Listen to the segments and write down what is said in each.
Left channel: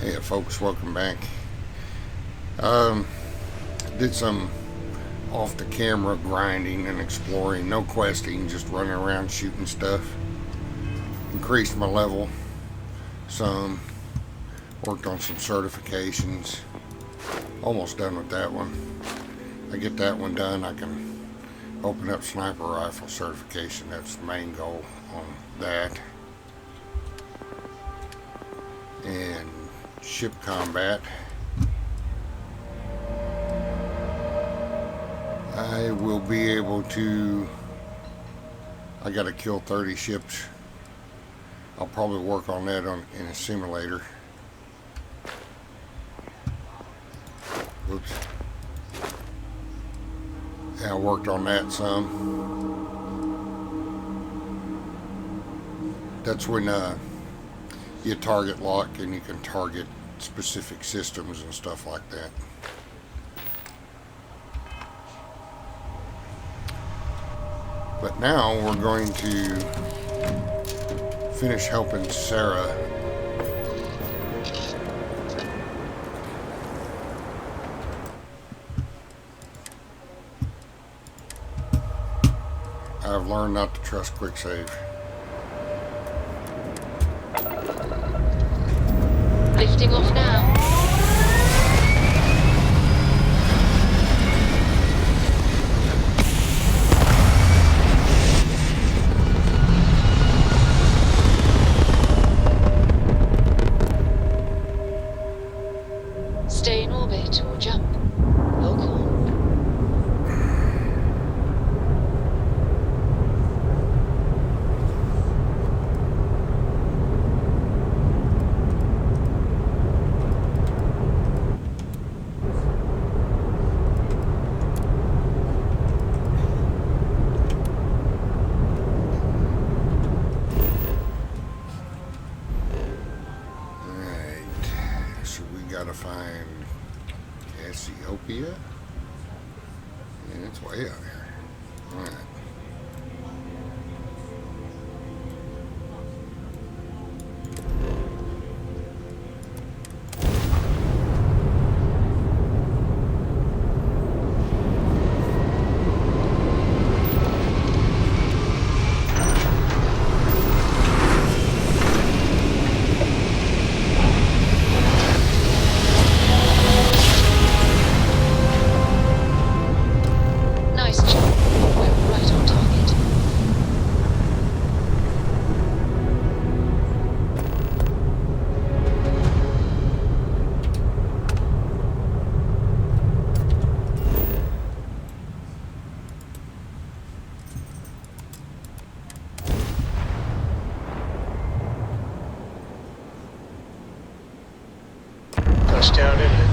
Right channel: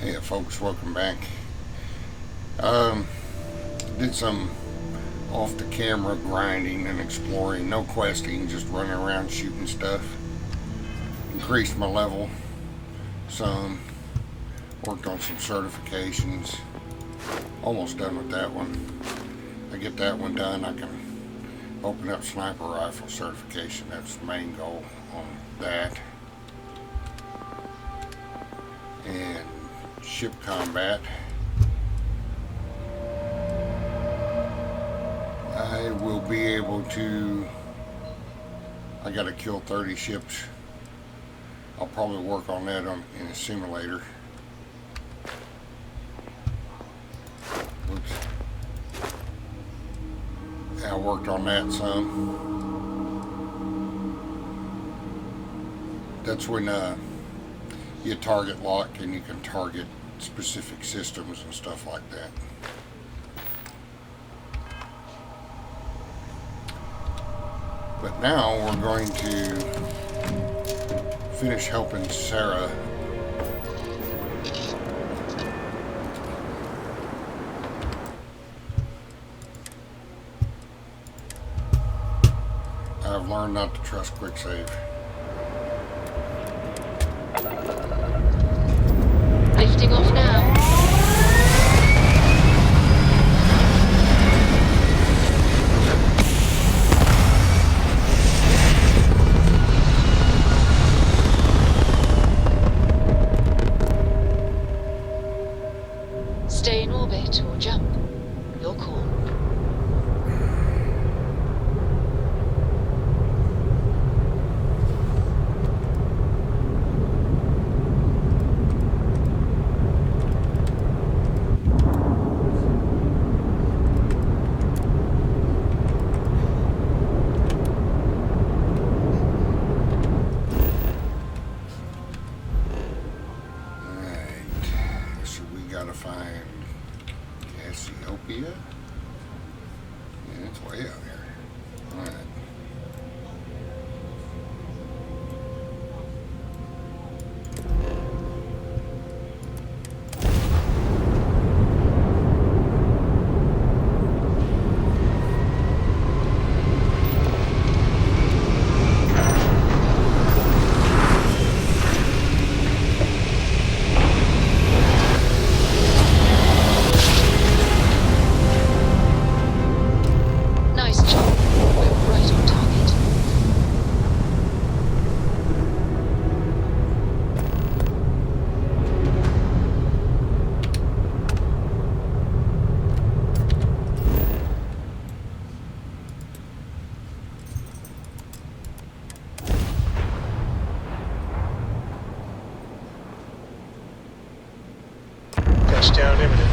Hey folks, welcome back. Did some off the camera grinding and exploring, no questing, just running around shooting stuff. Increased my level some, worked on some certifications. Almost done with that one. I get that one done, I can open up sniper rifle certification. That's the main goal on that. And ship combat. I will be able to. I got to kill 30 ships. I'll probably work on that in a simulator. Oops. Yeah, I worked on that some. That's when you target lock and you can target specific systems and stuff like that. But now we're going to finish helping Sara. I've learned not to trust quick save. Lifting off now. Stay in orbit or jump. Your call. Gotta find Cassiopeia. Yeah, it's way out here. Alright. Touchdown imminent.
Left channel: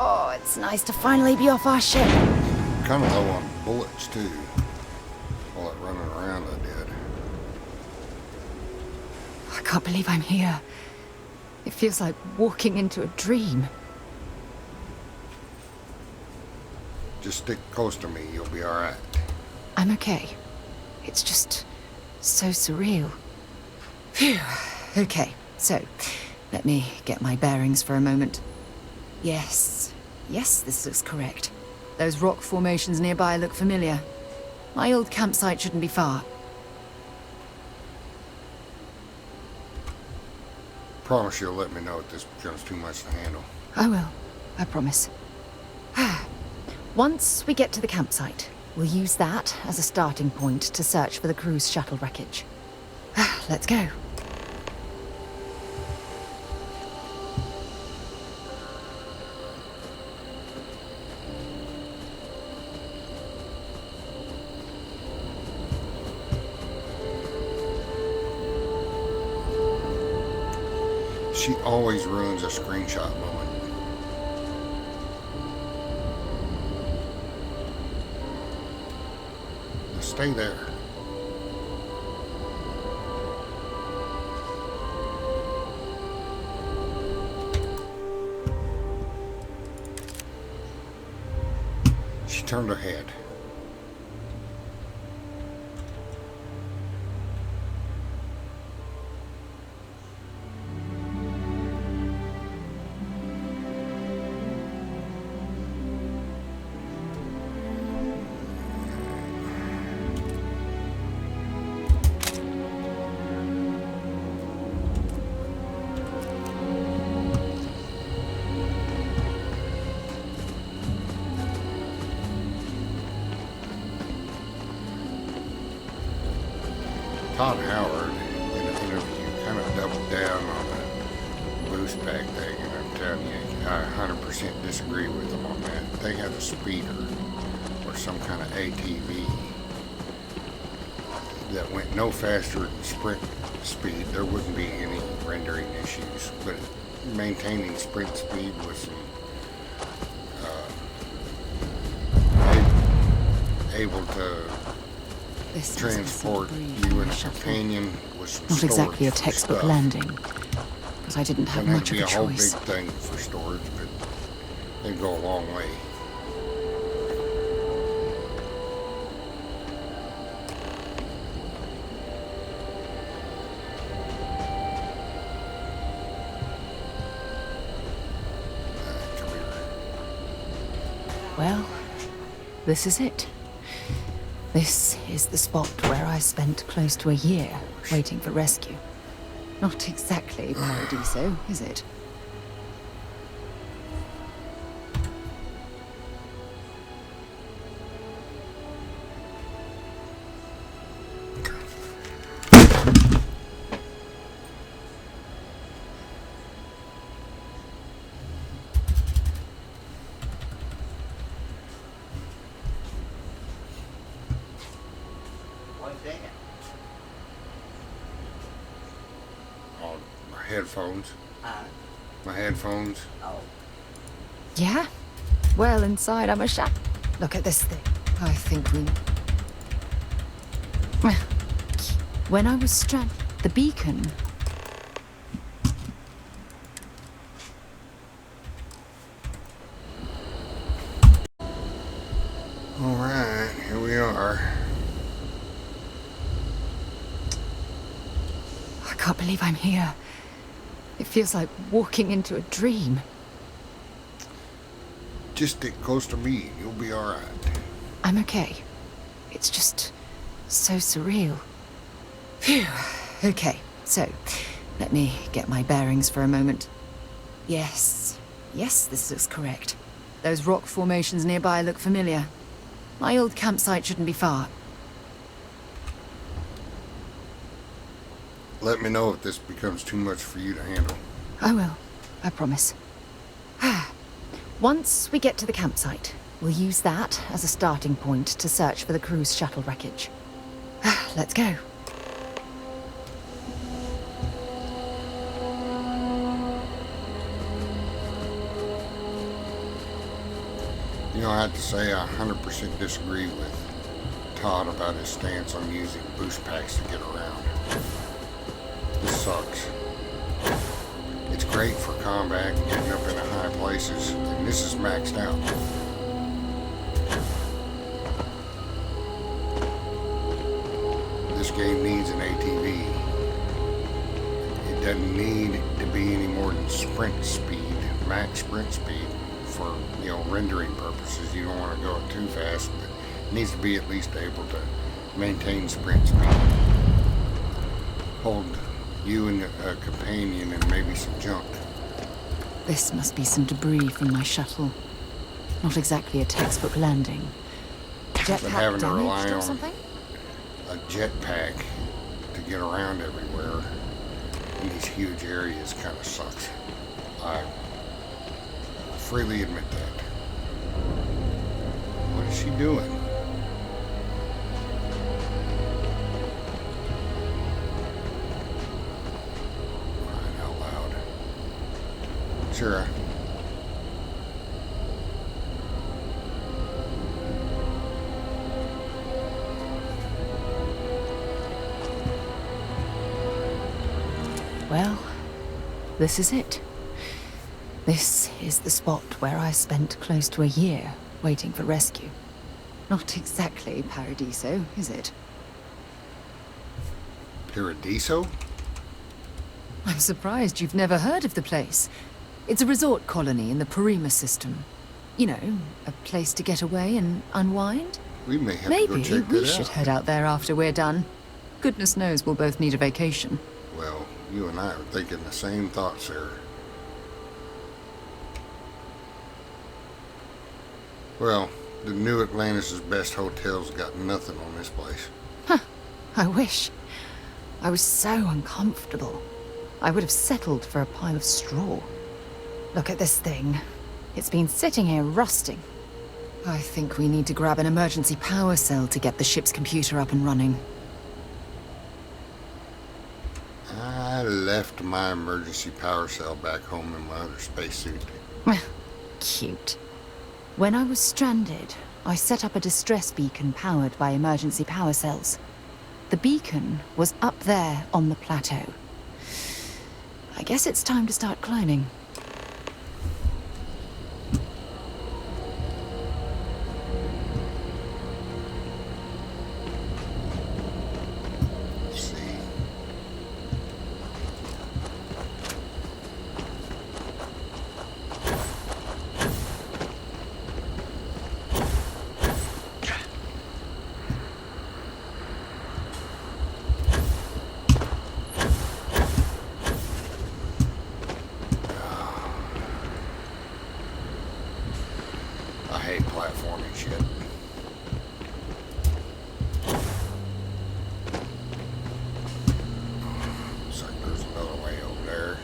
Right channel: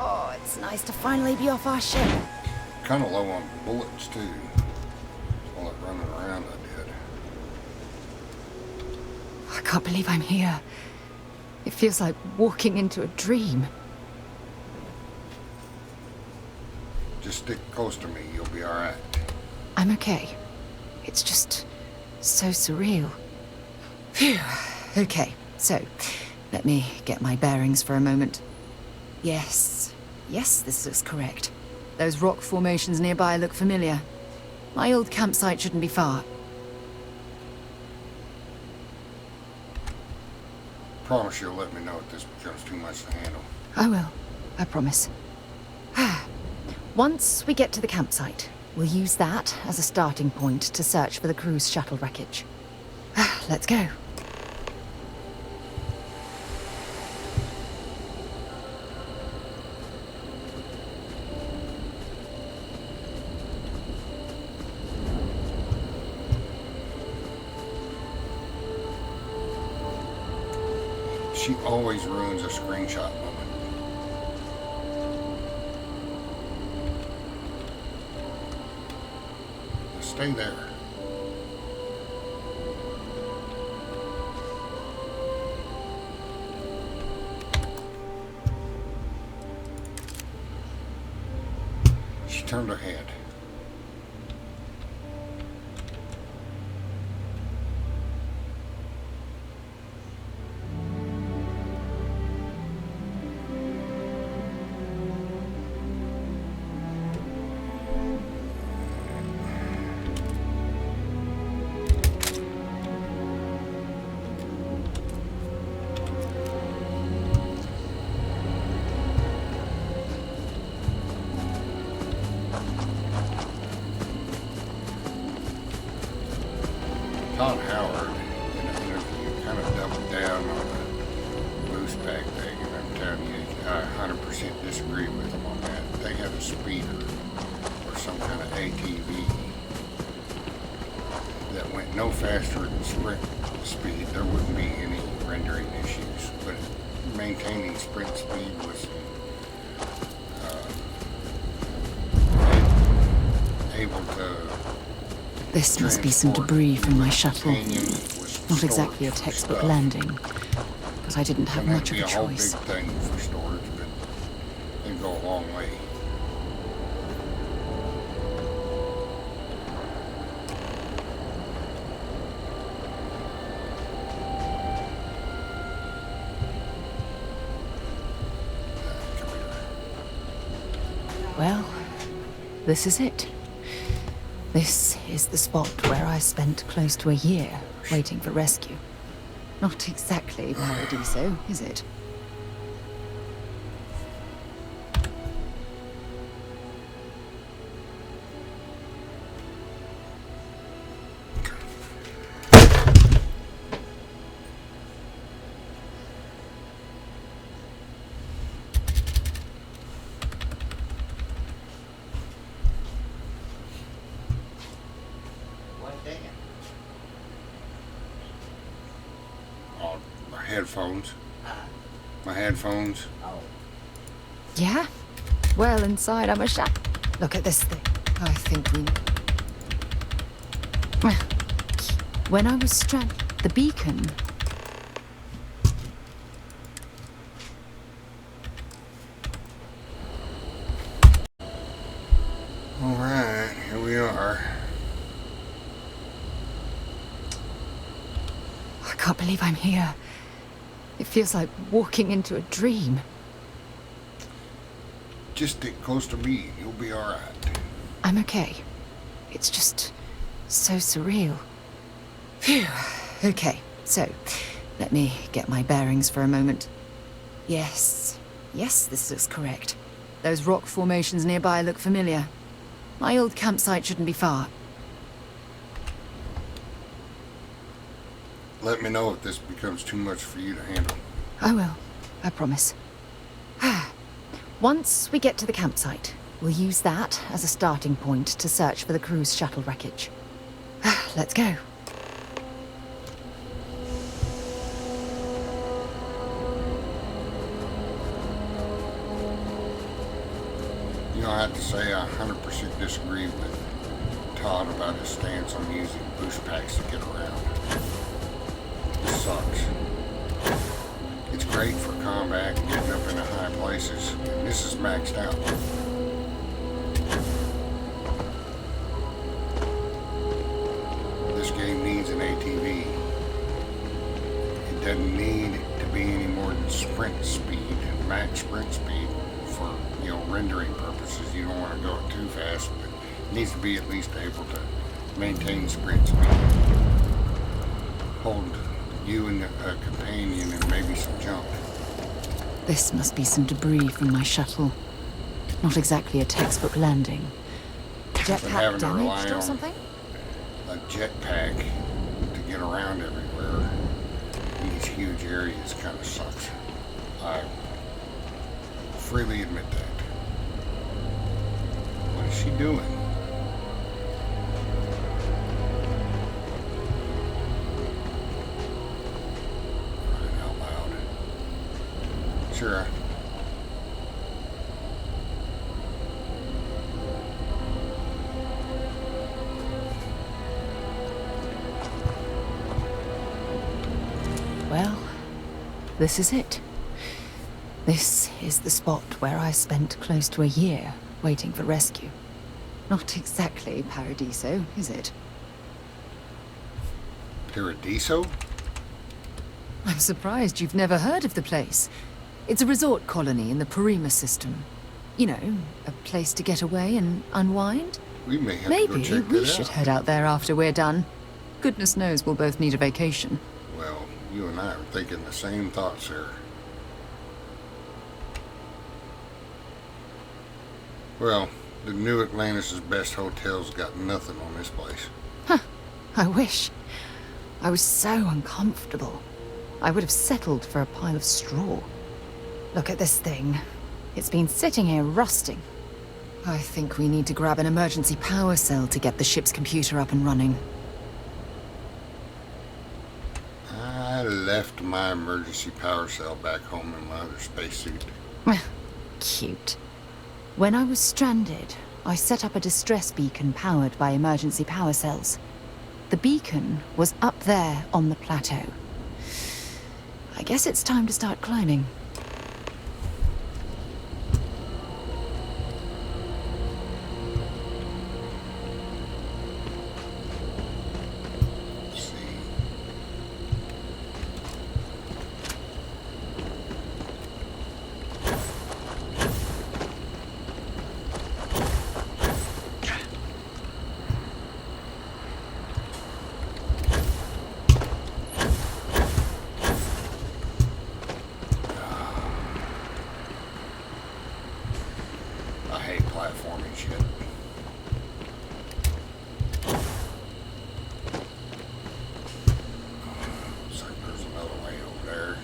Oh, it's nice to finally be off our ship. Kind of low on bullets too. All that running around I did. I can't believe I'm here. It feels like walking into a dream. Just stick close to me, you'll be alright. I'm okay. It's just so surreal. Phew. Okay, so let me get my bearings for a moment. Yes, this looks correct. Those rock formations nearby look familiar. My old campsite shouldn't be far. Promise you'll let me know if this becomes too much to handle. I will. I promise. Once we get to the campsite, we'll use that as a starting point to search for the cruise shuttle wreckage. Let's go. She always ruins a screenshot moment. Just stay there. turned her head. Todd Howard, in an interview, kind of doubled down on the boost pack thing, and I'm telling you, I 100% disagree with them on that. They had a speeder or some kind of ATV that went no faster than sprint speed. There wouldn't be any rendering issues, but maintaining sprint speed with some able to This must be some debris from my shuttle. Not exactly a textbook stuff. Landing, but I didn't have much of a choice. It might be a whole big thing for storage, but they go a long way. Come here. Well, this is it. This is the spot where I spent close to a year waiting for rescue. Not exactly Paradiso, is it? Oh, my headphones. My headphones. Yeah? Well, inside I'm a Look at this thing. I think we... When I was stranded, the beacon... All right, here we are. I can't believe I'm here. It feels like walking into a dream. Just stick close to me. You'll be all right. I'm okay. It's just so surreal. Phew. Okay, so let me get my bearings for a moment. Yes, this looks correct. Those rock formations nearby look familiar. My old campsite shouldn't be far. Let me know if this becomes too much for you to handle. I will, I promise. Once we get to the campsite, we'll use that as a starting point to search for the cruise shuttle wreckage. Let's go. You know, I have to say I 100% disagree with Todd about his stance on using boost packs to get around. This sucks. It's great for combat and getting up into high places, and this is maxed out. This game needs an ATV. It doesn't need to be any more than sprint speed, max sprint speed for, you know, rendering purposes. You don't want to go too fast, but it needs to be at least able to maintain sprint speed. Hold you and a companion and maybe some junk. This must be some debris from my shuttle. Not exactly a textbook landing. Jetpack damaged or something? A jetpack to get around everywhere in these huge areas kind of sucks. I freely admit that. What is she doing? Crying out loud. Sara. Well, this is it. This is the spot where I spent close to a year waiting for rescue. Not exactly Paradiso, is it? Paradiso? I'm surprised you've never heard of the place. It's a resort colony in the Parima system. You know, a place to get away and unwind. We may have to Maybe go check we that should out. head out there after we're done. Goodness knows we'll both need a vacation. Well, you and I are thinking the same thought, Sarah. Well, the New Atlantis' best hotels got nothing on this place. I wish. I was so uncomfortable. I would have settled for a pile of straw. Look at this thing. It's been sitting here rusting. I think we need to grab an emergency power cell to get the ship's computer up and running. I left my emergency power cell back home in my other spacesuit. Cute. When I was stranded, I set up a distress beacon powered by emergency power cells. The beacon was up there on the plateau. I guess it's time to start climbing. Let's see. I hate platforming shit. Looks like there's another way over there.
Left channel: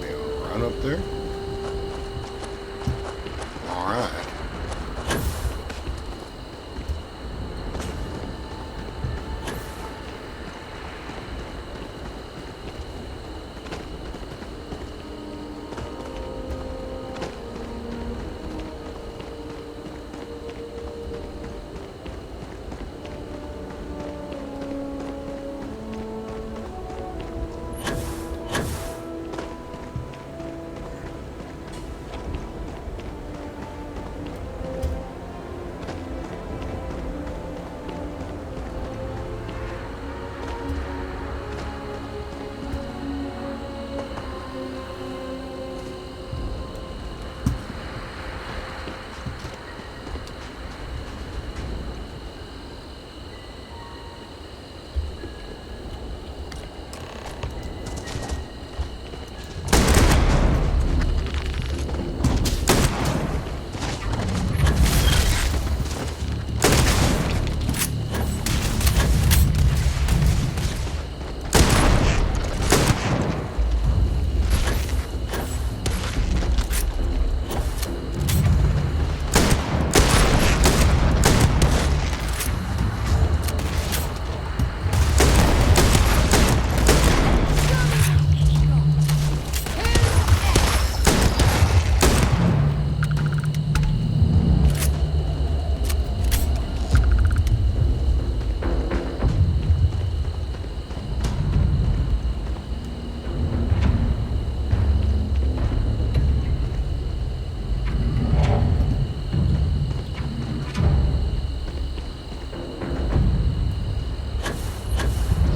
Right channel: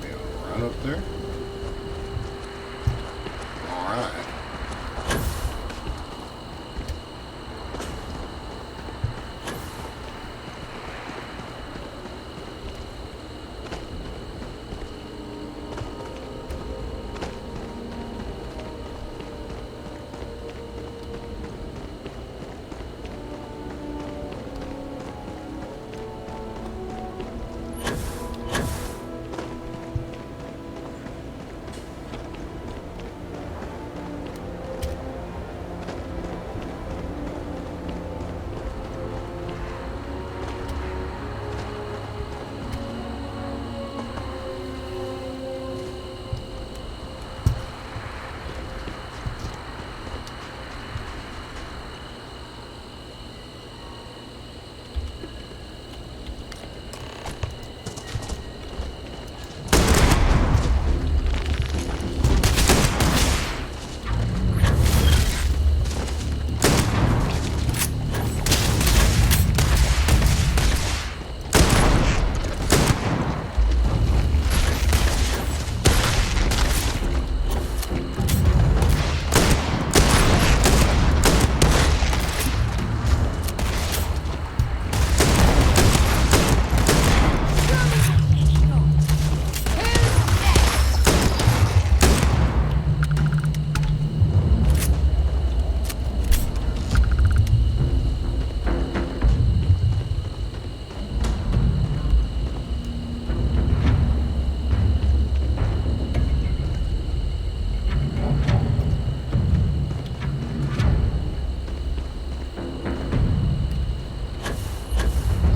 Be able to run up there? Alright.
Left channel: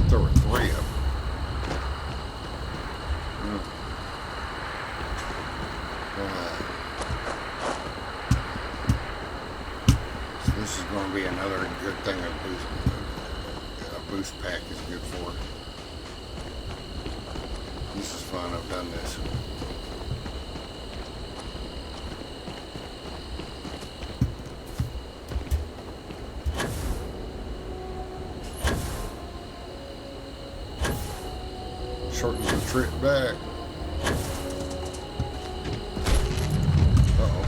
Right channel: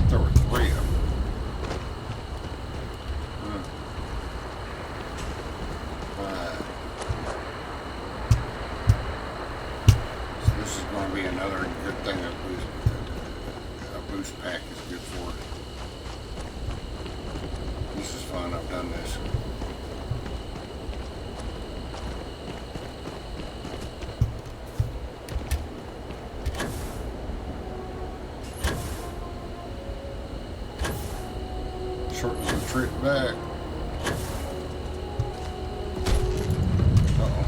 There were three of them. Alright. So this is going to be another good thing a boost pack is good for. This is fun. I've done this. Shortens the trip back. Uh-oh.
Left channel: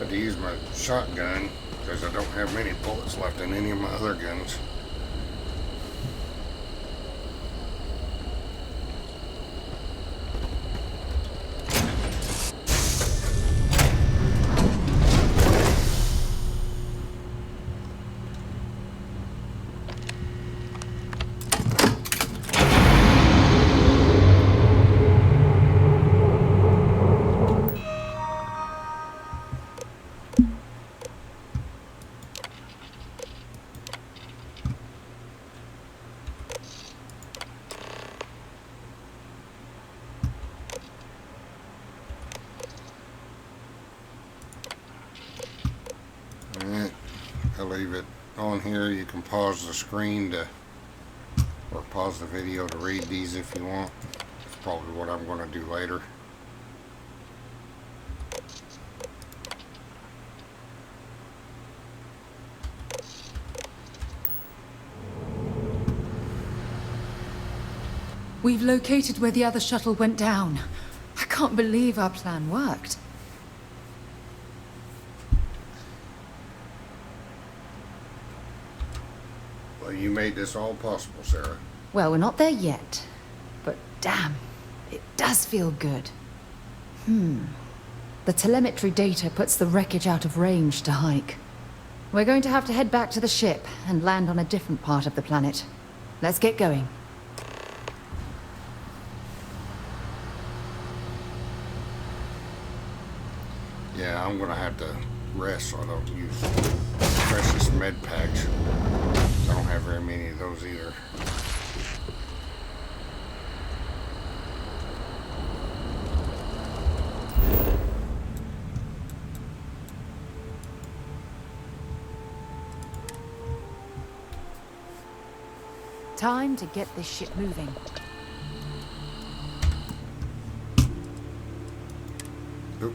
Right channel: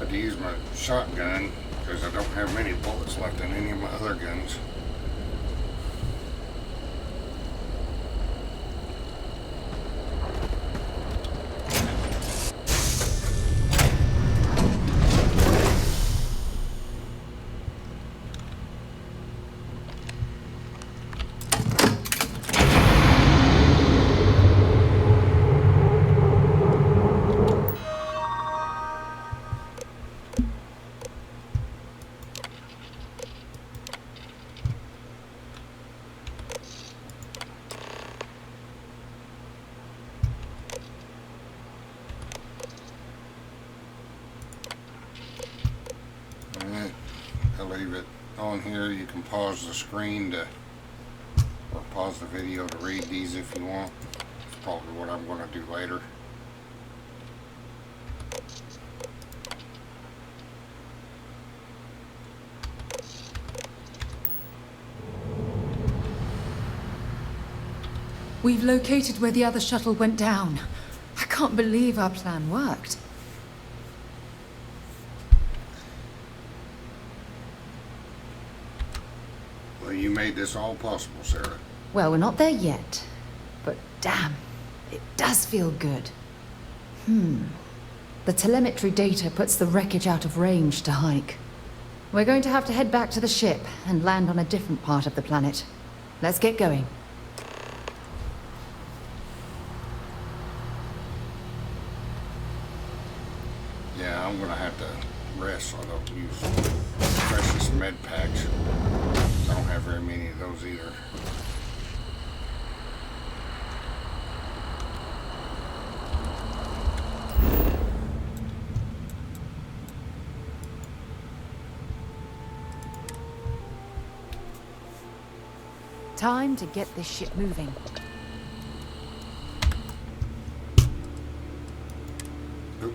Had to use my shotgun because I don't have many bullets left in any of my other guns. I'll leave it on here. You can pause the screen to, or pause the video to read these if you want. It's probably what I'm going to do later. We've located where the other shuttle went down. I can't believe our plan worked. Well, you made this all possible, Sarah. Well, we're not there yet. But damn, it does feel good. The telemetry data puts the wreckage out of range to hike. We're going to have to head back to the ship and land on a different part of the planet. Let's get going. Yeah, I'm gonna have to rest so I don't use precious med packs. I don't have very many of those either. Time to get this ship moving. Oop.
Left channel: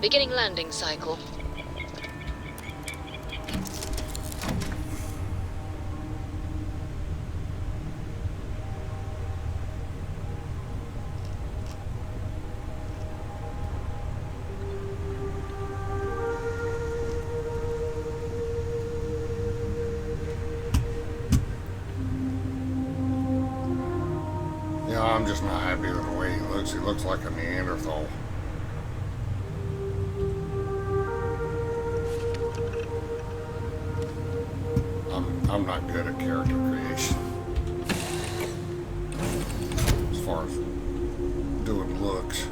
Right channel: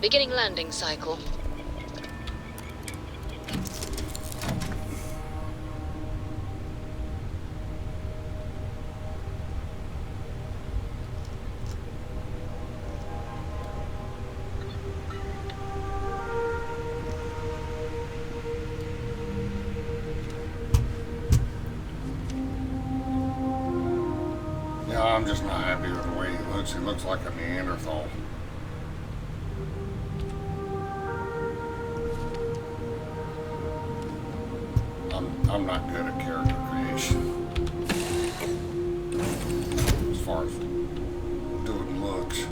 Beginning landing cycle. Yeah, I'm just not happy with the way he looks. He looks like a Neanderthal. I'm not good at character creation as far as doing looks.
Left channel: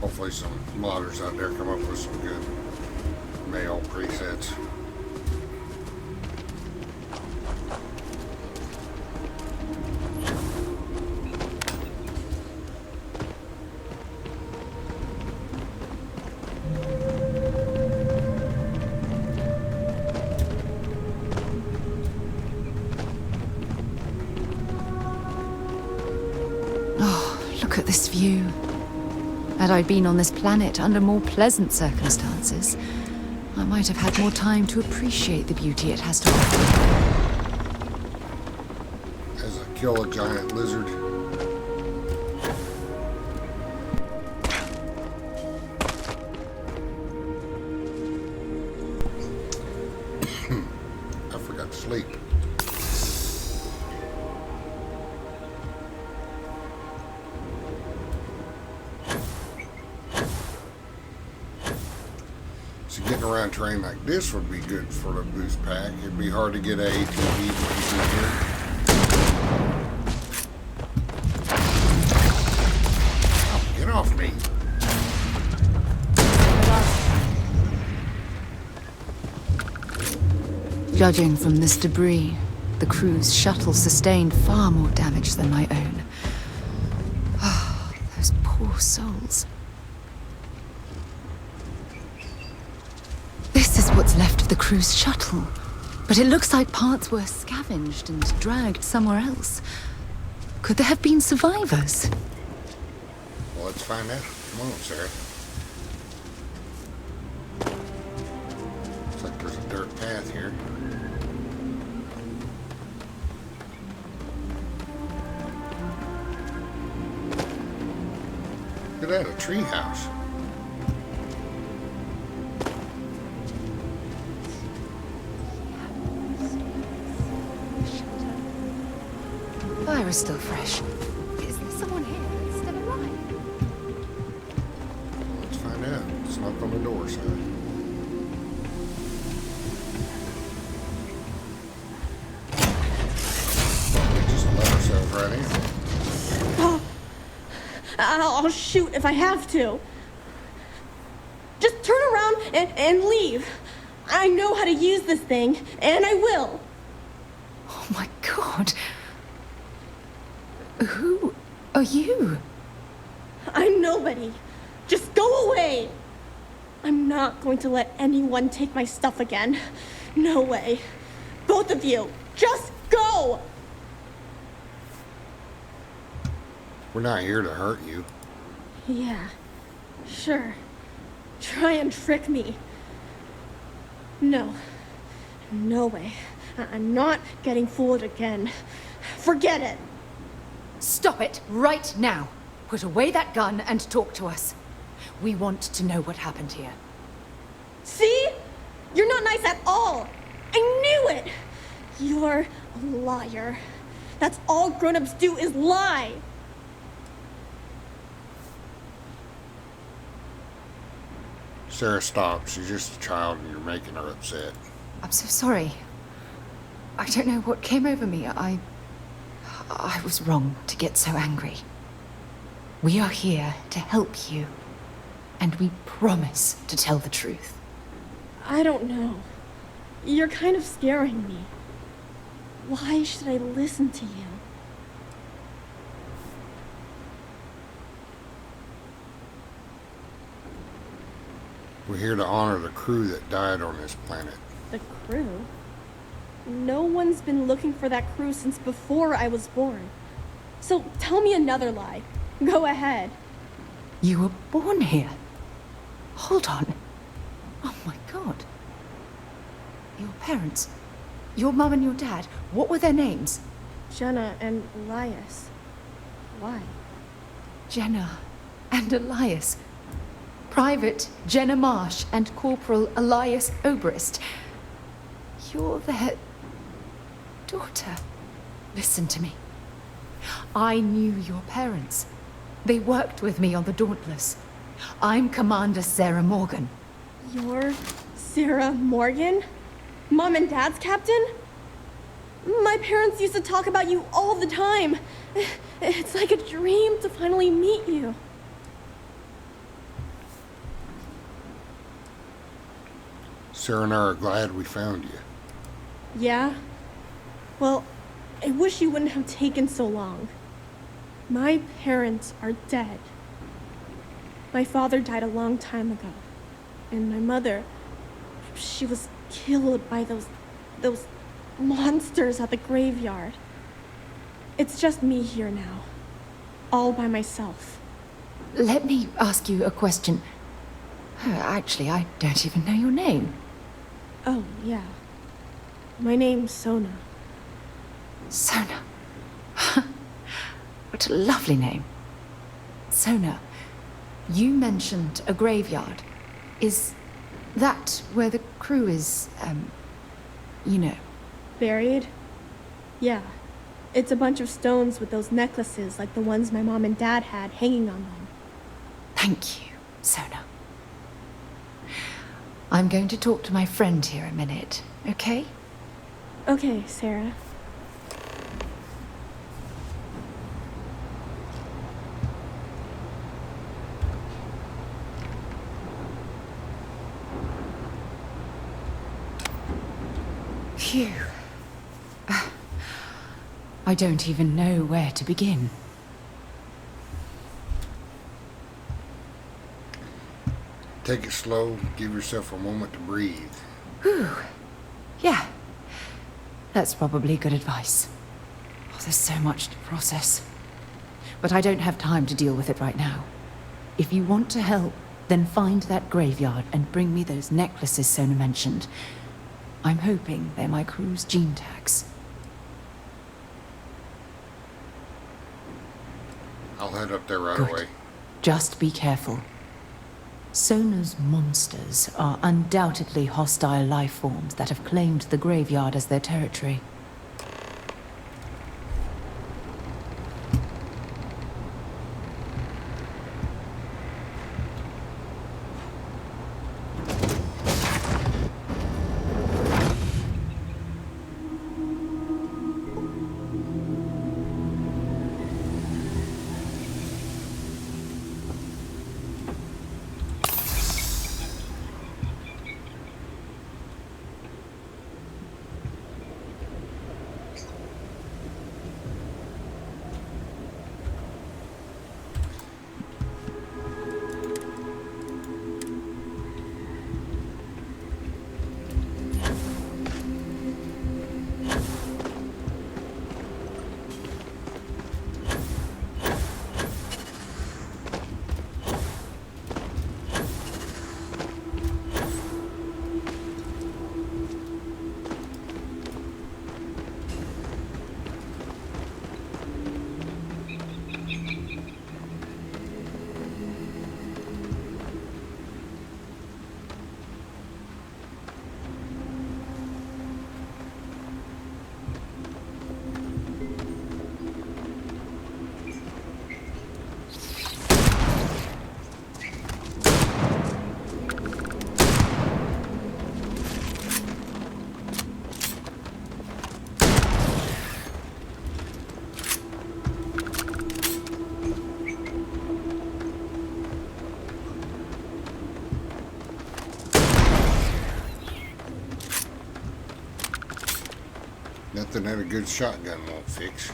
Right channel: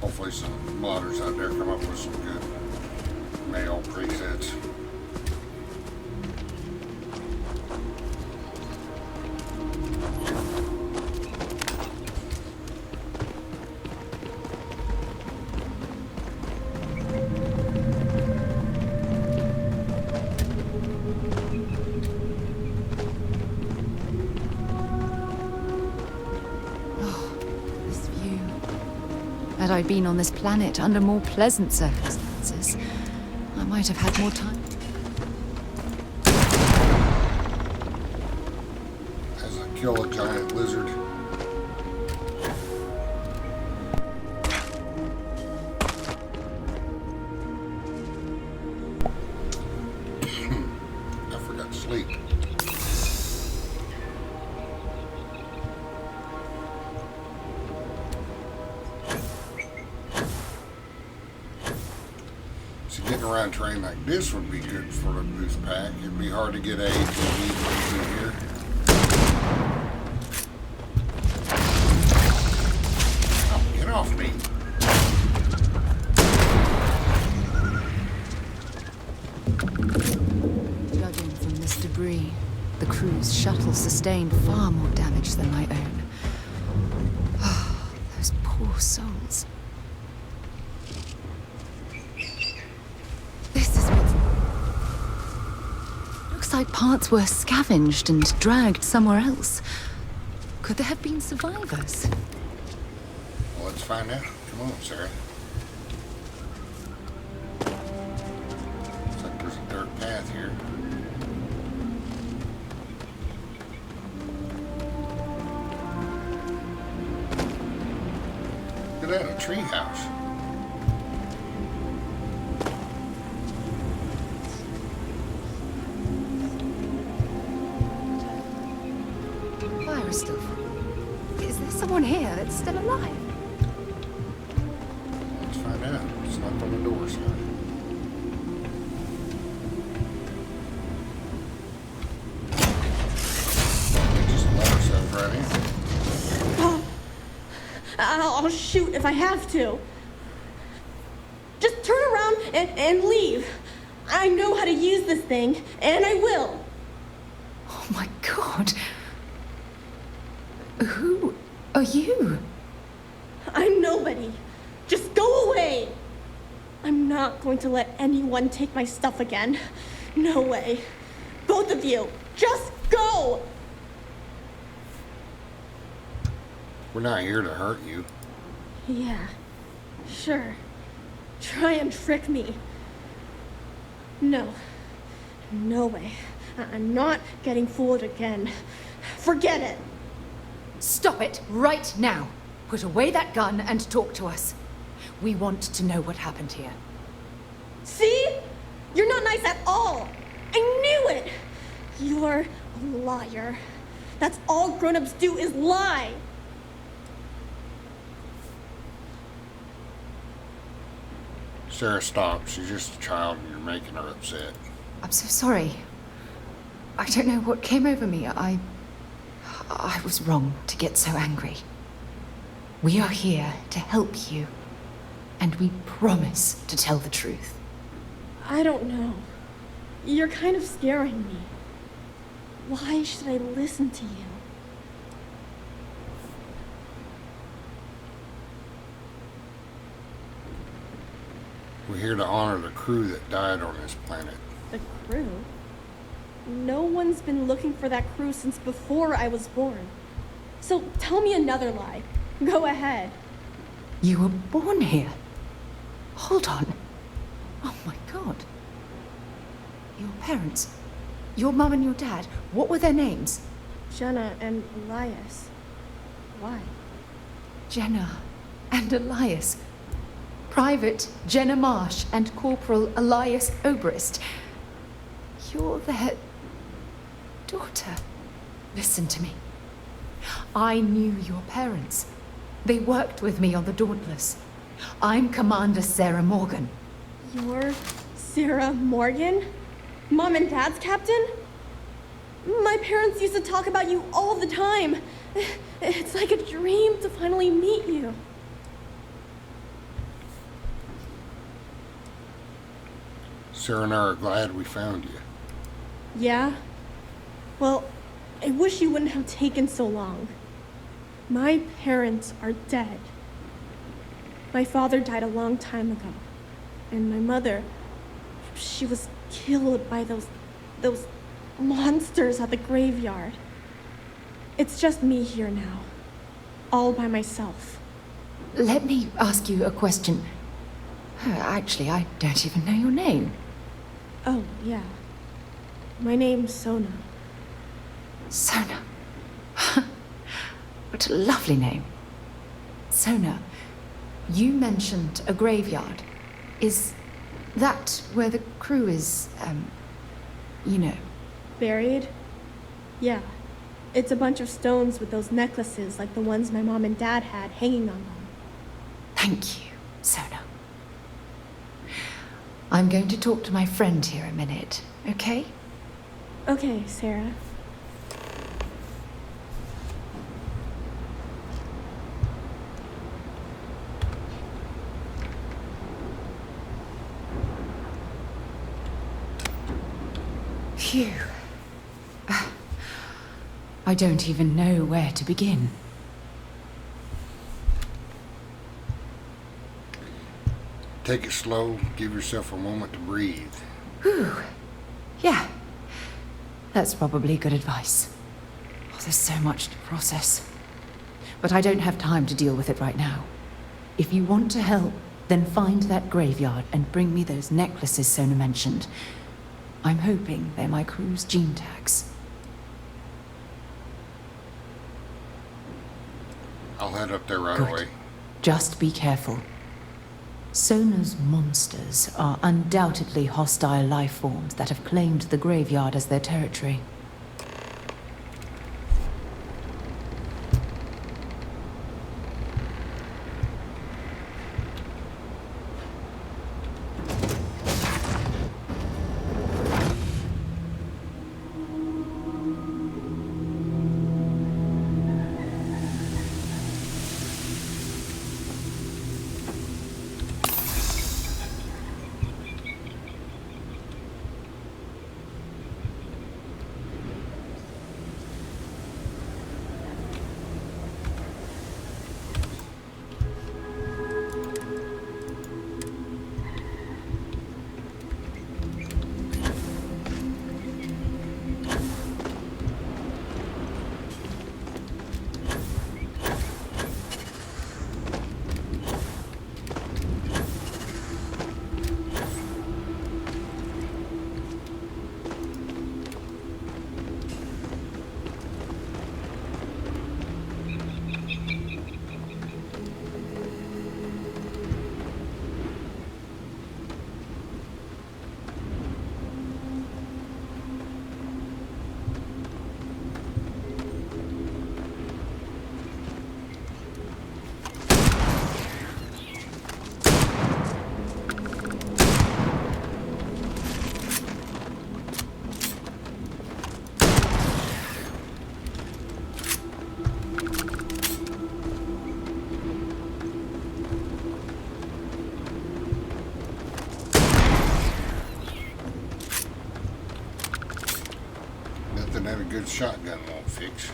Hopefully some modders out there come up with some good male presets. Look at this view. Had I been on this planet under more pleasant circumstances, I might have had more time to appreciate the beauty it has to offer. As I kill a giant lizard. I forgot to sleep. Getting around terrain like this would be good for the boost pack. It'd be hard to get a ATV through here. Oh, get off me. Judging from this debris, the crew's shuttle sustained far more damage than my own. Oh, those poor souls. This is what's left of the crew's shuttle. But it looks like parts were scavenged and dragged somewhere else. Could there have been survivors? Well, let's find out. Come on, Sarah. Looks like there's a dirt path here. Look at that, a tree house. Fire is still fresh. Is there someone here that's still alive? Let's find out. It's knocked on the door, Sarah. Just let ourselves right in. I'll shoot if I have to. Just turn around and leave. I know how to use this thing, and I will. Oh my god. Who are you? I'm nobody. Just go away. I'm not going to let anyone take my stuff again. No way. Both of you, just go! We're not here to hurt you. Yeah, sure. Try and trick me. No. No way. I'm not getting fooled again. Forget it. Stop it right now. Put away that gun and talk to us. We want to know what happened here. See? You're not nice at all. I knew it. You're a liar. That's all grown-ups do is lie. Sarah, stop. She's just a child and you're making her upset. I'm so sorry. I don't know what came over me. I was wrong to get so angry. We are here to help you, and we promise to tell the truth. I don't know. You're kind of scaring me. Why should I listen to you? We're here to honor the crew that died on this planet. The crew? No one's been looking for that crew since before I was born. So tell me another lie. Go ahead. You were born here? Hold on. Oh my god. Your parents, your mum and your dad, what were their names? Jenna and Elias. Why? Jenna and Elias. Private Jenna Marsh and Corporal Elias Obrist. You're their daughter. Listen to me. I knew your parents. They worked with me on the Dauntless. I'm Commander Sara Morgan. You're Sara Morgan? Mom and Dad's captain? My parents used to talk about you all the time. It's like a dream to finally meet you. Sarah and I are glad we found you. Yeah? Well, I wish you wouldn't have taken so long. My parents are dead. My father died a long time ago. And my mother, she was killed by those monsters at the graveyard. It's just me here now. All by myself. Let me ask you a question. Actually, I don't even know your name. Oh, yeah. My name's Sona. Sona. What a lovely name. Sona, you mentioned a graveyard. Is that where the crew is, you know? Buried? Yeah. It's a bunch of stones with those necklaces like the ones my mom and dad had hanging on them. Thank you, Sona. I'm going to talk to my friend here a minute, okay? Okay, Sarah. Phew. I don't even know where to begin. Take it slow. Give yourself a moment to breathe. Whew. Yeah. That's probably good advice. Oh, there's so much to process. But I don't have time to deal with it right now. If you want to help, then find that graveyard and bring me those necklaces Sona mentioned. I'm hoping they're my crew's gene tags. I'll head up there right Good. away. Just be careful. Sona's monsters are undoubtedly hostile life forms that have claimed the graveyard as their territory. Nothing that a good shotgun won't fix.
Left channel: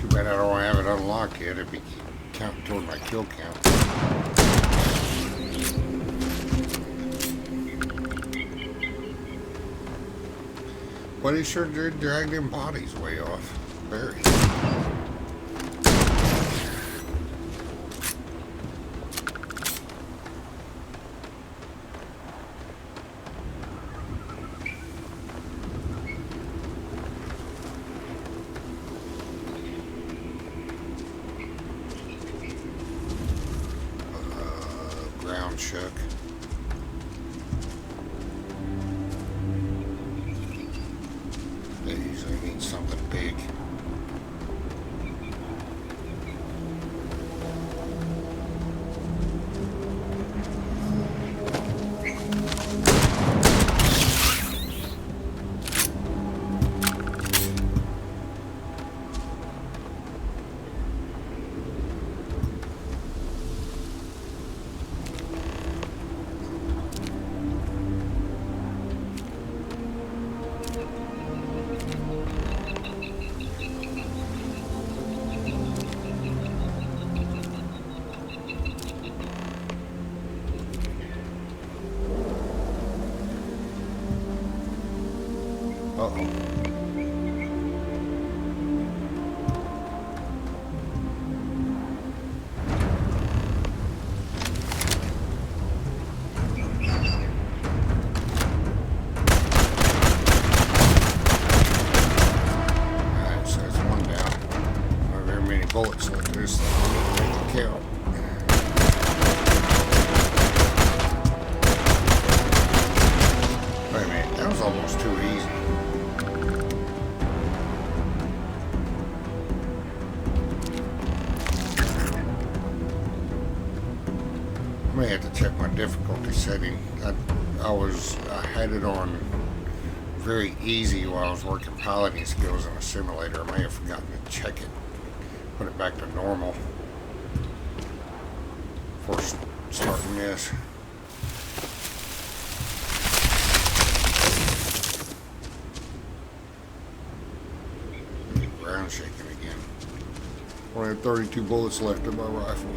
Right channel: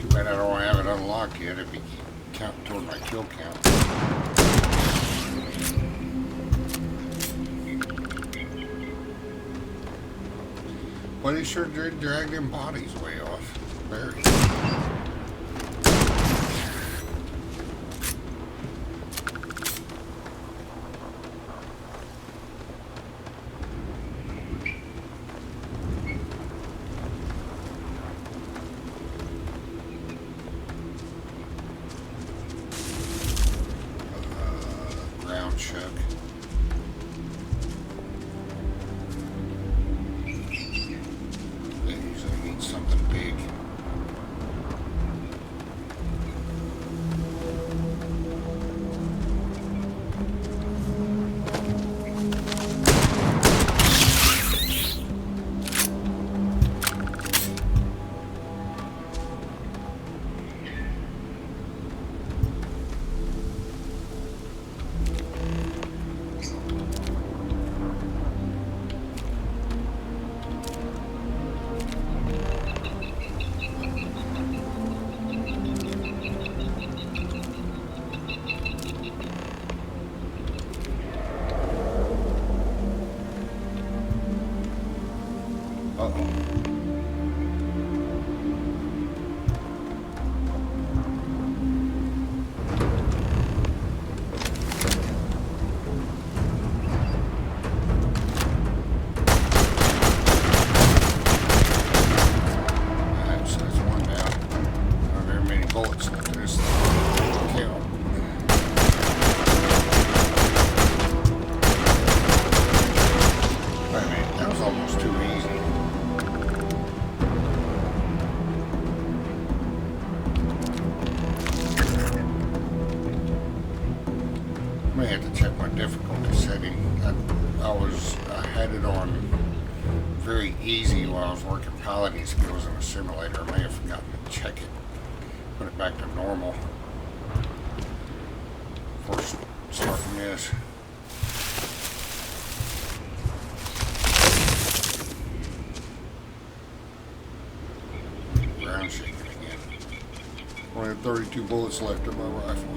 Too bad I don't have it unlocked yet. It'd be counting toward my kill count. But he sure did drag them bodies way off. Buried. Ground chuck. That usually means something big. bullets left in this count. Wait a minute, that was almost too easy. I may have to check my difficulty setting. I had it on very easy while I was working piloting skills in a simulator. I may have forgotten to check it. Put it back to normal before starting this. Ground shaking again. Only have 32 bullets left in my rifle.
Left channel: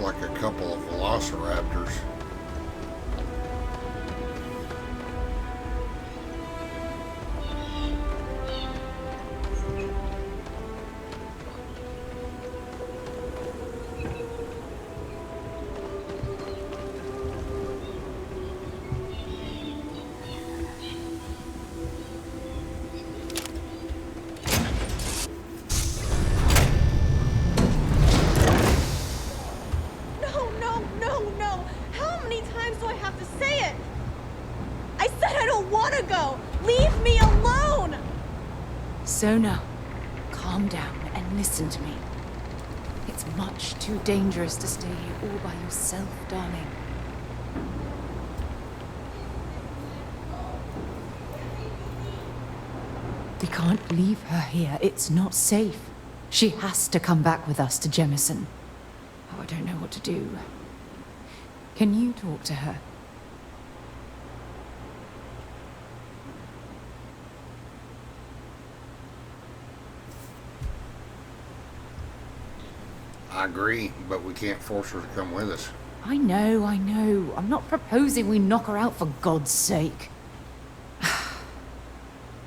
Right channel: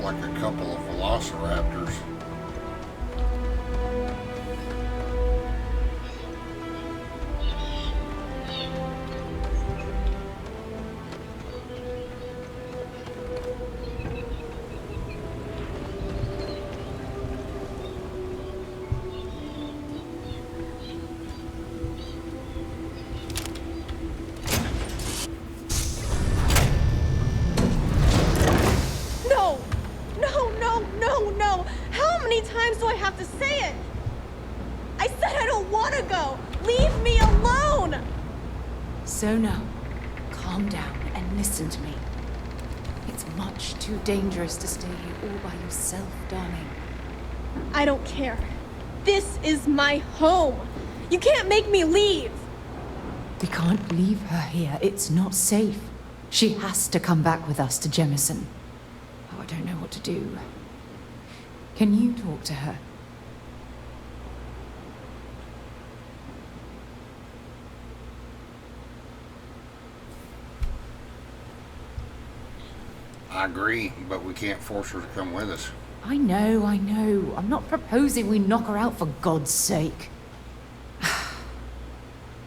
Like a couple of velociraptors. Sona, calm down and listen to me. It's much too dangerous to stay here all by yourself, darling. I don't care. This is my home. You can't make me leave. We can't leave her here. It's not safe. She has to come back with us to Jemison. Oh, I don't know what to do. Can you talk to her? I agree, but we can't force her to come with us. I know. I'm not proposing we knock her out for God's sake.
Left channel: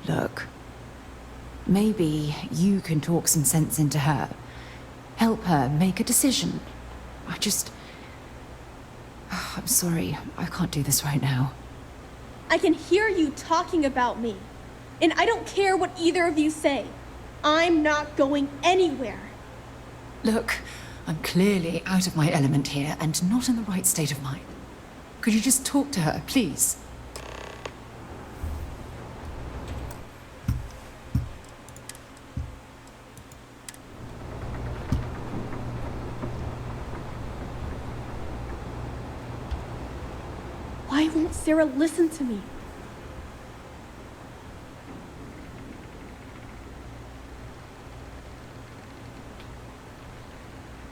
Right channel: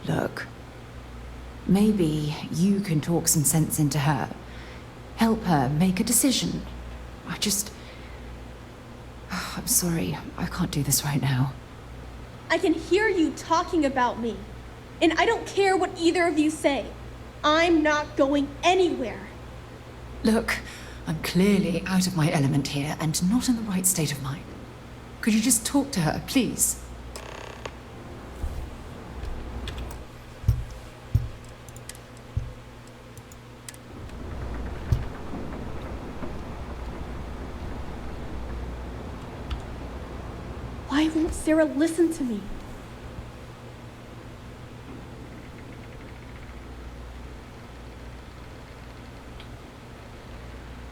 Look, maybe you can talk some sense into her. Help her make a decision. I'm sorry, I can't do this right now. I can hear you talking about me. And I don't care what either of you say. I'm not going anywhere. Look, I'm clearly out of my element here and not in the right state of mind. Could you just talk to her, please? Why won't Sara listen to me?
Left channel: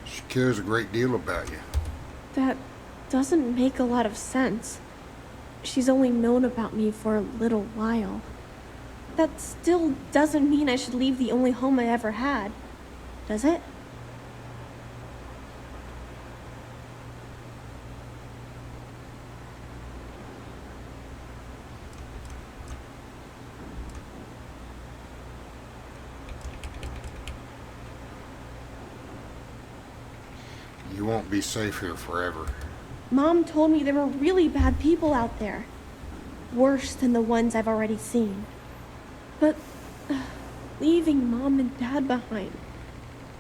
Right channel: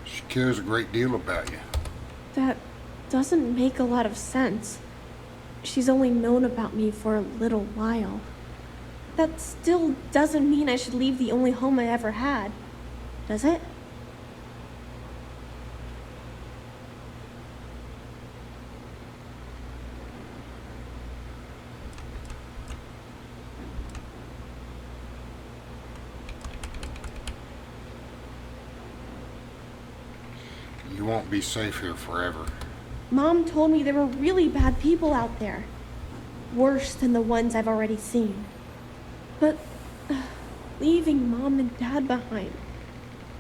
She cares a great deal about you. That doesn't make a lot of sense. She's only known about me for a little while. That still doesn't mean I should leave the only home I ever had, does it? You won't be safe here forever. Mom told me there were really bad people out there. Worse than the ones I've already seen. But leaving Mom and Dad behind,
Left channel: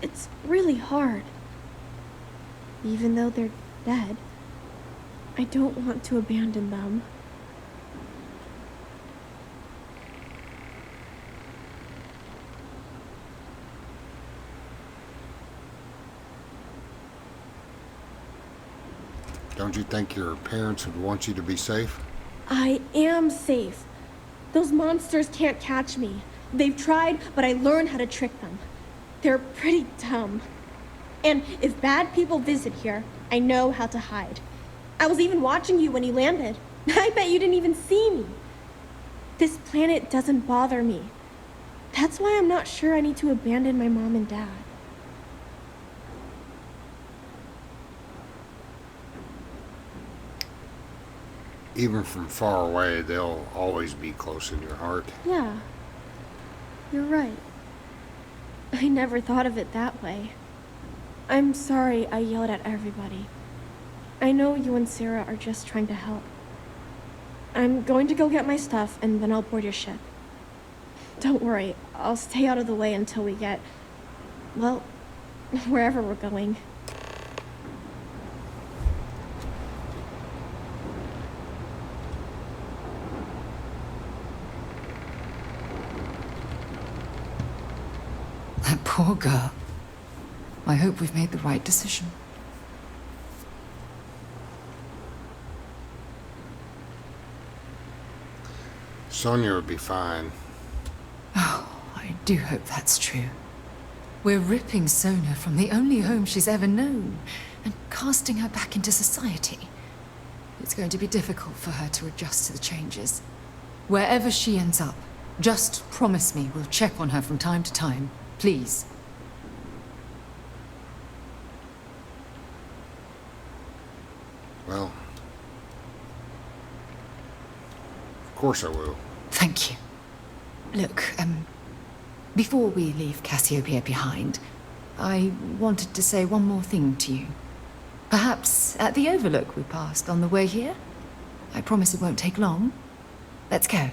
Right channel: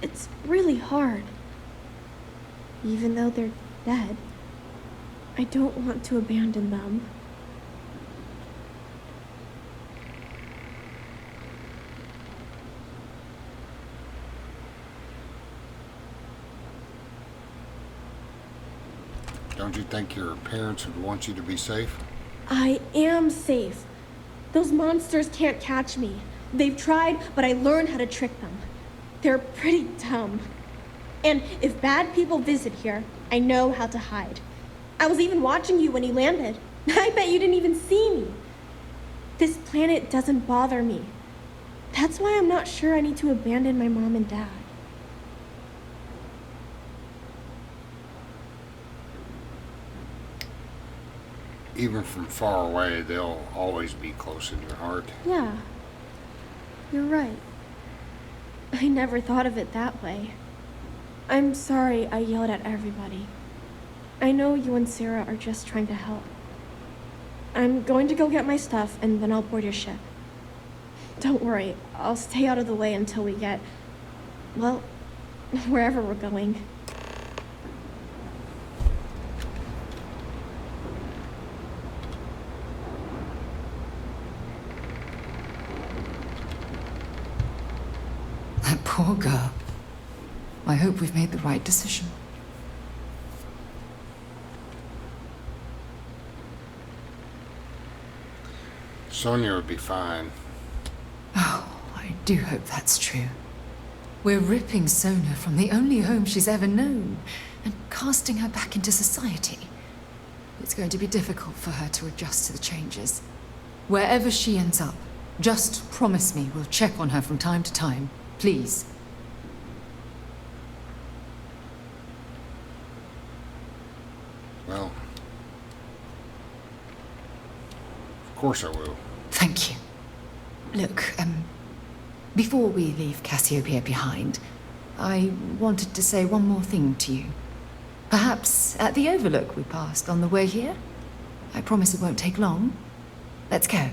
it's really hard. Even though they're dead, I don't want to abandon them. Don't you think your parents would want you to be safe? I am safe. Those monsters can't catch me. They've tried, but I learned how to trick them. They're pretty dumb. And if bad people visit here, I know how to hide. I was even watching you when you landed. I bet you didn't even see me. This planet doesn't bother me. That's why I'm not sure I need to abandon my mom and dad. Even from far away, they'll always be close in your heart. Yeah, you're right. I never thought of it that way. I'm sorry I yelled at everybody. I know you and Sara are just trying to help. I'm going to go get my stuff and then I'll board your ship. Don't worry, I'll stay out of the way until we get, well, wherever we're going. That poor girl. I hope we've made the right decision. Sonia would be fine. Oh, I do hope that's true. We're ripping Sona from the only home she's ever known and casting her back into society. It's going to be difficult for her to adjust to the changes. Wherever she ends up, just promise me we'll check on her from time to time. Please. Well, of course I will. Thank you. Look, before we leave Cassiopeia behind, I wanted to say one more thing to you. Perhaps at the overlook we passed on the way here? I promise it won't take long. Let's go.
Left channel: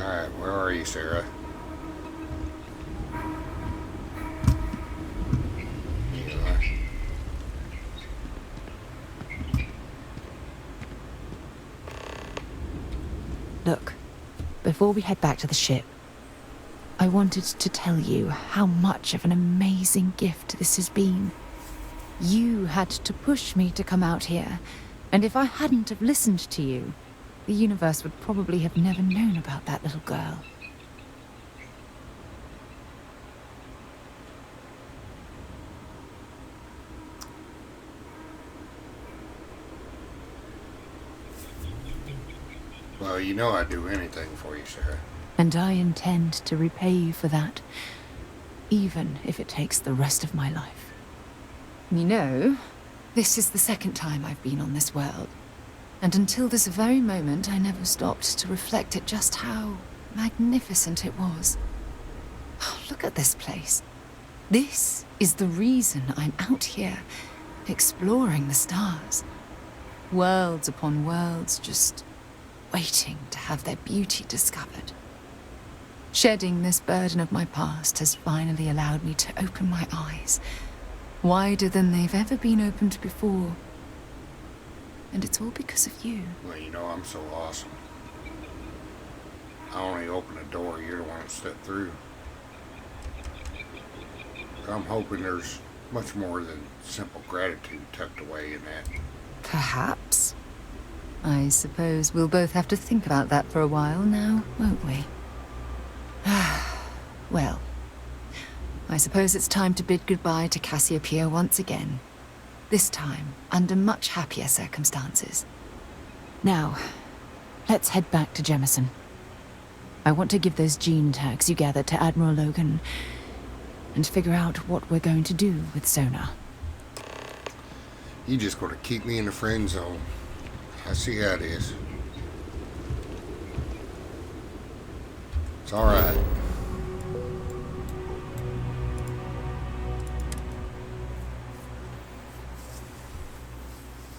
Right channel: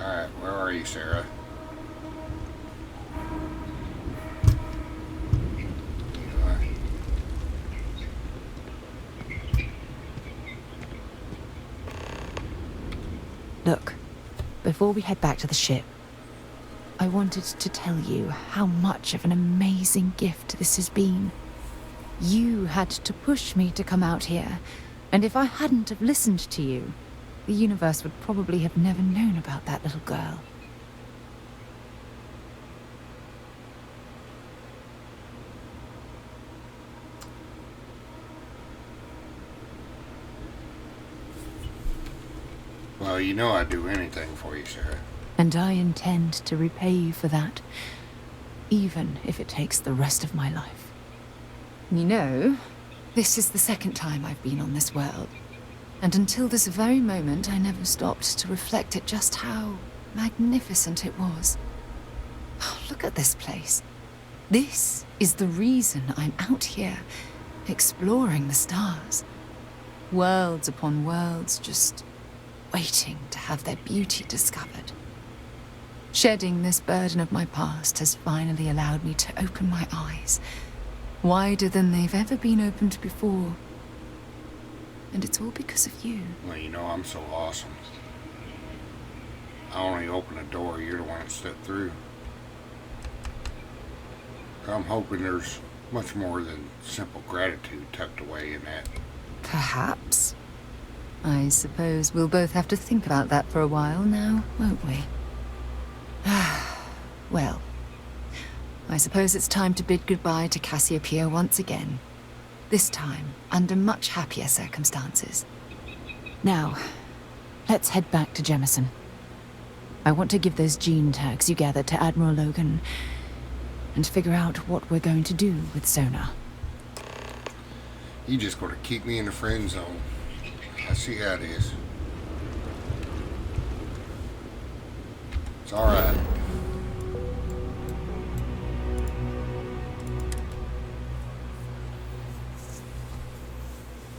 Alright, where are you, Sara? Here you are. Look, before we head back to the ship, I wanted to tell you how much of an amazing gift this has been. You had to push me to come out here, and if I hadn't have listened to you, the universe would probably have never known about that little girl. Well, you know I'd do anything for you, Sara. And I intend to repay you for that, even if it takes the rest of my life. You know, this is the second time I've been on this world. And until this very moment, I never stopped to reflect at just how magnificent it was. Oh, look at this place. This is the reason I'm out here, exploring the stars. Worlds upon worlds, just waiting to have their beauty discovered. Shedding this burden of my past has finally allowed me to open my eyes, wider than they've ever been opened before. And it's all because of you. Well, you know I'm so awesome. I only open a door, you're the one that stepped through. I'm hoping there's much more than simple gratitude tucked away in that. Perhaps. I suppose we'll both have to think about that for a while now, won't we? Well, I suppose it's time to bid goodbye to Cassiopeia once again. This time, under much happier circumstances. Now, let's head back to Jemison. I want to give those gene tags you gathered to Admiral Logan and figure out what we're going to do with Sona. You just gonna keep me in the friend zone. I see how it is. It's alright.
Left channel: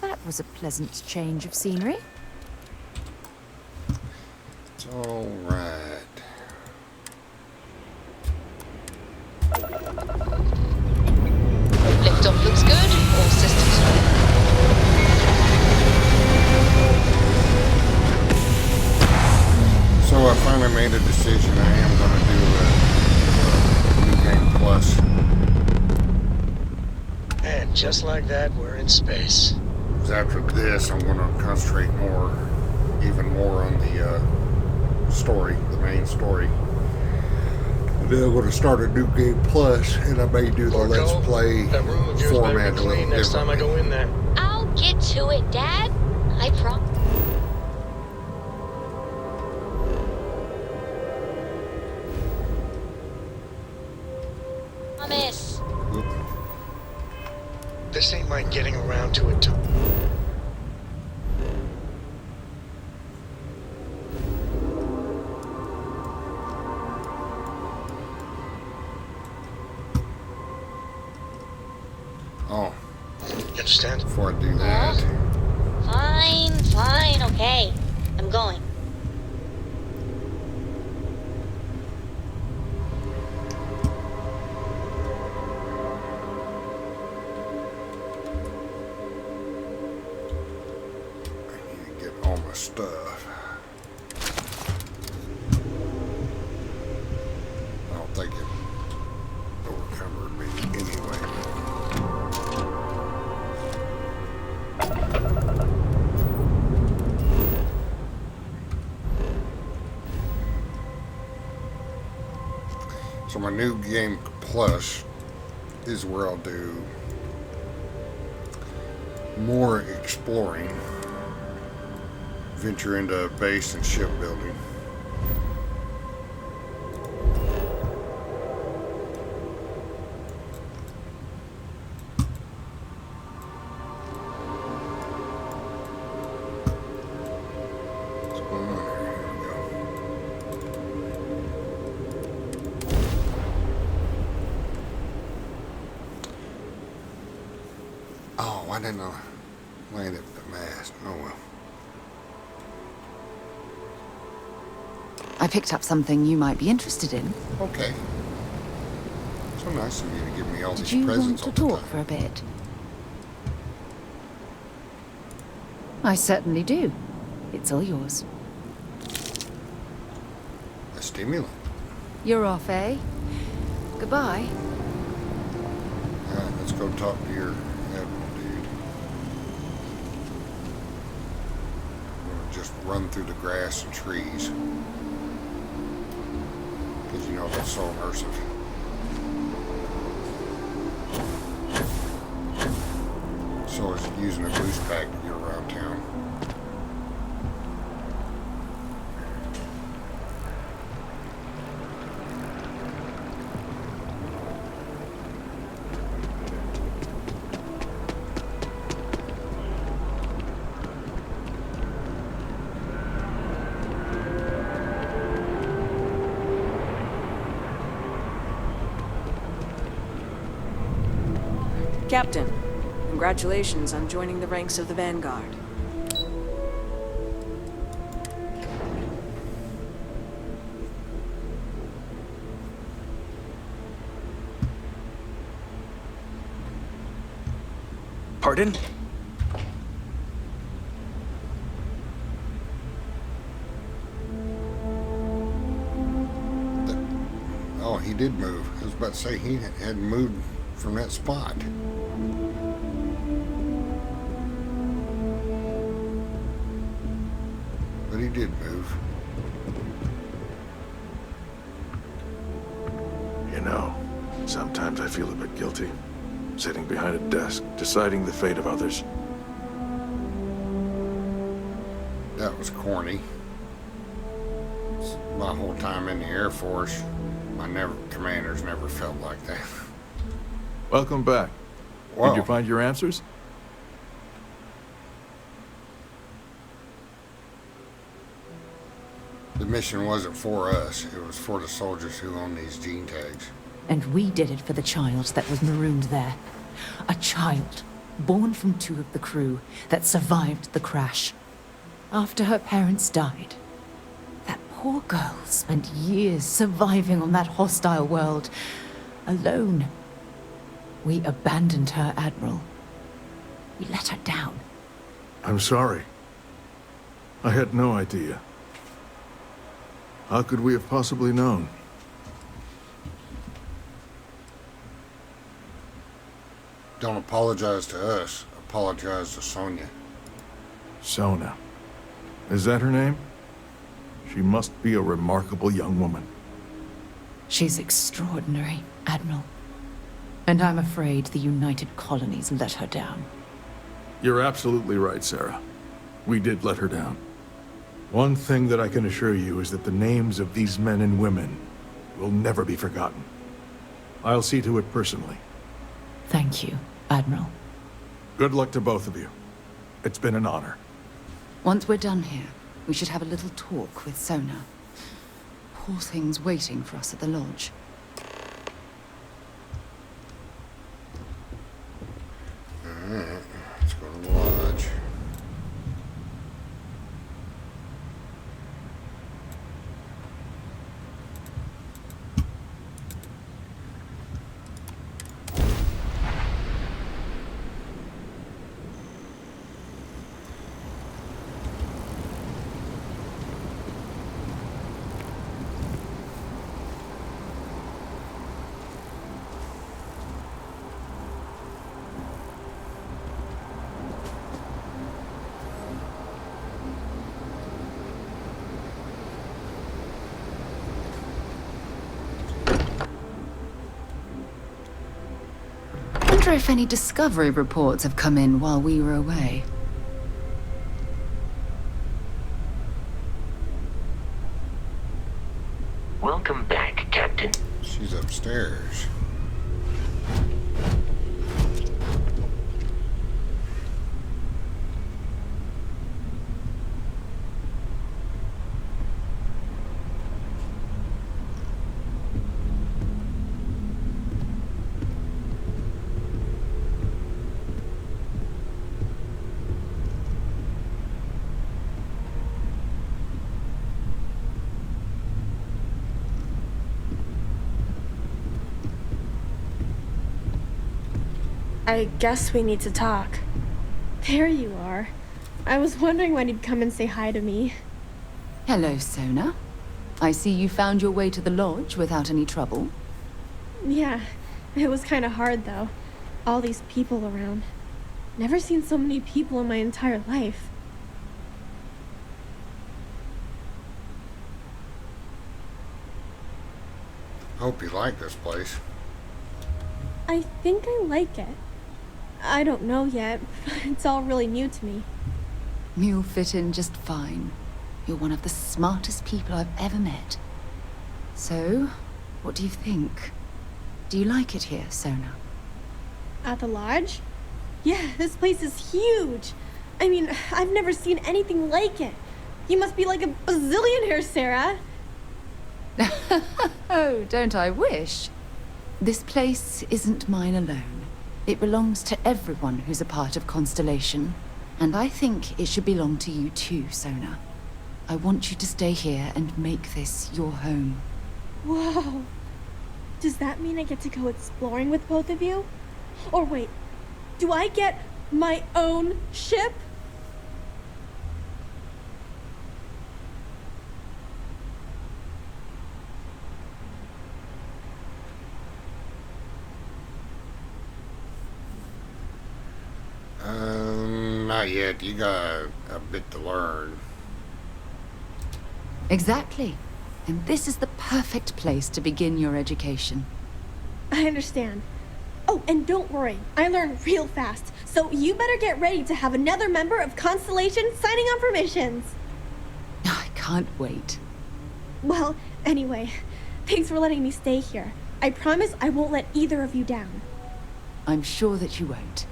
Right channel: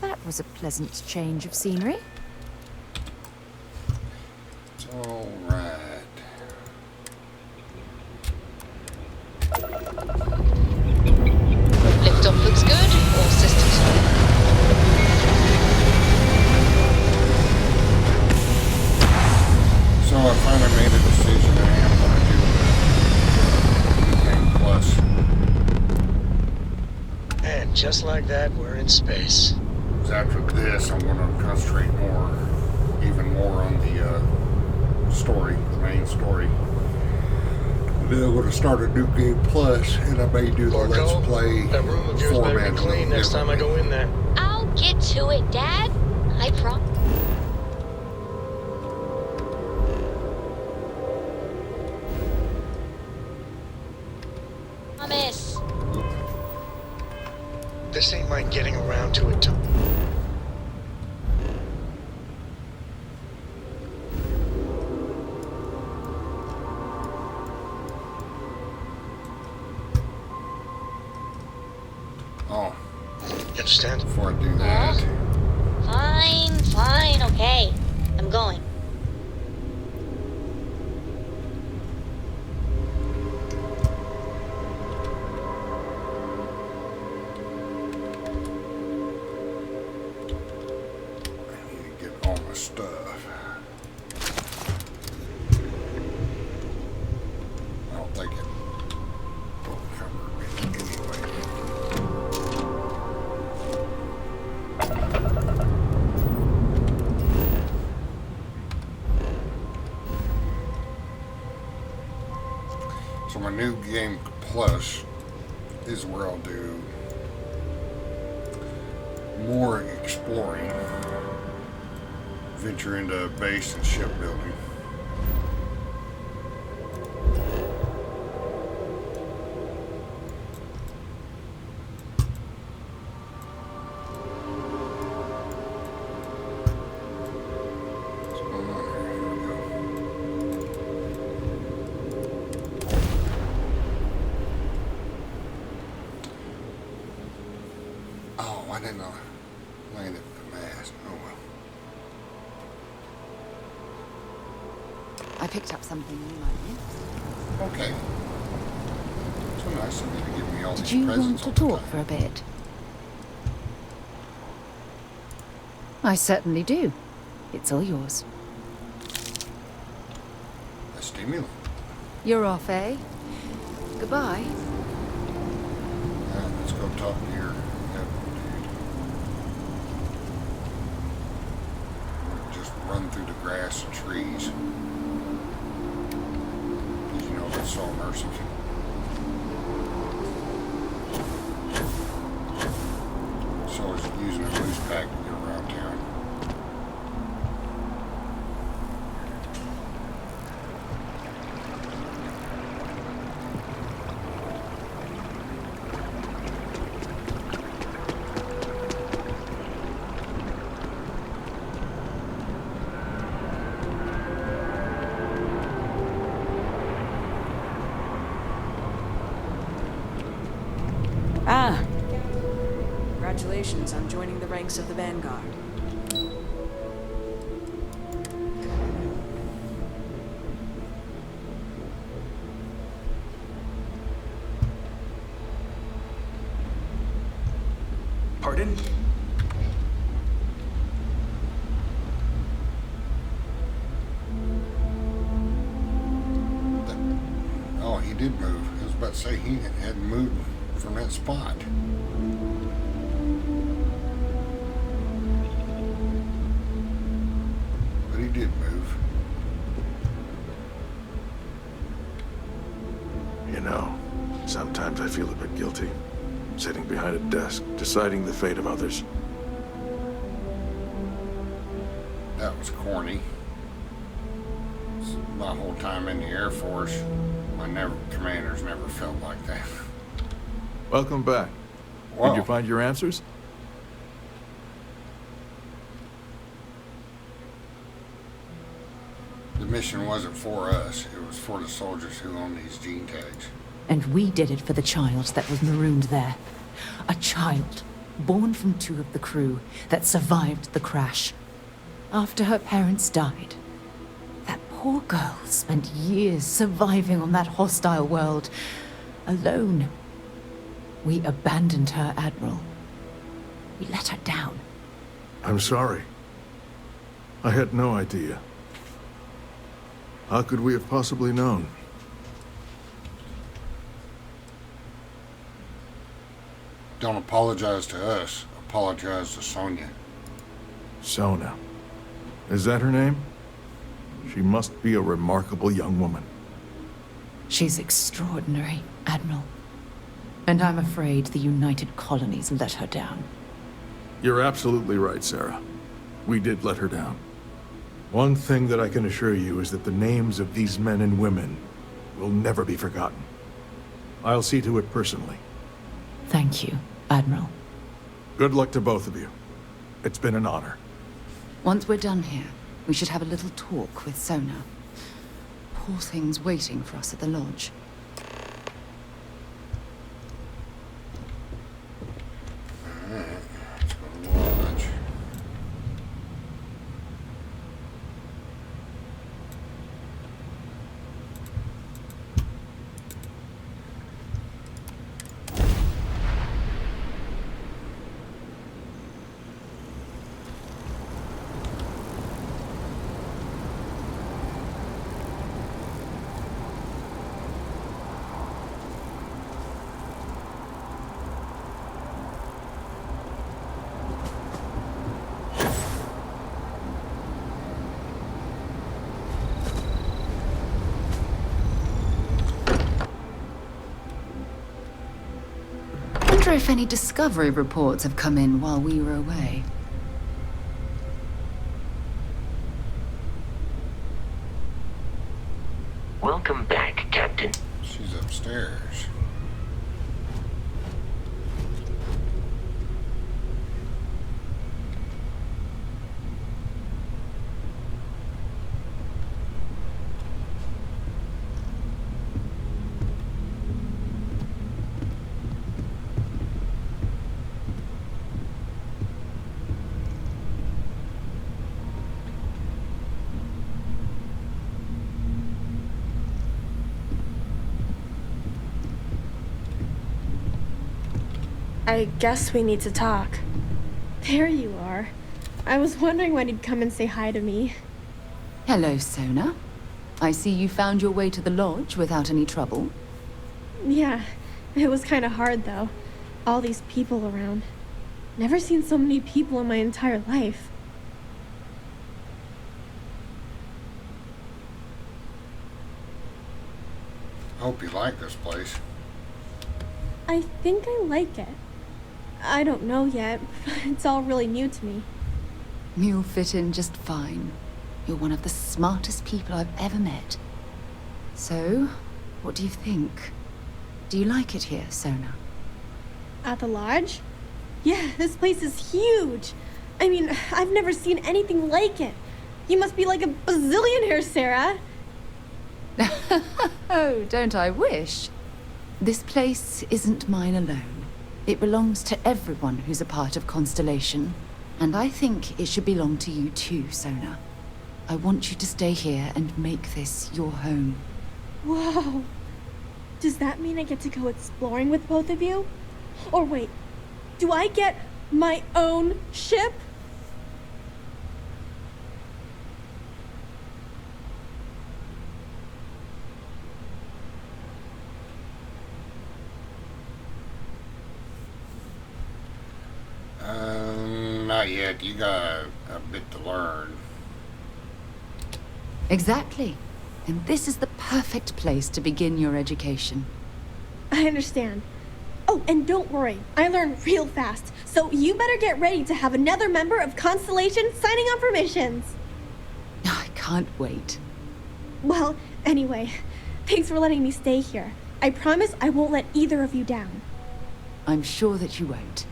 That was a pleasant change of scenery. It's alright. Liftoff looks good. All systems go. So I finally made a decision. I am going to do a New Game Plus. And just like that, we're in space. 'Cause after this, I'm going to concentrate even more on the story, the main story. Then I'm going to start a New Game Plus, and I may do the Or Let's go. Play That room of yours better format be a little clean next time I go in there. I'll get to it, Dad. I promise. This ain't my getting around to it too. Oh, You understand? before I do that, Fine, okay. I'm going. I need to get all my stuff. I don't think it will cover me anyway. So my New Game Plus is where I'll do more exploring, venture into base and shipbuilding. What's going on here? Here we go. Oh, why didn't I land at the mast? Oh well. I picked up something you might be interested in. Okay. So nice of you to give me all Did these you want presents to all the talk time. for a bit? I certainly do. It's all yours. A stimulant. You're off, eh? Goodbye. All right, let's go talk to your admiral, dude. We're gonna just run through the grass and trees. Because you know that's so immersive. So is using a boost pack to get around town. Ah, Captain. Congratulations on joining the ranks of the Vanguard. Pardon? Oh, he did move. I was about to say he hadn't moved from that spot. But he did move. You know, sometimes I feel a bit guilty. Sitting behind a desk, deciding the fate of others. That was corny. My whole time in the Air Force, commanders never felt like that. Welcome back. Wow. Did you find your answers? The mission wasn't for us. It was for the soldiers who own these gene tags. And we did it for the child that was marooned there. A child, born from 2 of the crew, that survived the crash. After her parents died. That poor girl spent years surviving on that hostile world, alone. We abandoned her, Admiral. We let her down. I'm sorry. I had no idea. How could we have possibly known? Don't apologize to us. Apologize to Sonia. Sona. Is that her name? She must be a remarkable young woman. She's extraordinary, Admiral. And I'm afraid the United Colonies let her down. You're absolutely right, Sara. We did let her down. One thing that I can assure you is that the names of these men and women will never be forgotten. I'll see to it personally. Thank you, Admiral. Good luck to both of you. It's been an honor. Once we're done here, we should have a little talk with Sona. Poor thing's waiting for us at the lodge. Alright, let's go to the lodge. I wonder if any discovery reports have come in while we were away. Welcome back, Captain. She's upstairs. I guess we need to talk. There you are. I was wondering when you'd come and say hi to me. Hello, Sona. I see you found your way to the lodge without any trouble. Yeah, it was kind of hard though. All these people around. Never seen so many people in my entire life. Hope you like this place. I think I like it. I don't know yet. It's all really new to me. You'll fit in just fine. You're one of the smartest people I've ever met. So, what do you think? Do you like it here, Sona? At the lodge? Yeah, this place is huge. I mean, I've never seen anything like it. You must be like a bazillionaire, Sara. Oh, don't I wish? This place isn't mine alone. It belongs to everyone who's a part of Constellation. And I think it should belong to you too, Sona. I want you to stay here and make this your home. Whoa. Does that mean I get to go exploring with both of you? Or wait, do I get my own ship? Not yet. You got a bit to learn. Exactly. And this is the perfect place to begin your education. I understand. Oh, and don't worry, I learn real fast. So you better get ready to have another member of Constellation signing on for missions. I can't wait. Well, anyway, thanks for letting me stay here. I promise I won't let either of you down. I'm sure that you won't.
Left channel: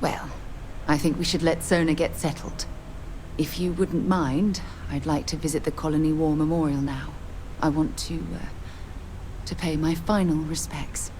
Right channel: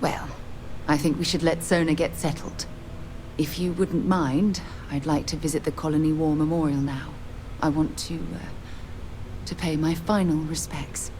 Well, I think we should let Sona get settled. If you wouldn't mind, I'd like to visit the Colony War Memorial now. I want to pay my final respects.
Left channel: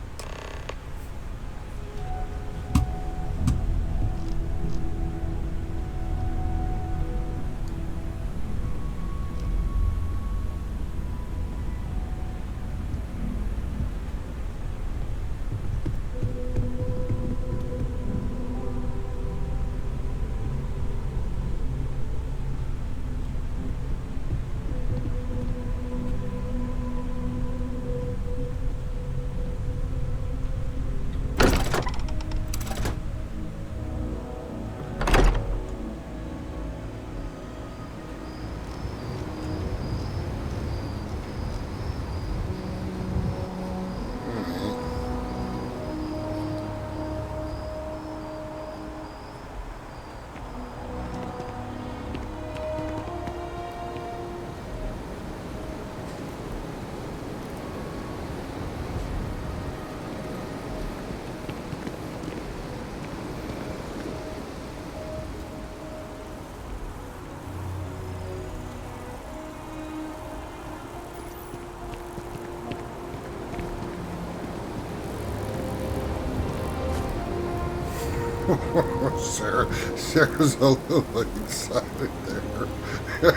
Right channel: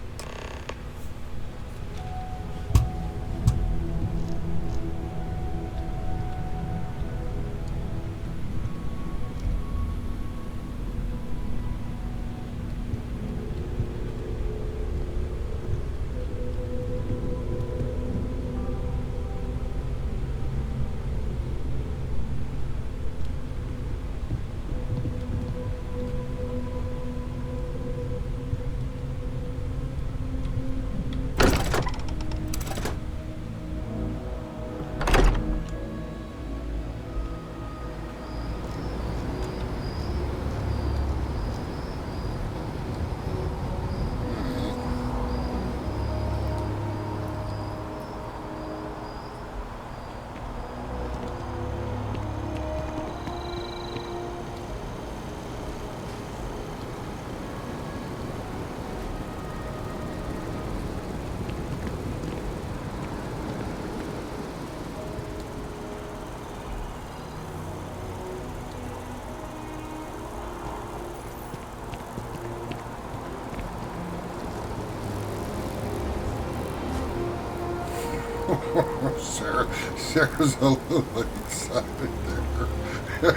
Sarah's a little excited there.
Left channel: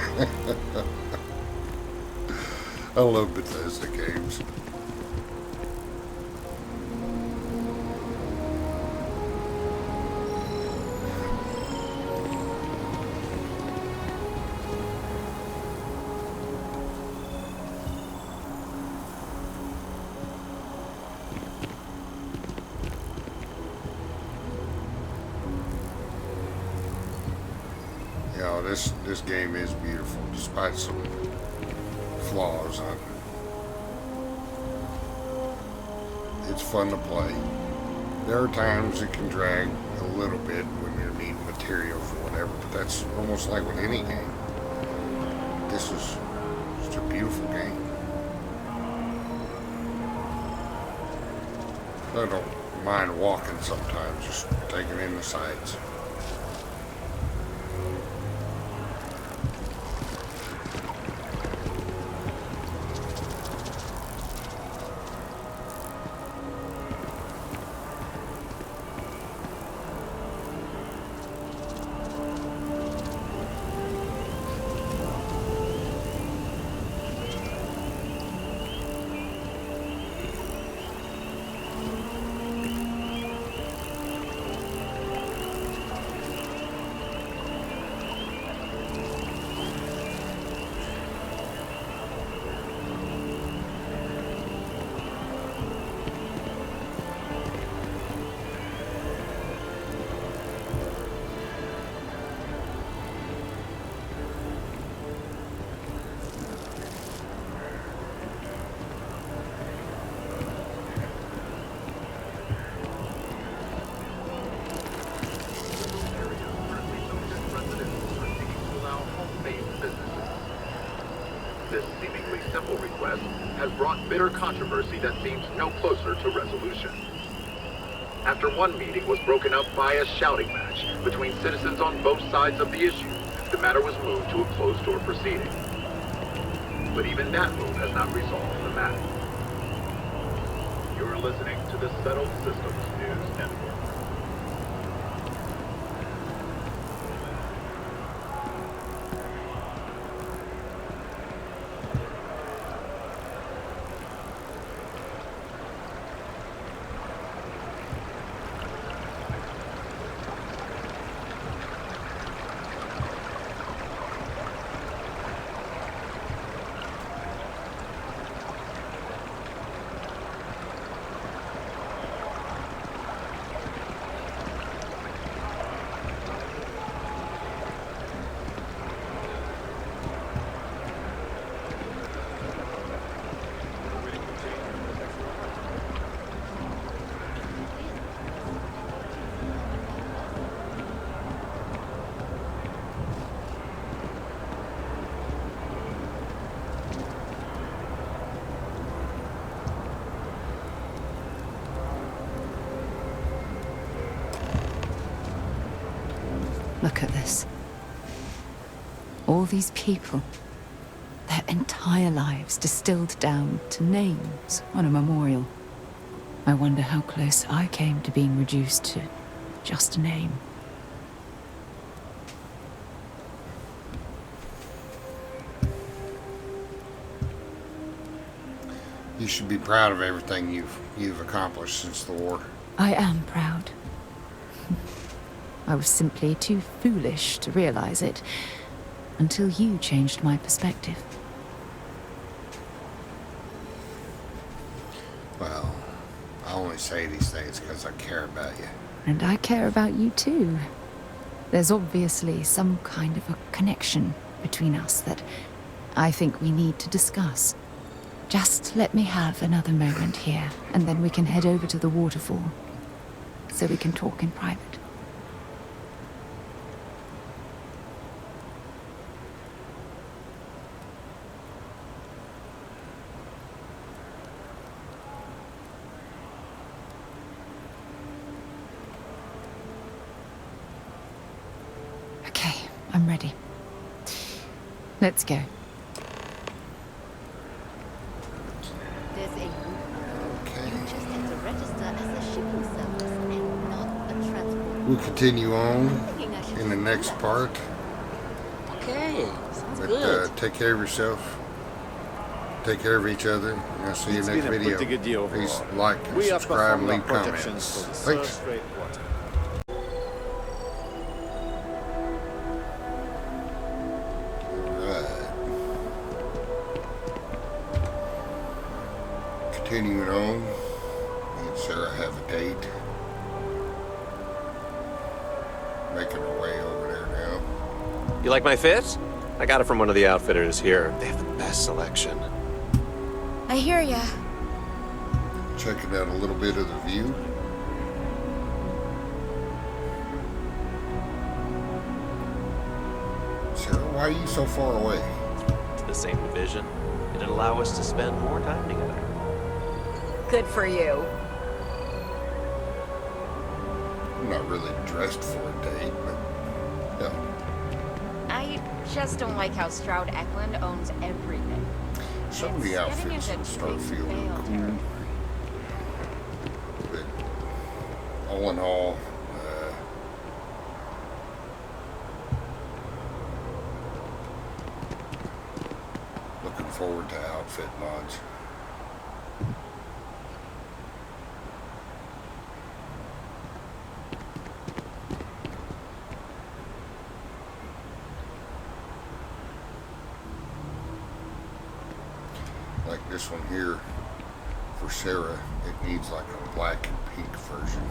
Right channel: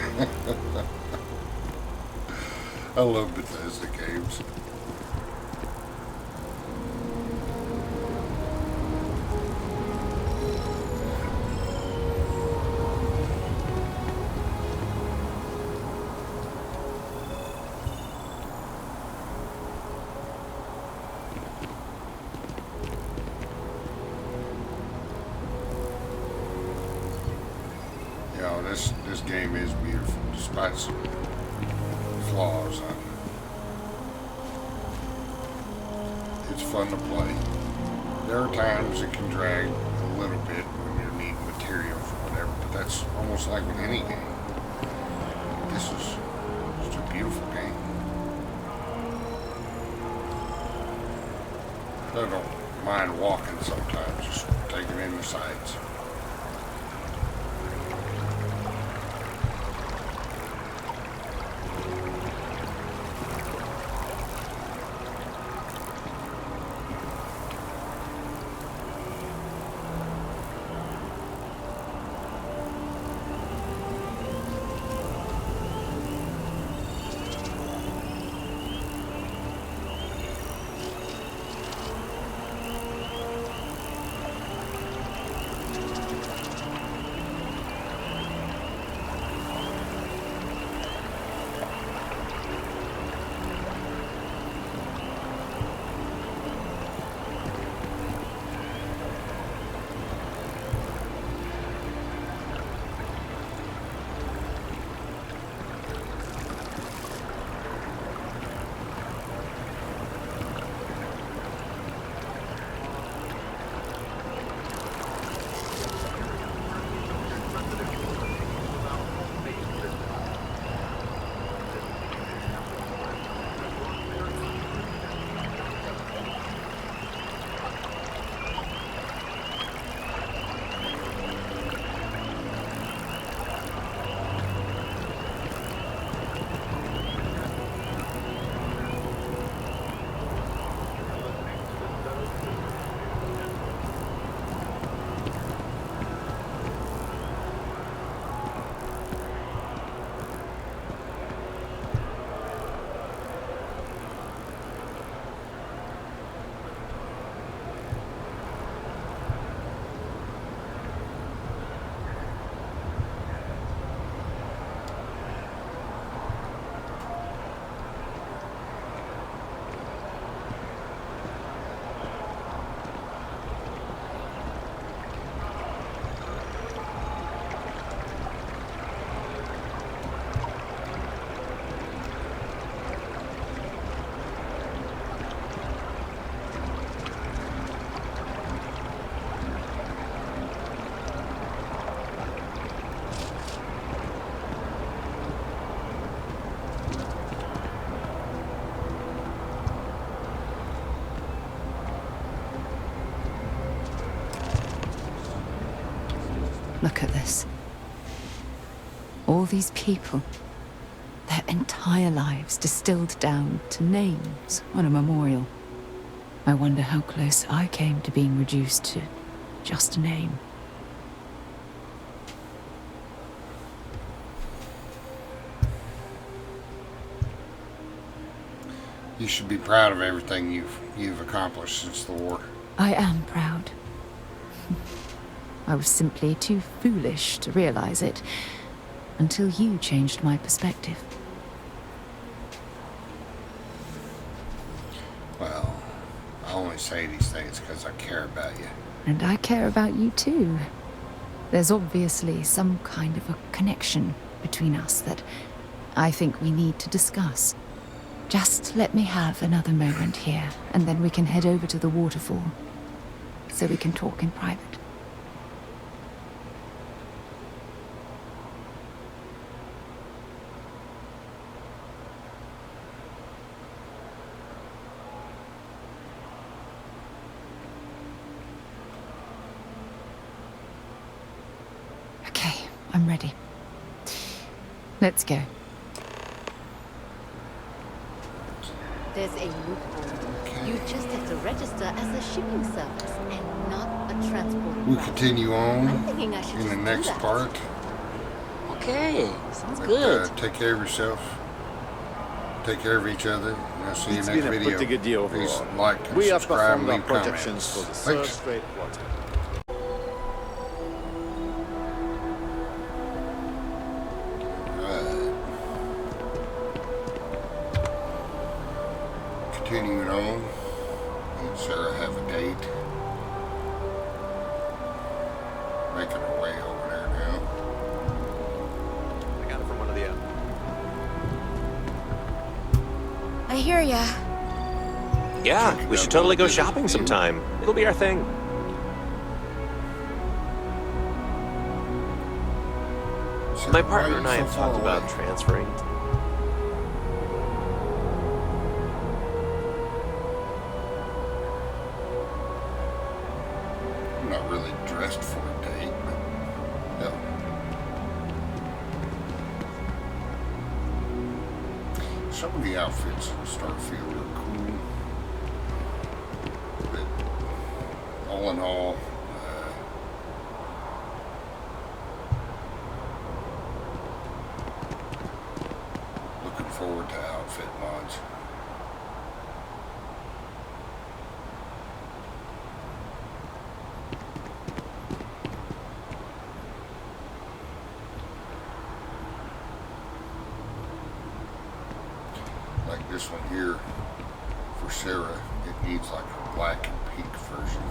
I love Bethesda games. Yeah, this game is beautiful, despite some flaws. It's fun to play. There are times it can drag a little bit when you're needing material for whatever, but that's almost like with any game. This is just a beautiful game. I don't mind walking sometimes, just taking in the sights. Bitter controversy that seems to come closer to resolution. After one meeting was broken up by a shouting match between citizens on both sides of the issue, the matter was moved to a closed-door proceeding. But even that vote has not resolved the matter. You're listening to the Settled Systems News Network. Look at this. All these people, their entire lives distilled down to names on a memorial. I wonder how close I came to being reduced to just a name. You should be proud of everything you've accomplished since the war. I am proud. I was simply too foolish to realize it until you changed my perspective. Well, I only say these things because I care about you. And I care about you too. There's obviously some kind of a connection between us that I think we need to discuss. Just let me have another moment here, and then we can head over to the waterfall, so we can talk in private. Okay, I'm ready. Let's go. There's a loophole. You just have to register as a shipping service and not a transport. We'll continue on I'm thinking I should in the just do next that. part. Okay, sounds But, good. take care of yourself. Take care of each other. And I'll see you It's next been a video. pretty good year Please overall. like and We have subscribe and performed our leave projections comments. for the third Thanks. straight quarter. Continuing on, me and Sarah have a date. Making our way over there now. You like my fit? I got it from one of the outfitters here. They have the best selection. I hear ya. Yeah, Check it we out should a totally go little bit shopping of view. sometime. It'll be our thing. Sarah, My why are partner you and I so have far talked away? about transferring to the same division. It'd allow us to spend more time together. Good for you. I'm not really dressed for a date, but yeah. I just don't like how Stroud Eklund owns everything. Some of the outfits in Starfield are cool, but all in all, looking forward to outfit mods. Like this one here for Sarah, it needs like a black and pink version.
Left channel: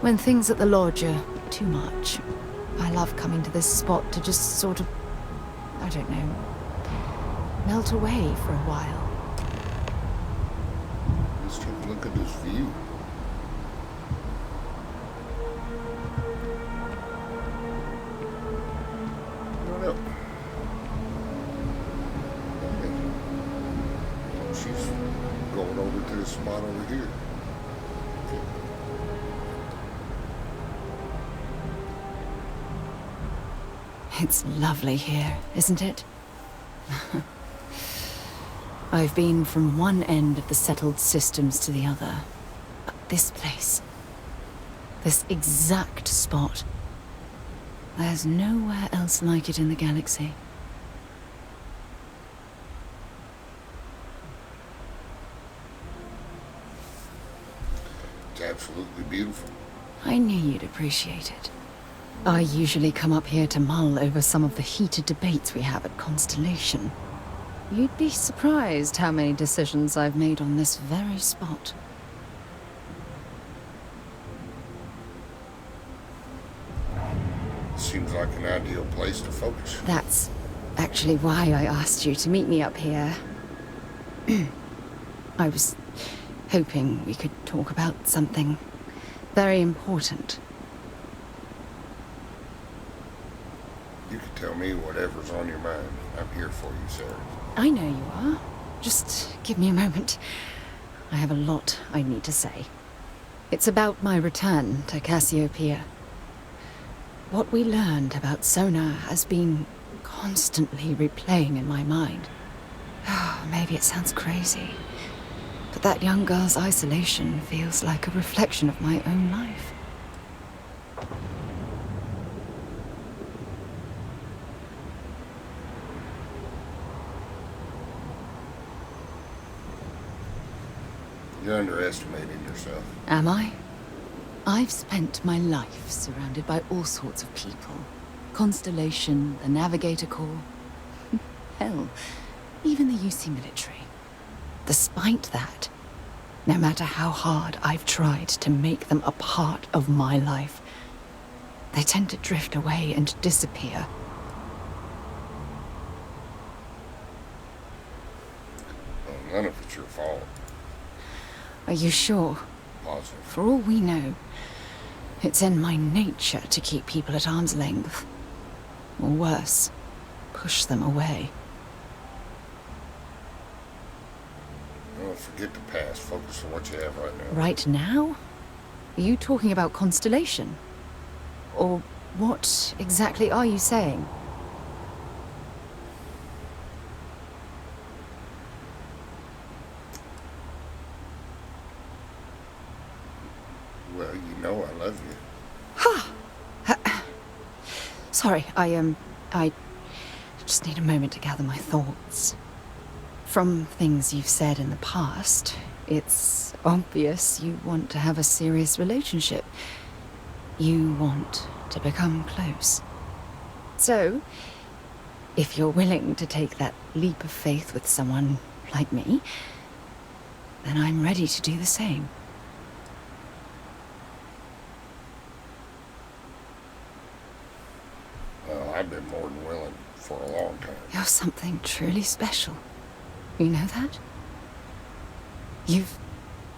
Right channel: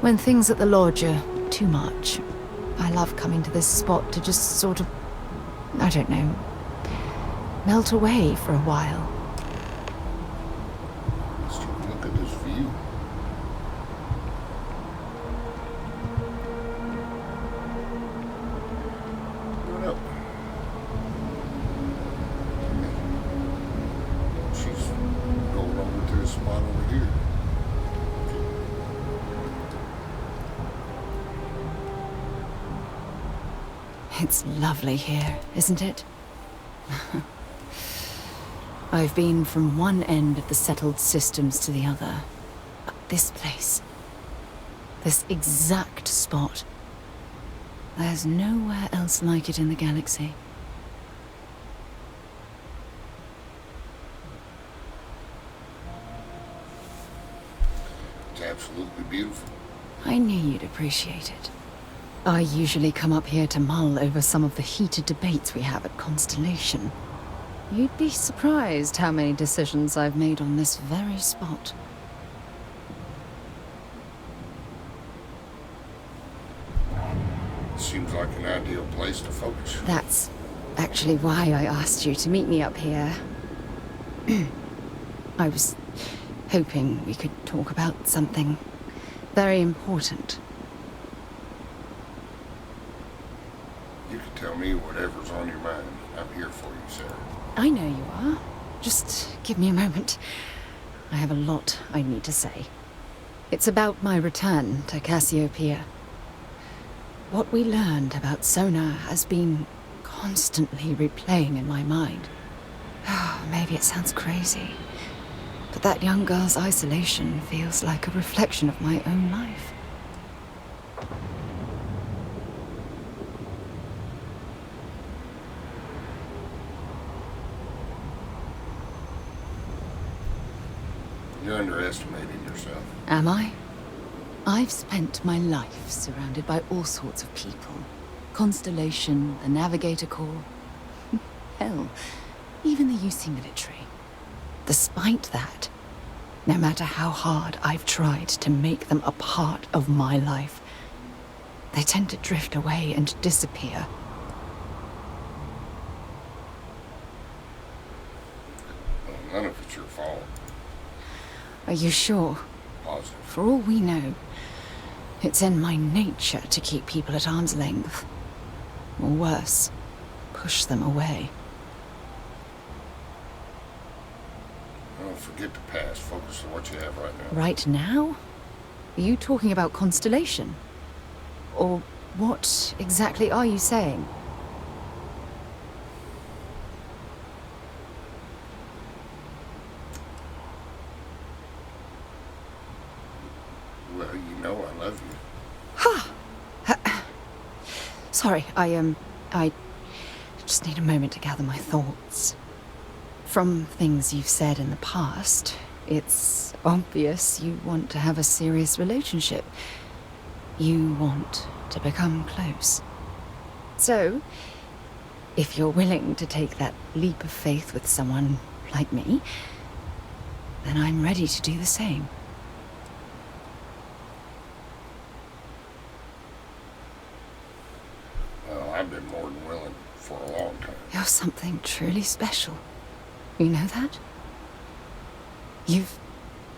When things at the lodge are too much, I love coming to this spot to just sort of, I don't know, melt away for a while. Let's take a look at this view. What up? She's going over to the spot over here. It's lovely here, isn't it? I've been from one end of the settled systems to the other. But this place, this exact spot, there's nowhere else like it in the galaxy. It's absolutely beautiful. I knew you'd appreciate it. I usually come up here to mull over some of the heated debates we have at Constellation. You'd be surprised how many decisions I've made on this very spot. seems like an ideal place to focus. That's actually why I asked you to meet me up here. I was hoping we could talk about something very important. You can tell me whatever's on your mind. I'm here for you, Sarah. I know you are. Just give me a moment. I have a lot I need to say. It's about my return to Cassiopeia. What we learned about Sona has been constantly replaying in my mind. Oh, maybe it sounds crazy, but that young girl's isolation feels like a reflection of my own life. You're underestimating yourself. Am I? I've spent my life surrounded by all sorts of people. Constellation, the Navigator Corps. Hell, even the UC military. Despite that, no matter how hard I've tried to make them a part of my life, they tend to drift away and disappear. Well, none of it's your fault. Are you sure? Positive. For all we know, it's in my nature to keep people at arm's length. Or worse, push them away. Well, forget the past. Focus on what you have right now. Right now? Are you talking about Constellation? Or what exactly are you saying? Well, you know I love you. Sorry, I just need a moment to gather my thoughts. From things you've said in the past, it's obvious you want to have a serious relationship. You want to become close. So, if you're willing to take that leap of faith with someone like me, then I'm ready to do the same. Well, I've been more than willing for a long time. You're something truly special. You know that? You've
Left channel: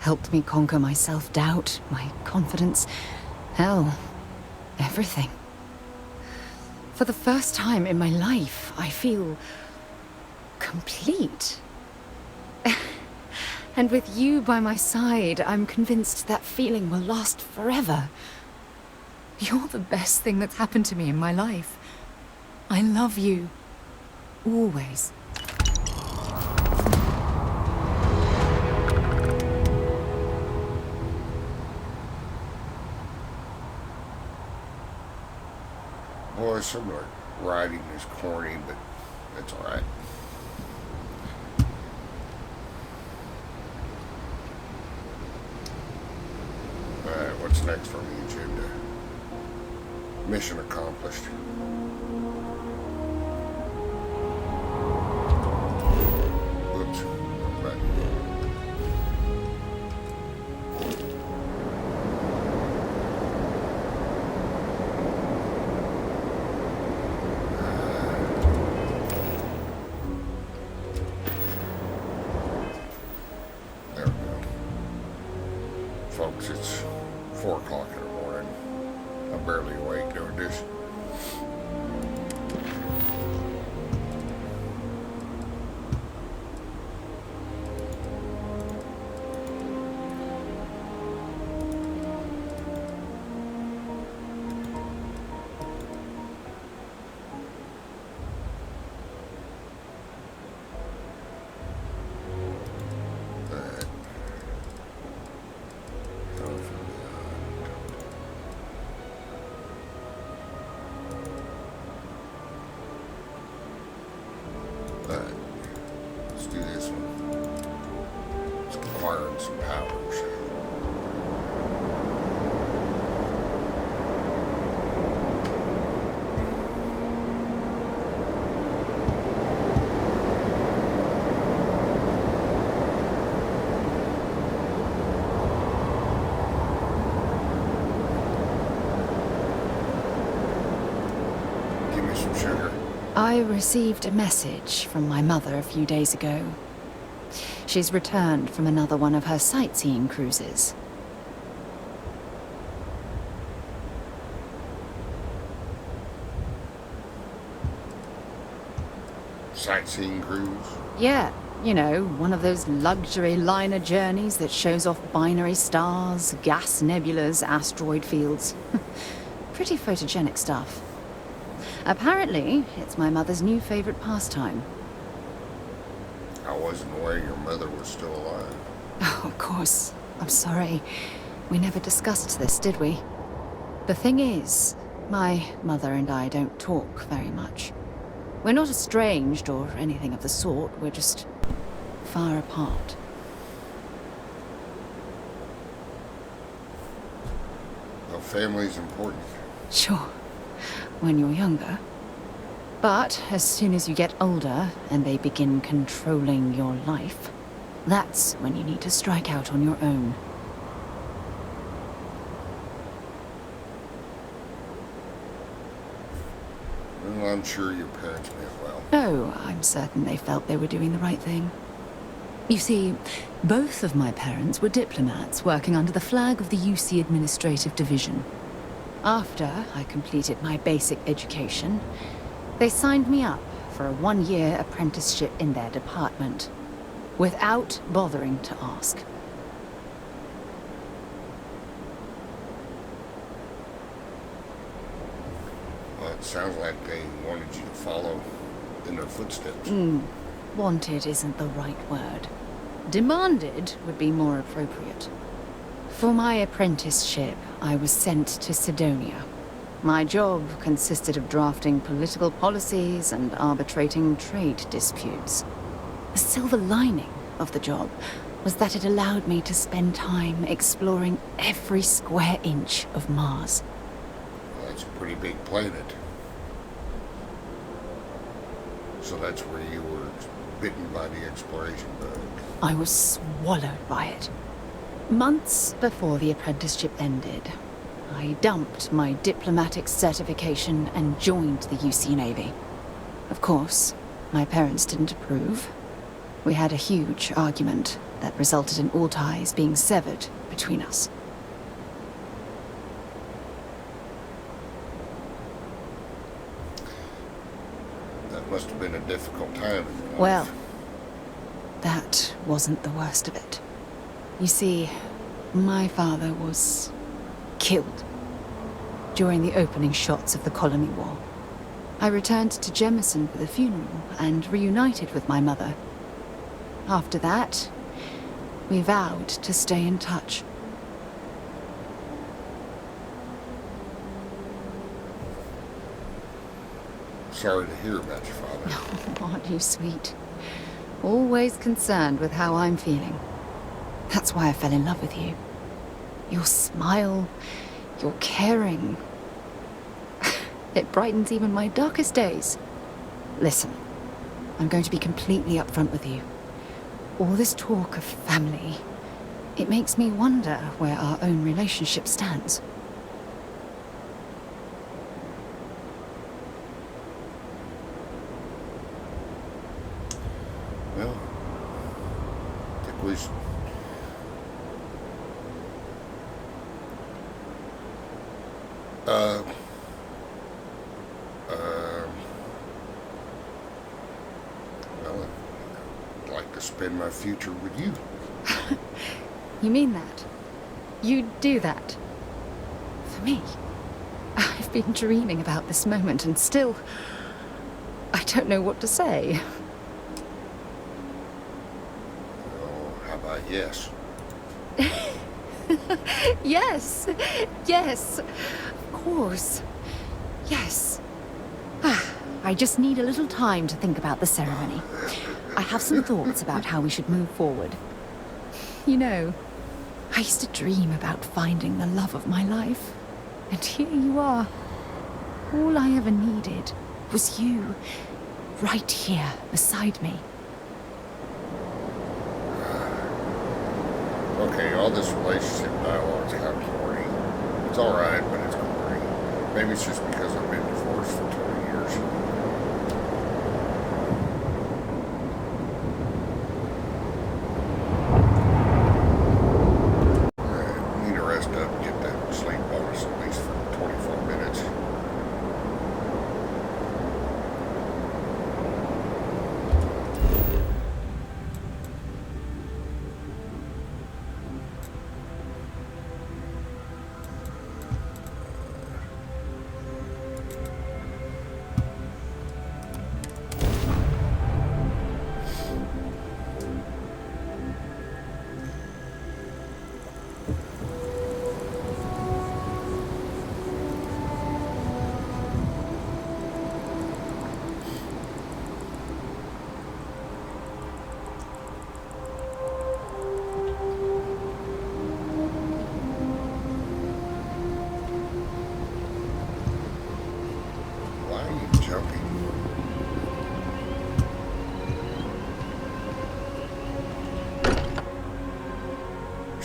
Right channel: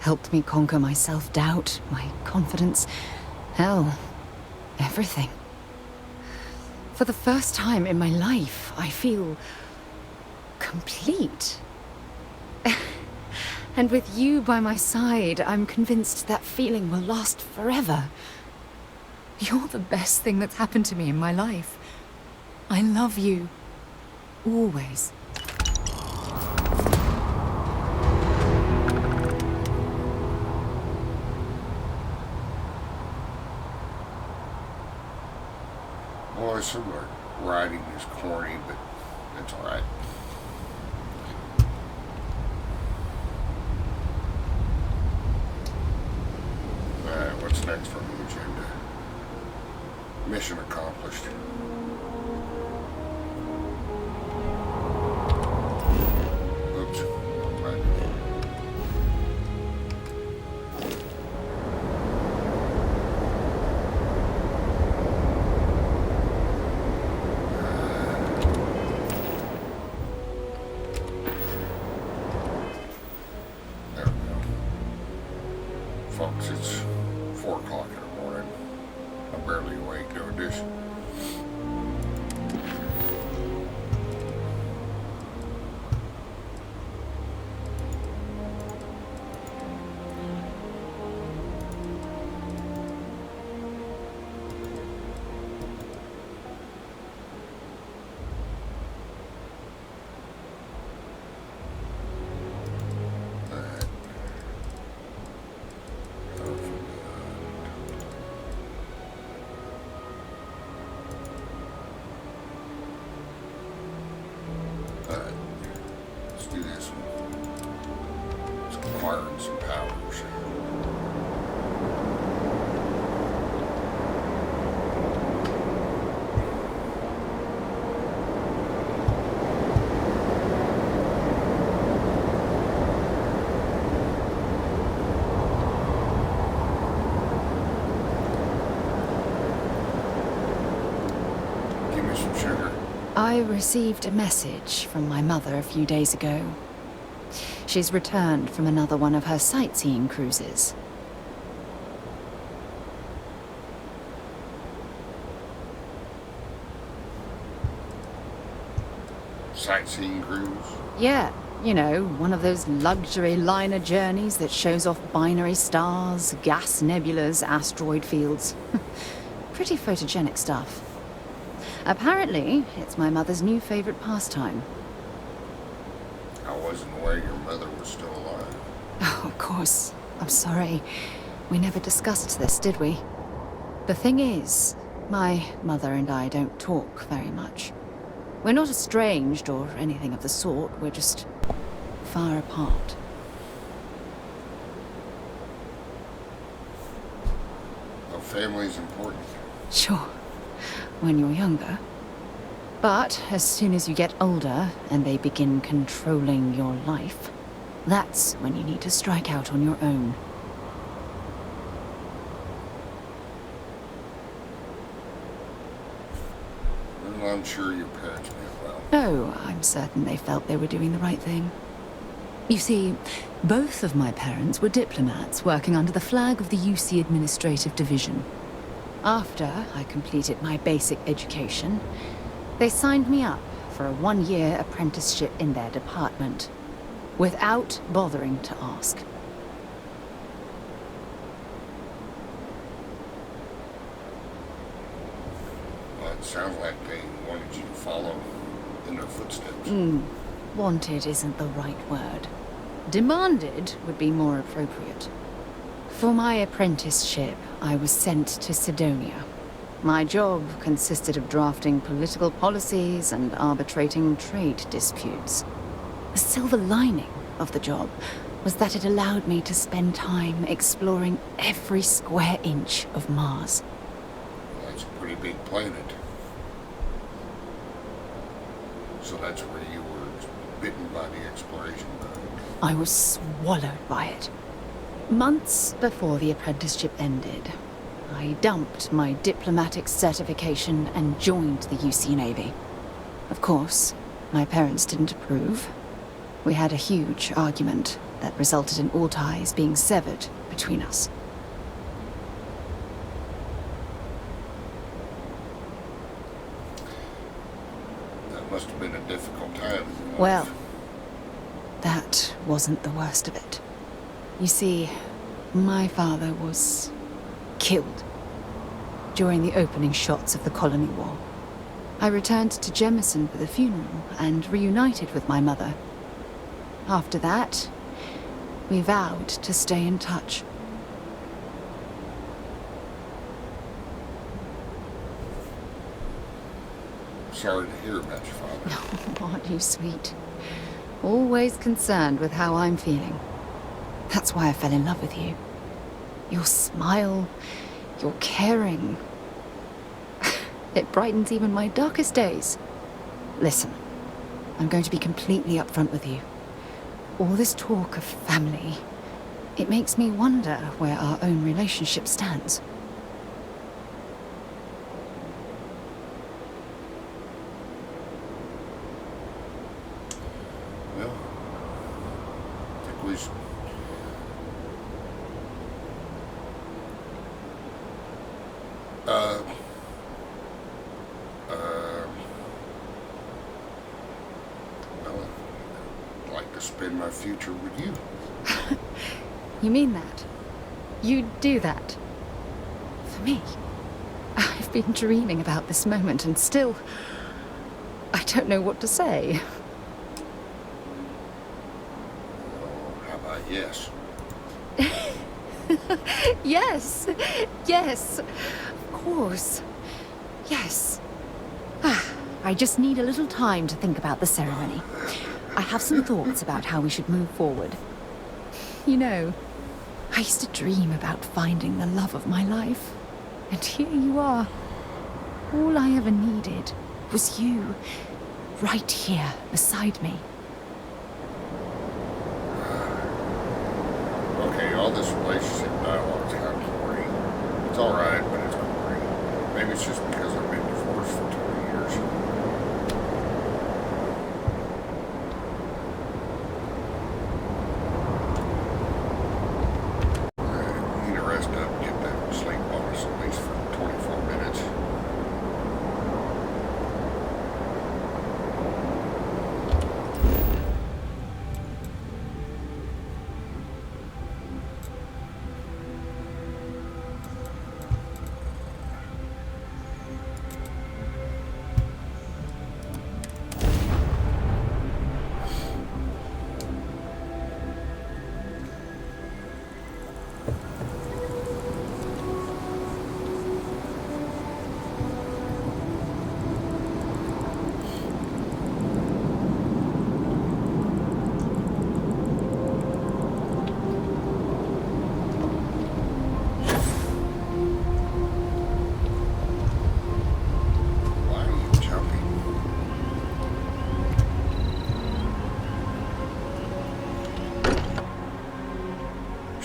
helped me conquer my self-doubt, my confidence, hell, everything. For the first time in my life, I feel complete. And with you by my side, I'm convinced that feeling will last forever. You're the best thing that's happened to me in my life. I love you. Always. Boy, some of the writing is corny, but it's alright. Alright, what's next on the agenda? Mission accomplished. Oops, wrong button. There we go. Folks, it's 4 o'clock in the morning. I'm barely awake doing this. Alright. Alright, let's do this one. It's acquiring some powers. I received a message from my mother a few days ago. She's returned from another one of her sightseeing cruises. Sightseeing cruise? Yeah, you know, one of those luxury liner journeys that shows off binary stars, gas nebulas, asteroid fields. Pretty photogenic stuff. Apparently, it's my mother's new favorite pastime. I wasn't aware your mother was still alive. Oh, of course. I'm sorry. We never discussed this, did we? The thing is, my mother and I don't talk very much. We're not estranged or anything of the sort. We're just far apart. Well, family's important. Sure, when you're younger. But as soon as you get older and they begin controlling your life, that's when you need to strike out on your own. Well, I'm sure your parents meant well. Oh, I'm certain they felt they were doing the right thing. You see, both of my parents were diplomats working under the flag of the UC Administrative Division. After I completed my basic education, they signed me up for a one-year apprenticeship in their department, without bothering to ask. Well, it sounds like they wanted you to follow in their footsteps. Wanted isn't the right word. Demanded would be more appropriate. For my apprenticeship, I was sent to Sidonia. My job consisted of drafting political policies and arbitrating trade disputes. The silver lining of the job was that it allowed me to spend time exploring every square inch of Mars. Well, that's a pretty big planet. So that's where you were bitten by the exploration bug. I was swallowed by it. Months before the apprenticeship ended, I dumped my diplomatic certification and joined the UC Navy. Of course, my parents didn't approve. We had a huge argument that resulted in all ties being severed between us. That must have been a difficult time in your life. Well, that wasn't the worst of it. You see, my father was killed during the opening shots of the Colony War. I returned to Jemison for the funeral and reunited with my mother. After that, we vowed to stay in touch. Sorry to hear about your father. Oh, aren't you sweet? Always concerned with how I'm feeling. That's why I fell in love with you. Your smile, your caring. It brightens even my darkest days. Listen, I'm going to be completely upfront with you. All this talk of family, it makes me wonder where our own relationship stands. Well, I think we should... well, I'd like to spend my future with you. You mean that? You'd do that? For me? I've been dreaming about this moment and still... I don't know what to say. Oh, how about yes? Yes! Yes! Of course. Yes. I just need a little time to think about the ceremony. I have some thoughts about how we should move forward. You know, I used to dream about finding the love of my life. And here you are. All I ever needed was you, right here beside me. Okay, all this relationship dialogue is kind of boring. It's alright, but it's boring. Maybe it's just because I've been divorced for 20 years.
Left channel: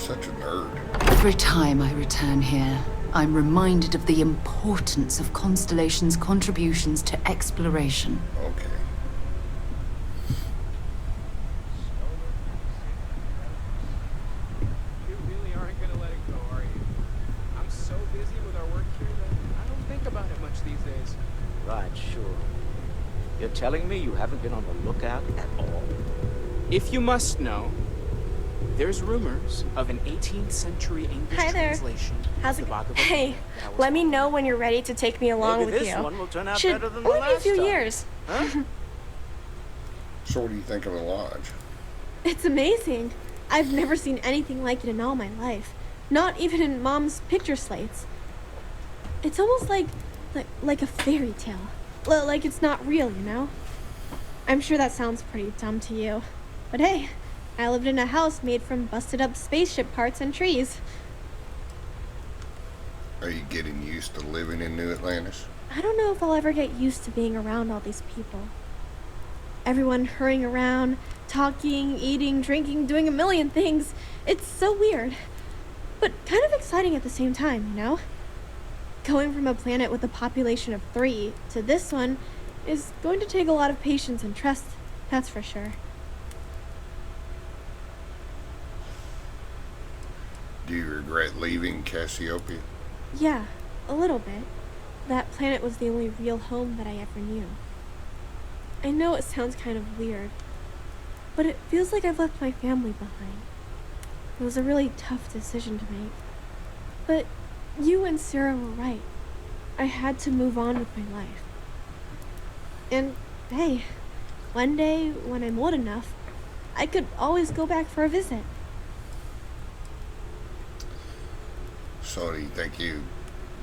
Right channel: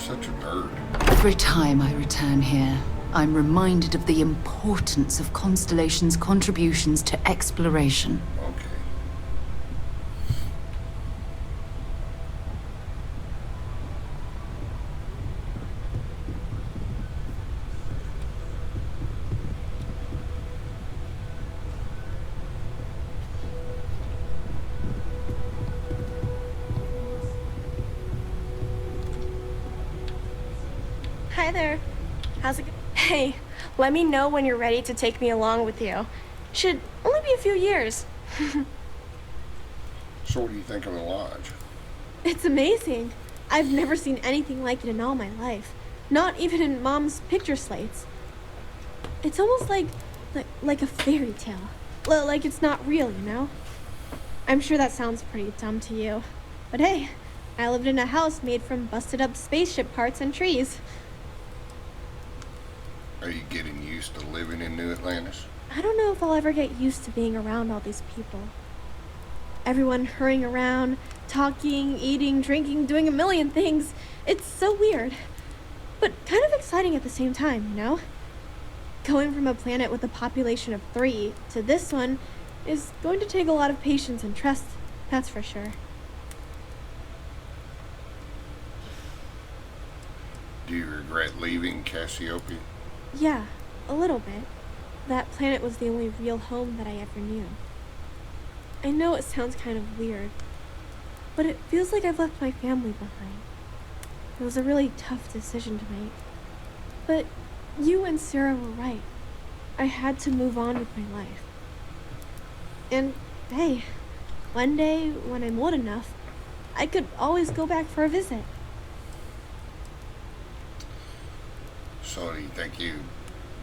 such a nerd. Every time I return here, I'm reminded of the importance of Constellation's contributions to exploration. Okay. Right, sure. You're telling me you haven't been on the lookout at all? If you must know, there's rumors of an 18th century English Hi there. translation. How's it going? Hey, let me know when you're ready to take me along with you. Should only be a few years. So what do you think of the lodge? It's amazing. I've never seen anything like it in all my life. Not even in Mom's picture slates. It's almost like a fairy tale. Like it's not real, you know? I'm sure that sounds pretty dumb to you. But hey, I lived in a house made from busted up spaceship parts and trees. Are you getting used to living in New Atlantis? I don't know if I'll ever get used to being around all these people. Everyone hurrying around, talking, eating, drinking, doing a million things. It's so weird. But kind of exciting at the same time, you know? Going from a planet with a population of 3 to this one is going to take a lot of patience and trust, that's for sure. Do you regret leaving Cassiopeia? Yeah, a little bit. That planet was the only real home that I ever knew. I know it sounds kind of weird, but it feels like I've left my family behind. It was a really tough decision to make. But you and Sara were right. I had to move on with my life. And hey, one day when I'm old enough, I could always go back for a visit. So do you think you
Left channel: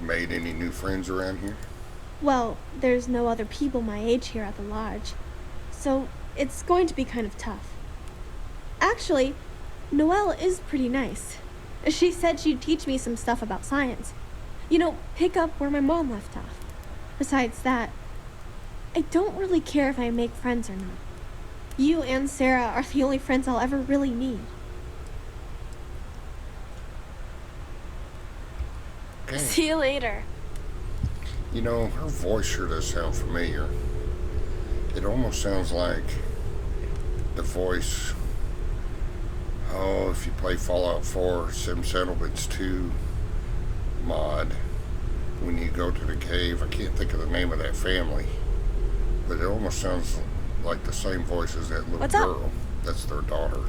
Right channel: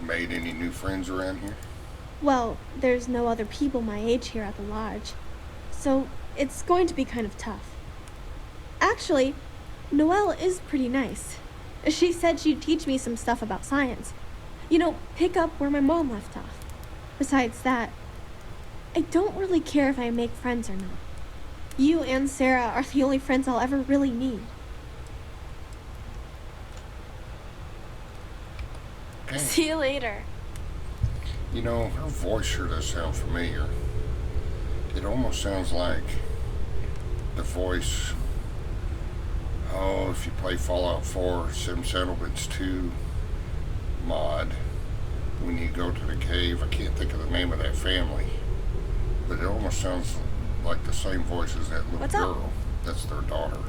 made any new friends around here? Well, there's no other people my age here at the lodge, so it's going to be kind of tough. Actually, Noelle is pretty nice. She said she'd teach me some stuff about science. You know, pick up where my mom left off. Besides that, I don't really care if I make friends or not. You and Sara are the only friends I'll ever really need. Okay. See you later. You know, her voice sure does sound familiar. It almost sounds like the voice, if you play Fallout 4, Sim Settlements 2 mod, when you go to the cave, I can't think of the name of that family, but it almost sounds like the same voice as that little What's up? girl. That's their daughter.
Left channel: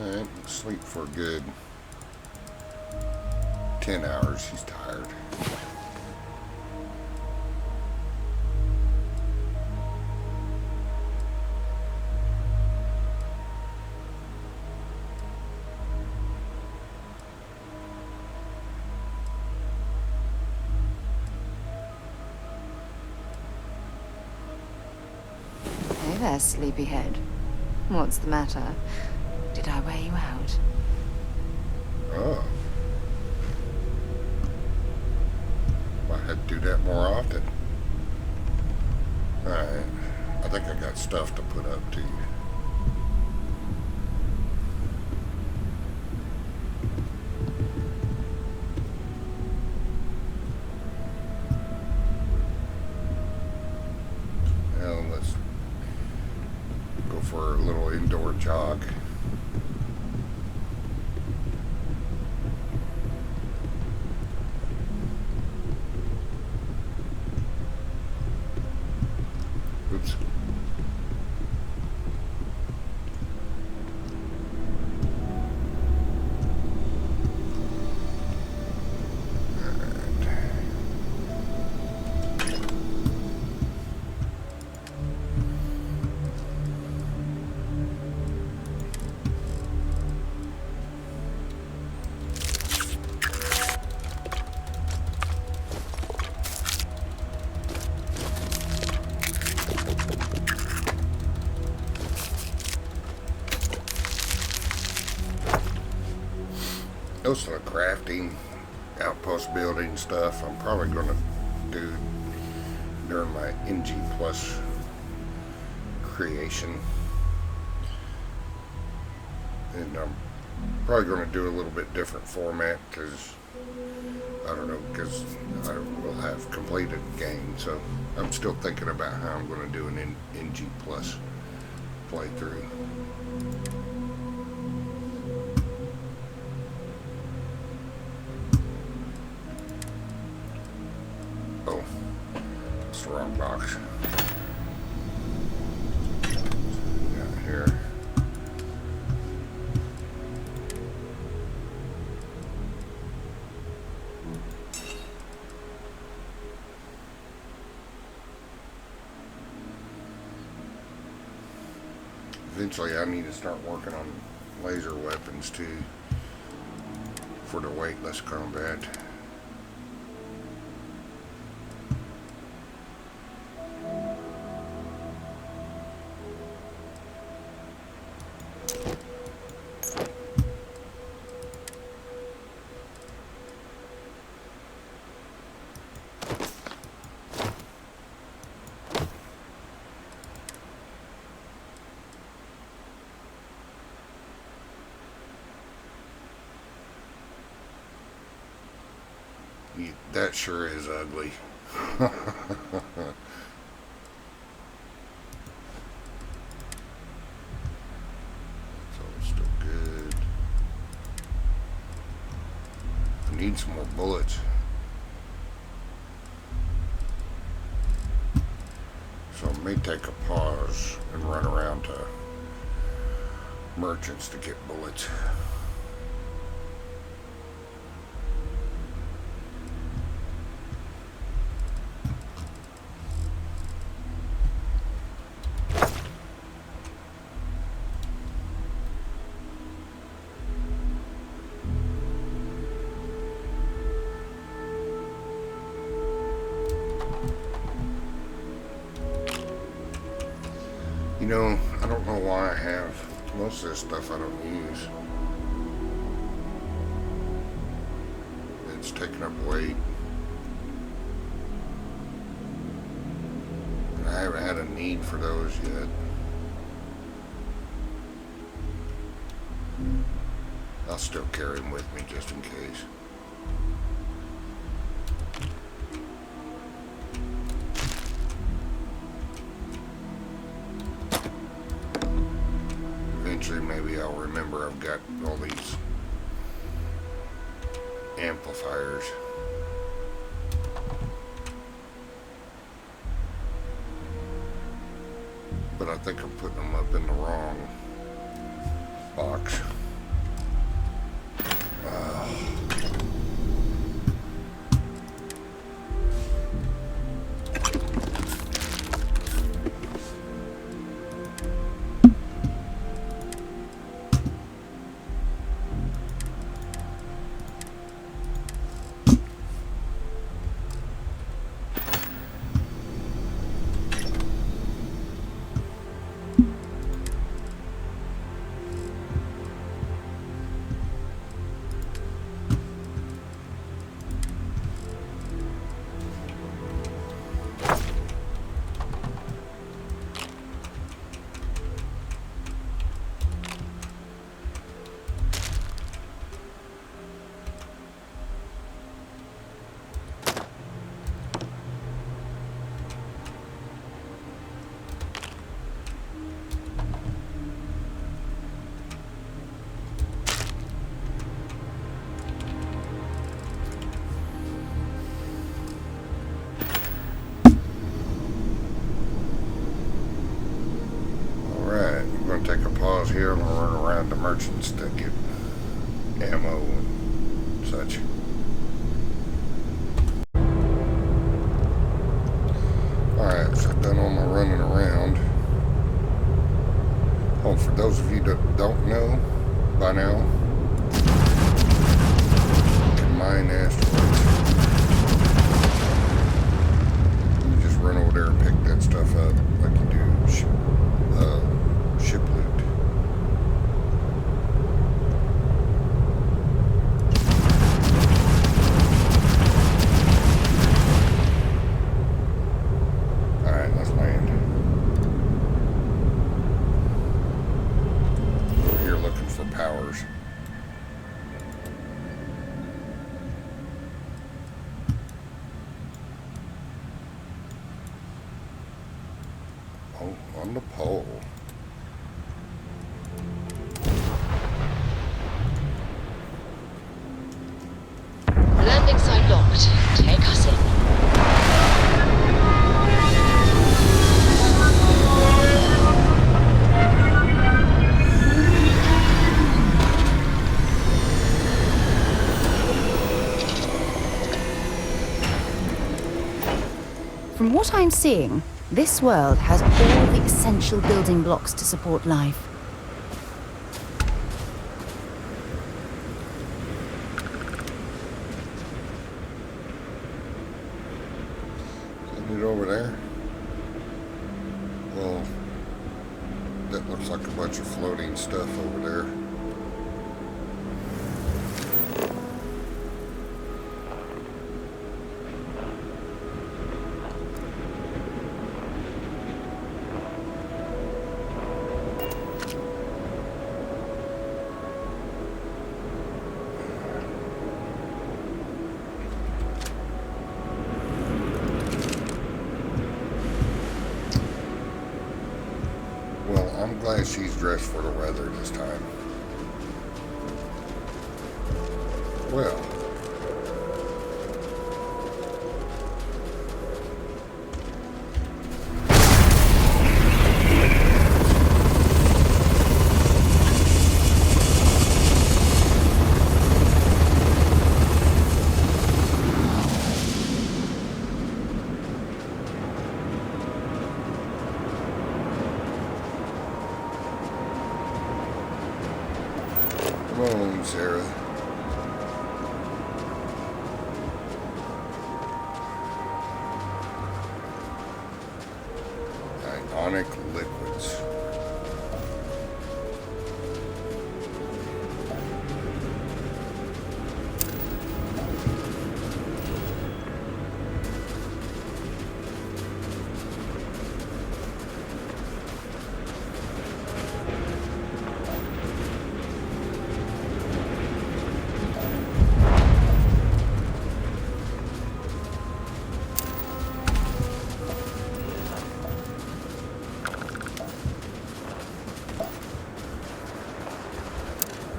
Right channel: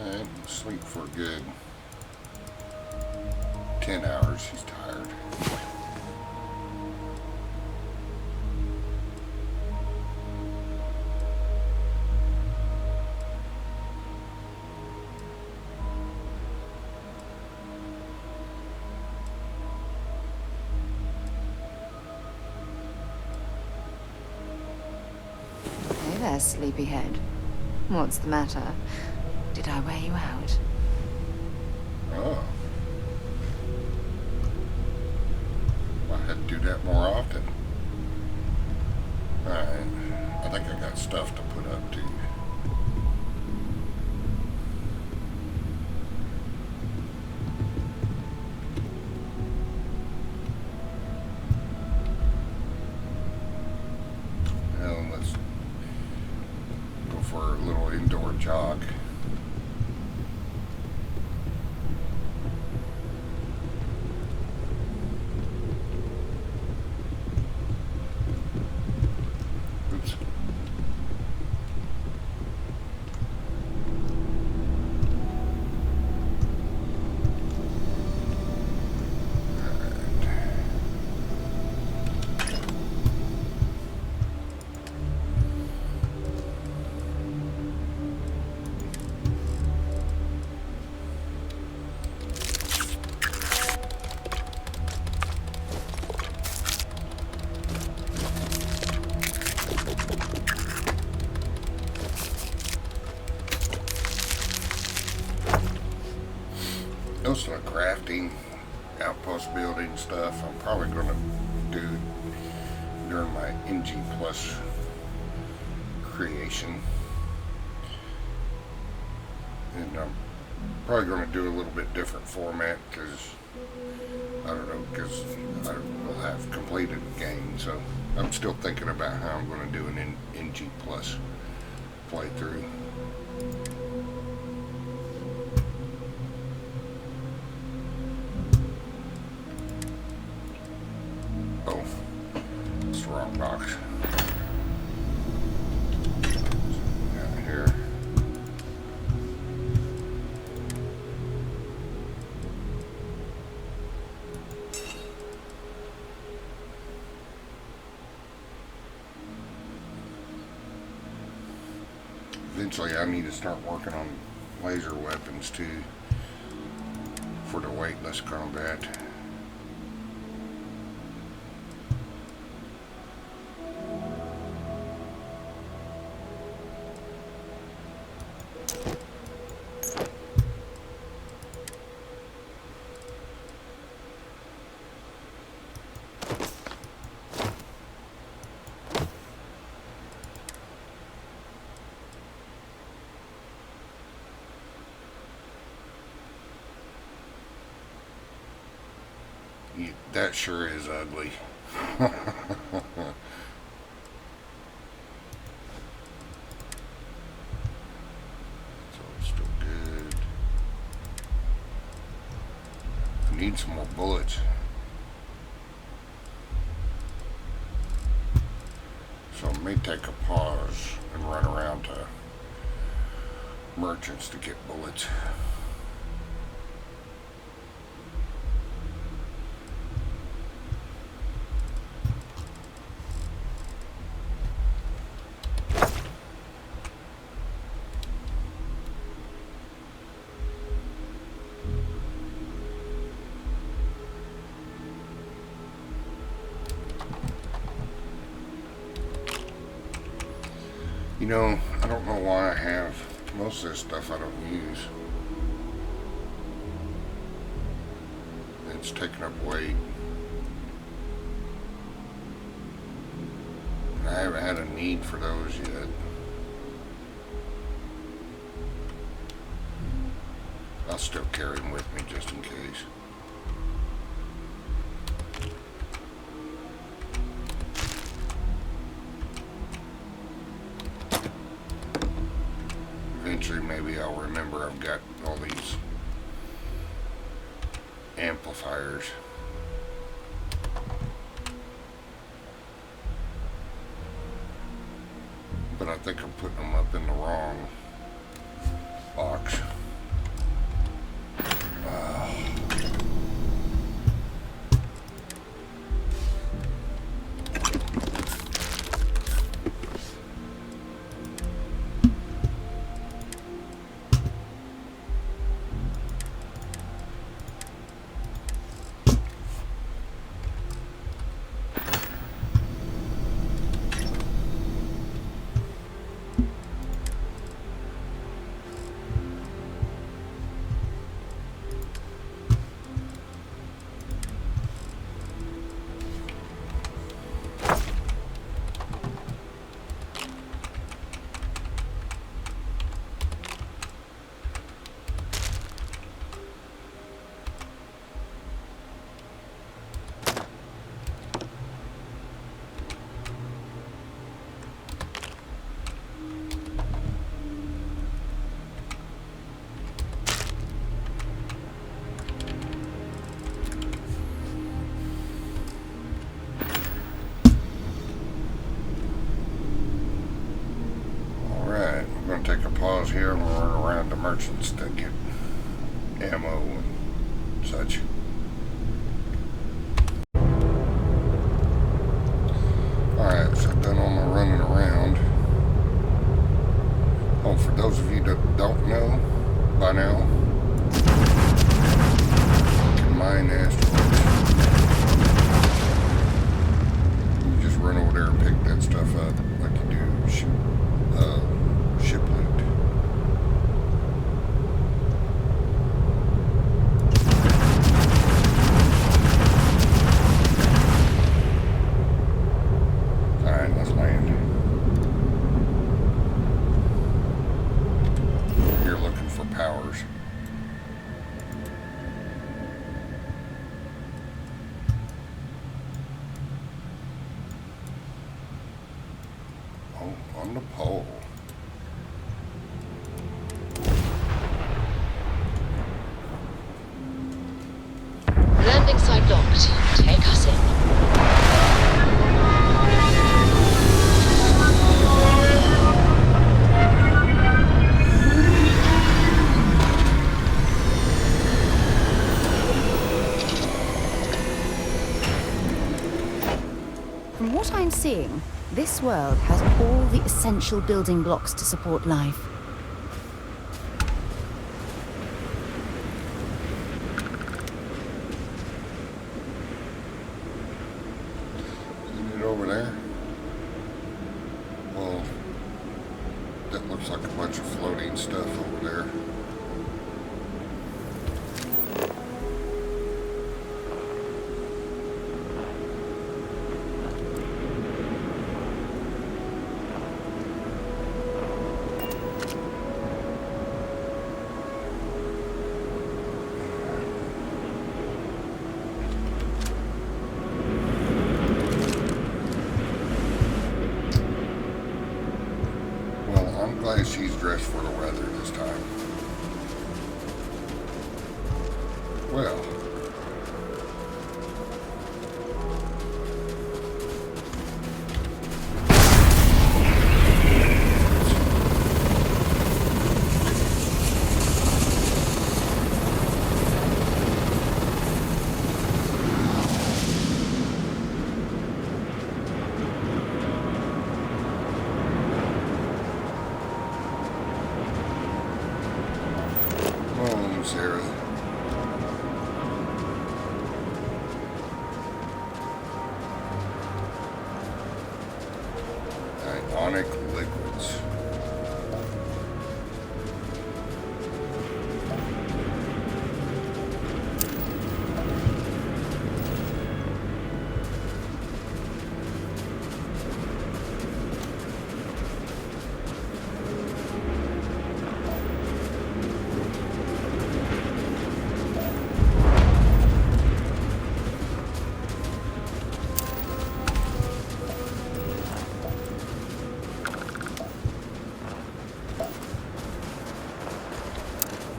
Alright, sleep for a good 10 hours. She's tired. Hey there, sleepyhead. What's the matter? Did I wear you out? Oh. I had to do that more often. Alright. I think I got stuff to put up to you. Now let's go for a little indoor jog. Oops. most of the crafting, outpost building stuff, I'm probably going to do during my NG Plus creation. And I'm probably going to do a little bit different format because, I don't know, because I will have completed the game. So I'm still thinking about how I'm going to do an NG Plus playthrough. Oh, it's the wrong box. Got here. Eventually I need to start working on laser weapons too for the weightless combat. That sure is ugly. So it's still good. I need some more bullets. So I may take a pause and run around to merchants to get bullets. You know, I don't know why I have most of this stuff I don't use. It's taking up weight. And I haven't had a need for those yet. I'll still carry them with me just in case. Eventually, maybe I'll remember I've got all these amplifiers. But I think I'm putting them up in the wrong box. Take a pause here and we'll run around to merchants to get ammo and such. Alright, so I've done all my running around. Oh, for those of you that don't know by now, you can mine asteroids. You just run over there and pick that stuff up like you do ship loot. on the pole. Landing site locked. Take us in. From what I'm seeing, this world has all the essential building blocks to support life. Isn't it over there? Well, that looks like a bunch of floating stuff over there. Well, I'm glad she's dressed for the weather this time. Well. Come on, Sara. Ionic liquids.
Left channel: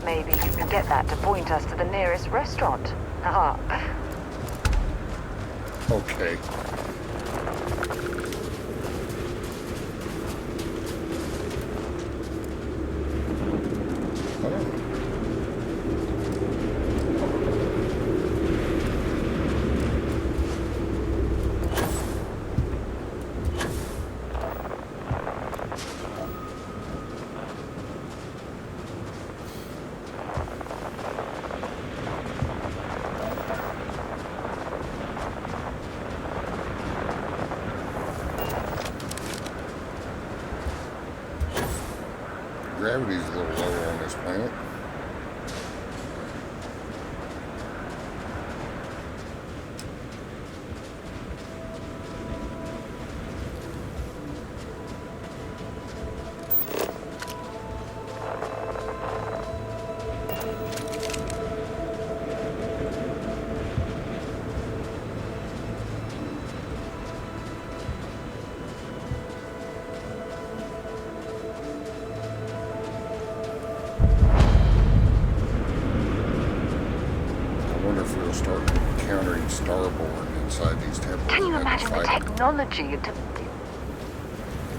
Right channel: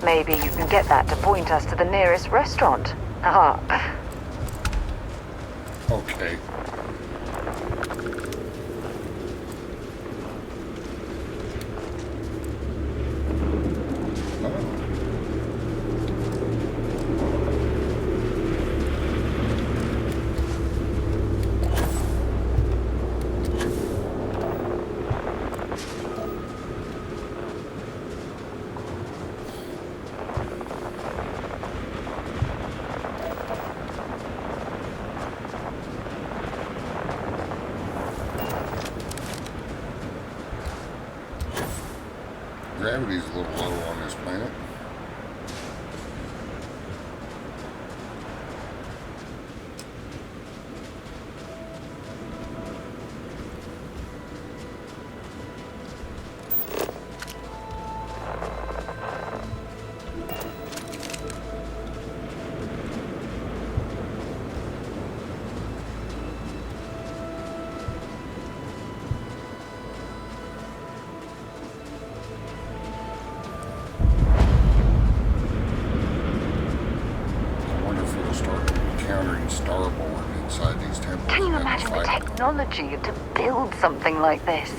Maybe you can get that to point us to the nearest restaurant. Ah. Okay. Gravity's a little low on this planet. Start encountering Starborn inside these temples. Can you and imagine the fight. technology to build something like this?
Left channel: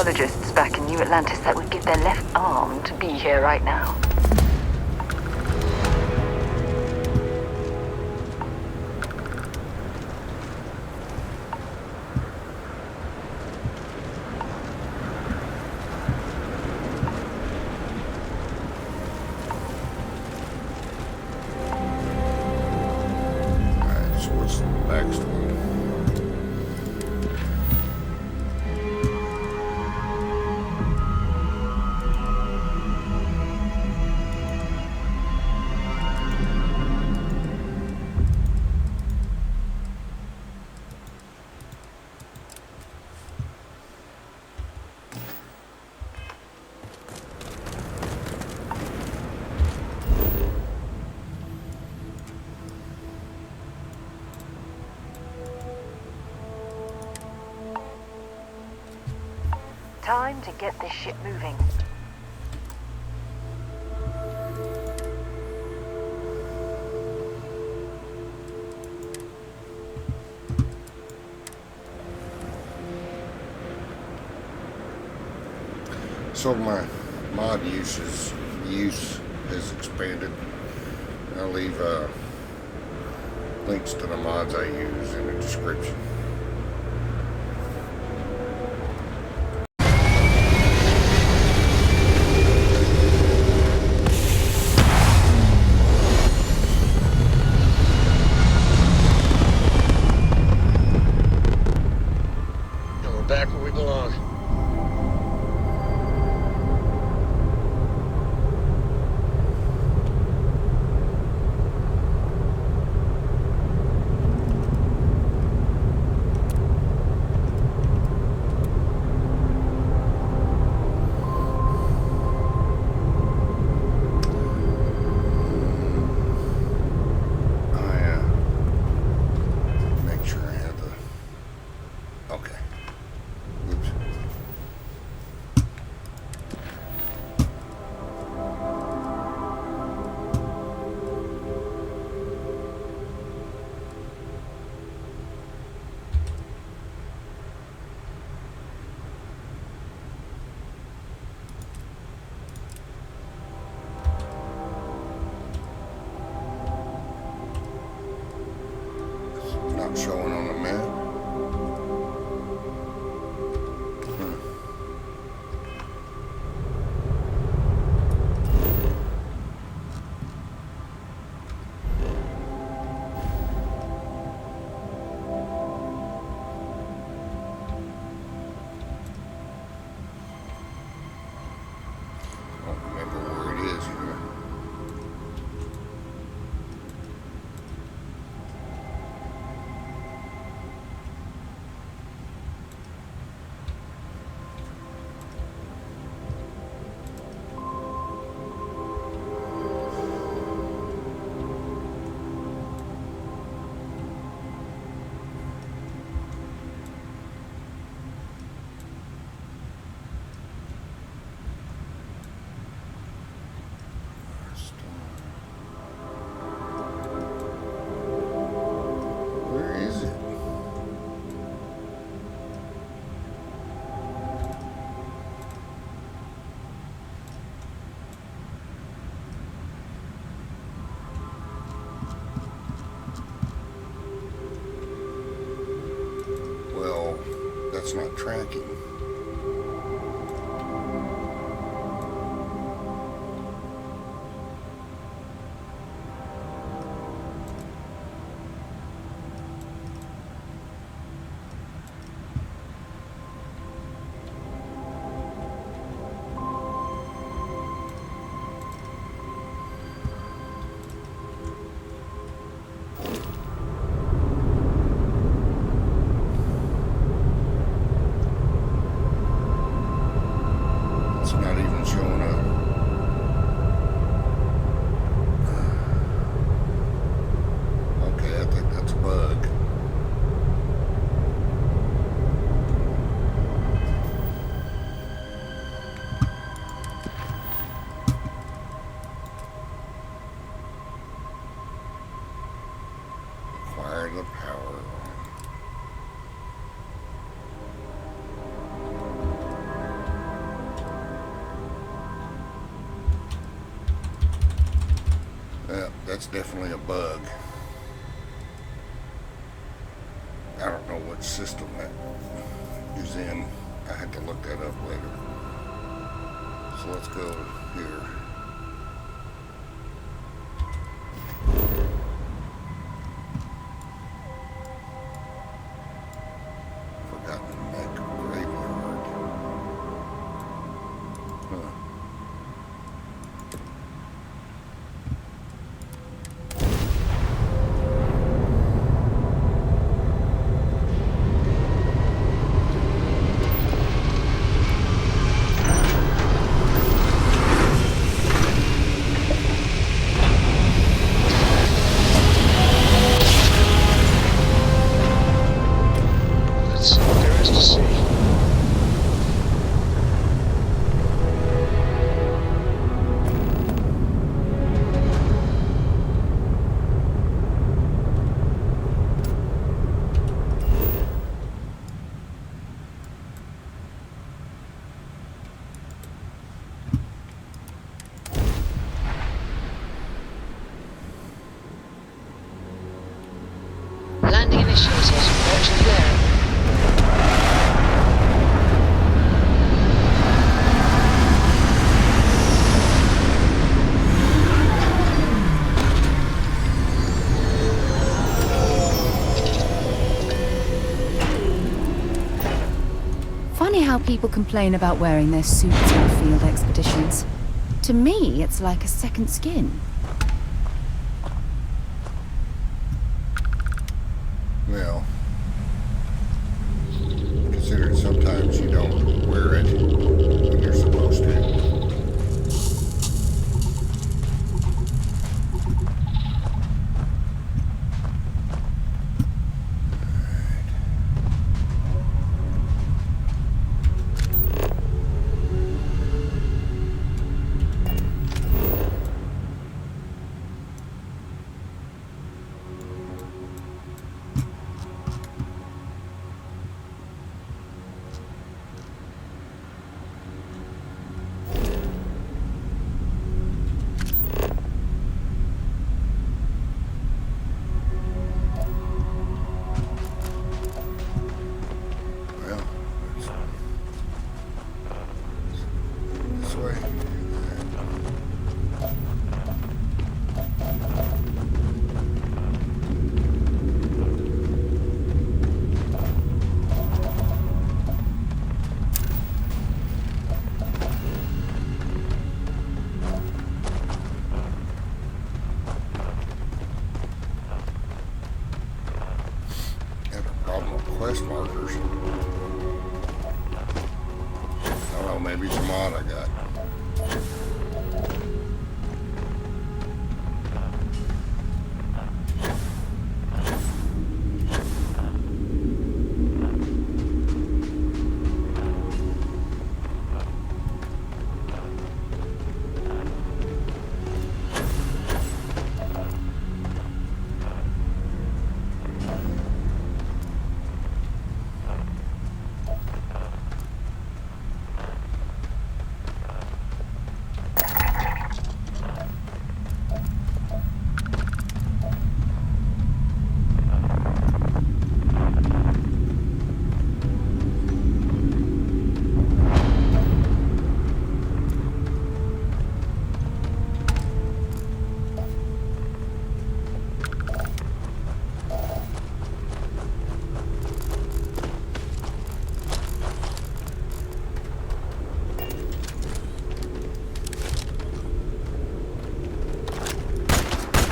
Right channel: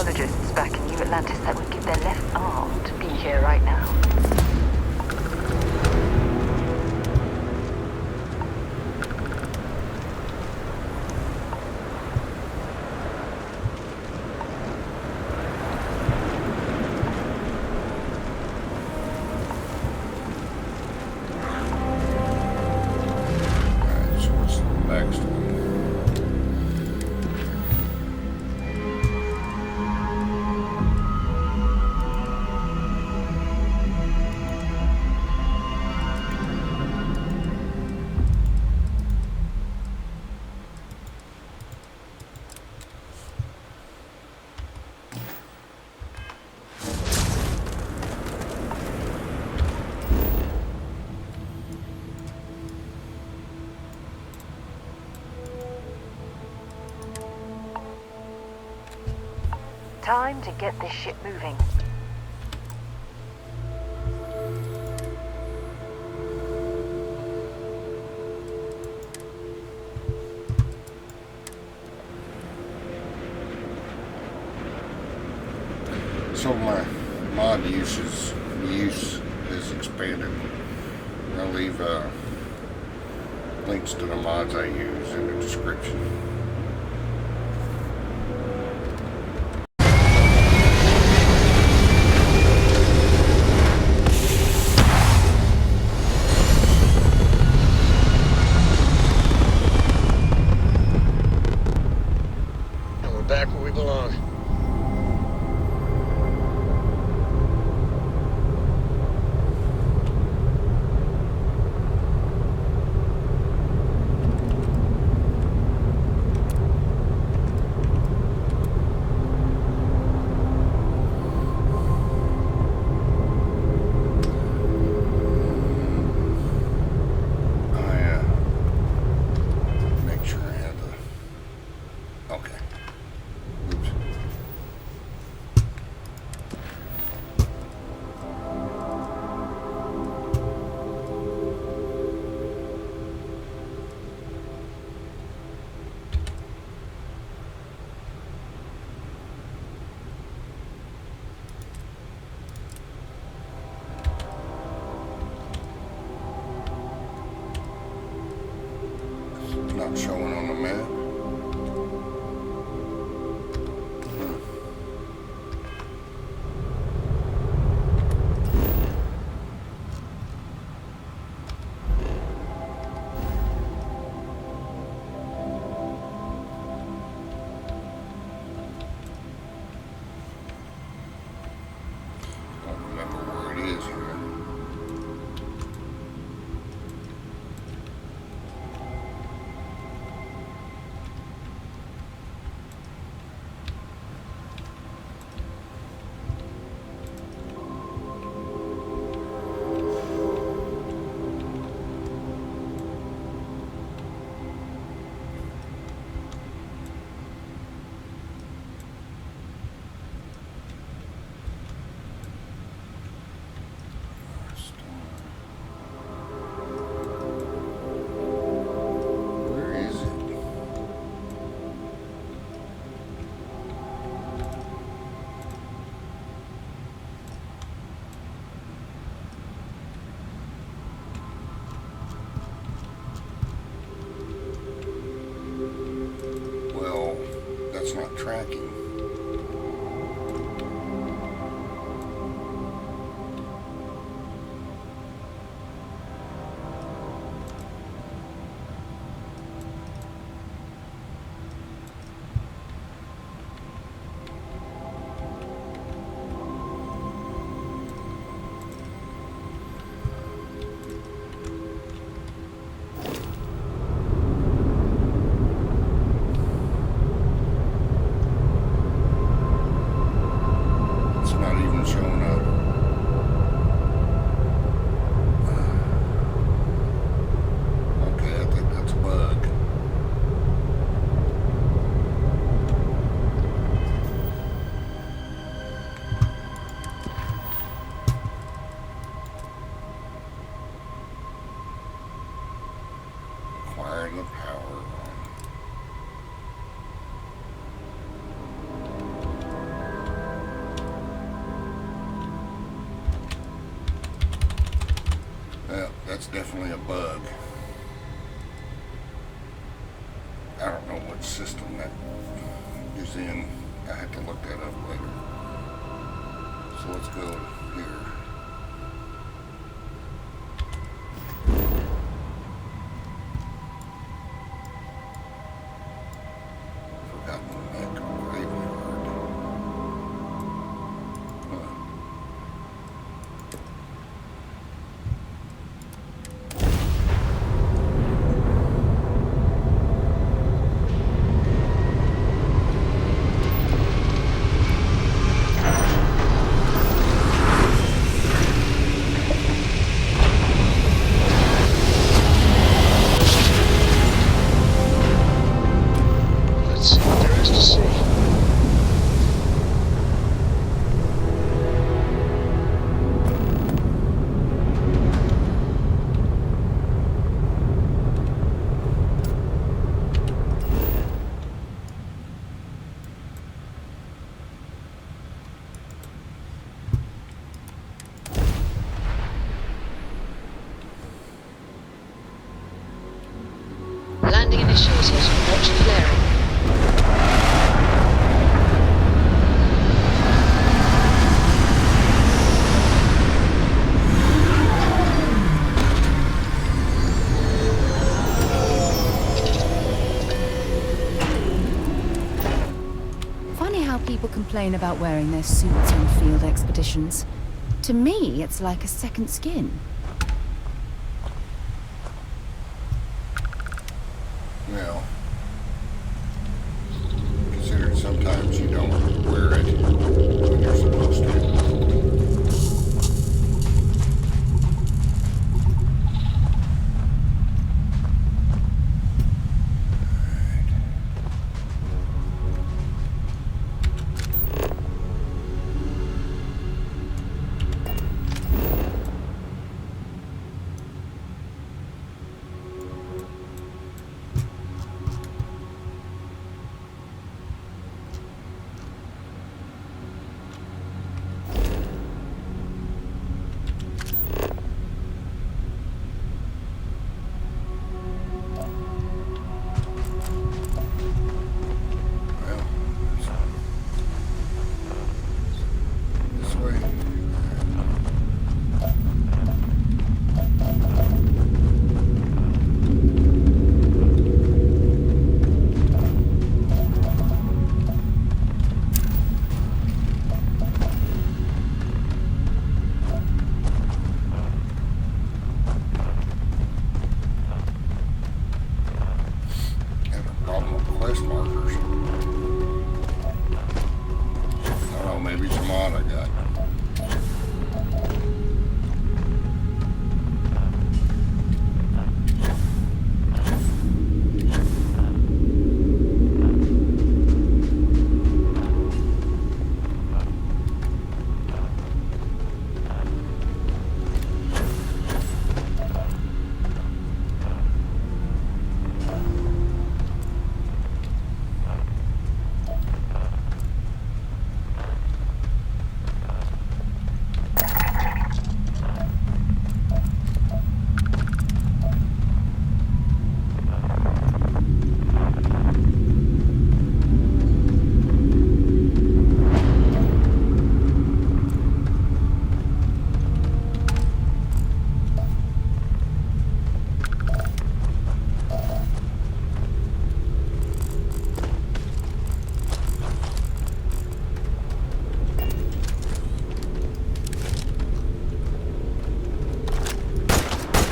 archaeologists back in New Atlantis that would give their left arm to be here right now. Alright, so what's the next one? Time to get this ship moving. So my mod use has expanded. I'll leave links to the mods I use in the description. And we're back where we belong. Make sure I have the. Okay. Oops. It's not showing on the map. Don't remember where it is here. Where is it? Well, that's not tracking. It's not even showing up. Okay, I think that's a bug. Acquire the power on. that's definitely a bug. I don't know what system that is in. I had to look that up later. So let's go here. Forgotten Neck Graveyard. Huh. Let's see what there is to see. Landing initiated. Watch flaring. Funny how people complain about wearing their suits on field expeditions. To me, it's like a second skin. Well, considering sometimes you don't wear it when you're supposed to. Well, this way. Have a problem with quest markers. I don't know, maybe it's a mod I got.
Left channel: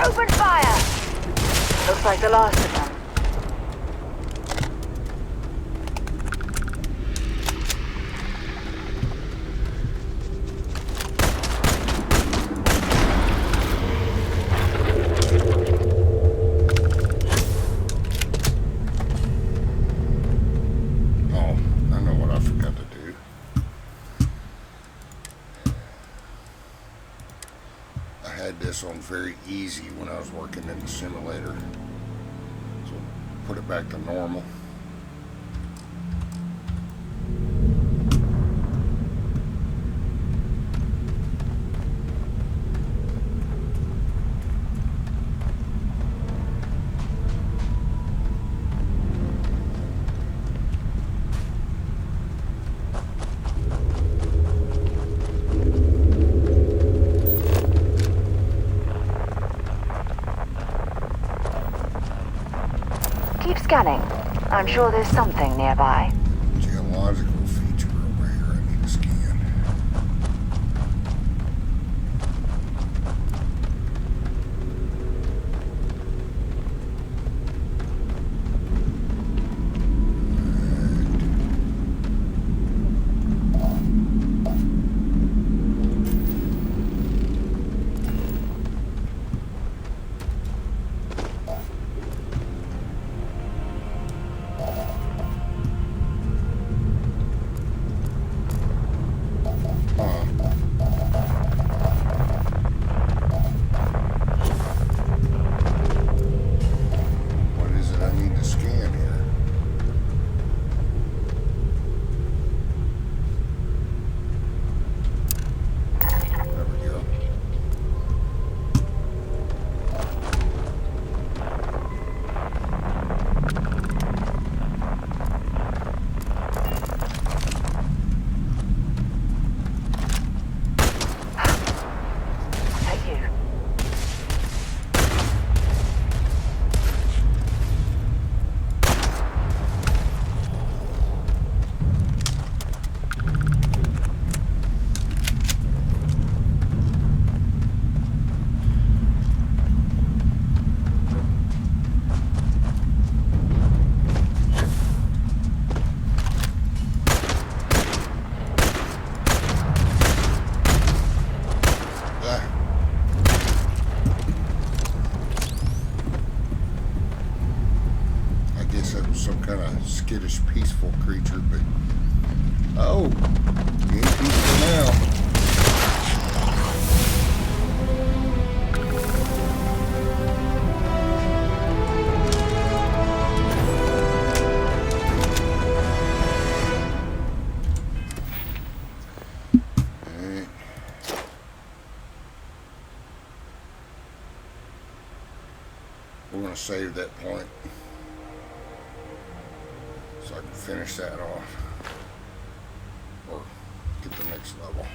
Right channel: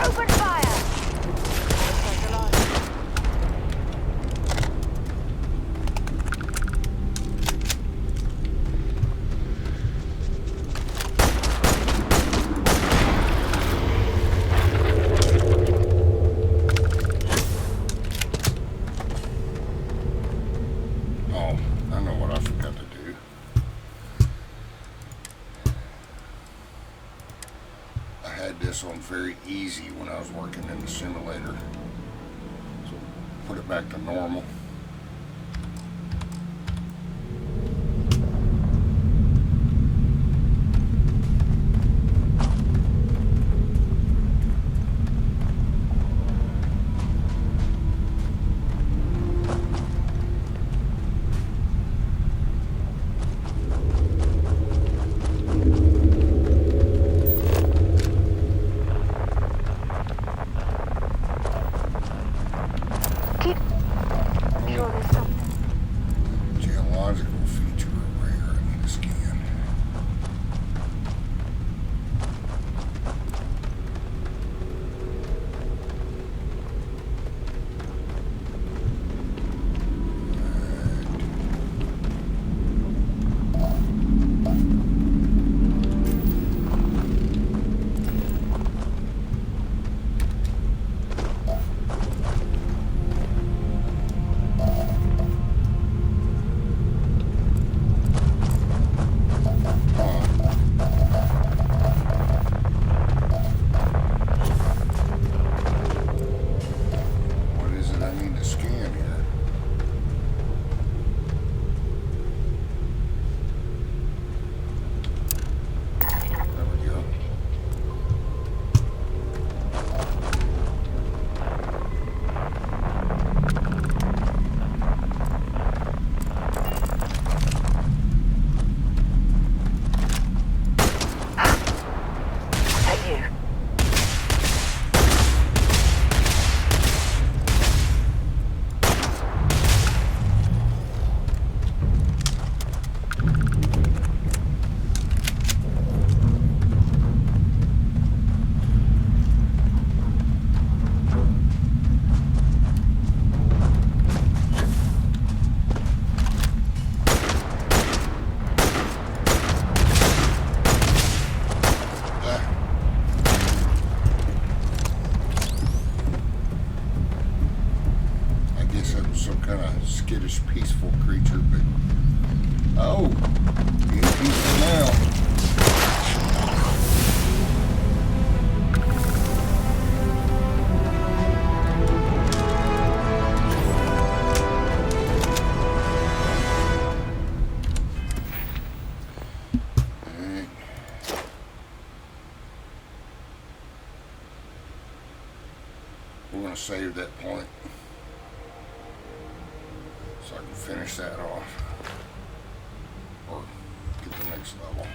Open fire! Looks like the last of them. Oh, I know what I forgot to do. I had this on very easy when I was working in the simulator. So put it back to normal. Keep scanning. I'm sure there's something nearby. Geological feature over here I need to scan. Some kind of skittish, peaceful creature, but oh, he ain't peaceful now. Alright. We're gonna save that point. So I can finish that off, or get the next level.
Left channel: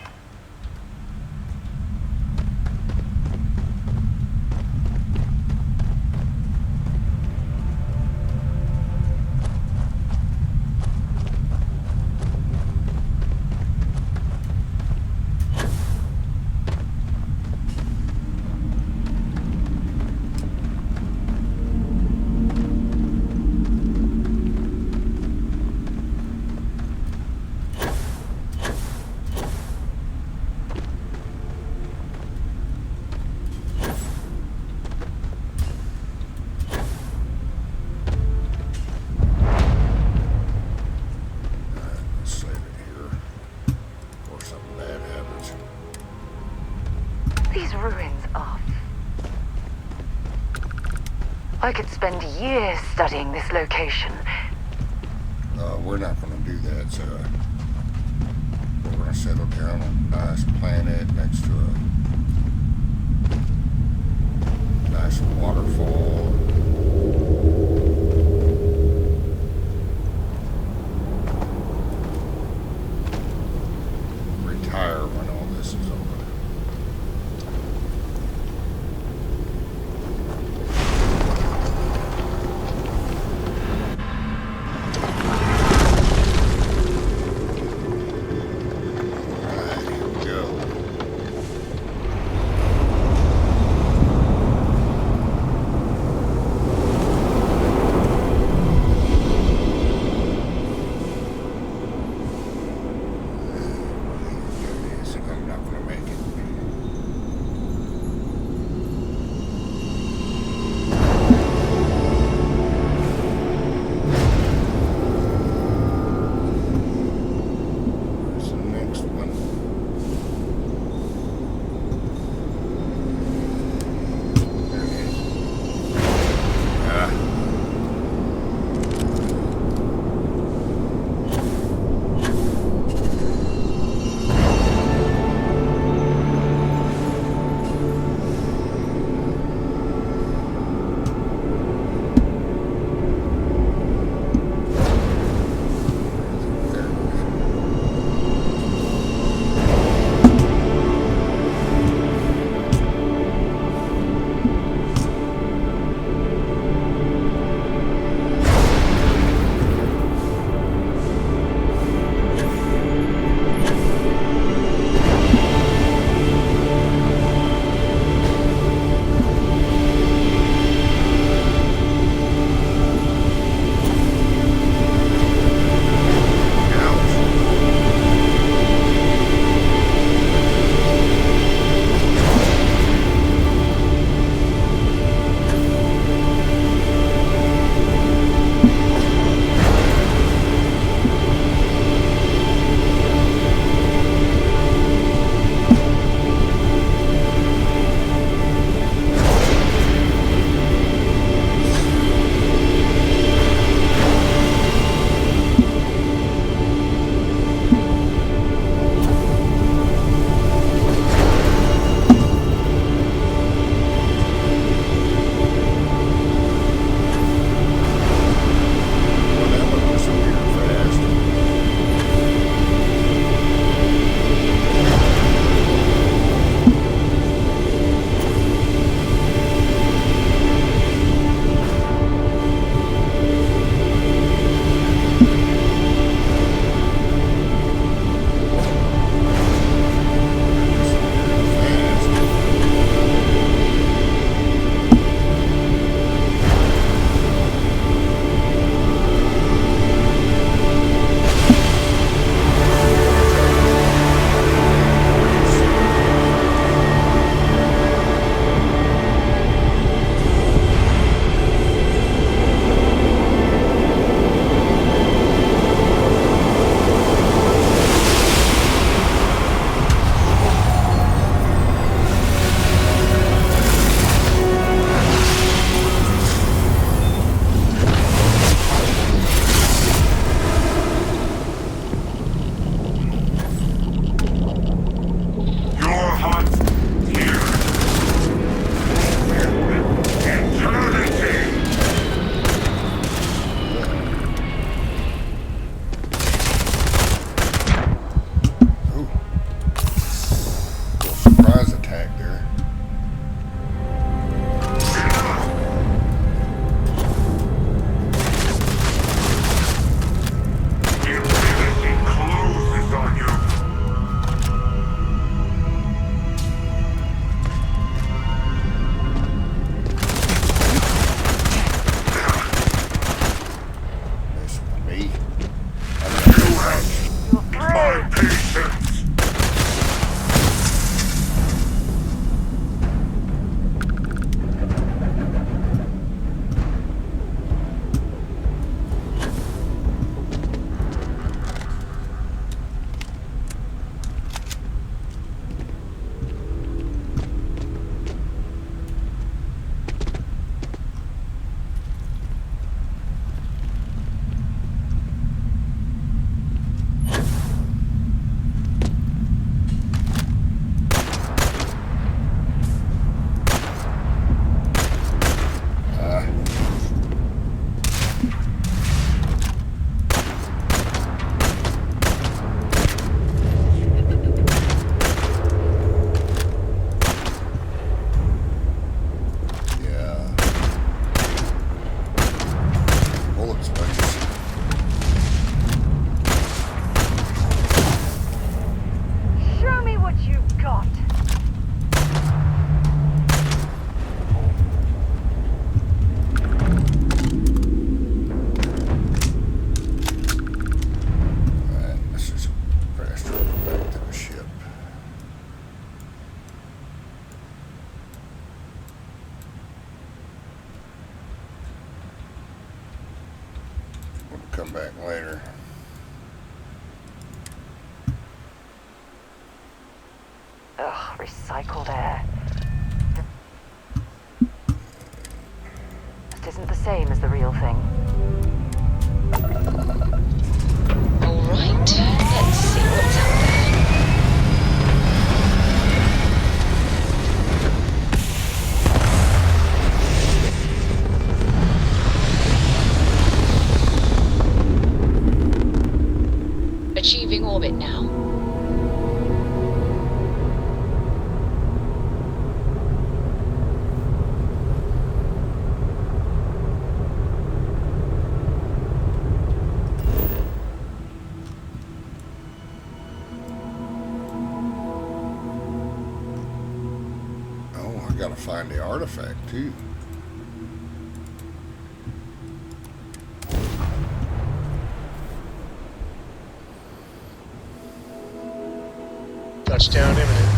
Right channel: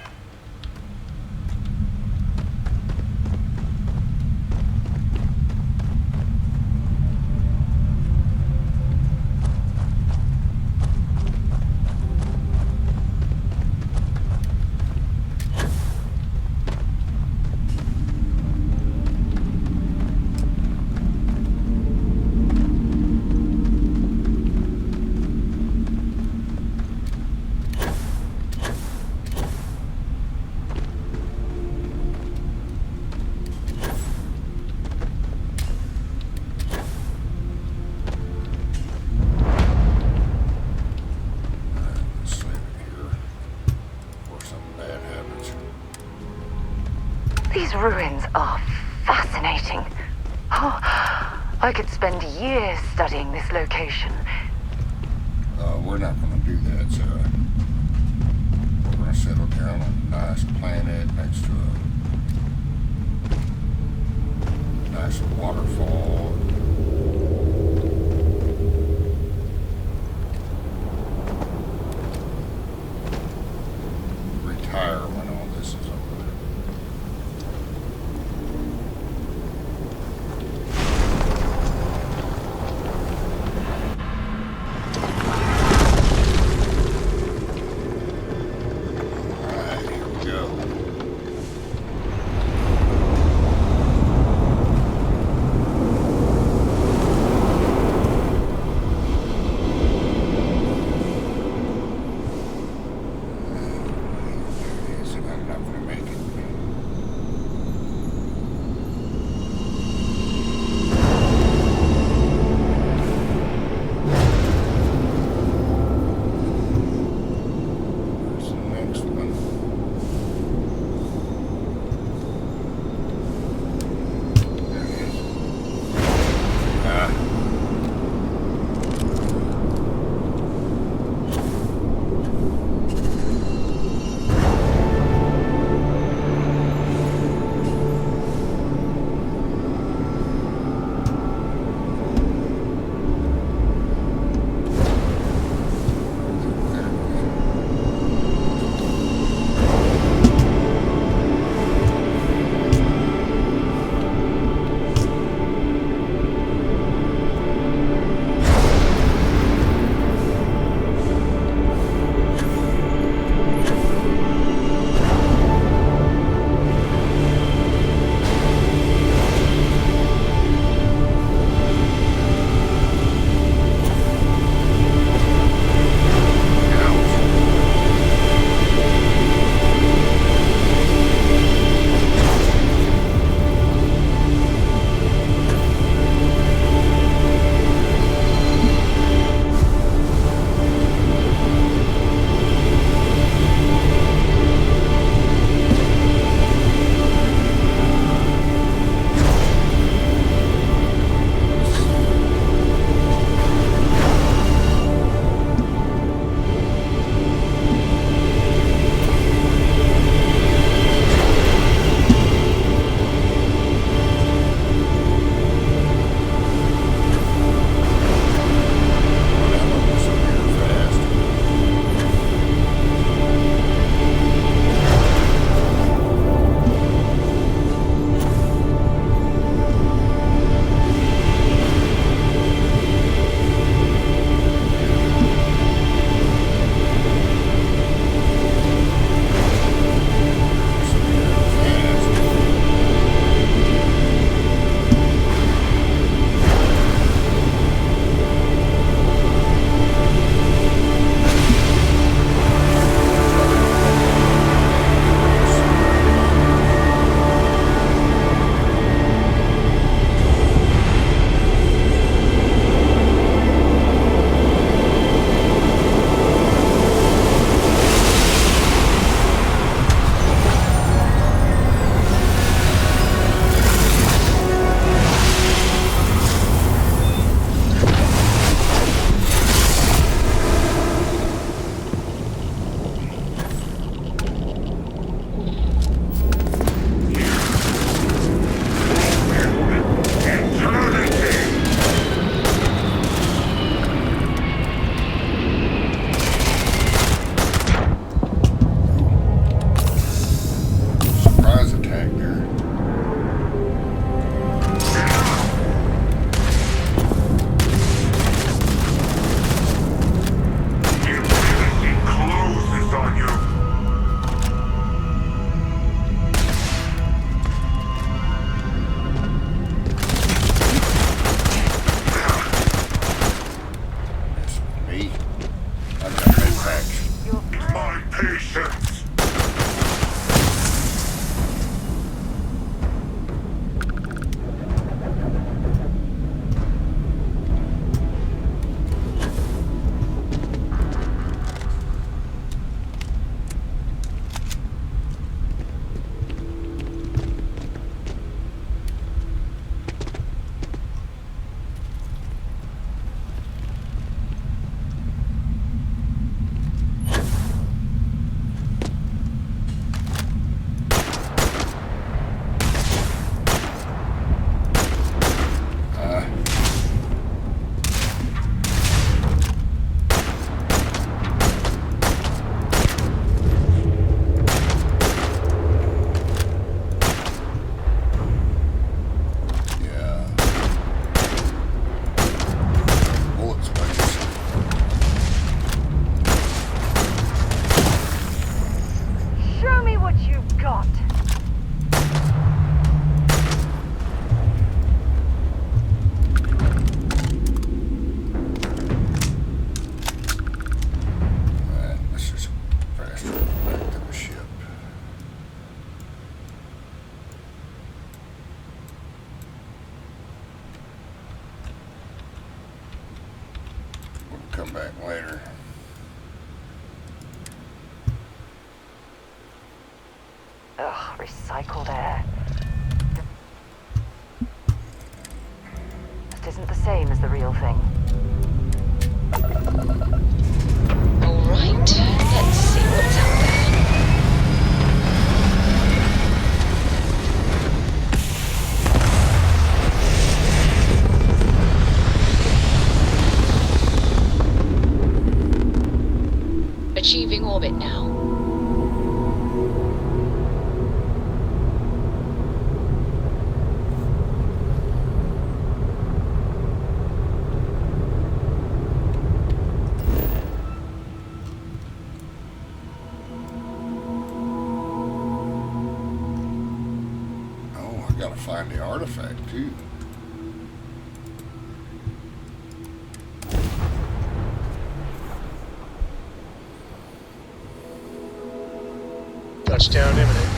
These ruins are fascinating. Oh, I could spend years studying this location. We're not going to do that, Sarah. We're going to settle down on a nice planet next to a nice waterfall. Retire when all this is over. Go. come back later. Ugh, recycled air. This isn't the same as the real thing. All right, let's see what's out there. Achieving orbit now. Oh, I gotta find the artifact too. Touchdown imminent.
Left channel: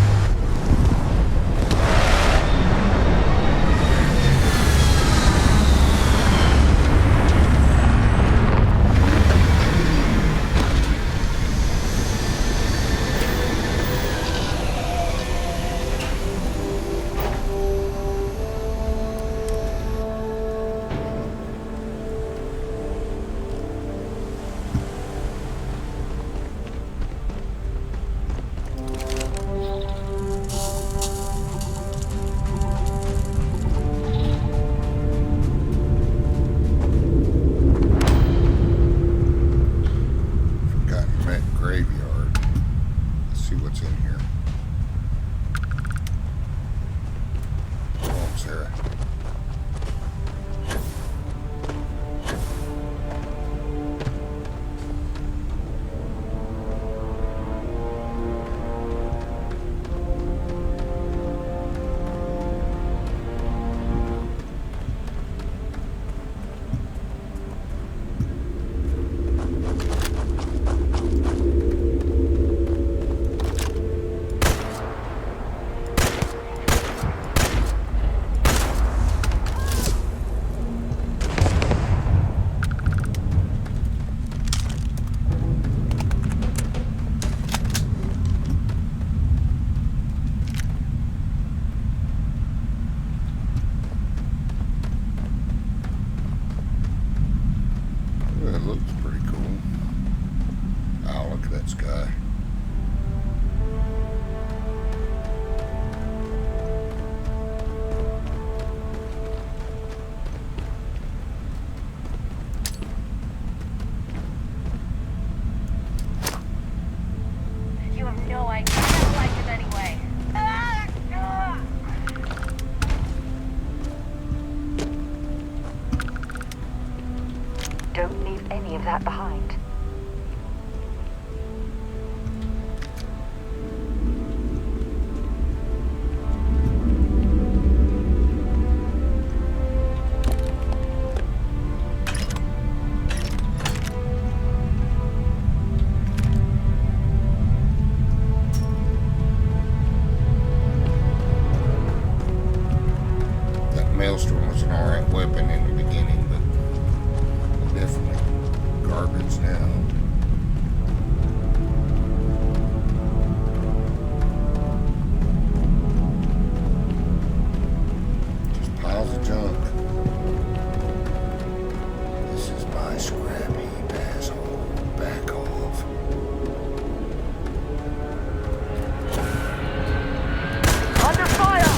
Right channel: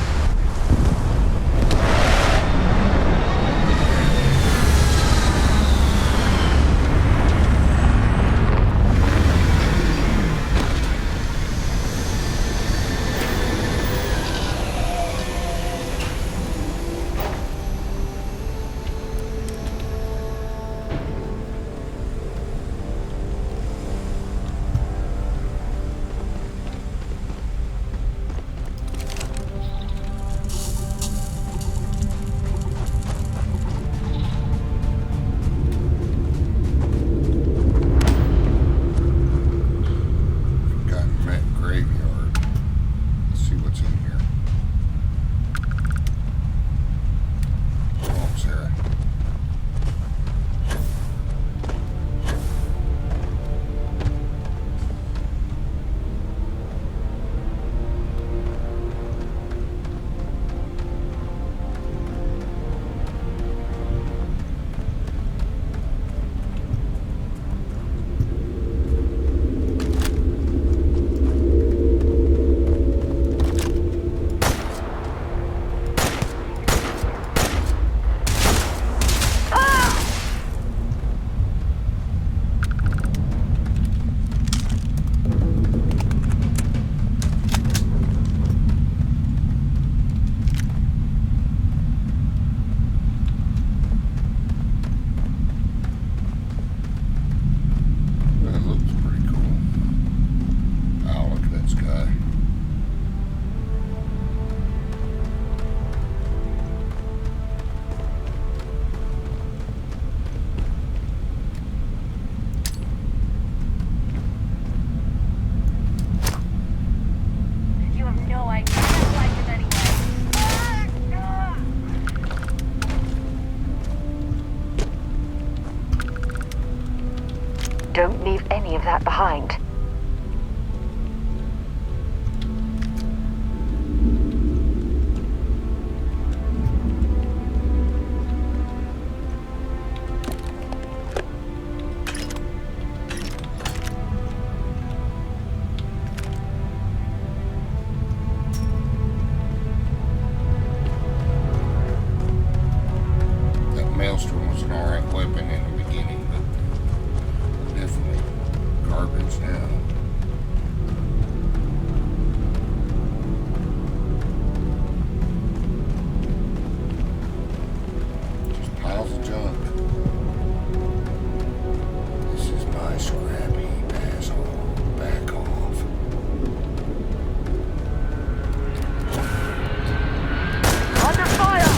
Don't leave any of that behind. That maelstrom was an alright weapon in the beginning, but definitely garbage now. Just piles of junk. This is my scrap heap, asshole. Back off. Under fire!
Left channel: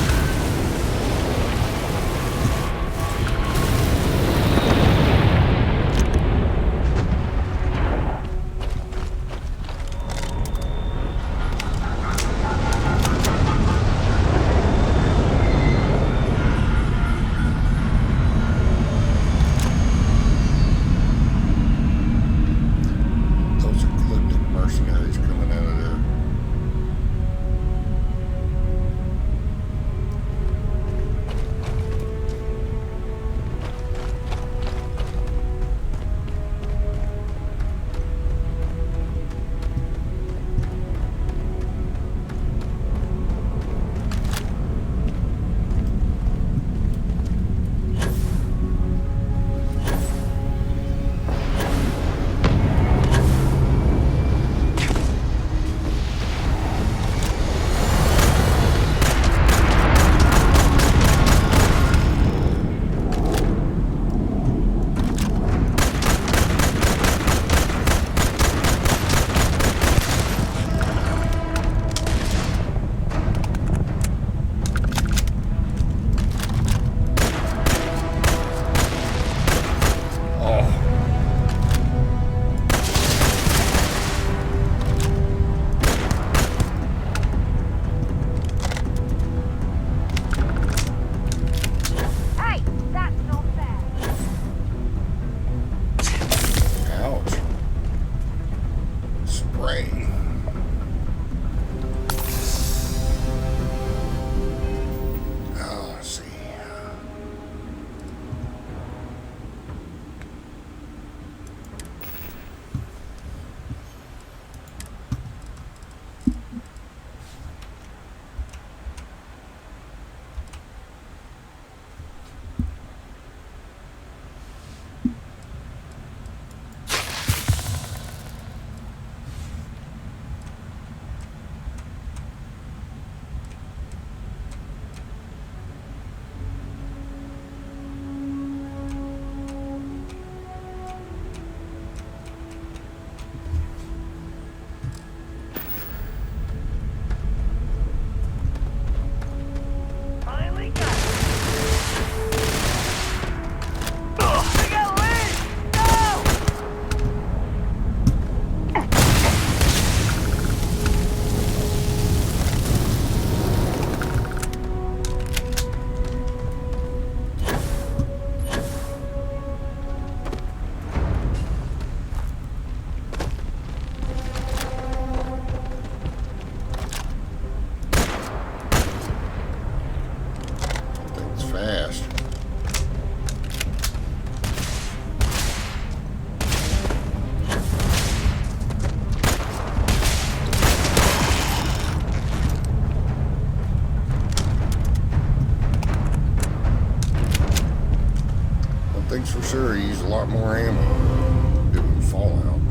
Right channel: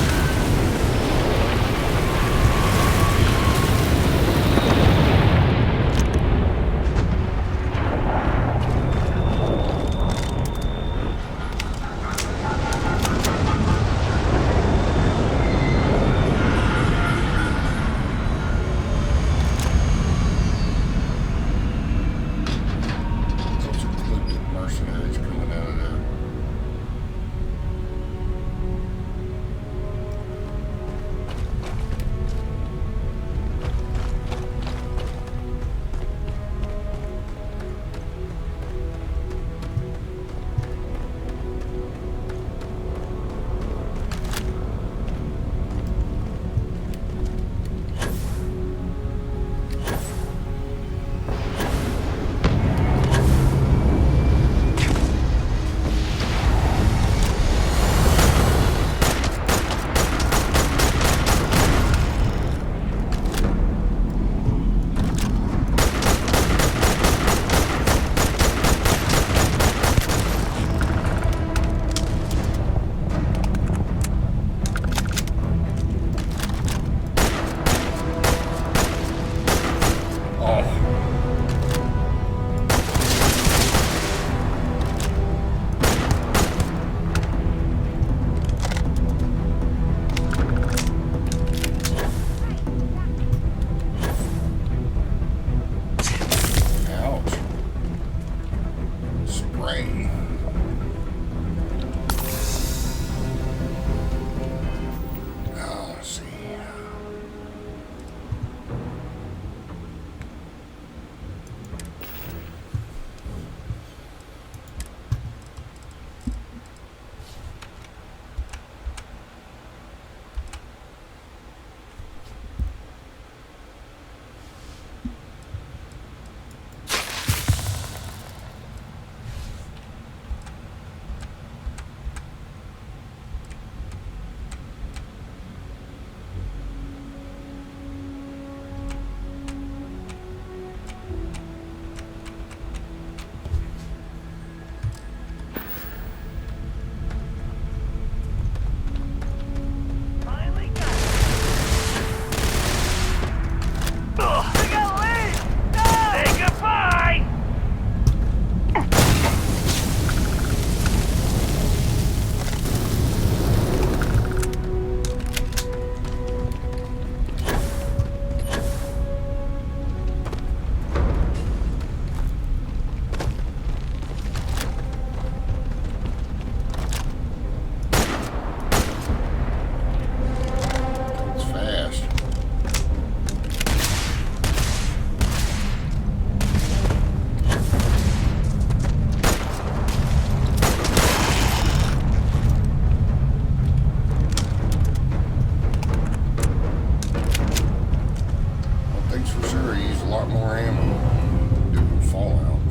a lot more ammo doing Fallout.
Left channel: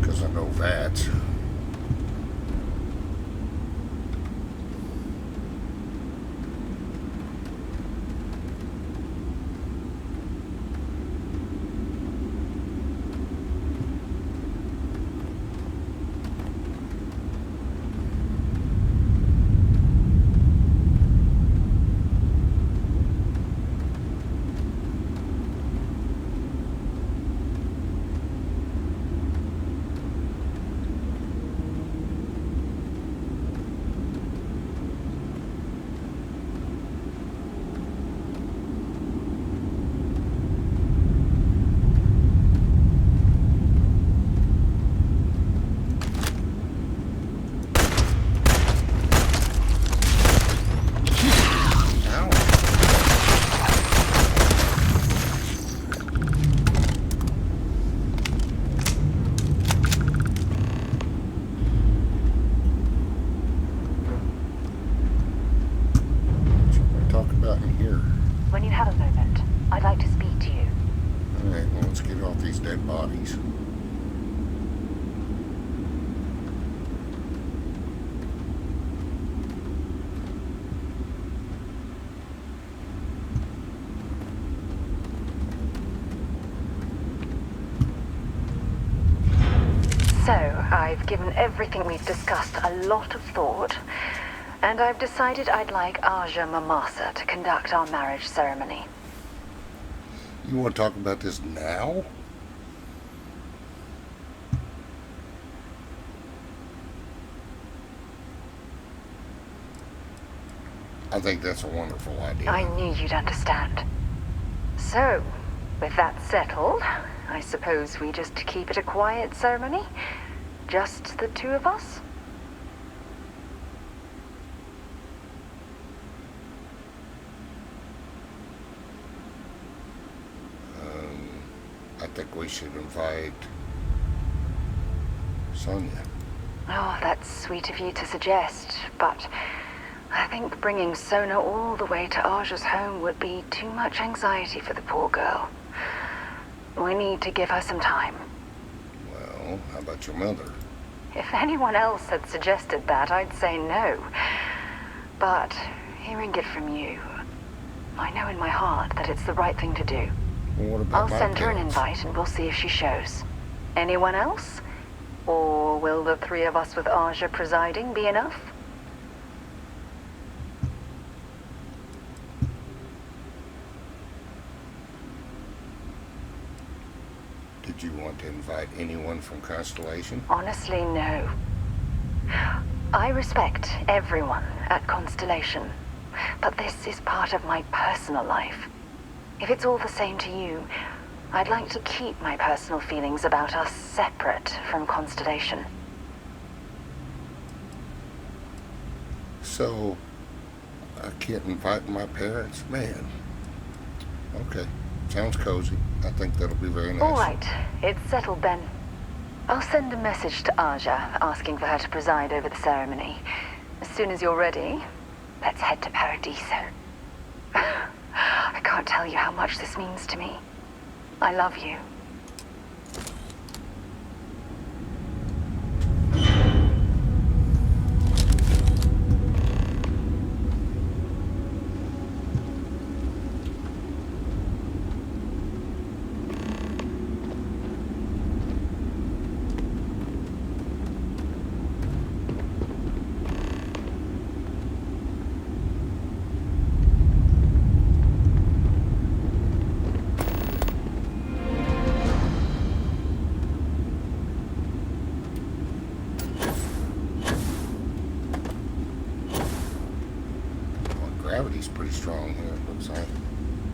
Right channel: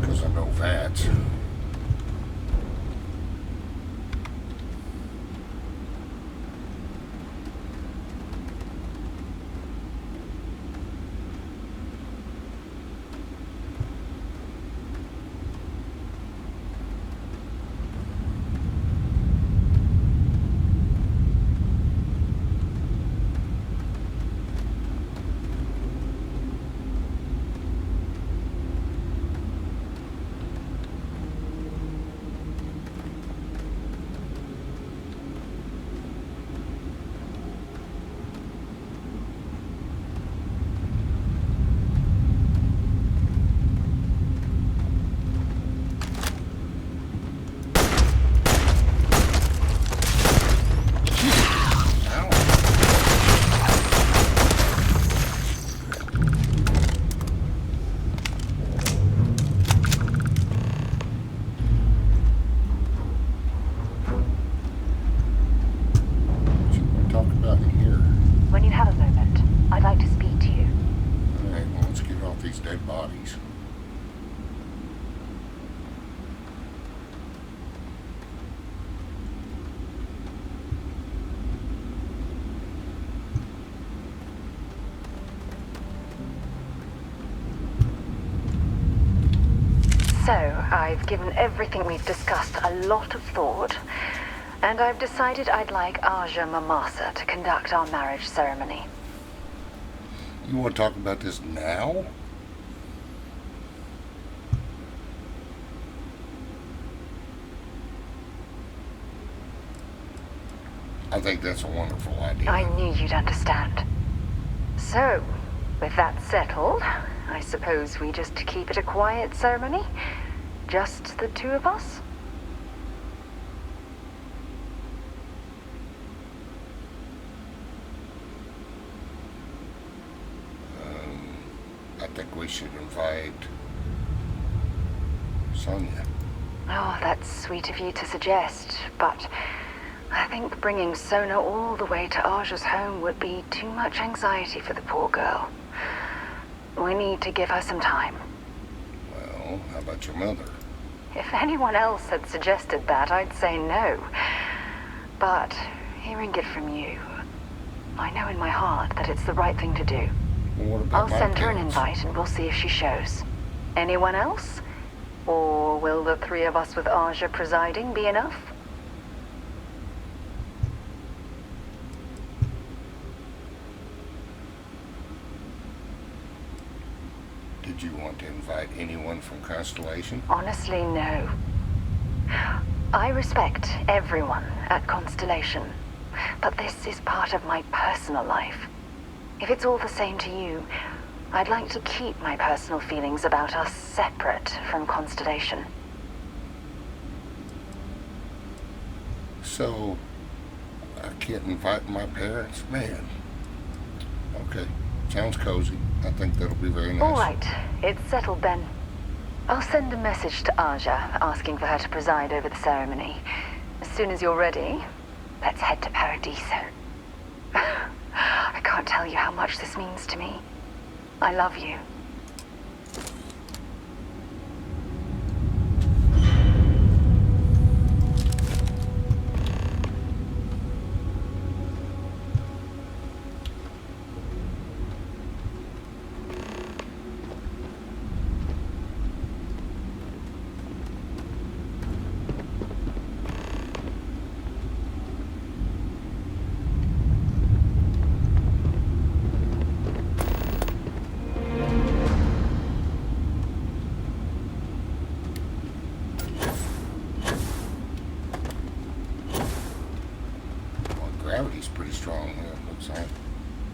Because I know that. When you have a moment, I'd like to speak to you. Alright, well, let's get off these dead bodies. So, I've given everything we've discussed a lot of thought, and I've decided I'd like Aja Mamasa to conduct our marriage ceremony. You want to talk about this now? I think that's a wonderful idea. I knew you'd understand. So, with that settled, I suppose we just keep it a quiet ceremony? Just the two of us? I think we should invite Sonia. Oh, that's sweet of you to suggest, but I think bringing Sona all the way to Aja's home would be too much anxiety for the poor girl. We need to give her some time. Well, how about your mother? If anyone else had suggested that, I'd say no. But hearing it from you, I know in my heart that it's the right thing to do. Well, what about I'll send her an invite and we'll see if she shows. Anyone else? Or will the three of us with Aja presiding be enough? Did you want to invite anyone from Constellation? Honestly, no. I respect everyone at Constellation, but this is part of my personal life. If it's all the same to you, I'd like to keep my personal feelings about us separate from Constellation. So, I can't invite my parents? Man. Okay. Sounds cozy. I think that'll be very nice. All right. It's settled then. I'll send a message to Aja asking for her to preside over the ceremony. As soon as you're ready, let's head to Paradiso. I can't tell you how much this means to me. I love you. Gravity's pretty strong here, it looks like,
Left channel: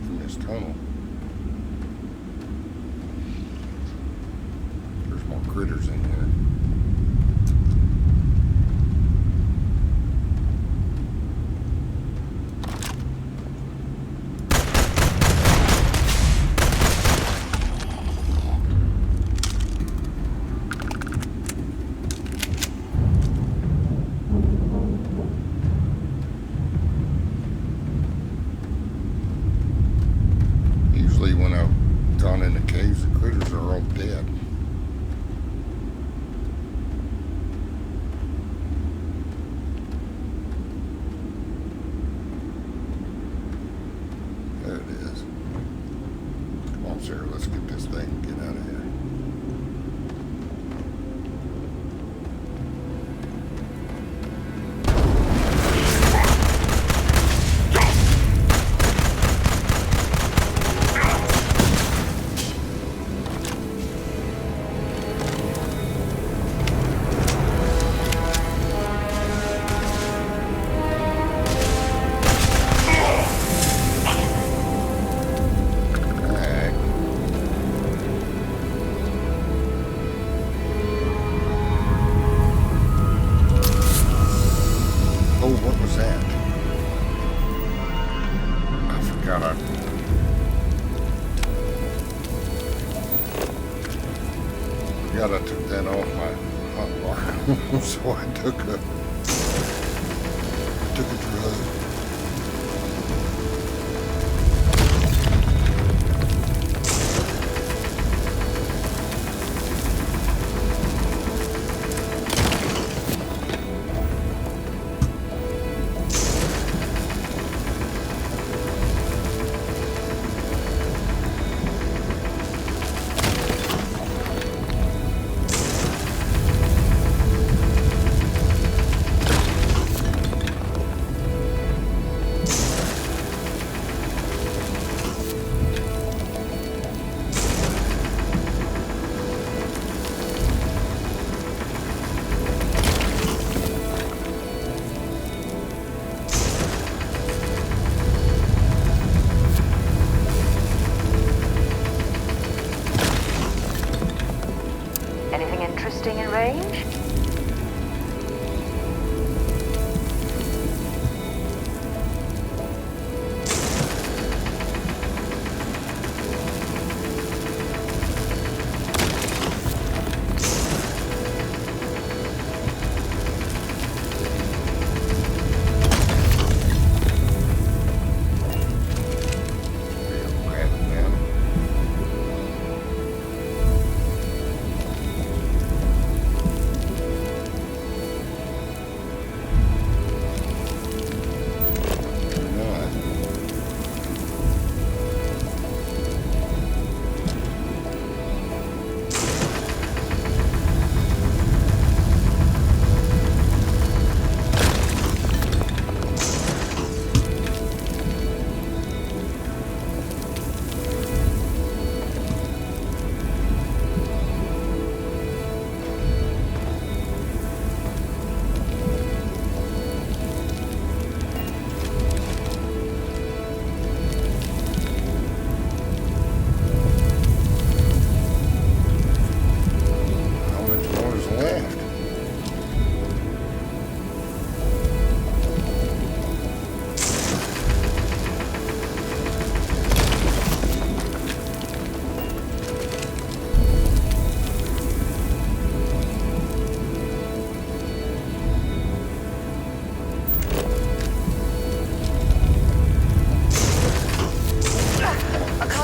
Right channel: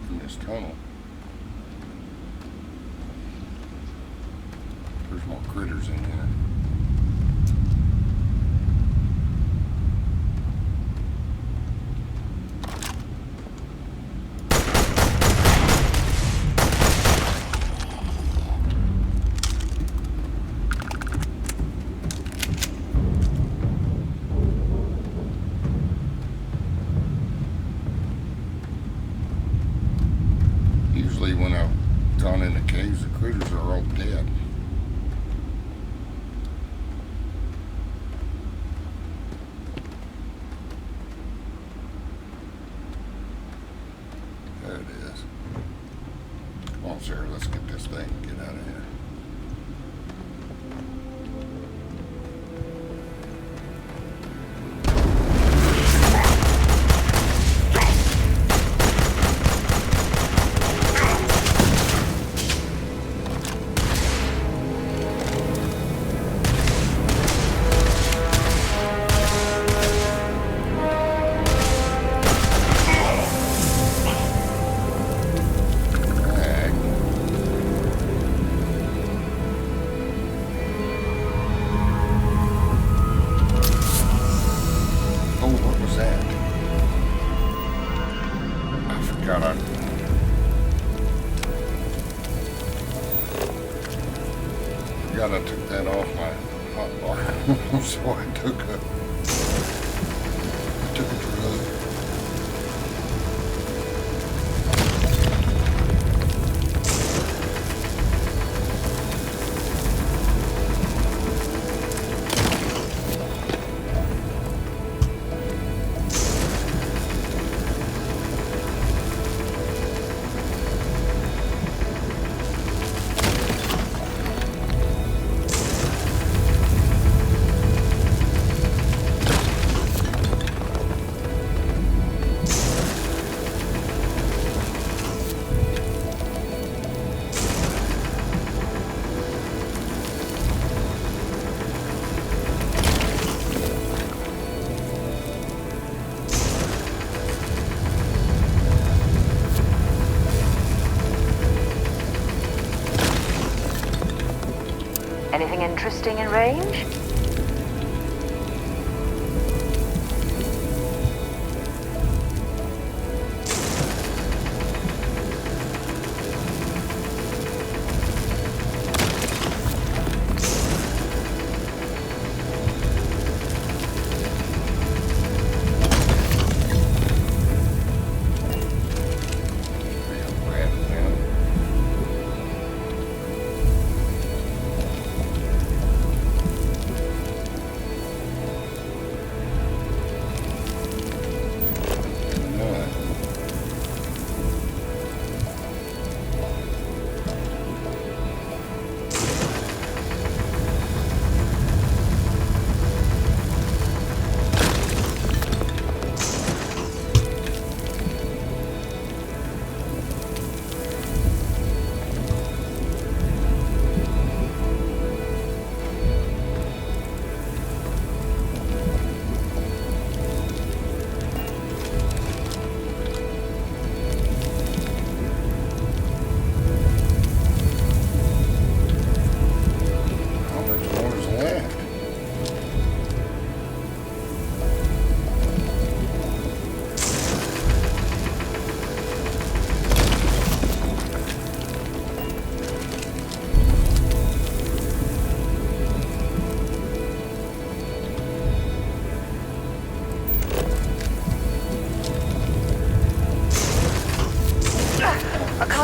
in this tunnel. There's more critters in here. Usually when I gone in the caves. The critters are all dead. There it is. Come on, Sarah, let's get this thing and get out of here. I took that off my hotbar, so I took a drug. Anything interesting in range?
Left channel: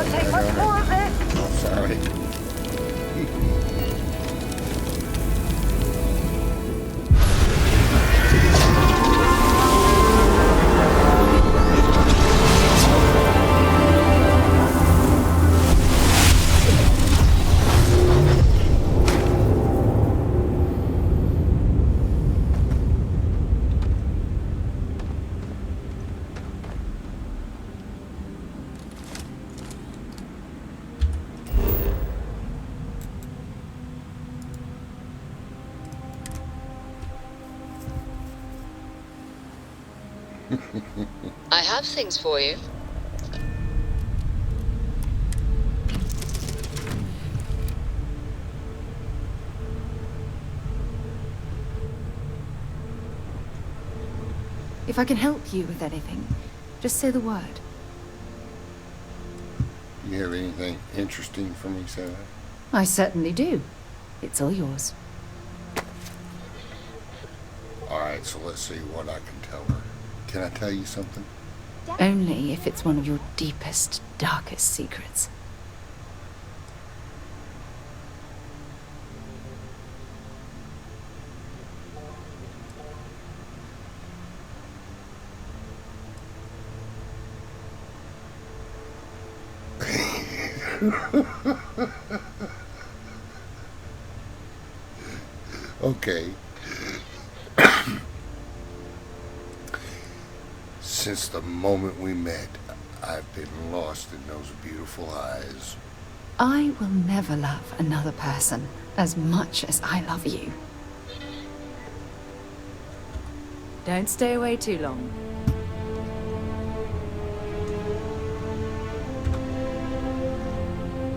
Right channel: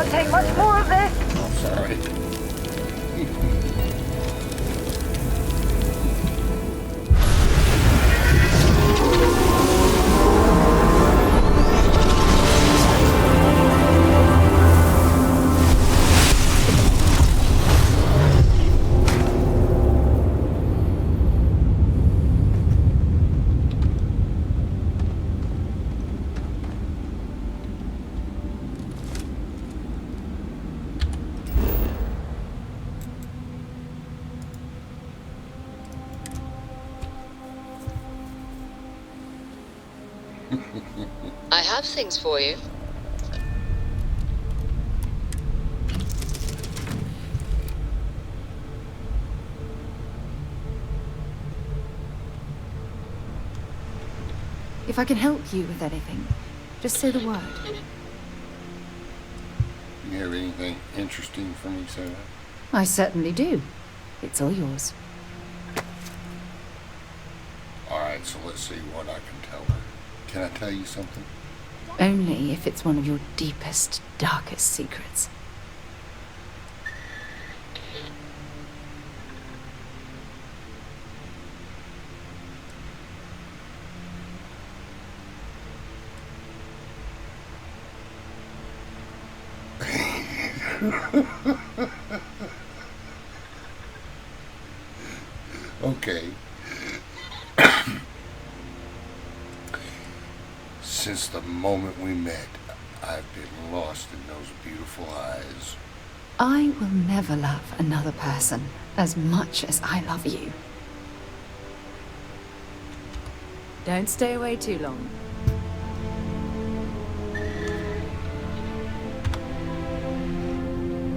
Take much more of this. Oh, sorry. I have things for you. If I can help you with anything, just say the word. Do you have anything interesting for me, Sarah? I certainly do. It's all yours. Alright, so let's see what I can tell her. Can I tell you something? Only if it's one of your deepest, darkest secrets. Okay. Since the moment we met, I've been lost in those beautiful eyes. I will never love another person as much as I love you. Don't stay away too long.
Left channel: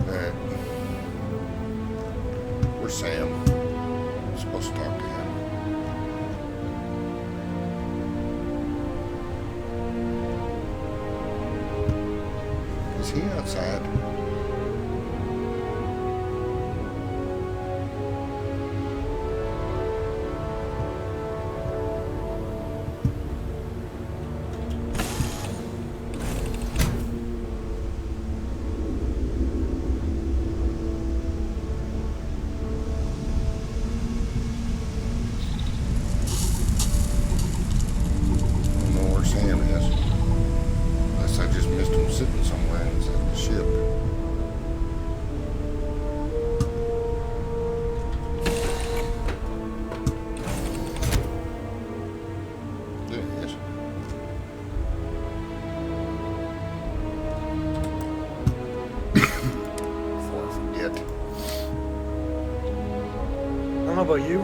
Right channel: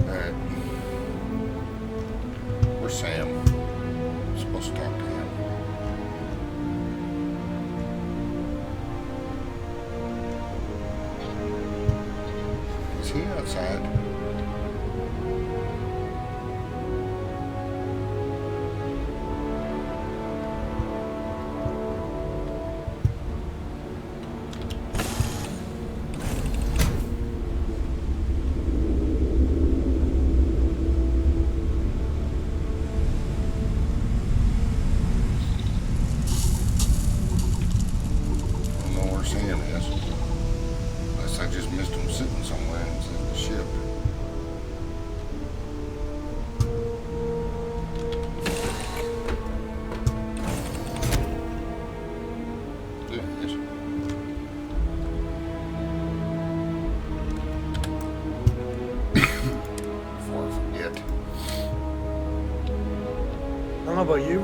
Alright. Where's Sam? I'm supposed to talk to him. Is he outside? Sam is. Unless I just missed him sitting somewhere inside the ship. There he is. Before I forget. I don't know about you,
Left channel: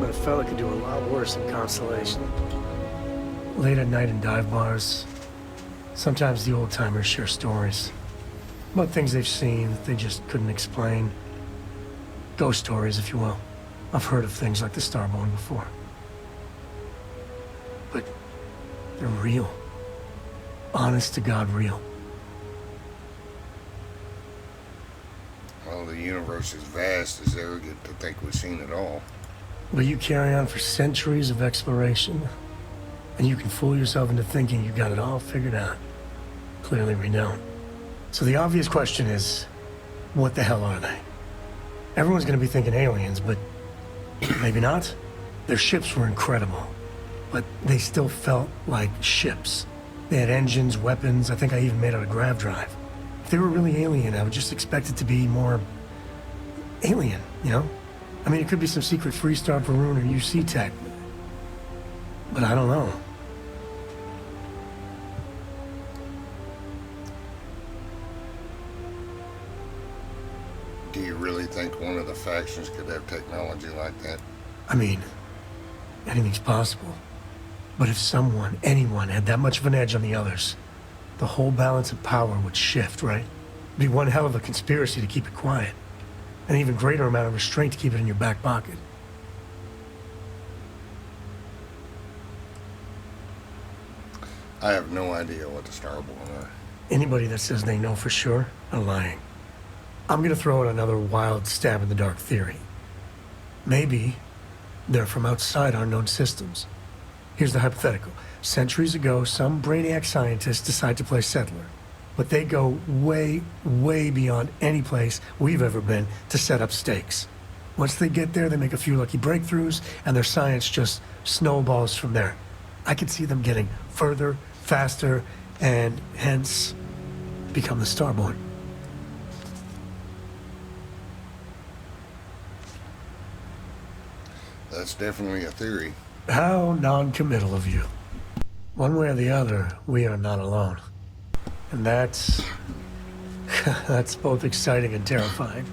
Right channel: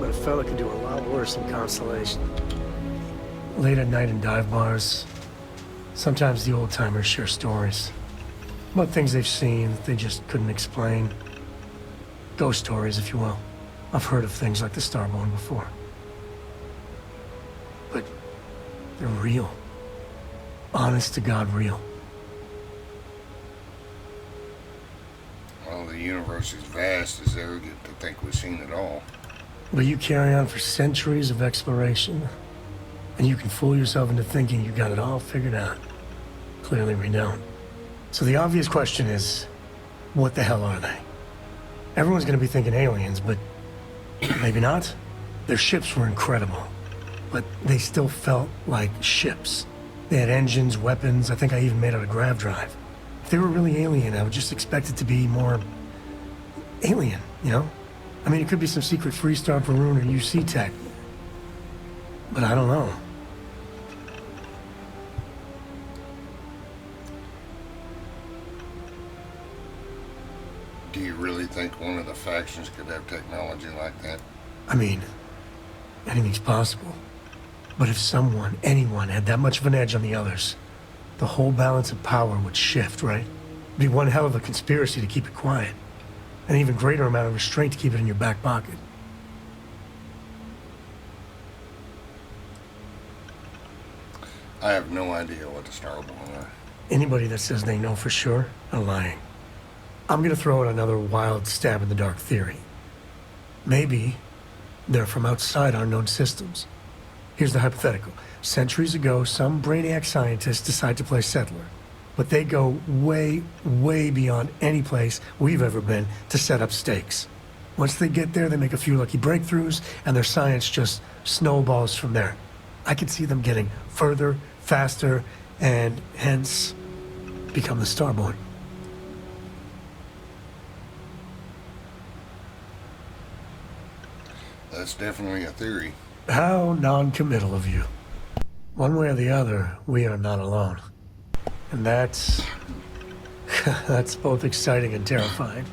but a fella could do a lot worse in Constellation. Late at night in dive bars, sometimes the old-timers share stories about things they've seen that they just couldn't explain. Ghost stories, if you will. I've heard of things like the Starborn before. But they're real. Honest to God real. Well, the universe is vast, as arrogant to think we've seen it all. But you carry on for centuries of exploration, and you can fool yourself into thinking you got it all figured out. Clearly we don't. So the obvious question is, what the hell are they? Everyone's gonna be thinking aliens, but maybe not. Their ships were incredible, but they still felt like ships. They had engines, weapons, I think I even made out a grav drive. If they were really alien, I would just expect it to be more alien, you know? I mean, it could be some secret Freestar, Varun, or UC tech, but I don't know. Do you really think one of the factions could have technology like that? I mean, anything's possible. But if someone, anyone, had that much of an edge on the others, the whole balance of power would shift, right? It'd be one hell of a conspiracy to keep it quiet. An even greater amount of restraint to keep it in your back pocket. I have no idea what the Starborn are. Anybody that says they know for sure are lying. I'm gonna throw out another wild stab in the dark theory. Maybe they're from outside our known systems. Here's the hypothetical. Centuries ago, some brainiac scientists decide to play settler. But they go way, way beyond any place we've ever been to set up stakes. Once they get there, they make a few lucky breakthroughs, and their science just snowballs from there. I could see them getting further, faster, and hence become the Starborn. That's definitely a theory. How non-committal of you. One way or the other, we are not alone. And that's... that's both exciting and terrifying.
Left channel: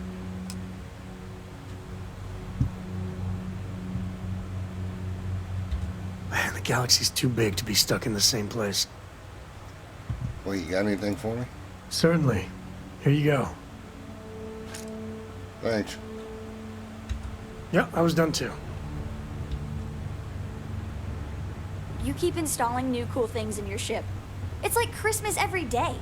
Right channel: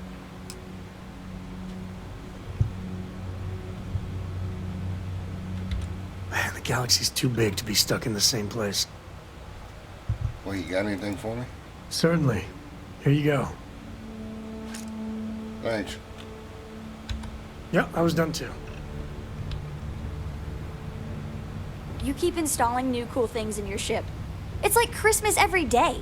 Man, the galaxy's too big to be stuck in the same place. Well, you got anything for me? Certainly. Here you go. Thanks. Yeah, I was done too. You keep installing new cool things in your ship. It's like Christmas every day.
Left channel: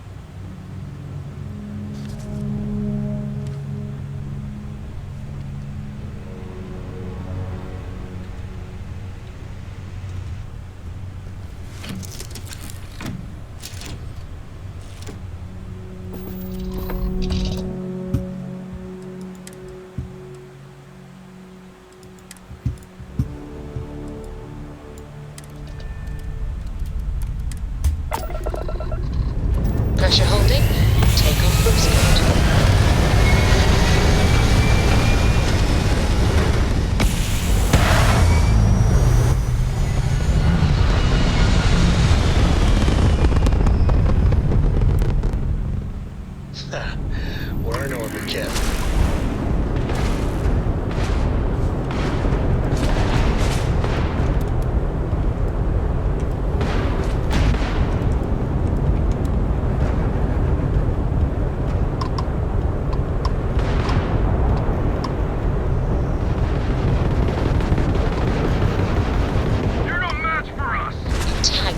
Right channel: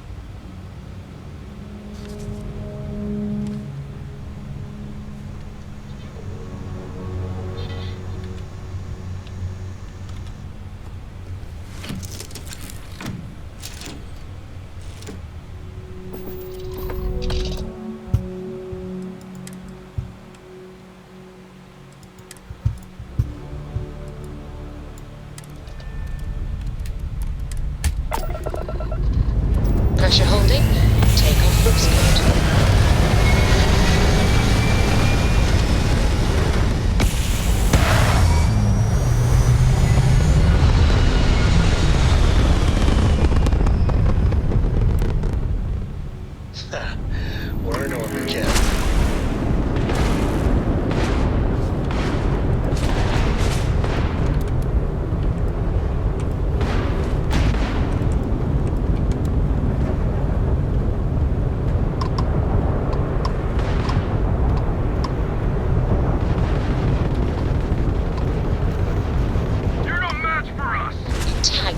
Pressure holding. Take off books code.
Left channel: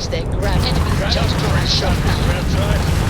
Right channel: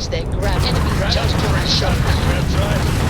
use their grab enemies Right just up to my shot, Grab's right.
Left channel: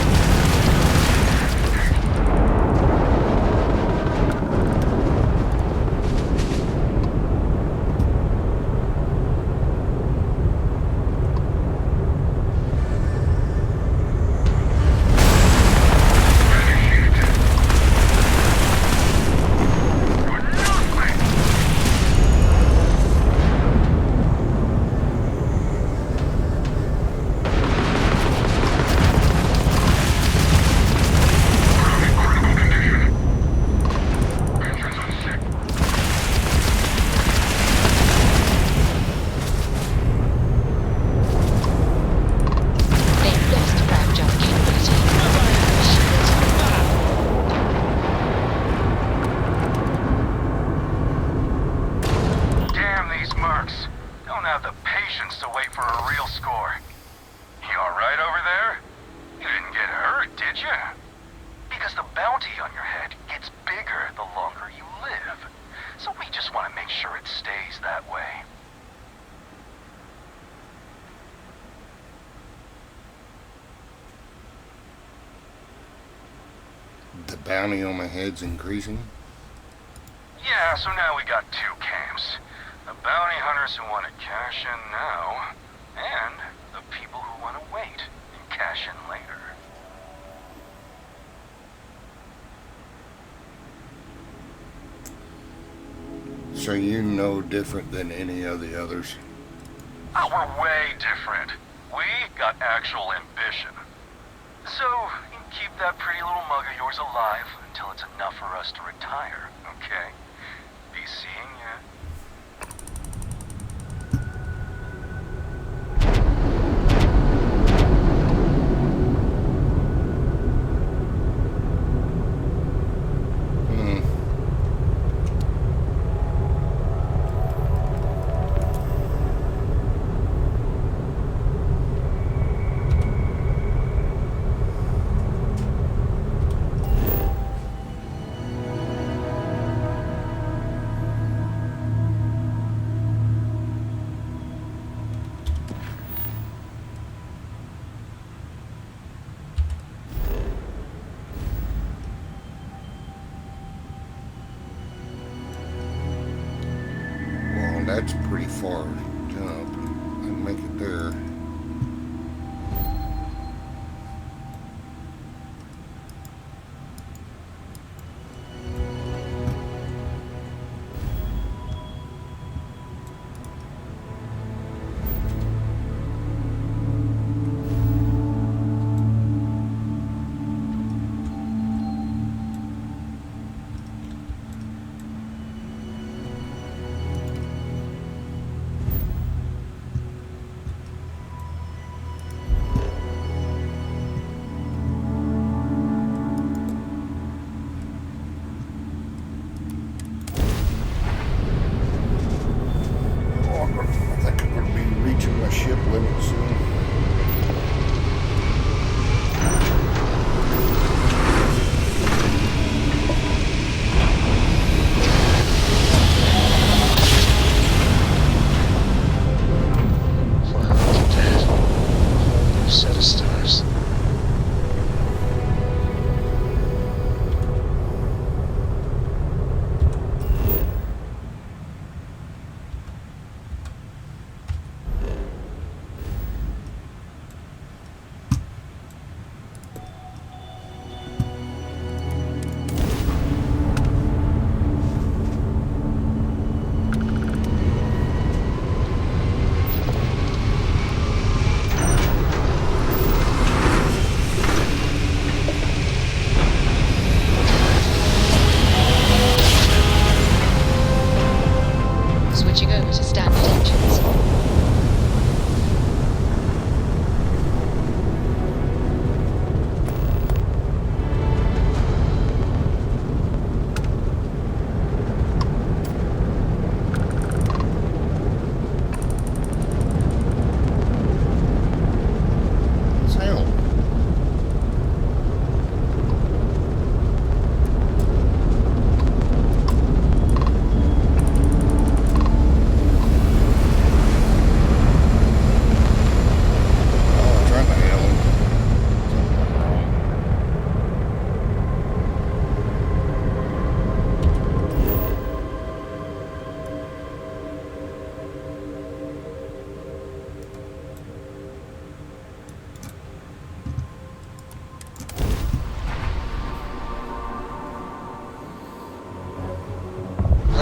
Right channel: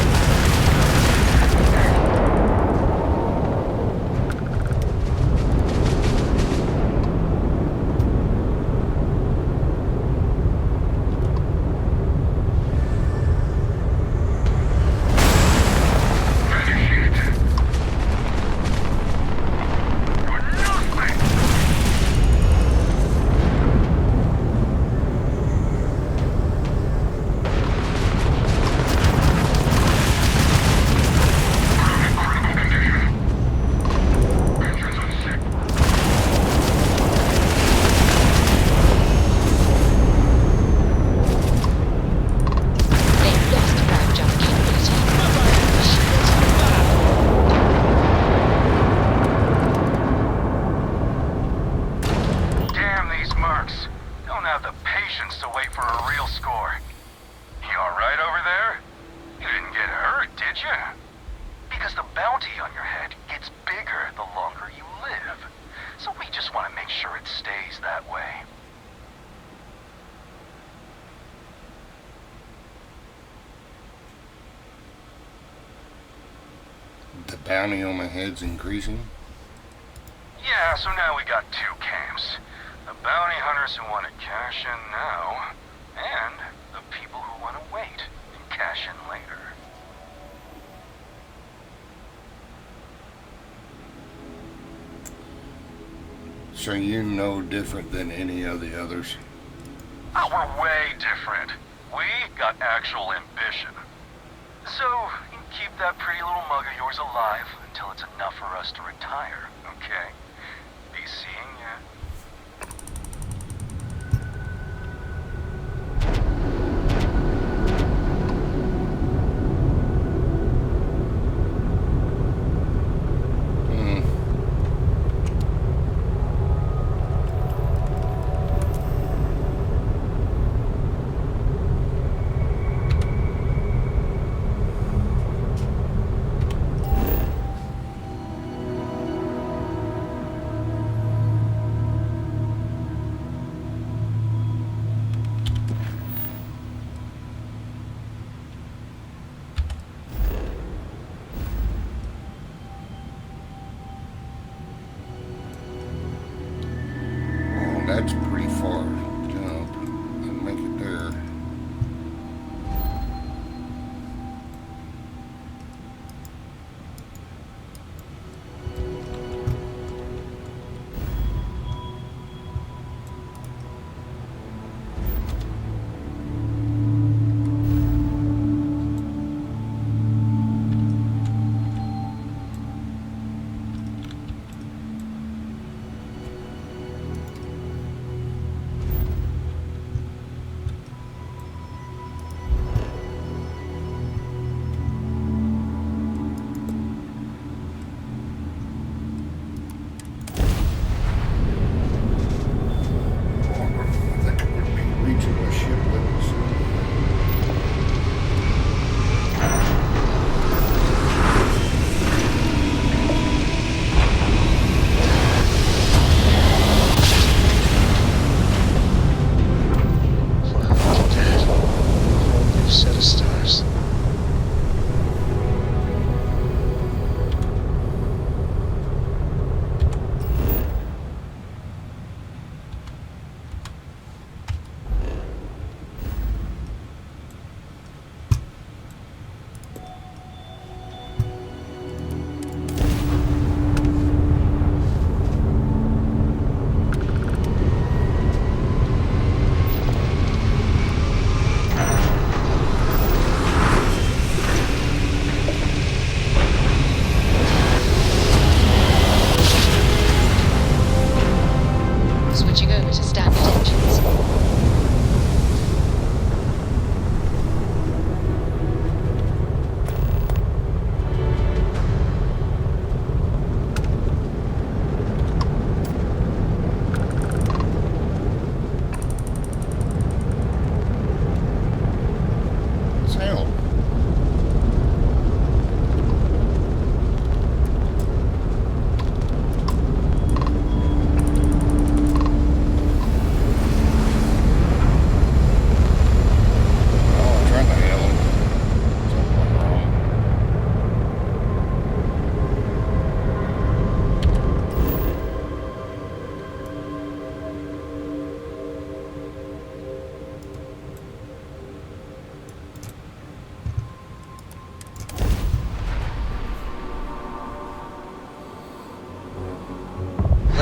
The bounty on my head's increasing? Yeah, so now we got two camps. The bounty hunters who want to cash in now, and the people who want to wait and cash in later. So you're no different than any of the others? Oh, we're way different. We got actual ambition. So, you can keep that pretty little mug of yours alive until it's enough for us to retire, okay? Be seeing ya. That's a pretty far jump. I'd make it there.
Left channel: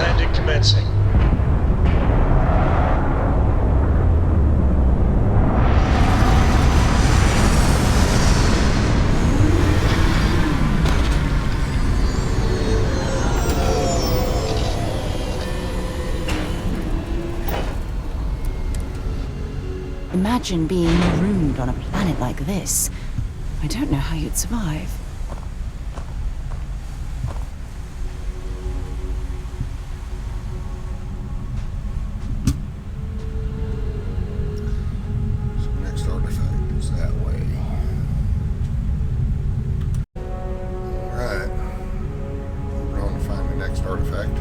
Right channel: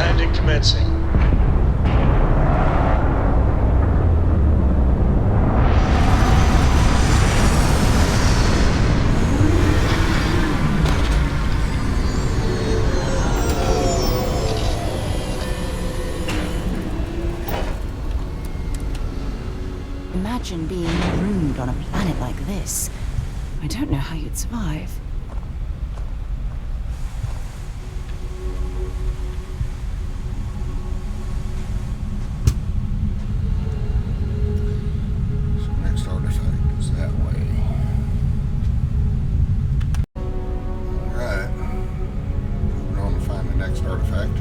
Landing commencing. Imagine being marooned on a planet like this. I don't know how you'd survive. So next artifact is that way. Alright. Moving on to find the next artifact.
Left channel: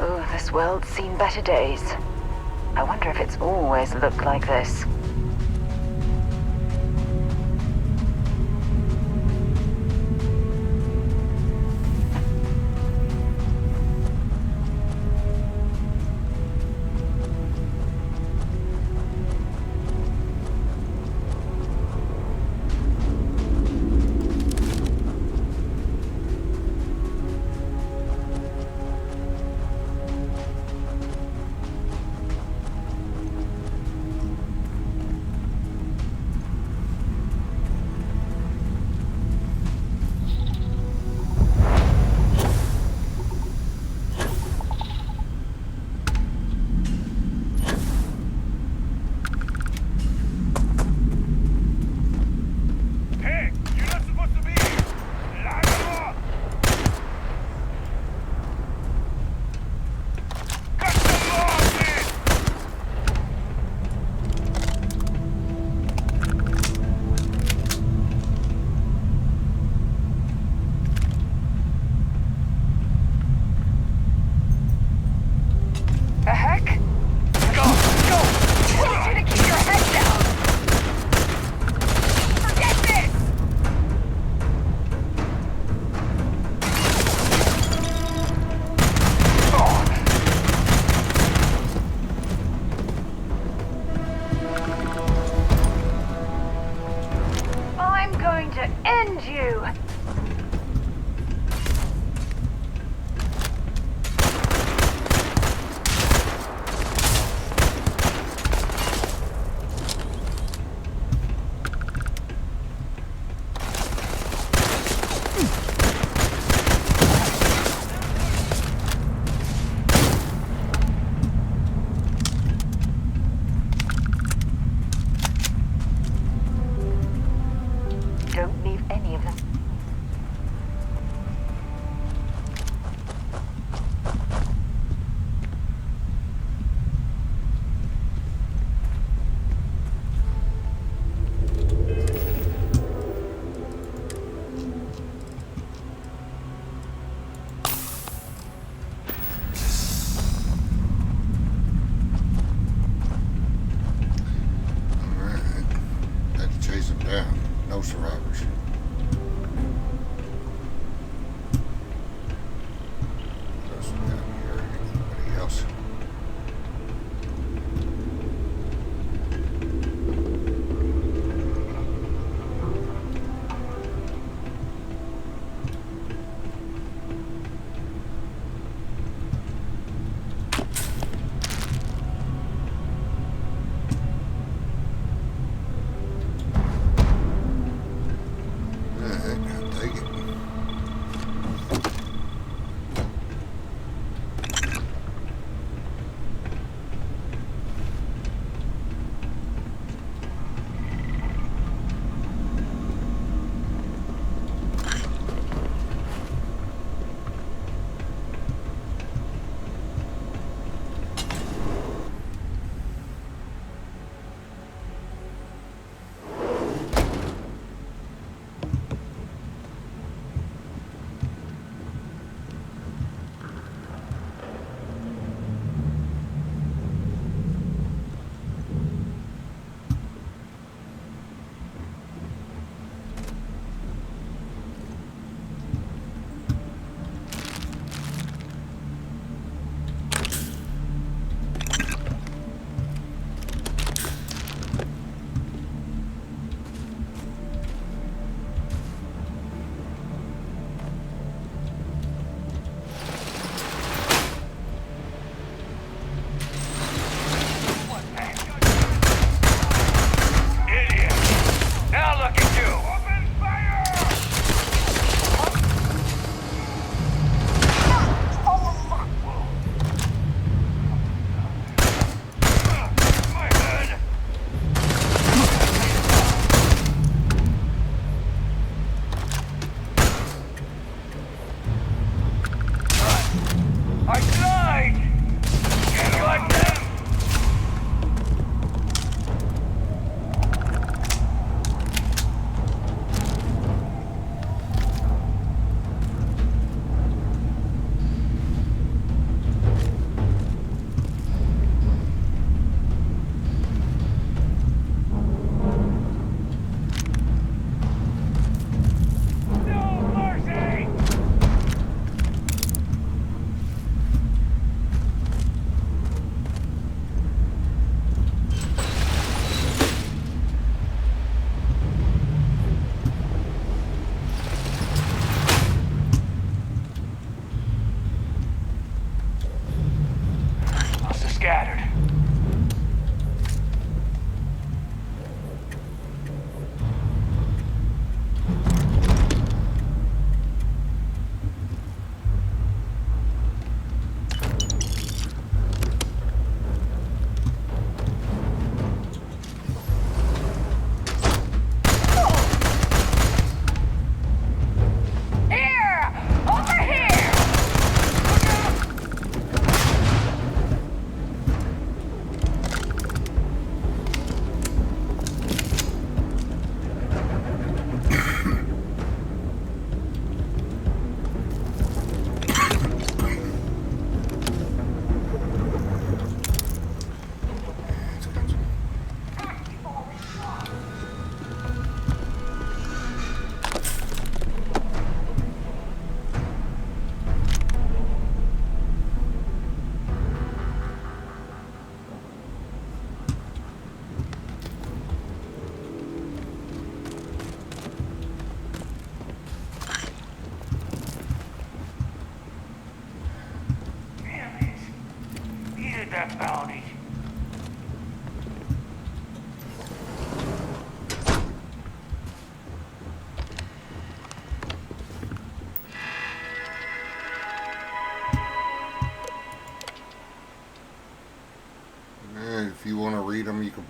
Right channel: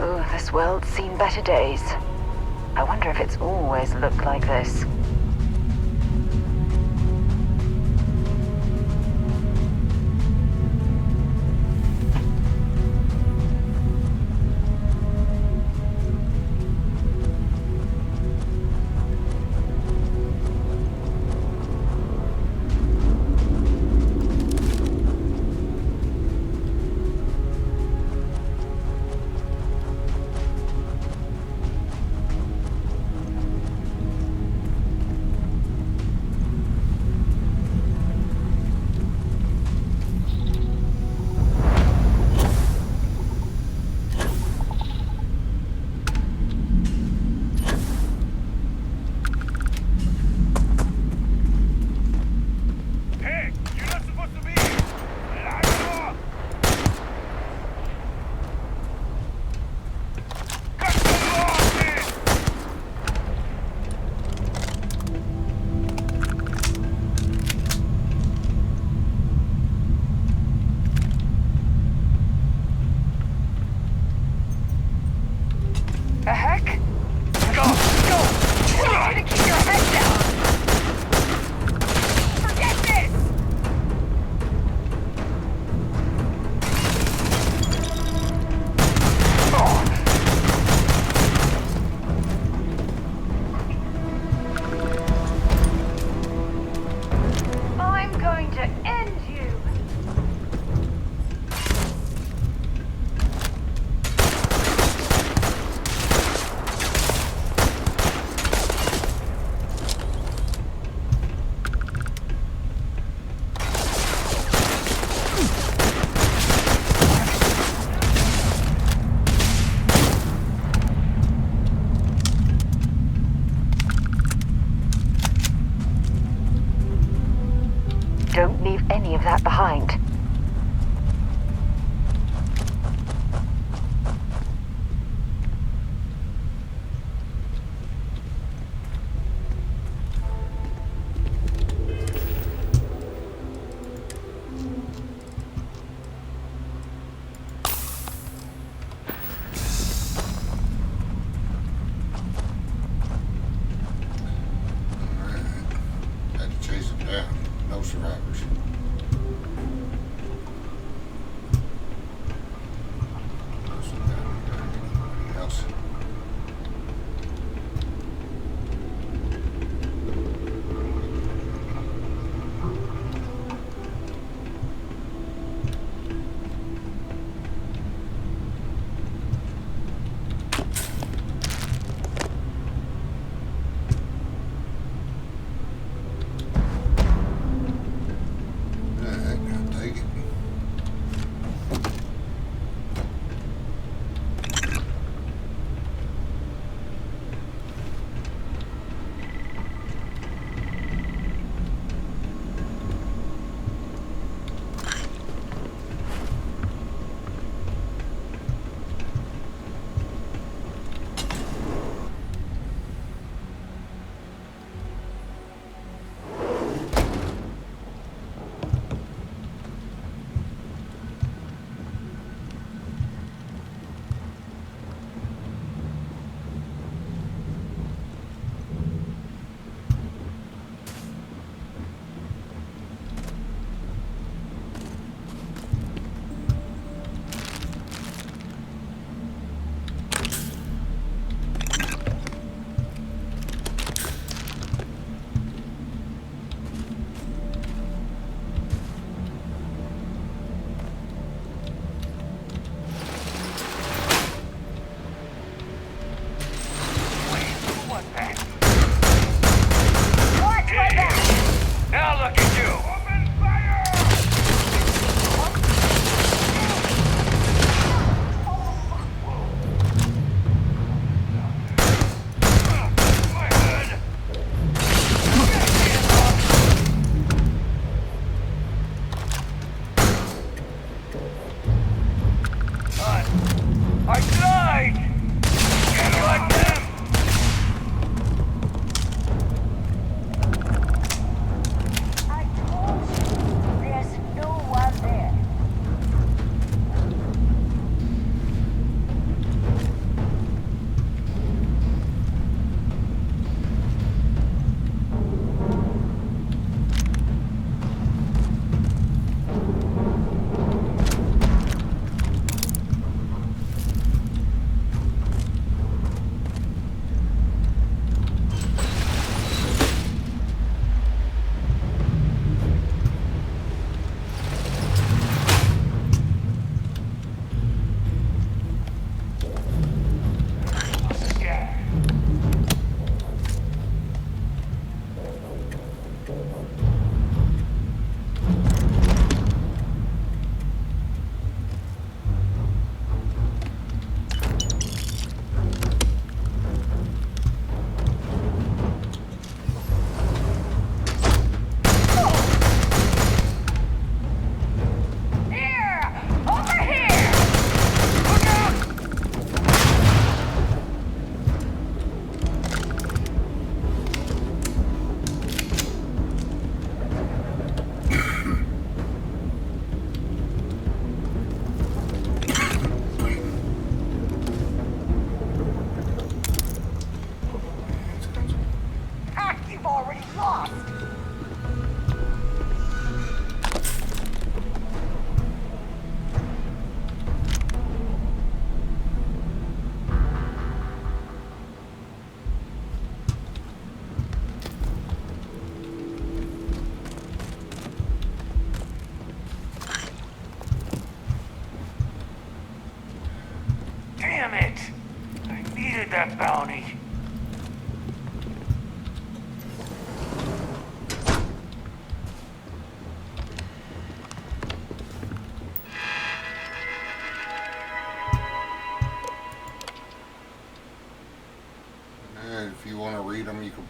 Oh, this world's seen better days. I wonder if it's always looked like this. The heck? Go! Go! I need you to keep your head down! Forget this! I'm going to end you! Don't leave any of that behind. Alright. Had to chase them down. No survivors. What else we got here? Anybody else?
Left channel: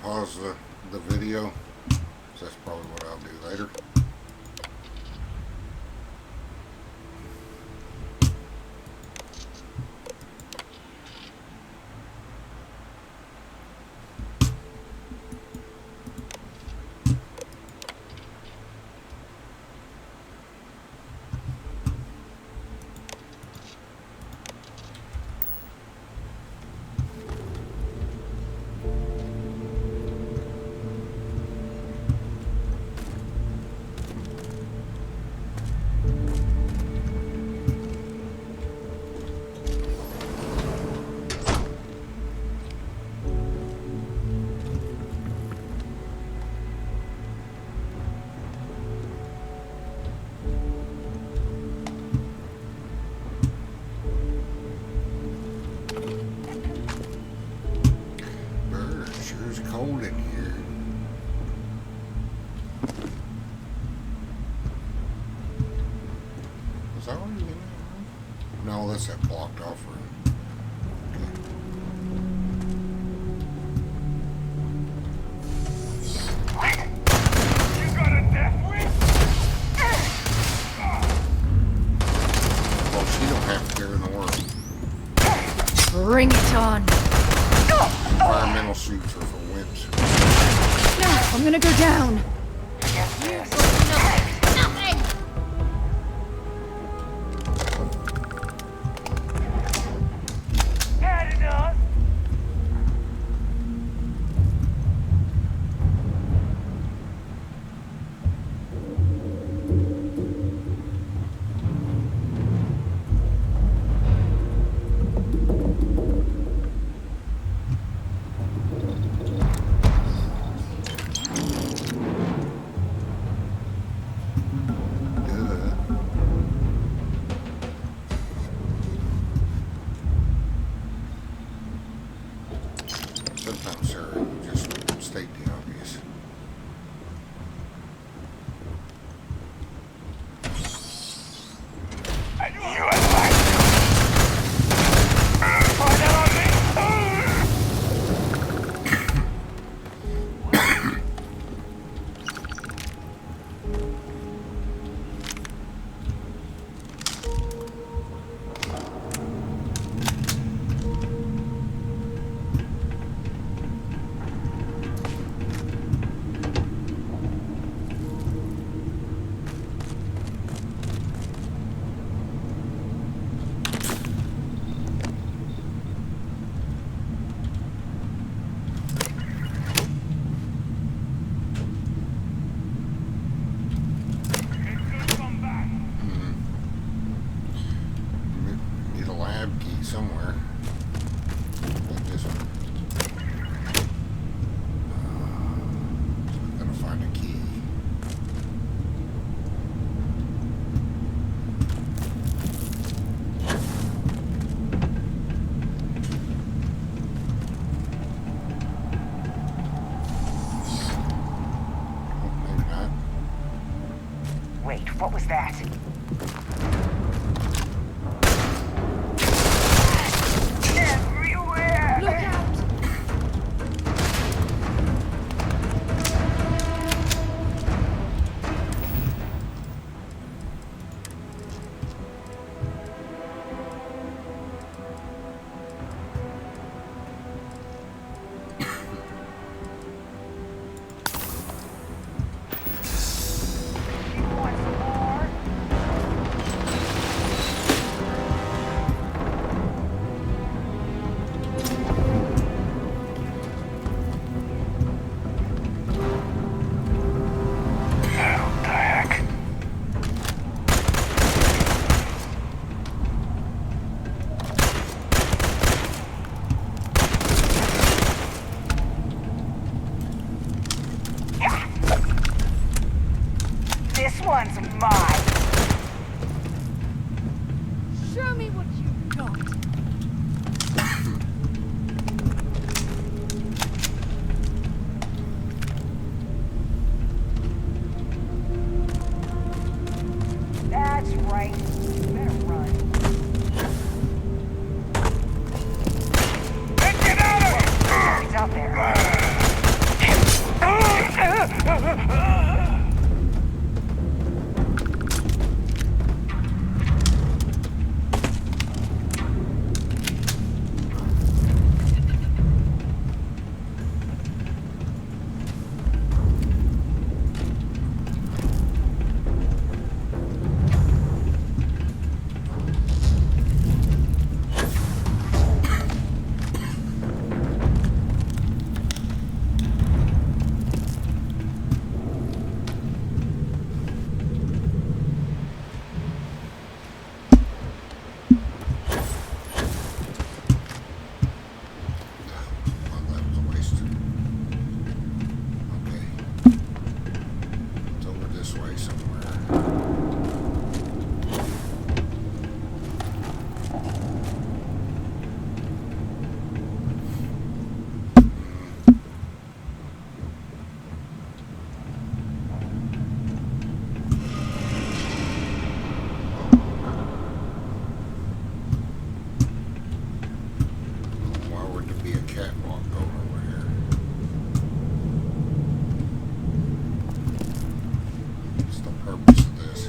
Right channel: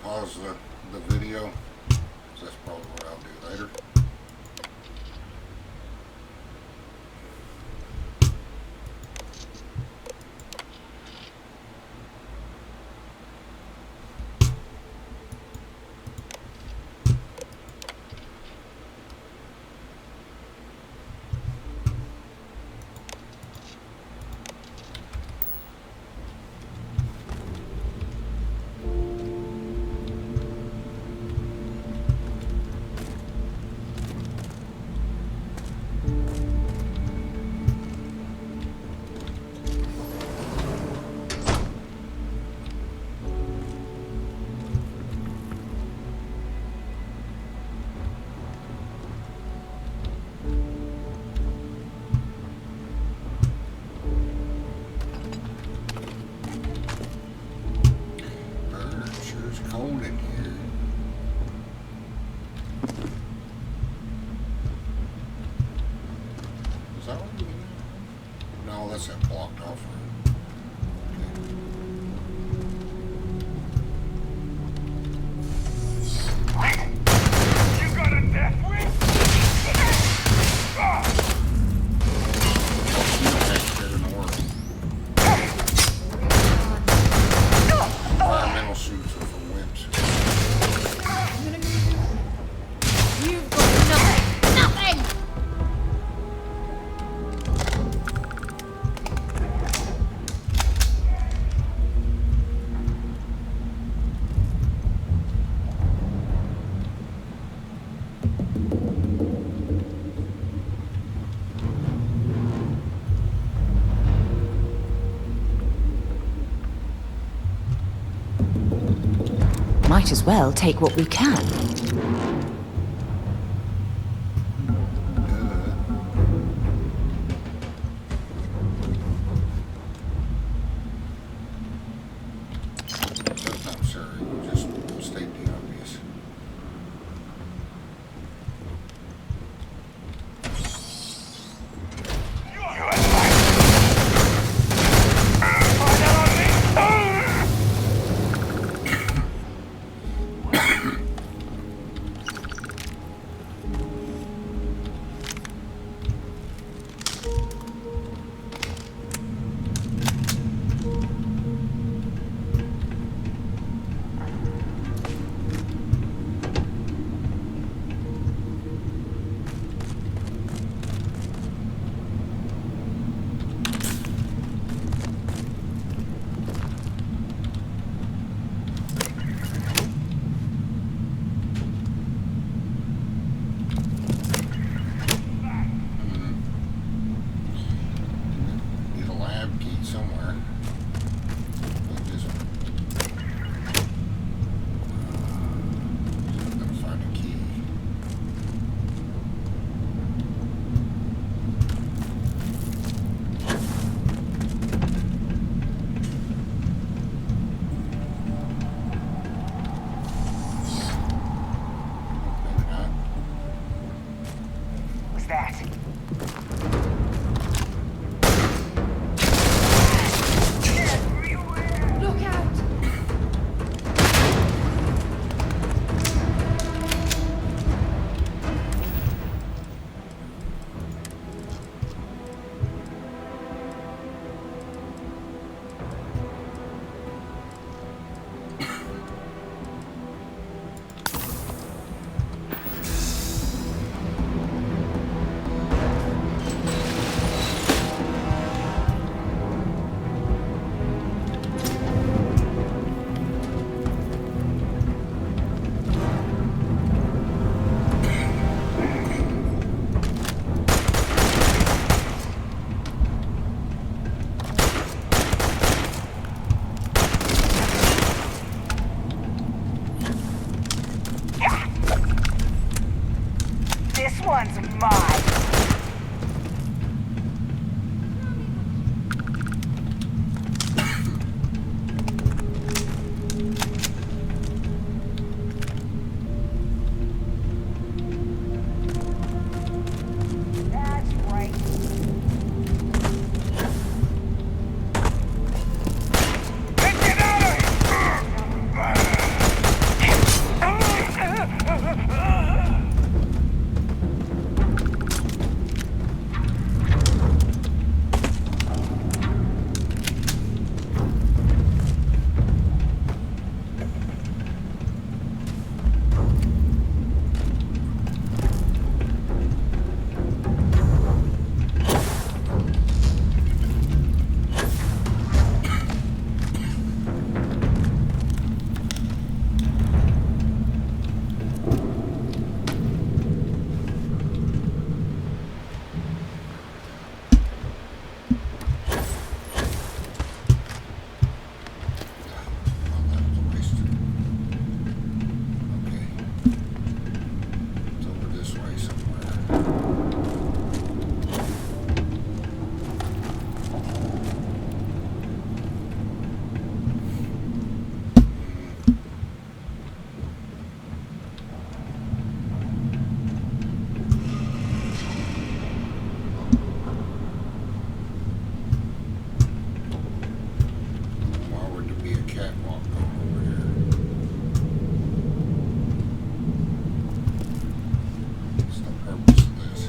pause the video. So that's probably what I'll do later. Cold in here. Is that what you mean? No, that's that blocked off room. What? You got a death wish? Oh, she's the best here in the world. Bring it on. Environmental suits are for wimps. No, I'm gonna go down. You've got nothing. Nothing! Might as well take what we can. Sometimes, Sarah, just state the obvious. Need a lab key somewhere. Like this one. I'm gonna find a key. Maybe not. Wait, what was that? Everywhere! Look out! This one's mine. Show me what you got. That's right. Better run. Let's get out of here! He's out there. this way somewhere. Why would there be a catwalk going over here? What's the purpose of this?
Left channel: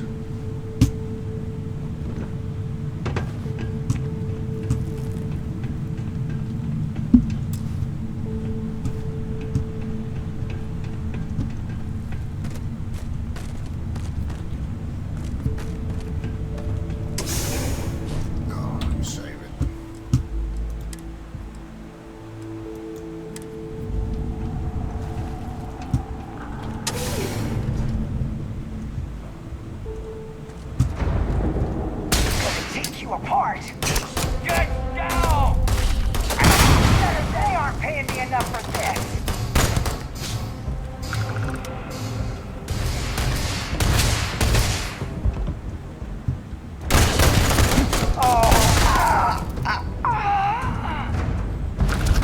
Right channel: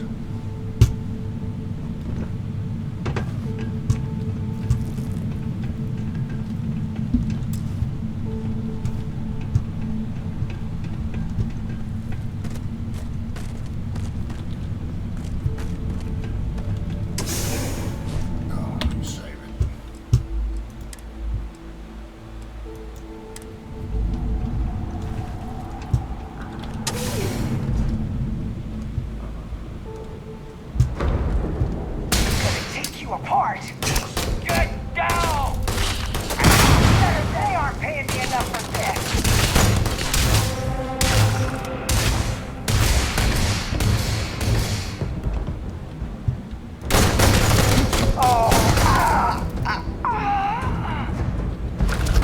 Oh, save it. Take you apart. Get down! They aren't paying me enough for this.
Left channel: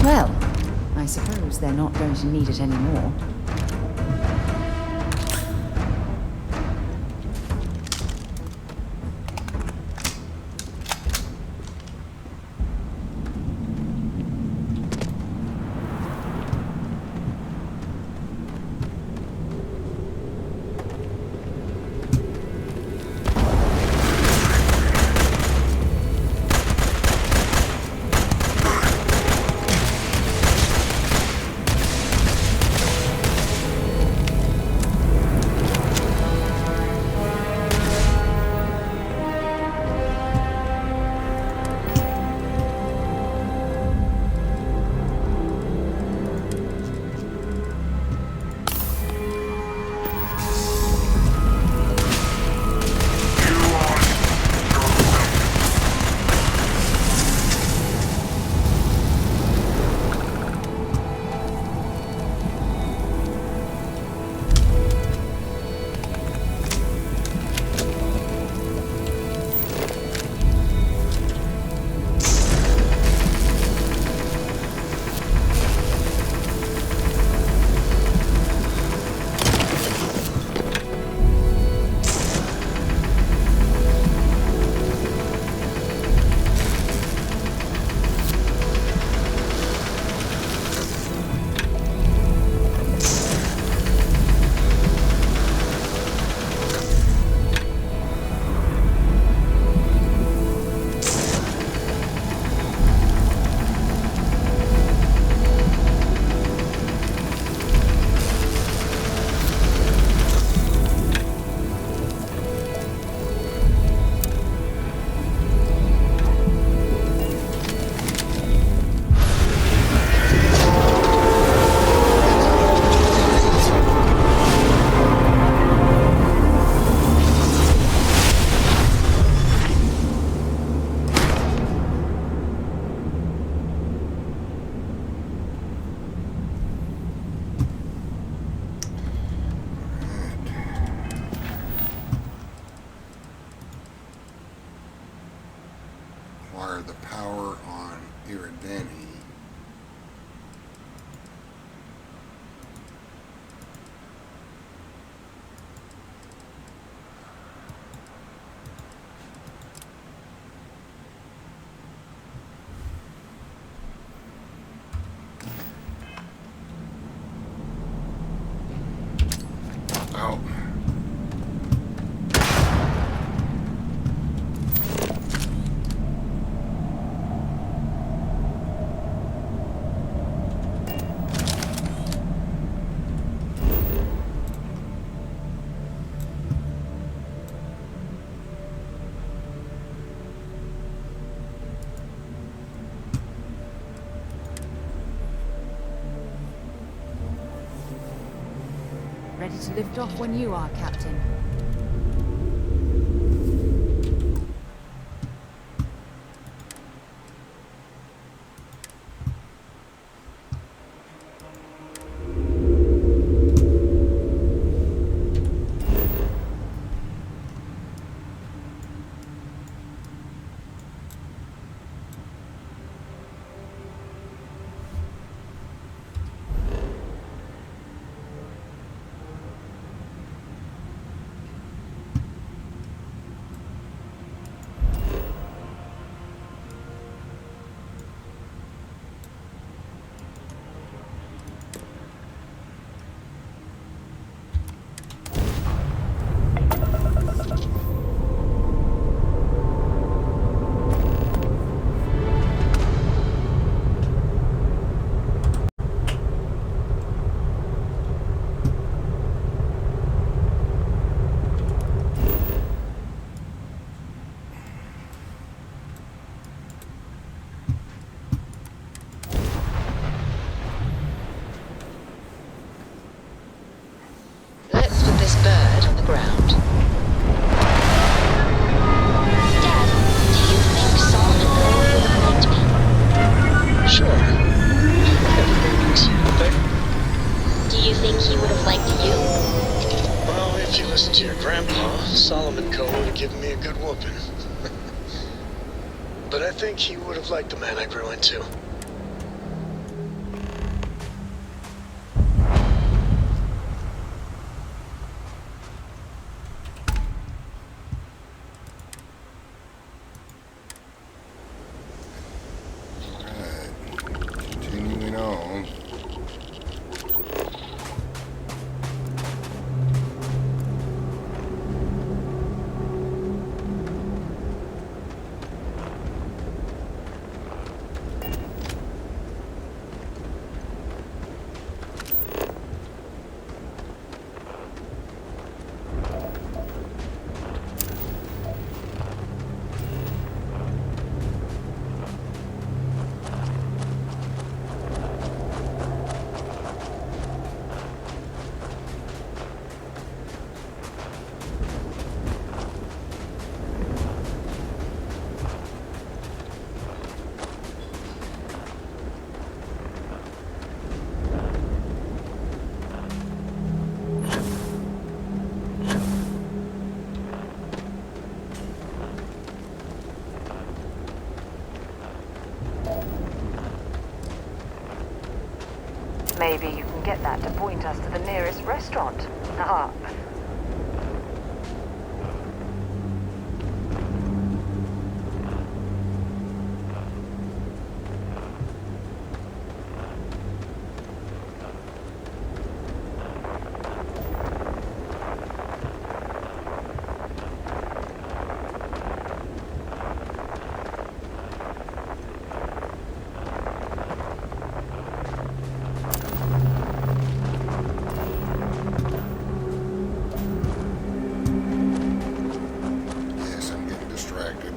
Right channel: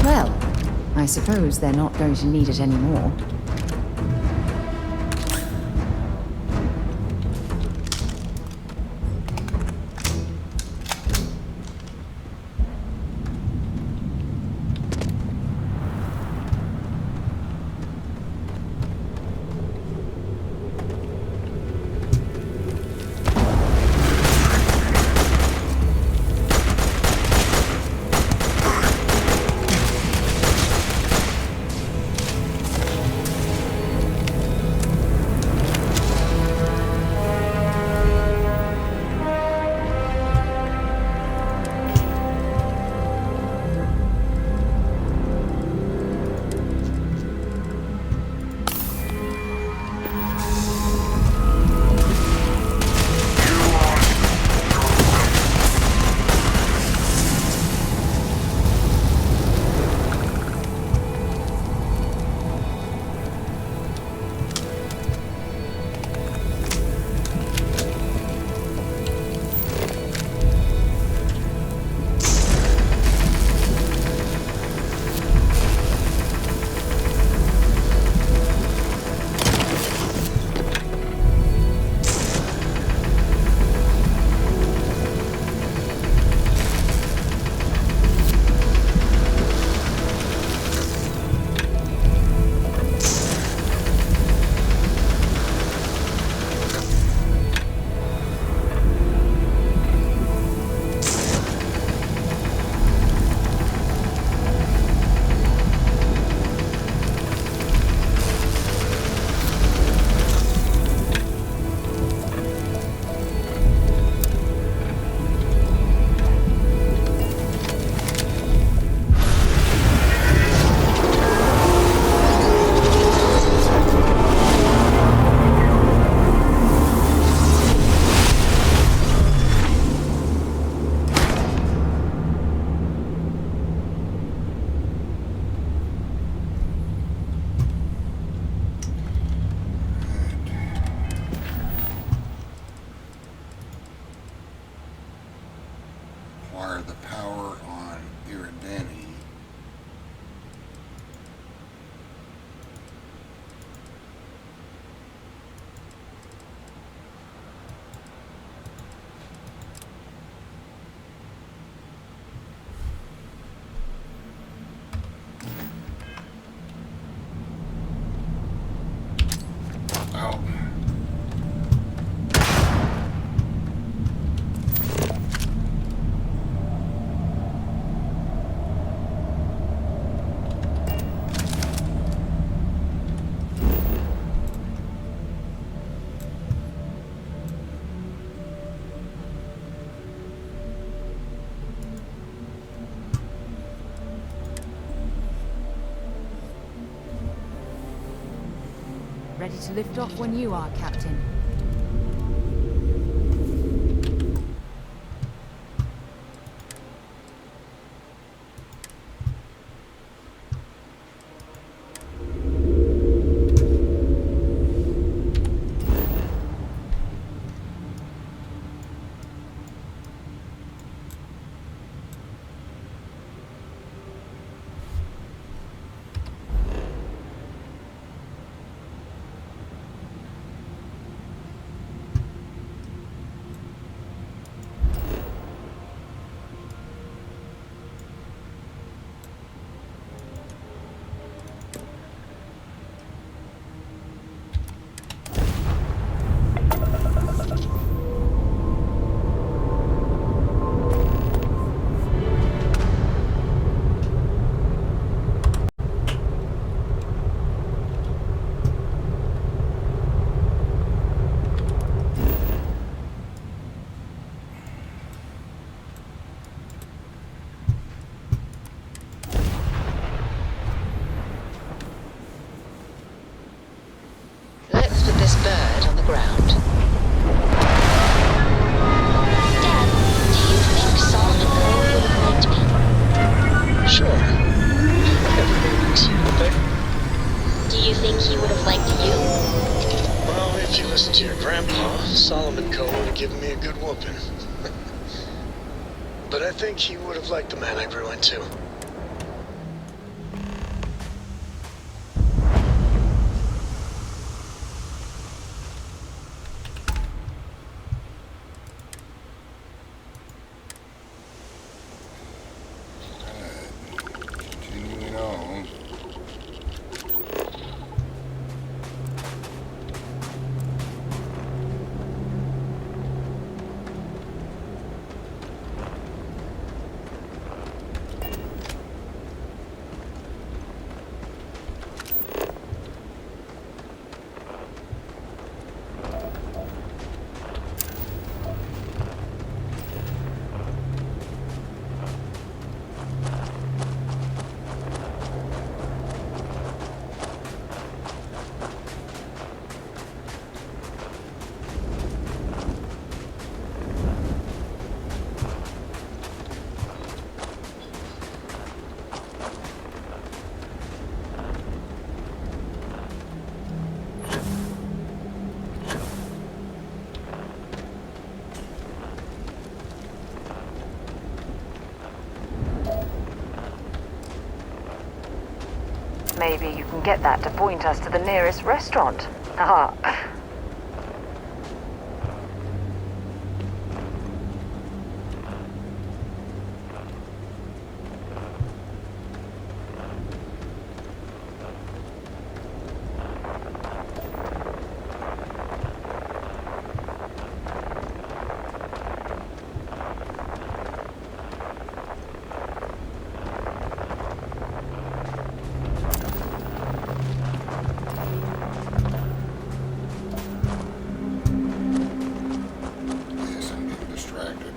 Well, I suppose they're not going to need it anymore. Acquire the power on Iridani. Oh. Ready to lift off when you are, Captain. the ground. Dad, do you think Solomon Cove would have liked me? Sure. Everybody likes you, don't they? Do you think he would have liked you? Well, if you listen to your grandpa, Solomon Cove would have given me a good whooping. But I think he would have liked the man I grew into. Continuing on. Maybe you can get that to point us to the nearest restaurant. Haha. Yes, I'm getting distracted.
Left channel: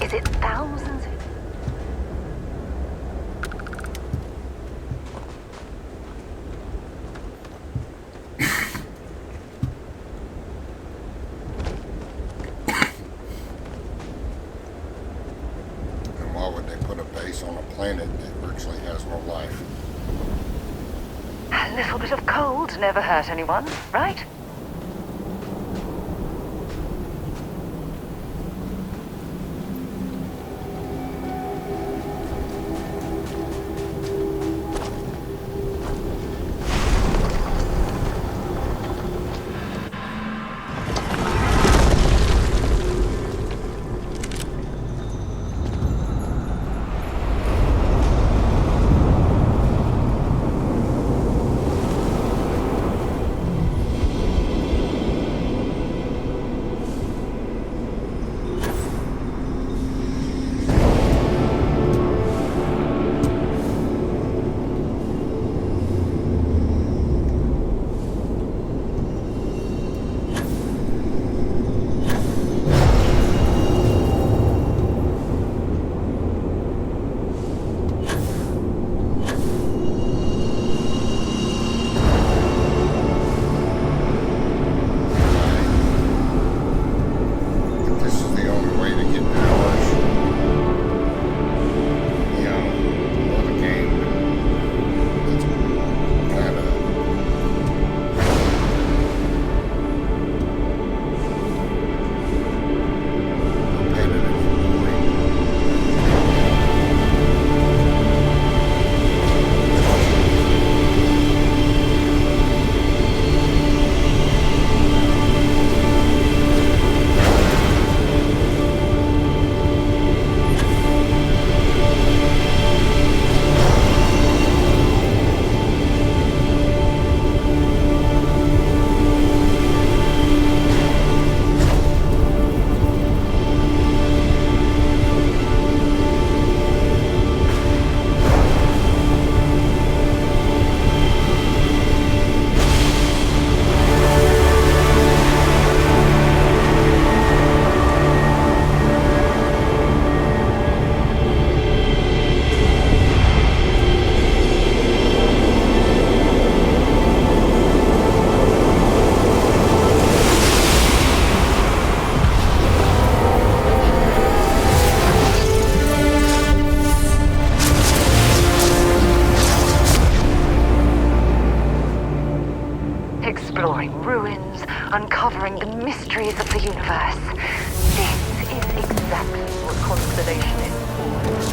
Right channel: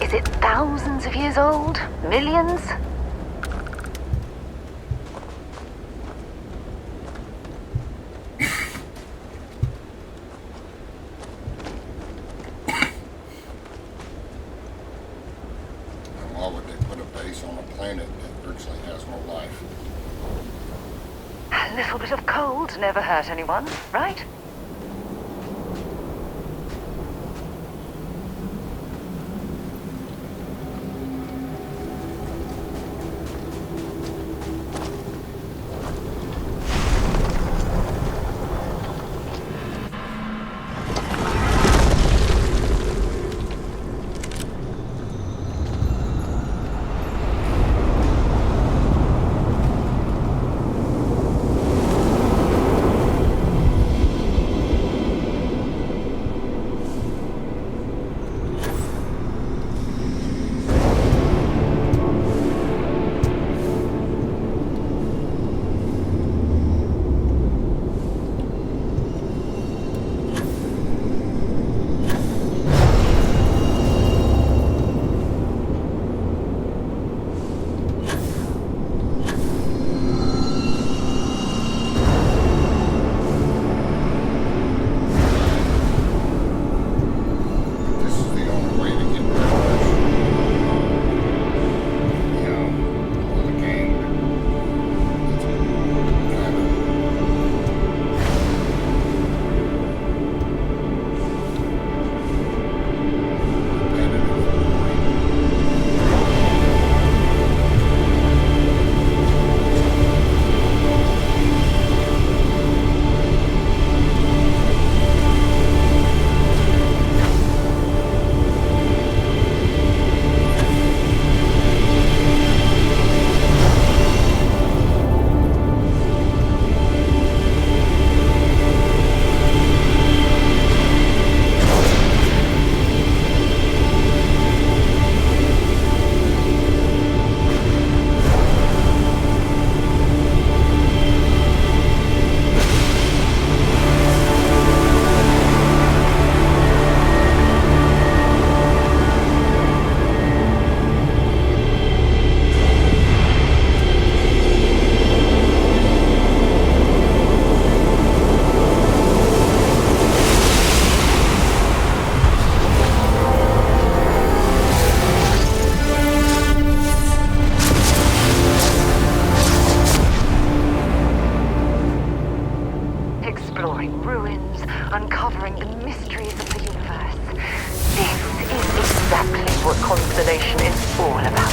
Is it thousands of years old? Millions? And why would they put a base on a planet that virtually has no life? A little bit of cold never hurt anyone, right? exploring ruins, uncovering the mysteries of the universe. This is exactly what Constellation is all about.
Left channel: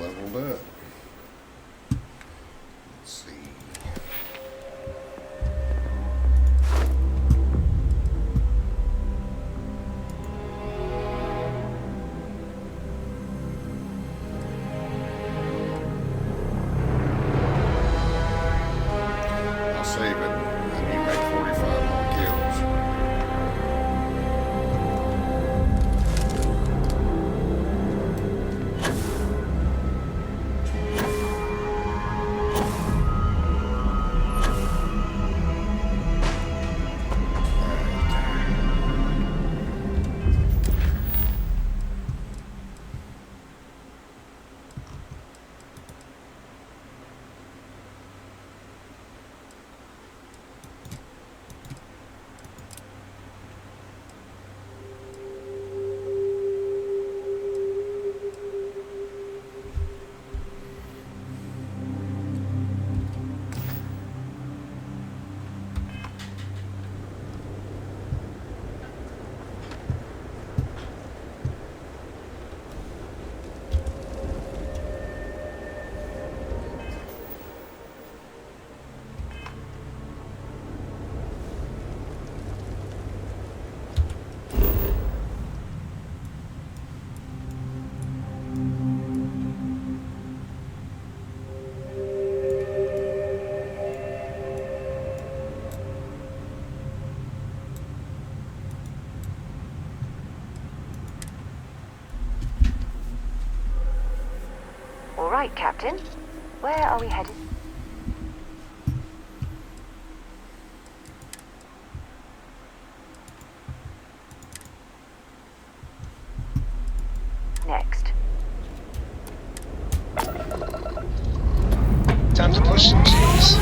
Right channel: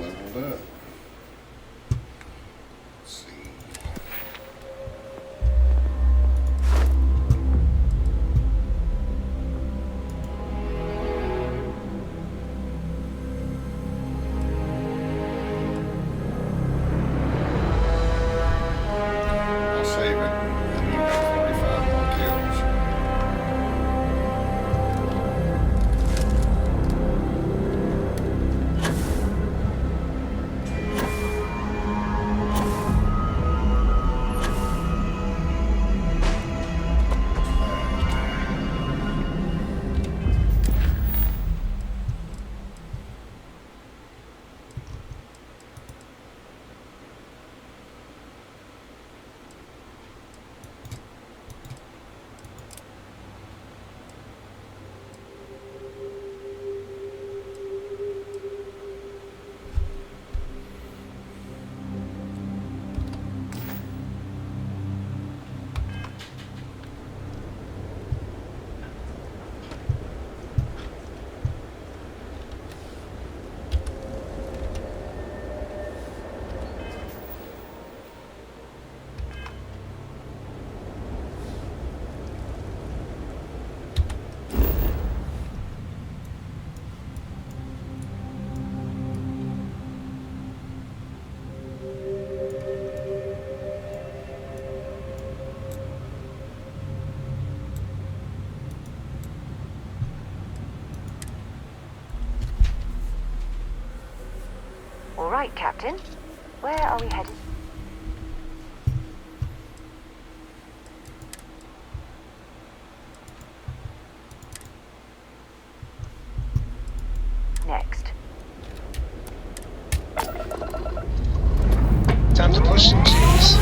Leveled up. Let's see. I'll save it. I need about 45 more kills. All right, Captain. Where are we headed? Next. Time to push some keys.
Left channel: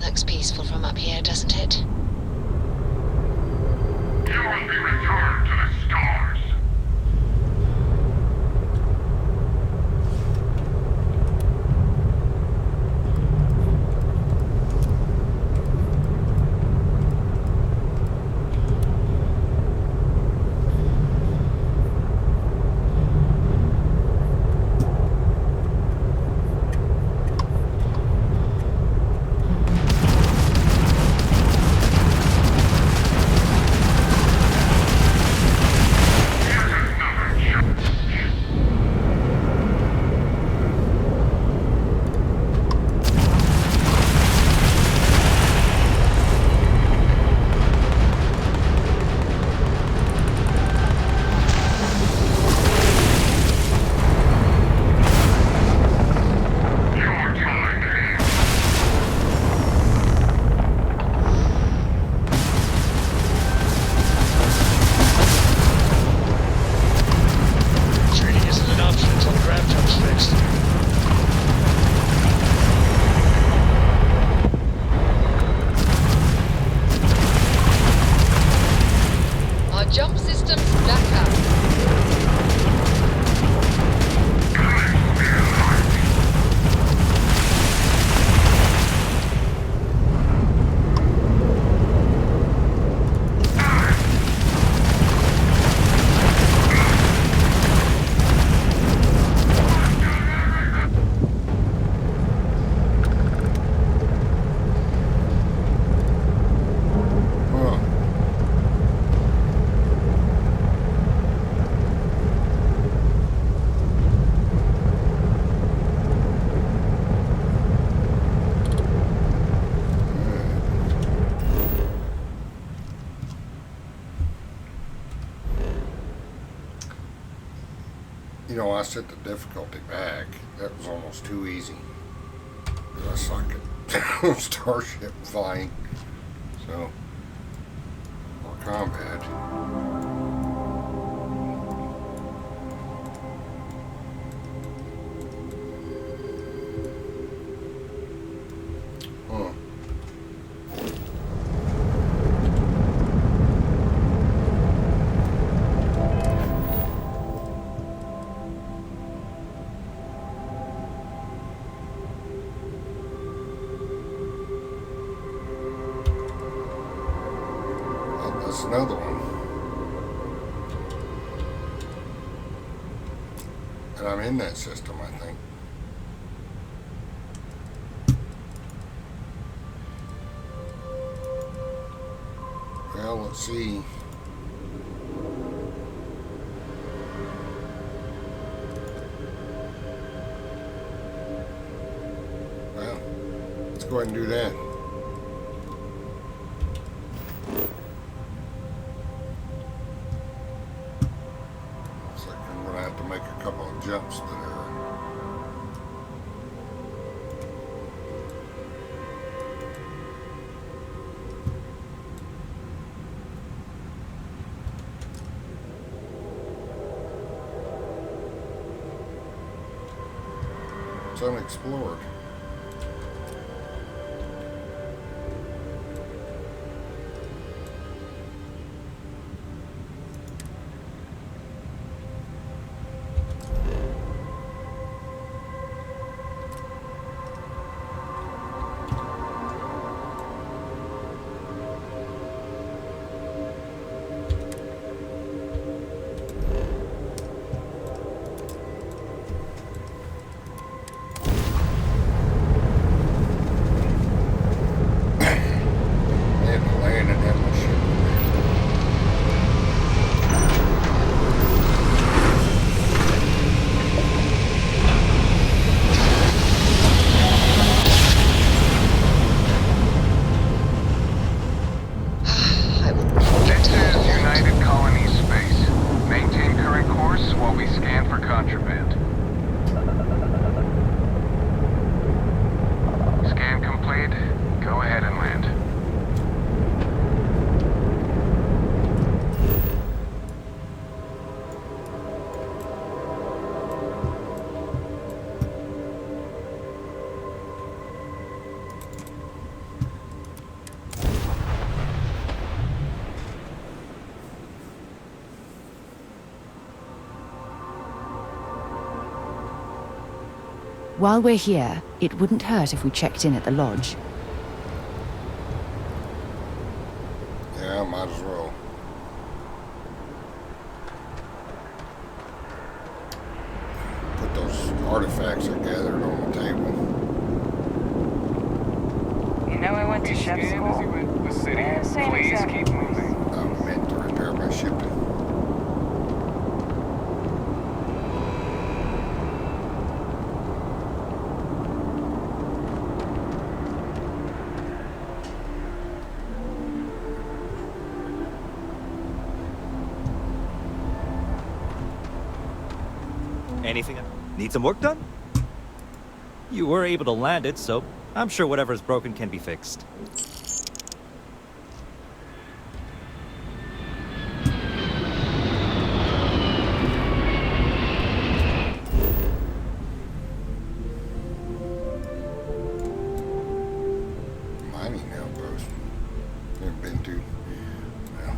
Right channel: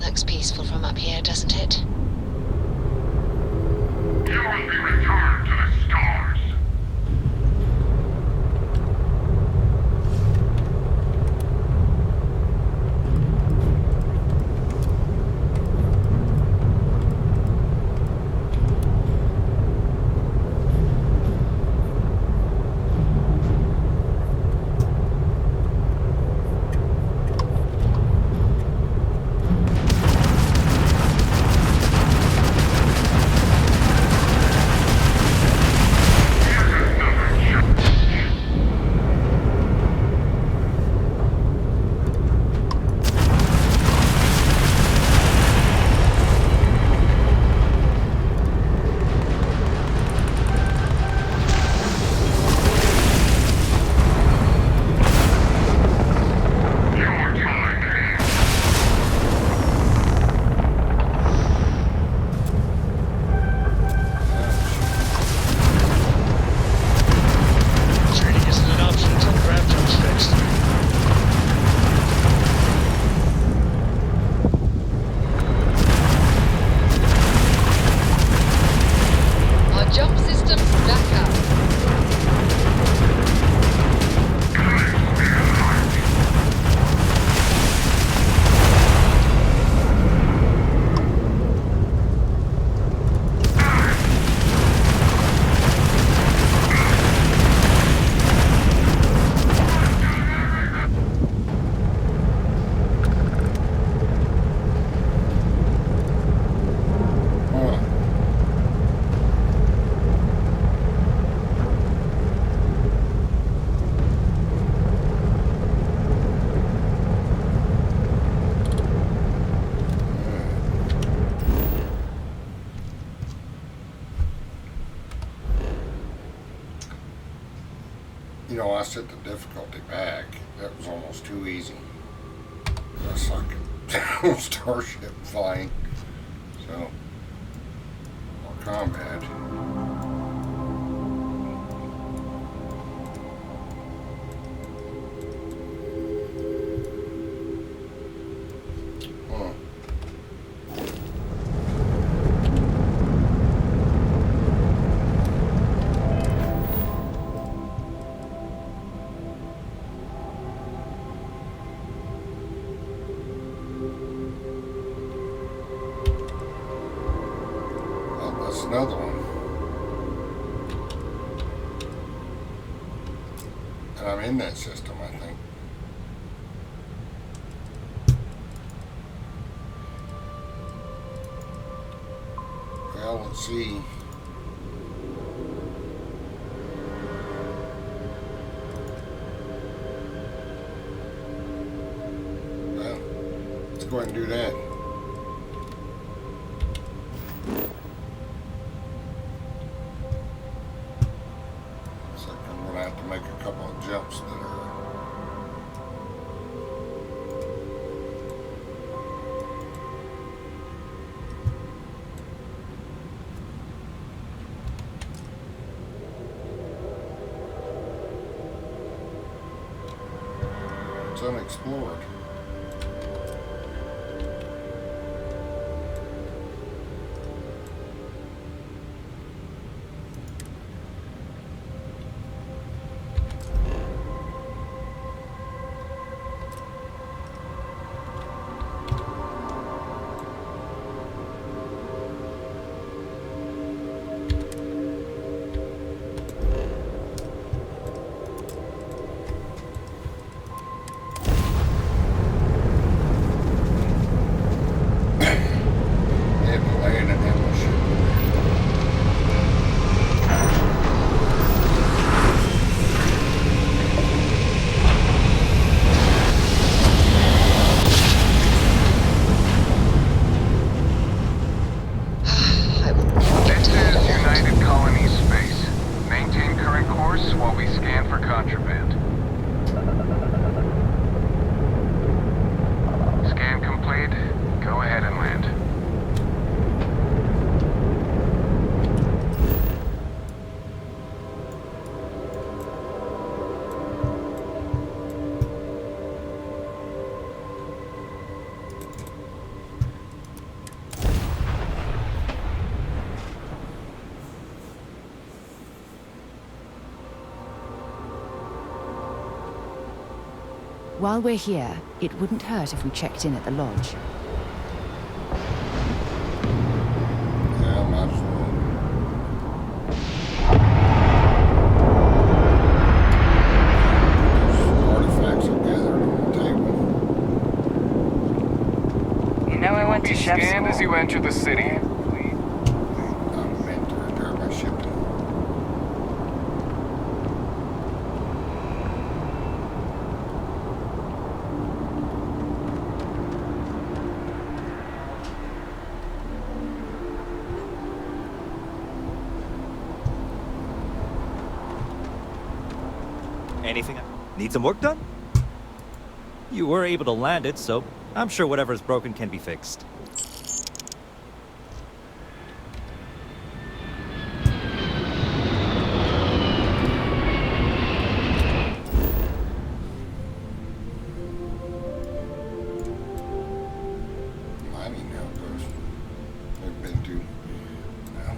Looks peaceful from up here, doesn't it? You know, I set the difficulty back. That was almost too easy. I suck at starship flying. So, combat. Huh. Well, that's another one. And I'm in that system, I think. Well, let's see. Well, let's go ahead and do that. Looks like I'm going to have to make a couple of jumps that are unexplored. While we're here, it wouldn't hurt if we checked in at the lodge. Yeah, might as well. Those artifacts are gathered on the table. You know I went to chef Scan as school. you enter the city. Please keep moving. I'm meant to repair my ship. Anything? Need some work done? You were able to land it, so I'm sure whatever's broken can be fixed. Mining outpost. Never been to. Well.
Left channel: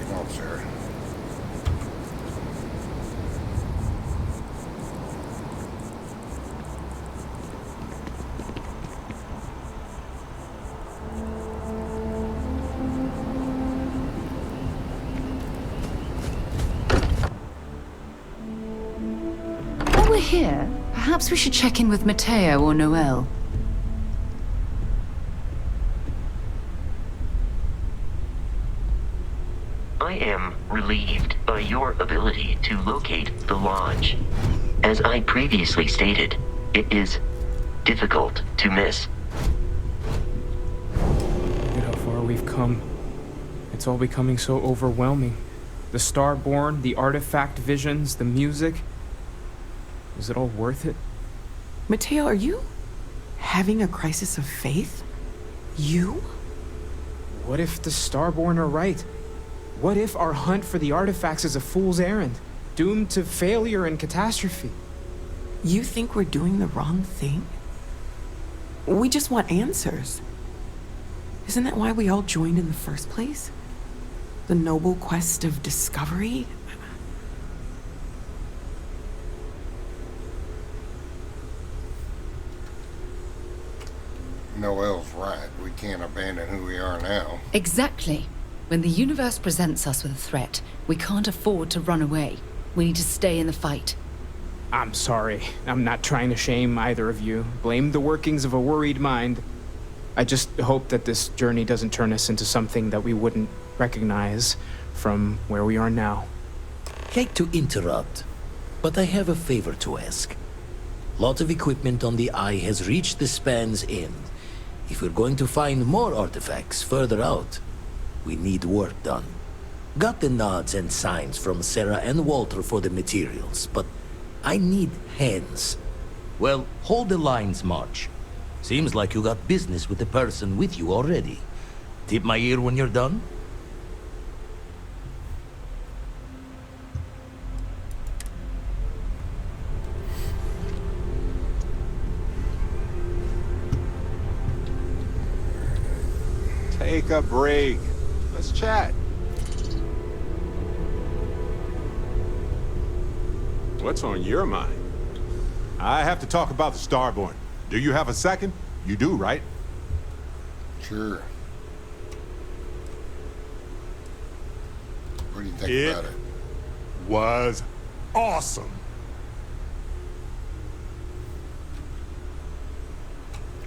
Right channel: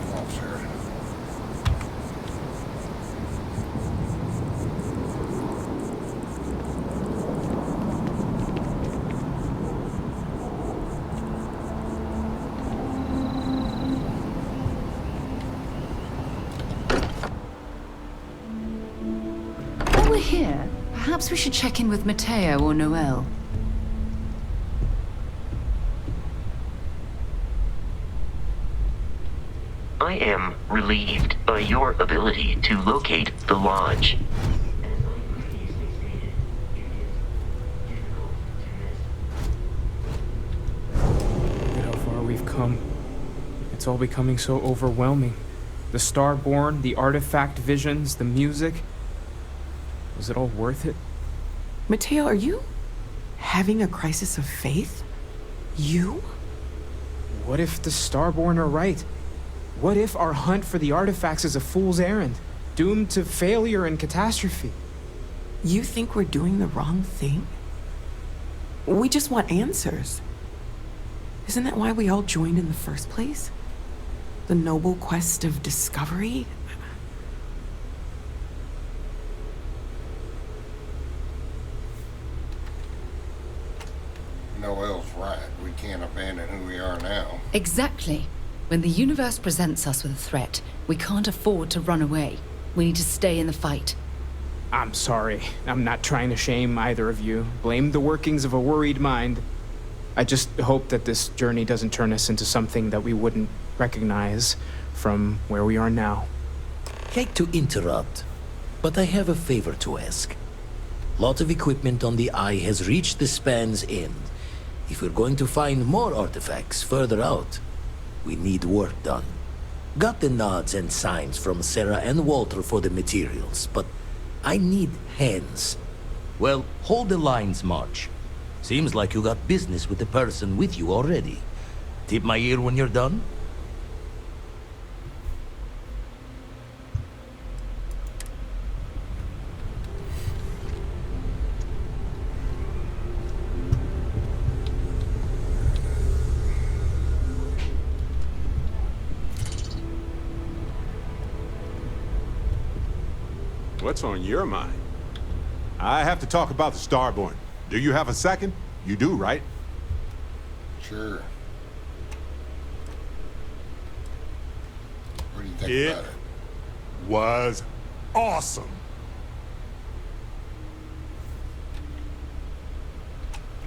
Come on, Sara. While we're here, perhaps we should check in with Matteo or Noel. I am relieved by your ability to locate the lodge. As I previously stated, it is difficult to miss. Look at how far we've come. It's all becoming so overwhelming. The Starborn, the artifact visions, the music. Was it all worth it? Mateo, are you having a crisis of faith? You? What if the Starborn are right? What if our hunt for the artifacts is a fool's errand, doomed to failure and catastrophe? You think we're doing the wrong thing? We just want answers. Isn't that why we all joined in the first place? The noble quest of discovery? Noel's right. We can't abandon who we are now. Exactly. When the universe presents us with a threat, we can't afford to run away. We need to stay in the fight. I'm sorry. I'm not trying to shame either of you. Blame the workings of a worried mind. I just hope that this journey doesn't turn us into something that we wouldn't recognize from where we are now. Hate to interrupt, but I have a favor to ask. Lot of equipment on the Eye has reached the span's end. If we're going to find more artifacts further out, we need work done. Got the nods and signs from Sara and Walter for the materials, but I need hands. Well, hold the lines, March. Seems like you got business with the person with you already. Tip my ear when you're done? Take a break. Let's chat. What's on your mind? I have to talk about the Starborn. Do you have a second? You do, right? Sure. What do you think about it? Was awesome.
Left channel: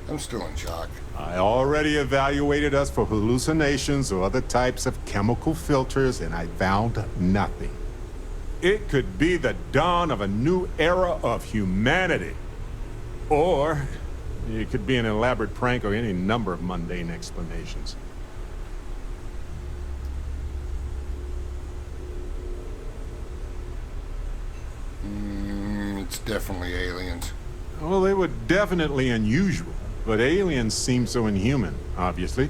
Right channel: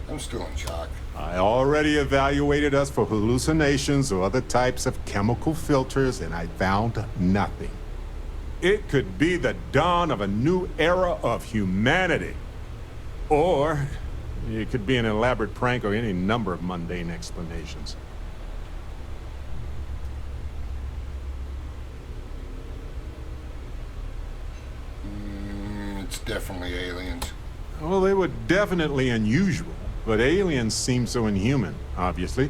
I'm still in shock. I already evaluated us for hallucinations or other types of chemical filters, and I found nothing. It could be the dawn of a new era of humanity. Or it could be an elaborate prank or any number of mundane explanations. It's definitely aliens. Well, they were definitely unusual, but aliens seem so inhuman, obviously.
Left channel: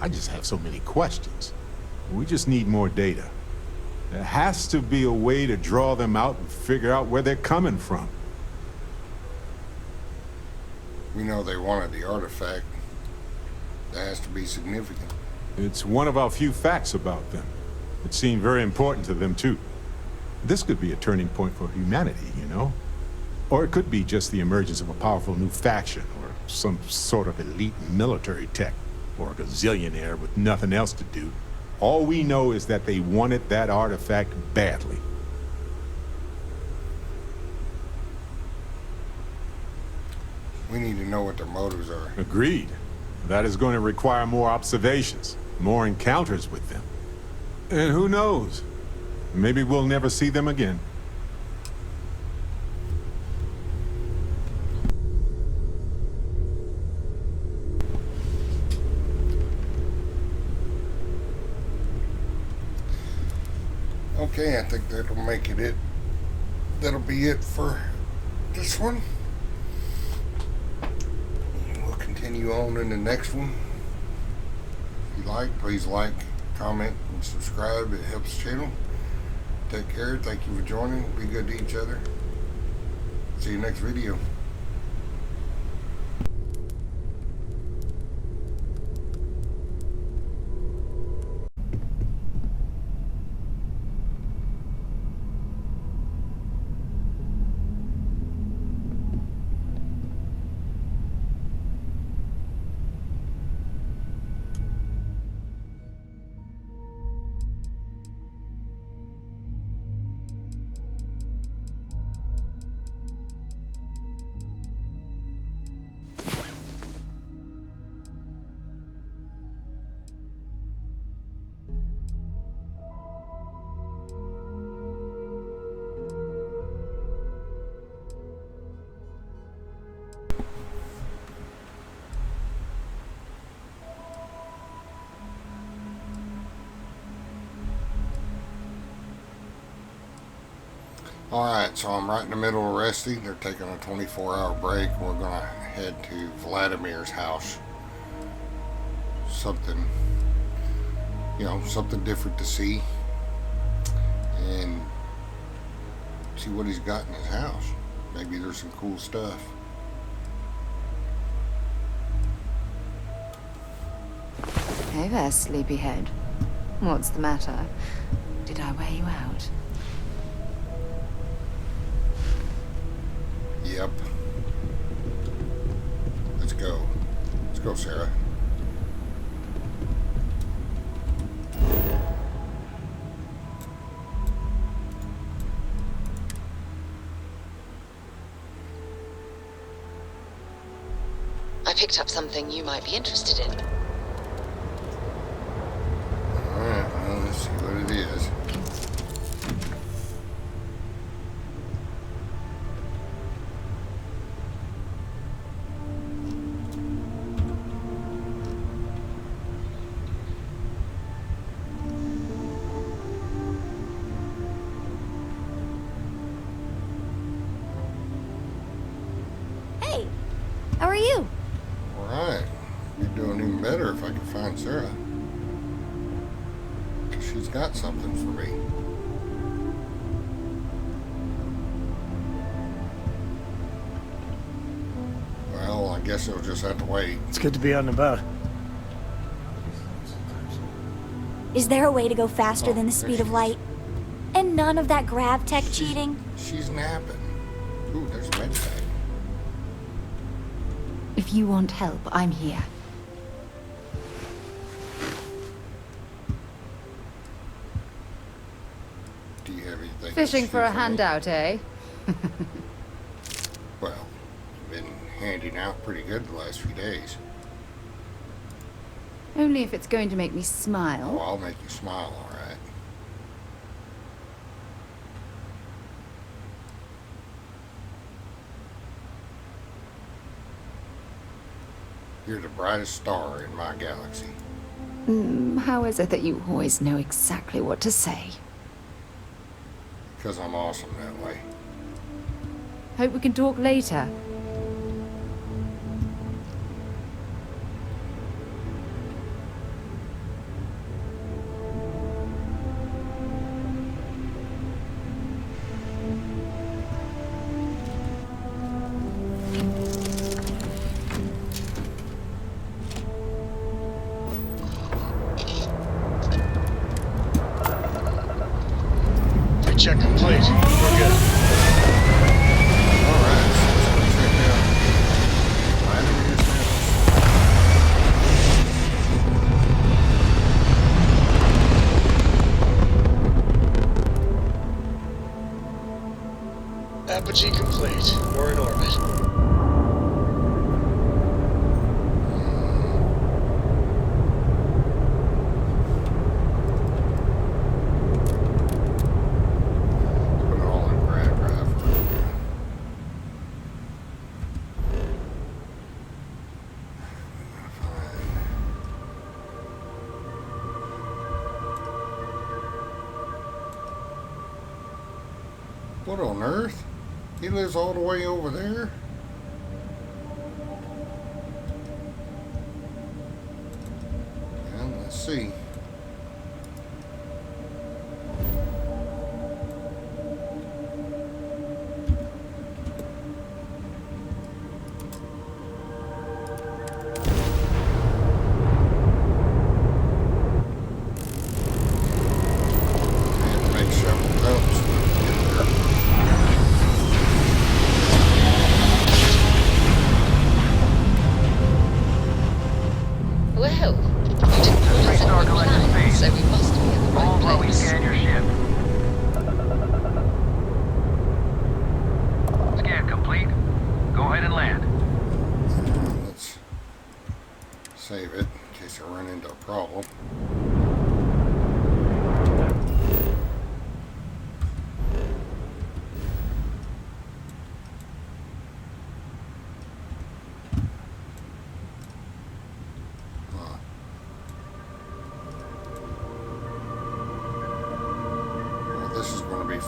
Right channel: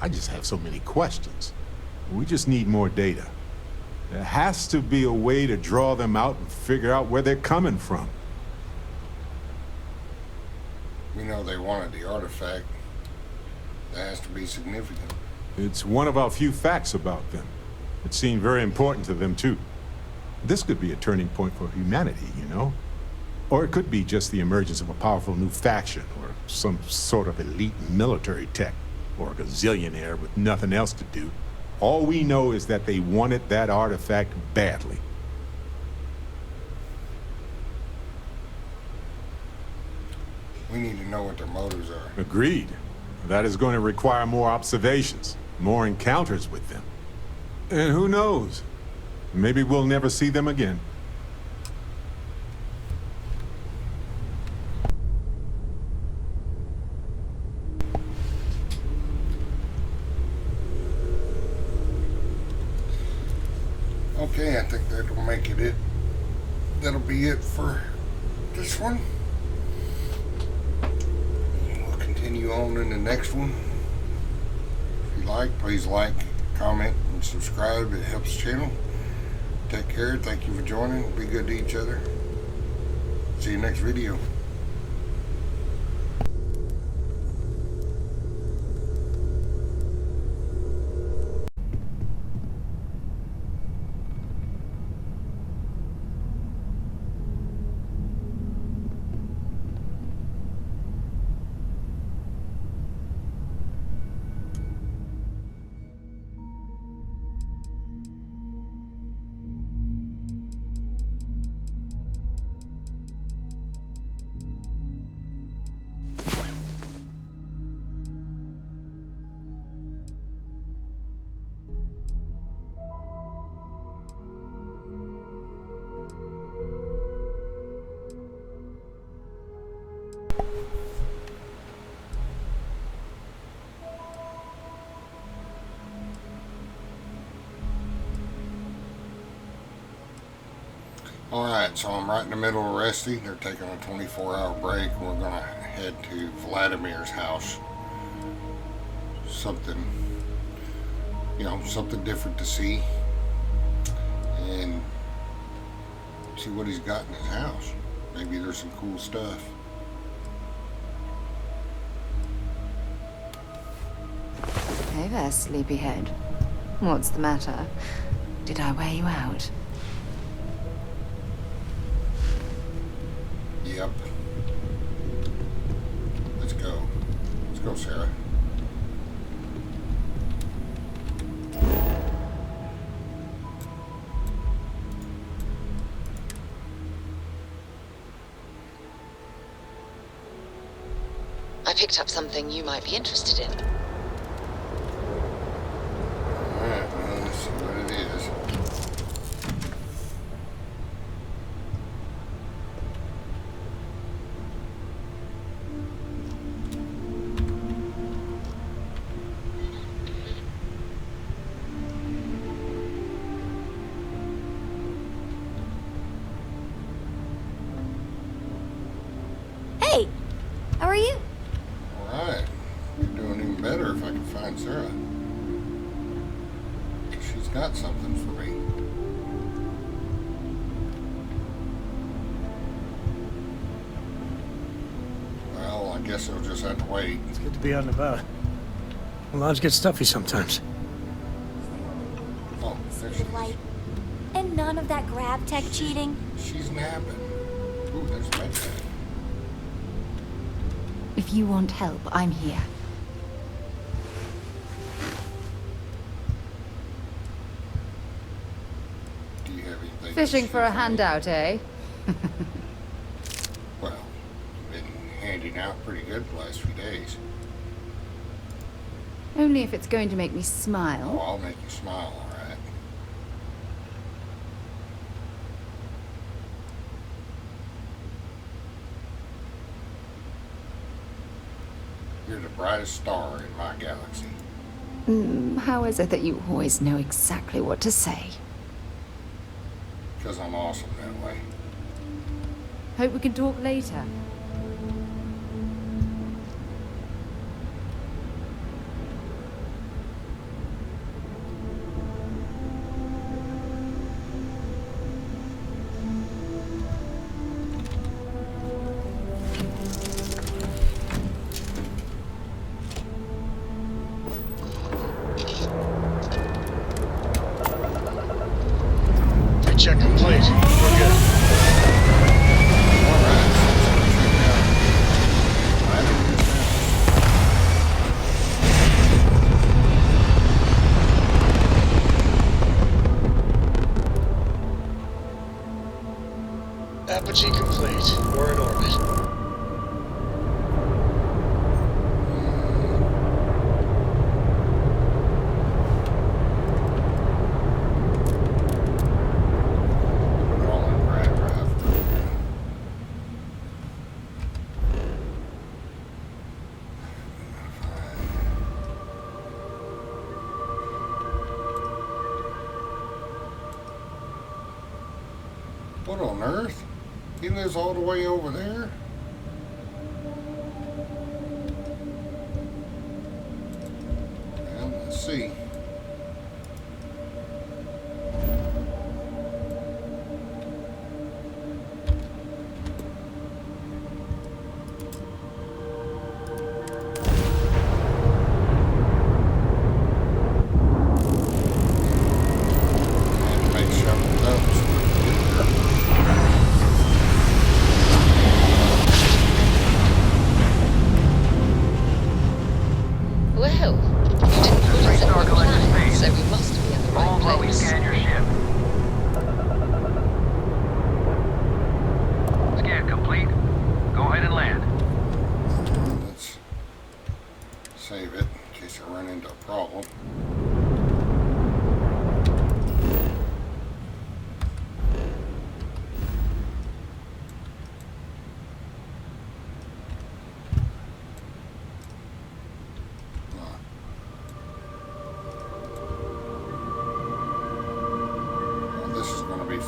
I just have so many questions. We just need more data. There has to be a way to draw them out and figure out where they're coming from. We know they wanted the artifact. That has to be significant. It's one of our few facts about them. It seemed very important to them, too. This could be a turning point for humanity, you know? Or it could be just the emergence of a powerful new faction, or some sort of elite military tech, or a gazillionaire with nothing else to do. All we know is that they wanted that artifact badly. We need to know what their motives are. Agreed. That is going to require more observations, more encounters with them. And who knows? Maybe we'll never see them again. Okay, I think that'll make it. That'll be it for this one. We'll continue on in the next one. If you like, please like, comment, and subscribe. It helps the channel. Take care. Thank you for joining. Be good to each other. See you next video. Alright, so I'm right in the middle of resting. They're taking a 24-hour break. We're gonna head to Valadimer's house. Something, you know, something different to see. And see what he's got in his house. Maybe there's some cool stuff. Hey there, sleepyhead. What's the matter? Did I wear you out? Yep. Let's go. Let's go, Sara. I picked up something you might be interested in. Alright, well, let's see what it is. Hey, how are you? Alright. You're doing even better if I can find Sara. Because she's got something for me. Well, I guess it'll just have to wait. It's good to be out and about. The lodge gets stuffy sometimes. Is there a way to go faster than the speed of light? And none of that grav tech cheating? She's napping. Ooh, there's a med pack. If you want help, I'm here. Do you have anything? Fishing for a handout, eh? Well, you've been handing out pretty good the last few days. Only if it's going to make me smile. Oh, I'll make you smile, all right. You're the brightest star in my galaxy. How is it that you always know exactly what to say? Because I'm awesome that way. Hope we can talk later. Check complete. We're good. Apogee complete. We're in orbit. What on earth? He lives all the way over there? Well, let's see. Well, you didn't put us in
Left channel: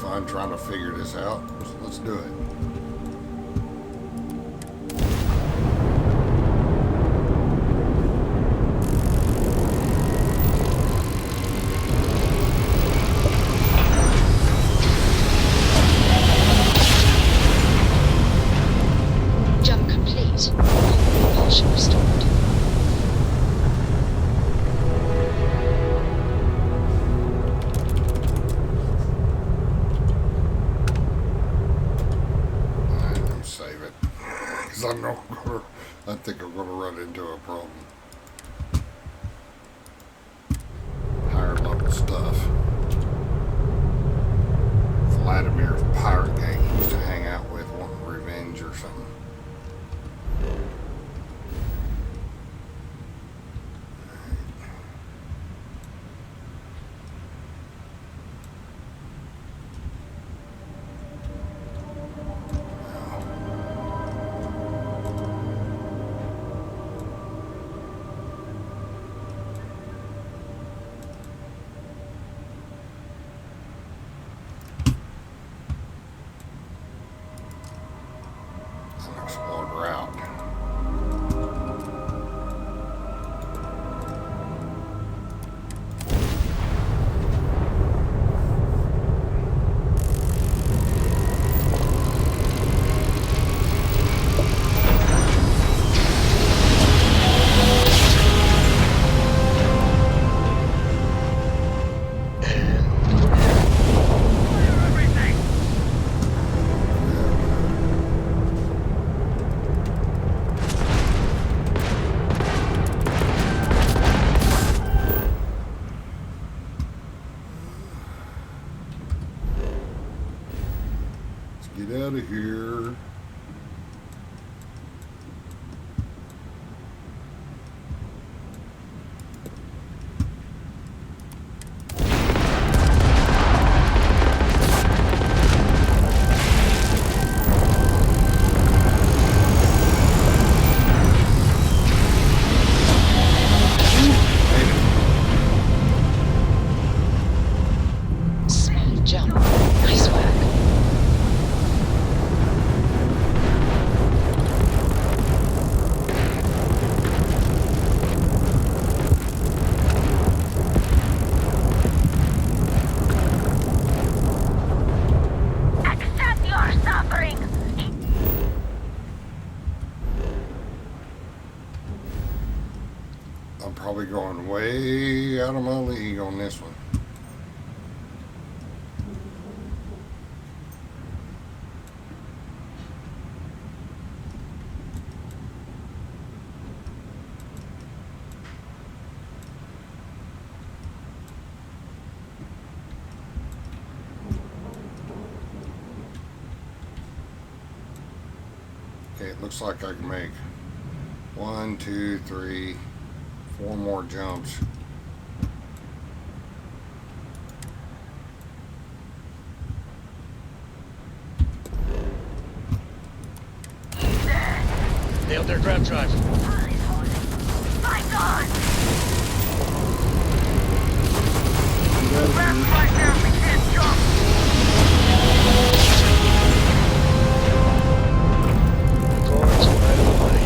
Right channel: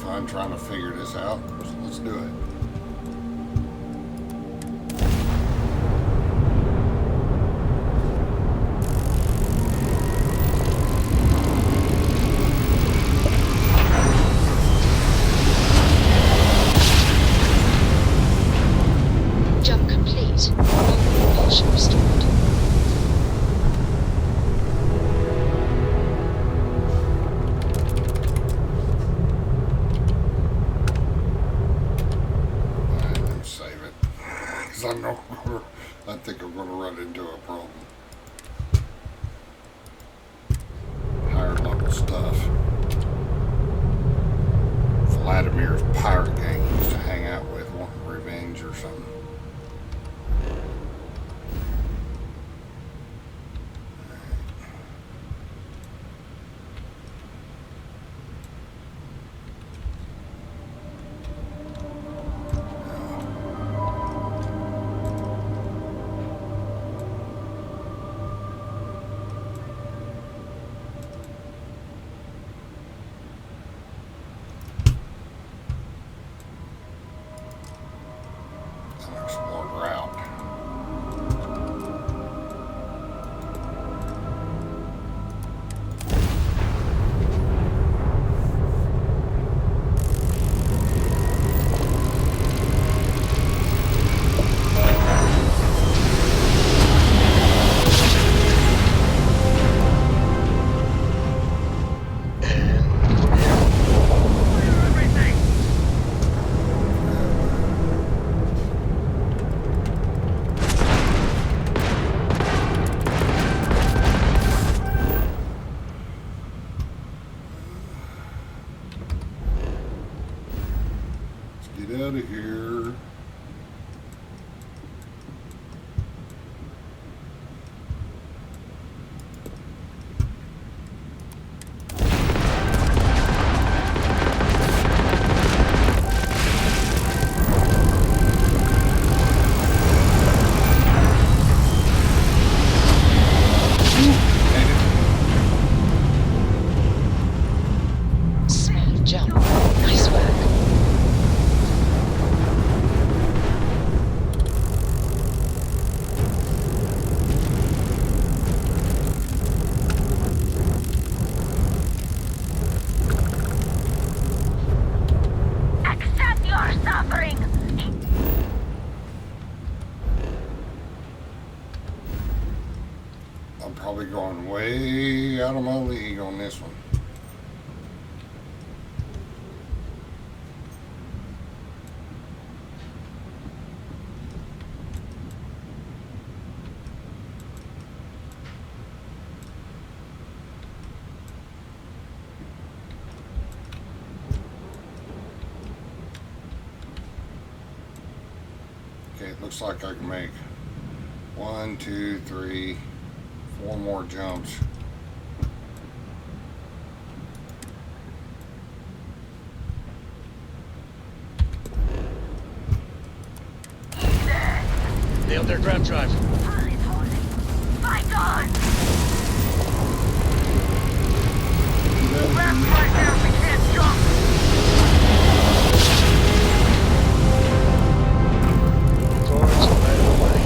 fun trying to figure this out. So let's do it. Jump complete. Normal propulsion restored. Save it. Because I think I'm going to run into a problem. Higher level stuff. Valadimer's pirate gang he used to hang out with, wanting revenge or something. Unexplored route. Get out of here. Smooth jump. Nice work. Accept your suffering! I'm probably going way out of my league on this one. Okay, it looks like I can make 1, 2, 3, 4 more jumps. Nailed their grab drive. Fight on! Grab right there if we can't jump! Cords right of the way.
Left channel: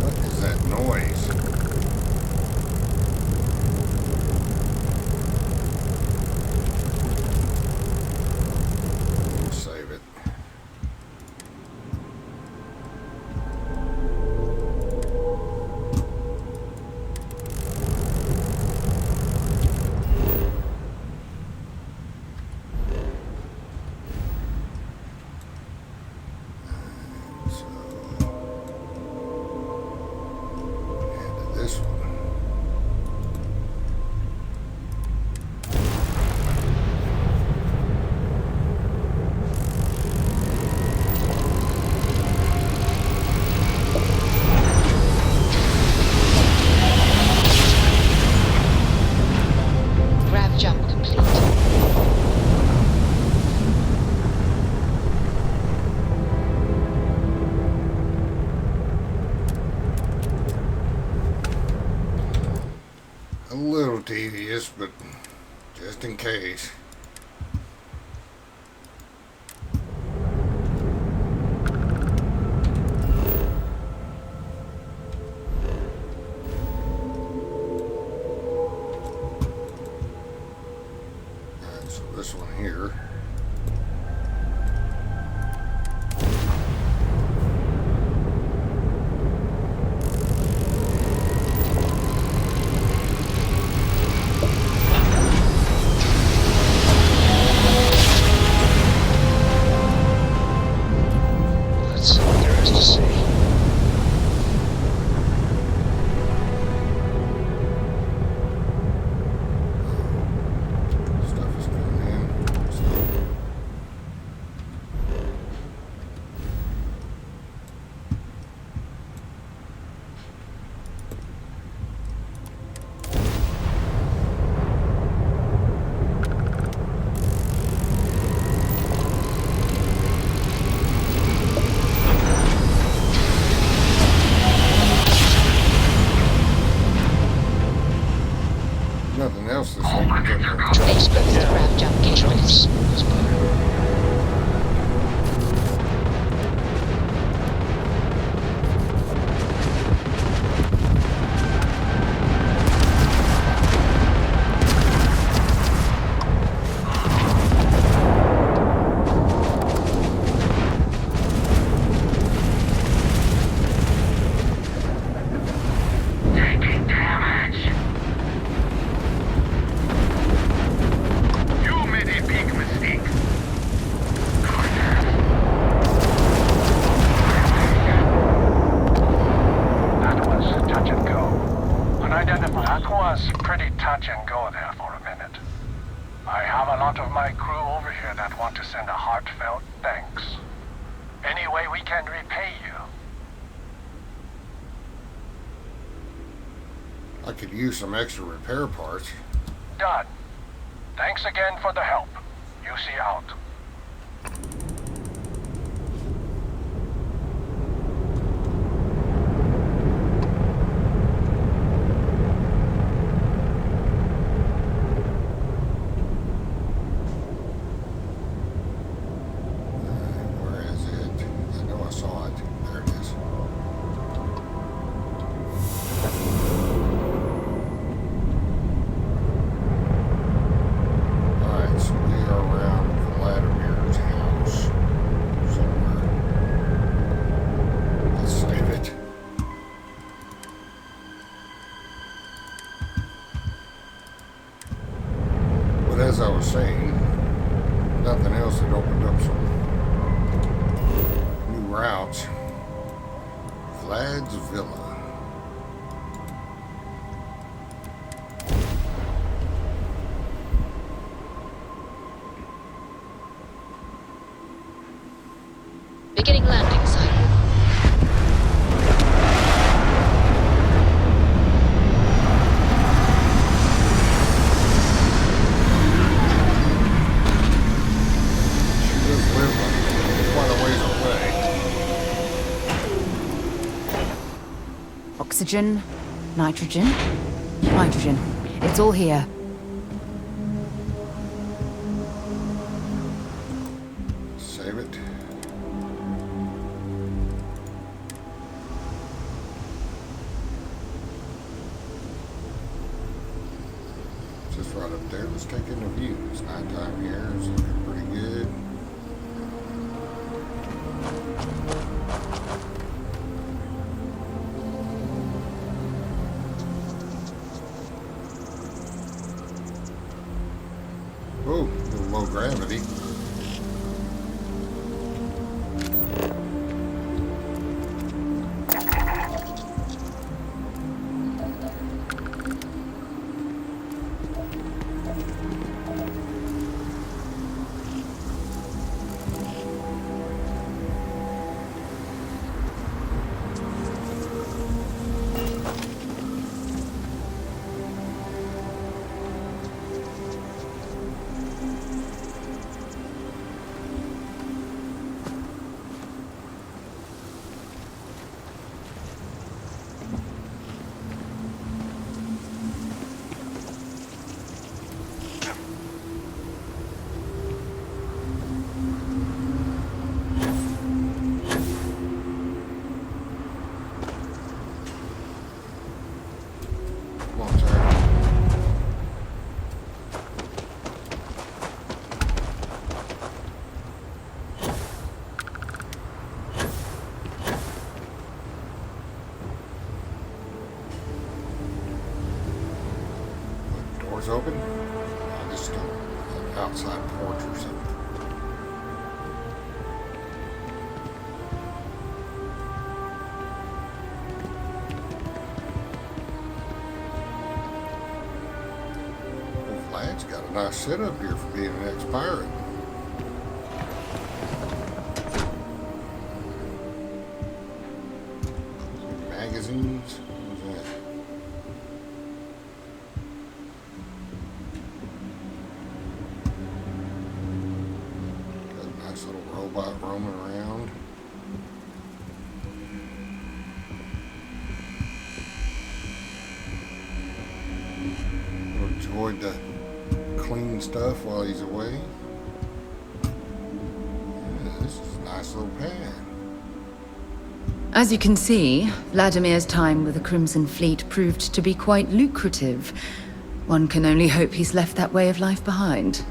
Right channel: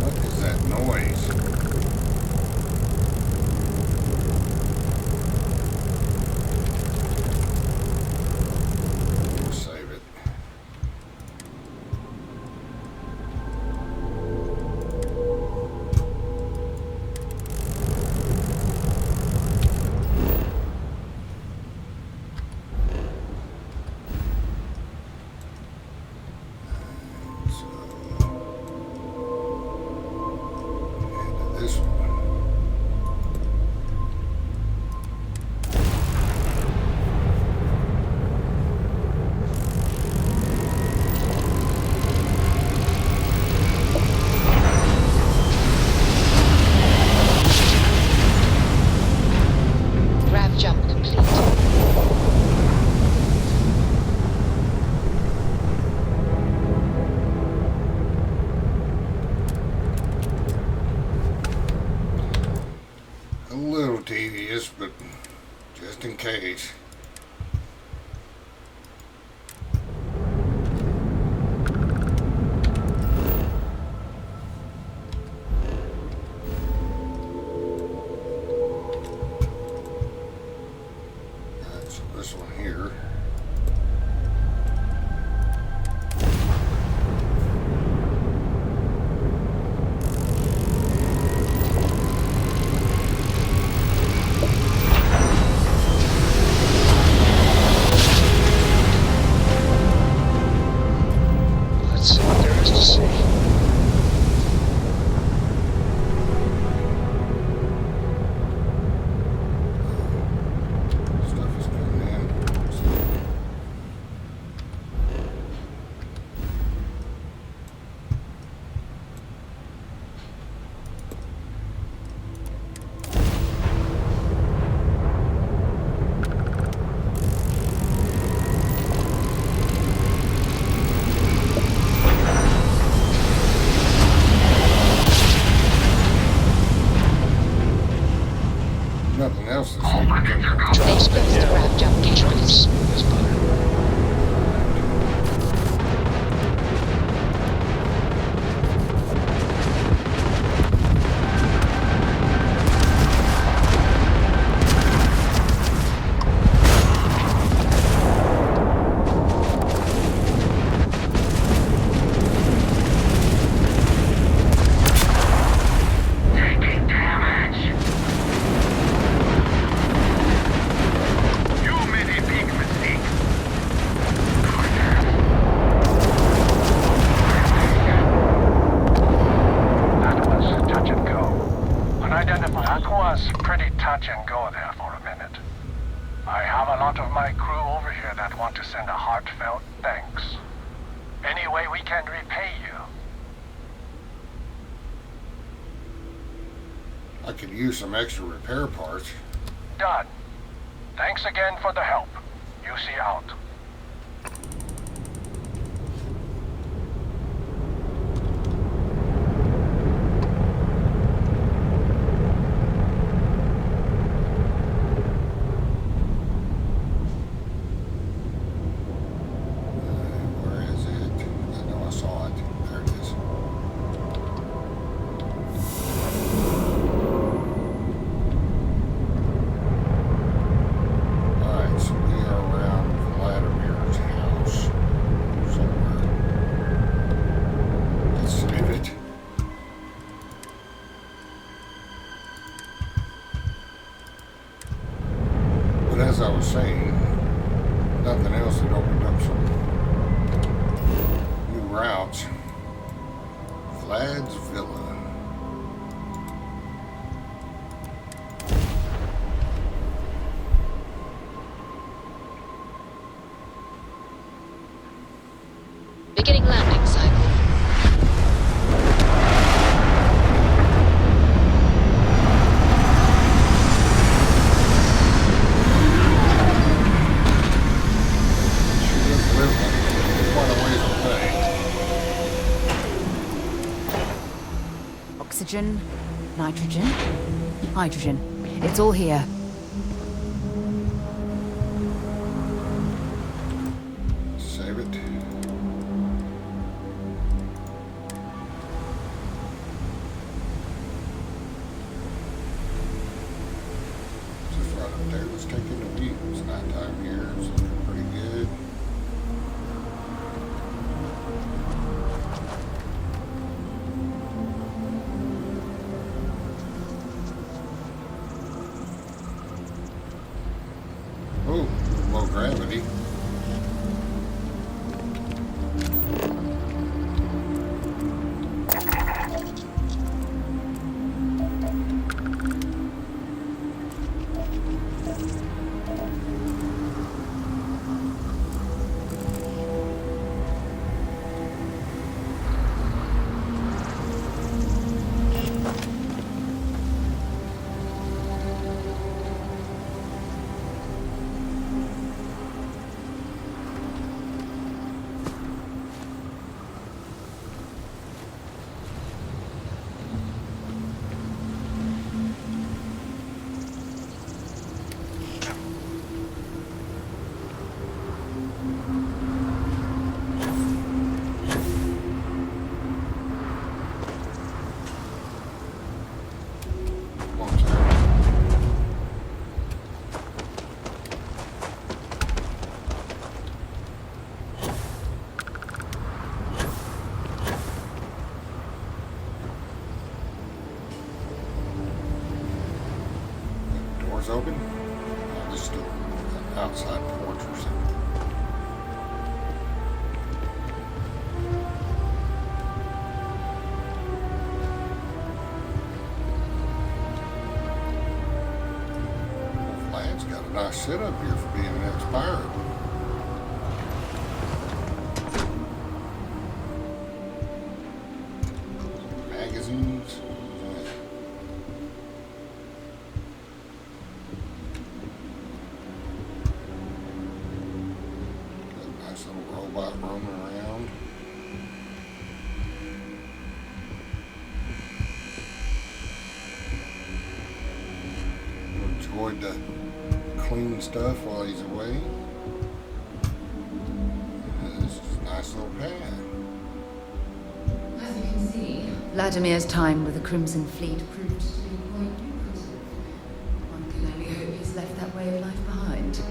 What is that noise? Save it. this, but just in case. Alright, so this one here. Let's see what there is to see. Stuff is coming in. Nothing else this week. They supposed to grab jump cables. That's better. Taking damage. You made a big mistake. That was touch and go. Unidentified. That was pretty touch and go there for a minute. I have a lot of my crew over here that want to send a heartfelt thanks. Any way we can repay you. I could use some extra repair parts. Done. Thanks again for the help. UC out. Where is it? I know I saw it. There it is. Alright, so we are around Valadimer's house somewhere. Let's save it. But as I was saying, nothing else had opened up some new routes. Vlad's Villa. Beginning landing cycle. She does live quite a ways away. Oxygen, nitrogen, hydrogen. It's all here. Save it. Just right up there. Let's take in the view. It's nighttime here. It's looking pretty good. Oh, a little low gravity. Doors open? Oh, this is still an outside porch or something. Well, Vlad's got a nice setup here for being an ex-pirate. Magazines. What is that? Got a nice little robot roaming around. Enjoyed the clean stuff while he's away. Yeah, this is a nice little pad. As you can see, Valadimer's time with the Crimson Fleet proved to be quite lucrative. One can only hope he's left that way of life behind.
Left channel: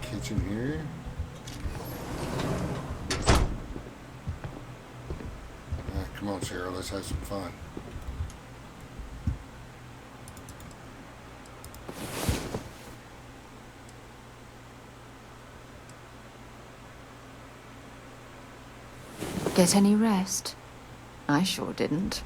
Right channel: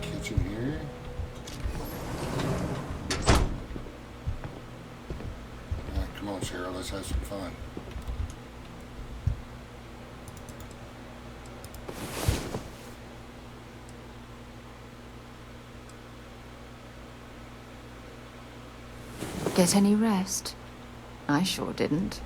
Kitchen here. Come on, Sara, let's have some fun. Get any rest? I sure didn't.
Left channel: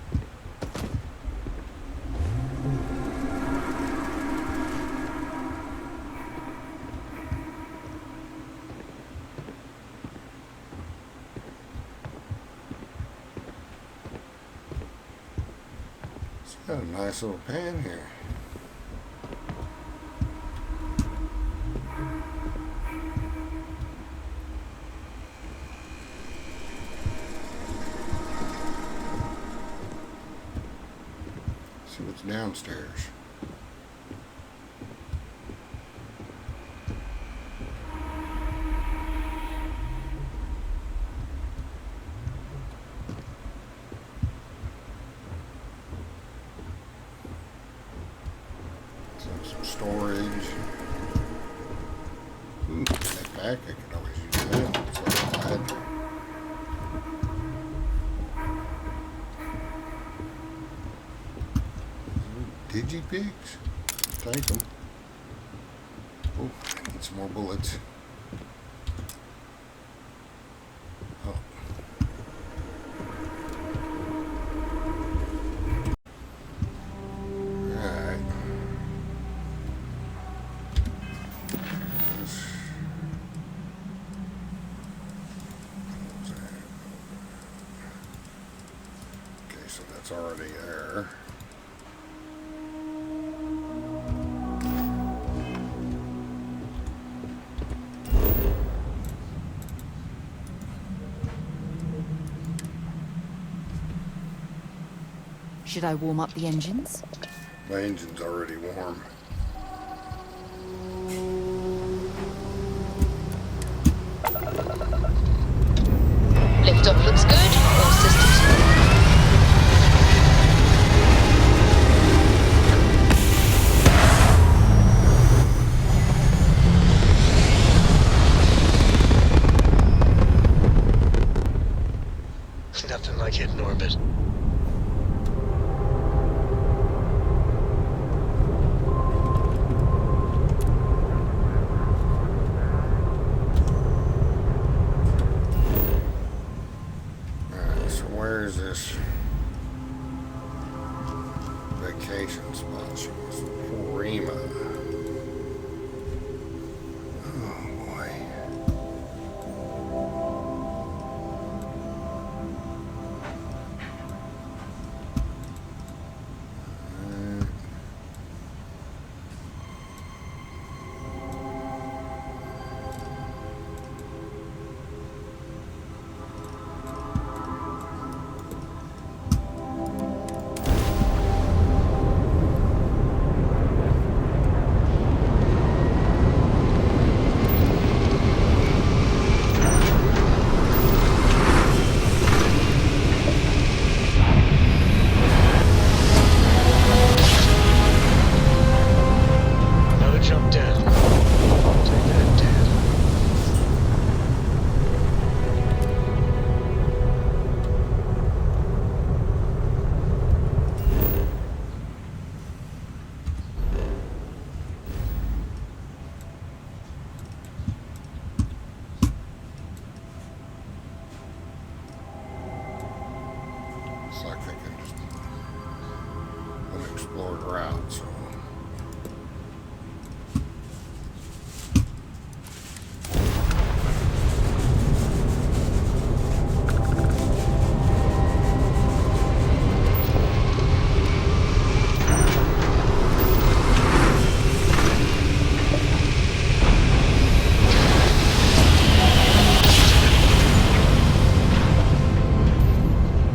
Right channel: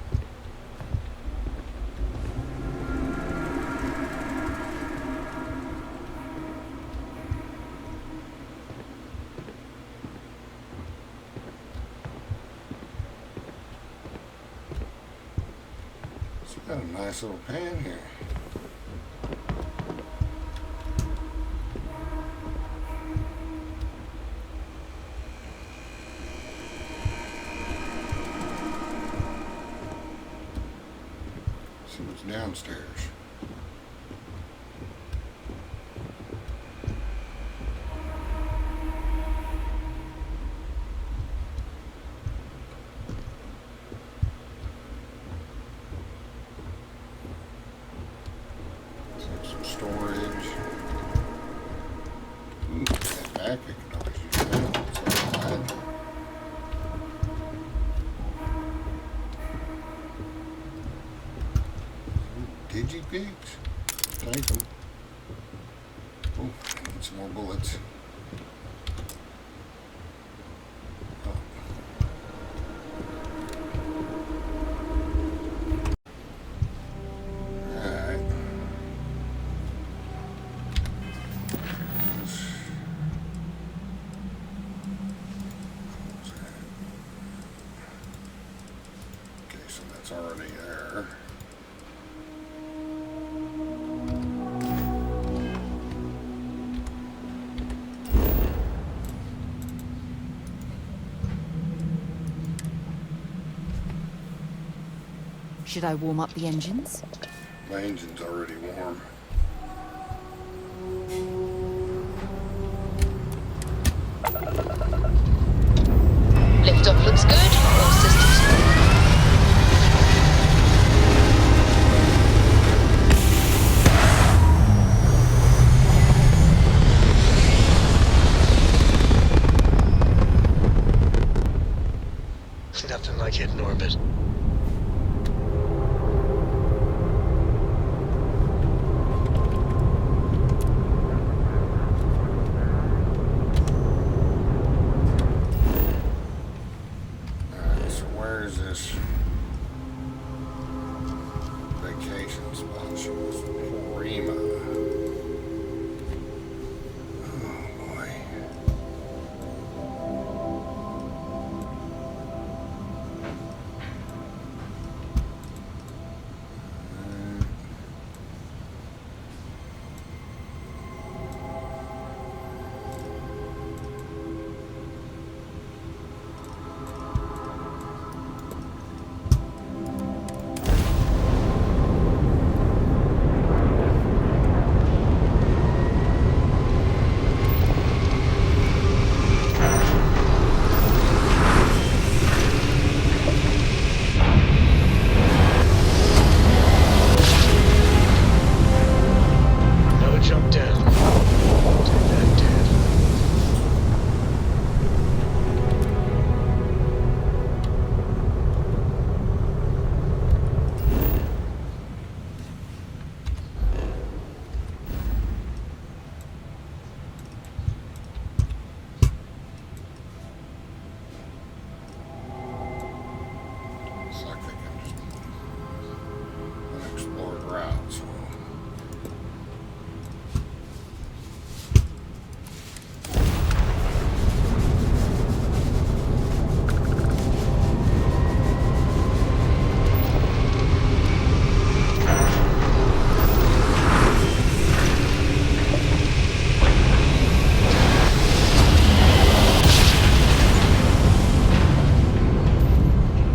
Got a nice little pan here. See what's downstairs. Some storage. Ooh, that back, I could always use that. Digipigs? Take them. Oh, I need some more bullets. Oh. Alright. Okay, so that's already there. Should I warm up the engines? My engine's already warm. Liftoff looks good. All systems go. Nothing like hitting orbit. Alright, so where is this vacation spot? She was Porima. Oh boy. explored route, so.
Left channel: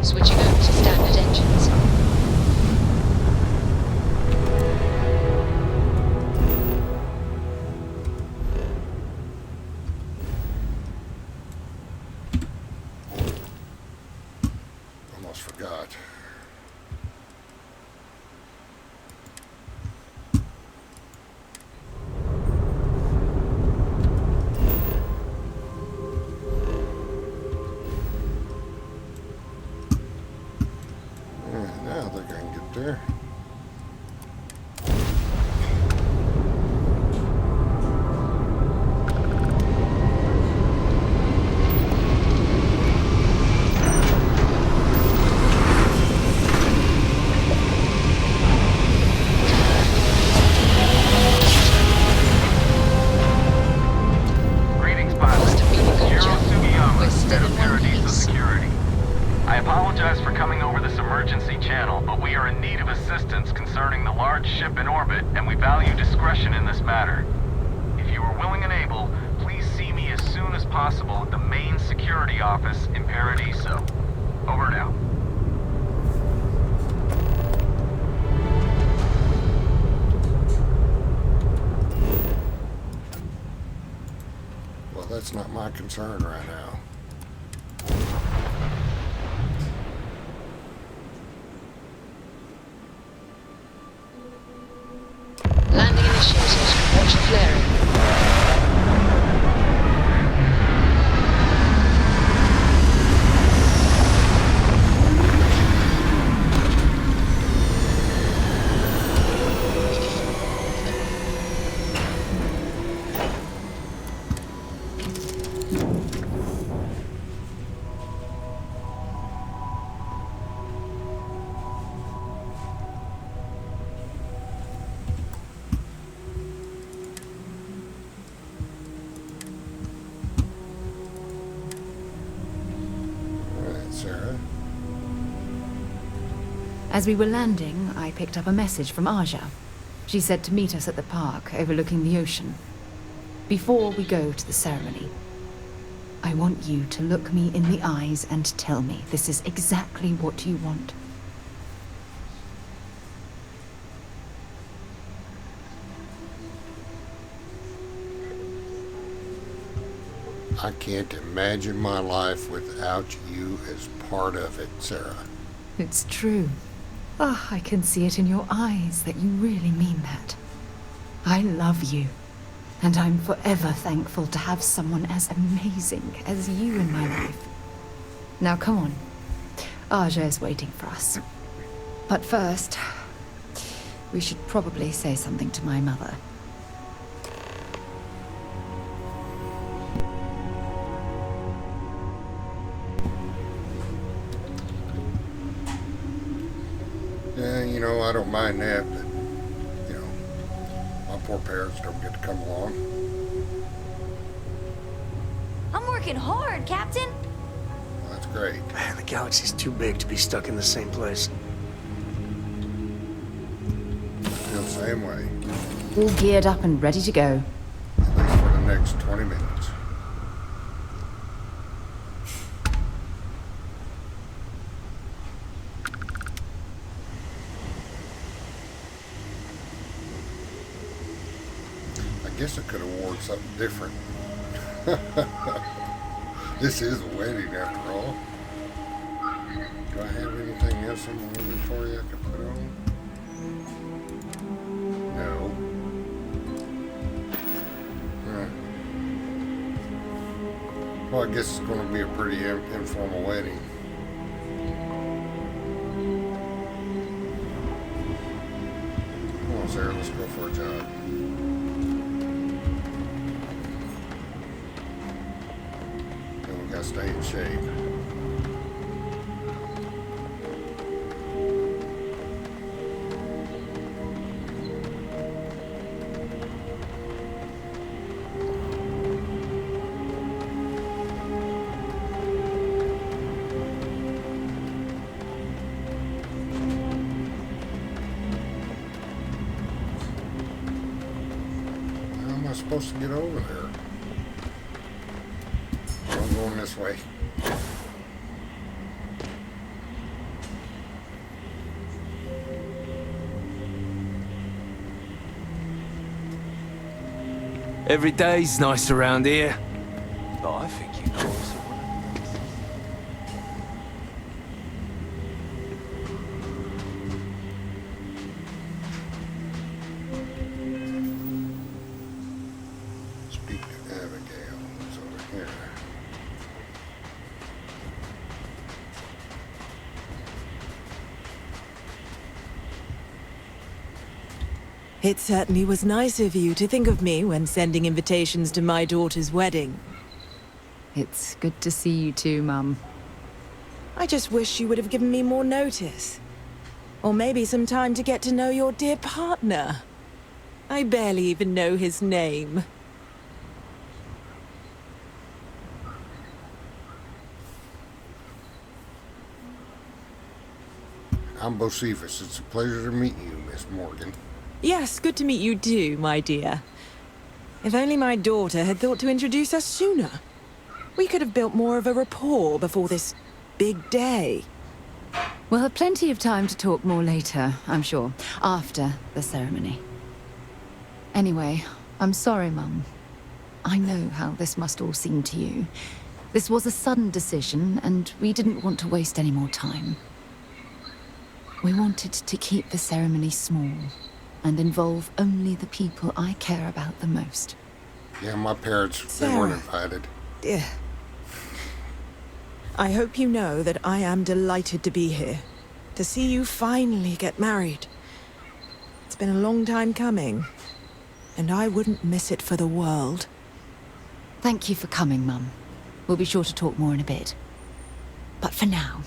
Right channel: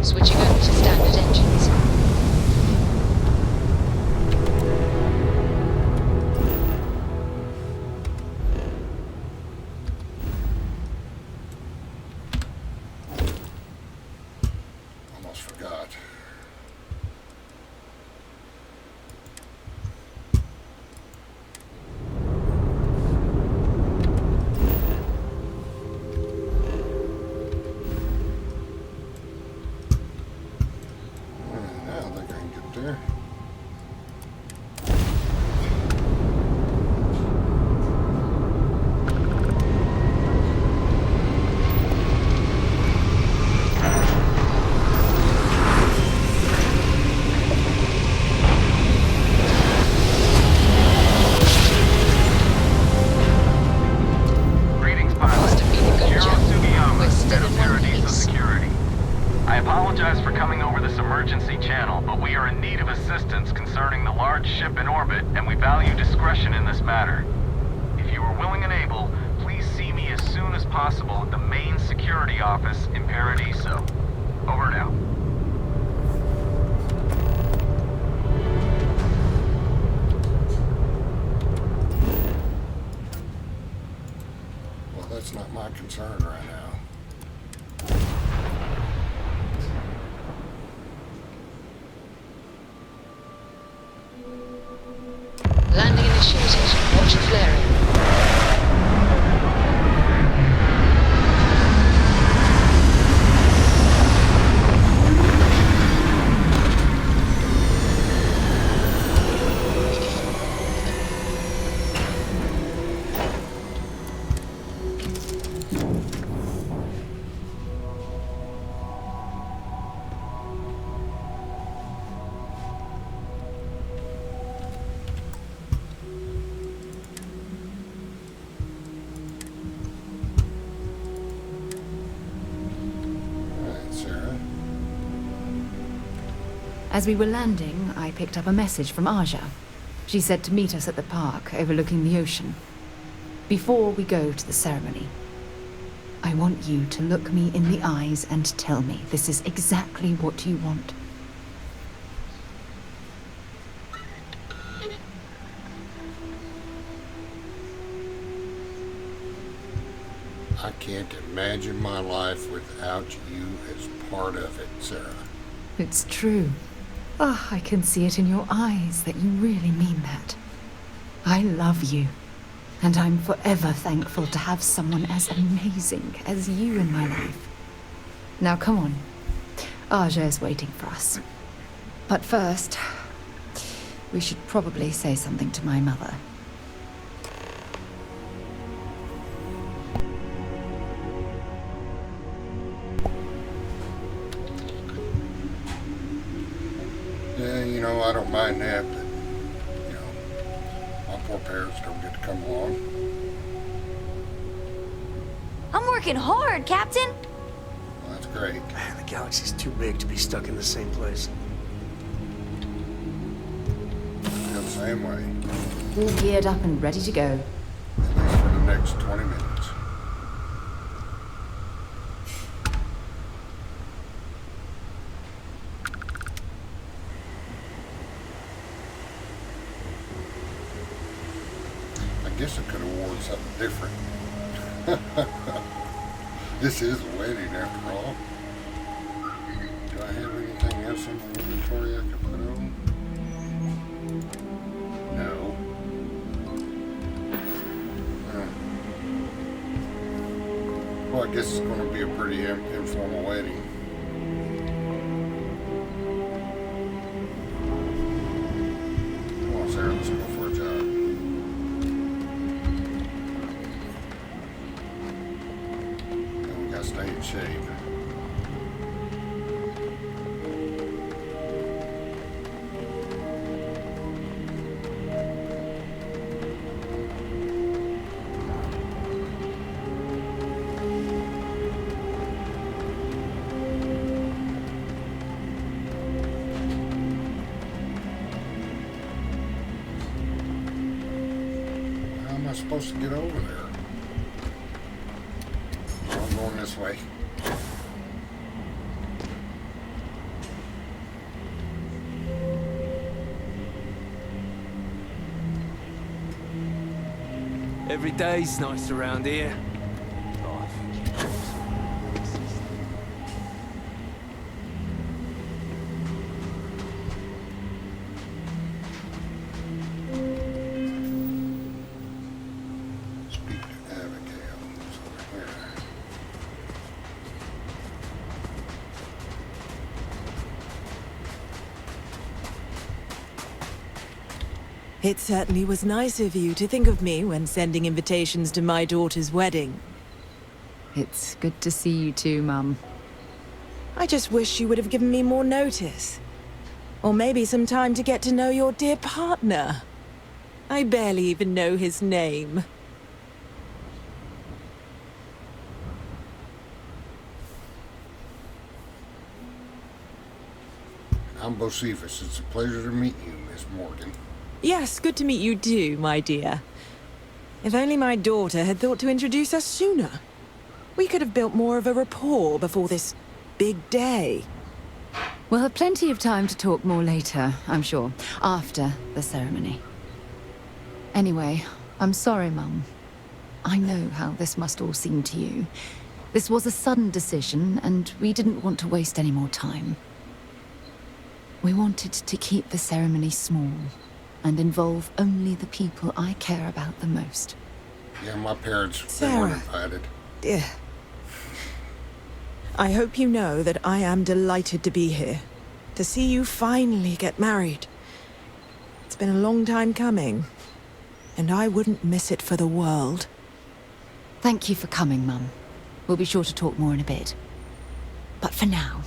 Switching over to standard engines. Almost forgot. Now I think I can get there. Greetings, pilot. Must have been a good Hiro job. Sugiyama, We're still head of in one Paradiso piece. Security. I apologize for coming over this emergency channel, but we are in need of assistance concerning the large ship in orbit, and we value discretion in this matter. If you are willing and able, please see me as soon as possible at the main security office in Paradiso. Over and out. Well, that's not my concern right now. Landing initiated. Watch for flaring. All right, Sarah. As we were landing, I picked up a message from Aja. She said to meet us at the park overlooking the ocean. Before we go to the ceremony, I want you to look me in the eyes and tell me this is exactly what you want. I can't imagine my life without you as part of it, Sarah. It's true. Ah, I can see it in your eyes that you really mean that. I love you, and I'm forever thankful to have someone as amazing as you in my life. Now come on. Aja is waiting for us. But first, we should probably say something to my mother. Yeah, you know, I don't mind that, but, you know, my poor parents don't get to come along. I'm working hard, Captain. Well, that's great. Man, the galaxy's too big to be stuck in the same place. I feel the same way, All geared up and ready to go. at least for the next 20 minutes. I guess I could have worn something different. This is a wedding after all. Do I have anything else in my inventory I can put on? No. Well, I guess it's going to be a pretty informal wedding. Come on, Sarah, let's go for a jog. And we got to stay in shape. supposed to get over there? I'm going this way. Every day's nice around here. Oh, I think you know us. Speak to Abigail. It's over here. It certainly was nice of you to think of me when sending invitations to my daughter's wedding. It's good to see you too, Mum. I just wish you would have given me more notice. Or maybe some time to get to know your dear partner. I barely even know his name. I'm Boceifus. It's a pleasure to meet you, Miss Morgan. Yes, good to meet you too, my dear. If only my daughter had thought to introduce us sooner. We could have built more of a rapport before this big day. We'll have plenty of time to talk more later, I'm sure, after the ceremony. Anyway, I'm sorry, Mum. I know how this must all seem to you. This was a sudden decision, and we didn't want to waste any more time. We wanted to keep the ceremony small and involve only the people I care about the most. Yeah, my parents, they Sara. weren't invited. Dear. I hope you know that I am delighted to be here. To see you finally get married. It's been a long time coming. And I wouldn't miss it for the world. Thank you for coming, Mum. We'll be sure to talk more in a bit. But for now,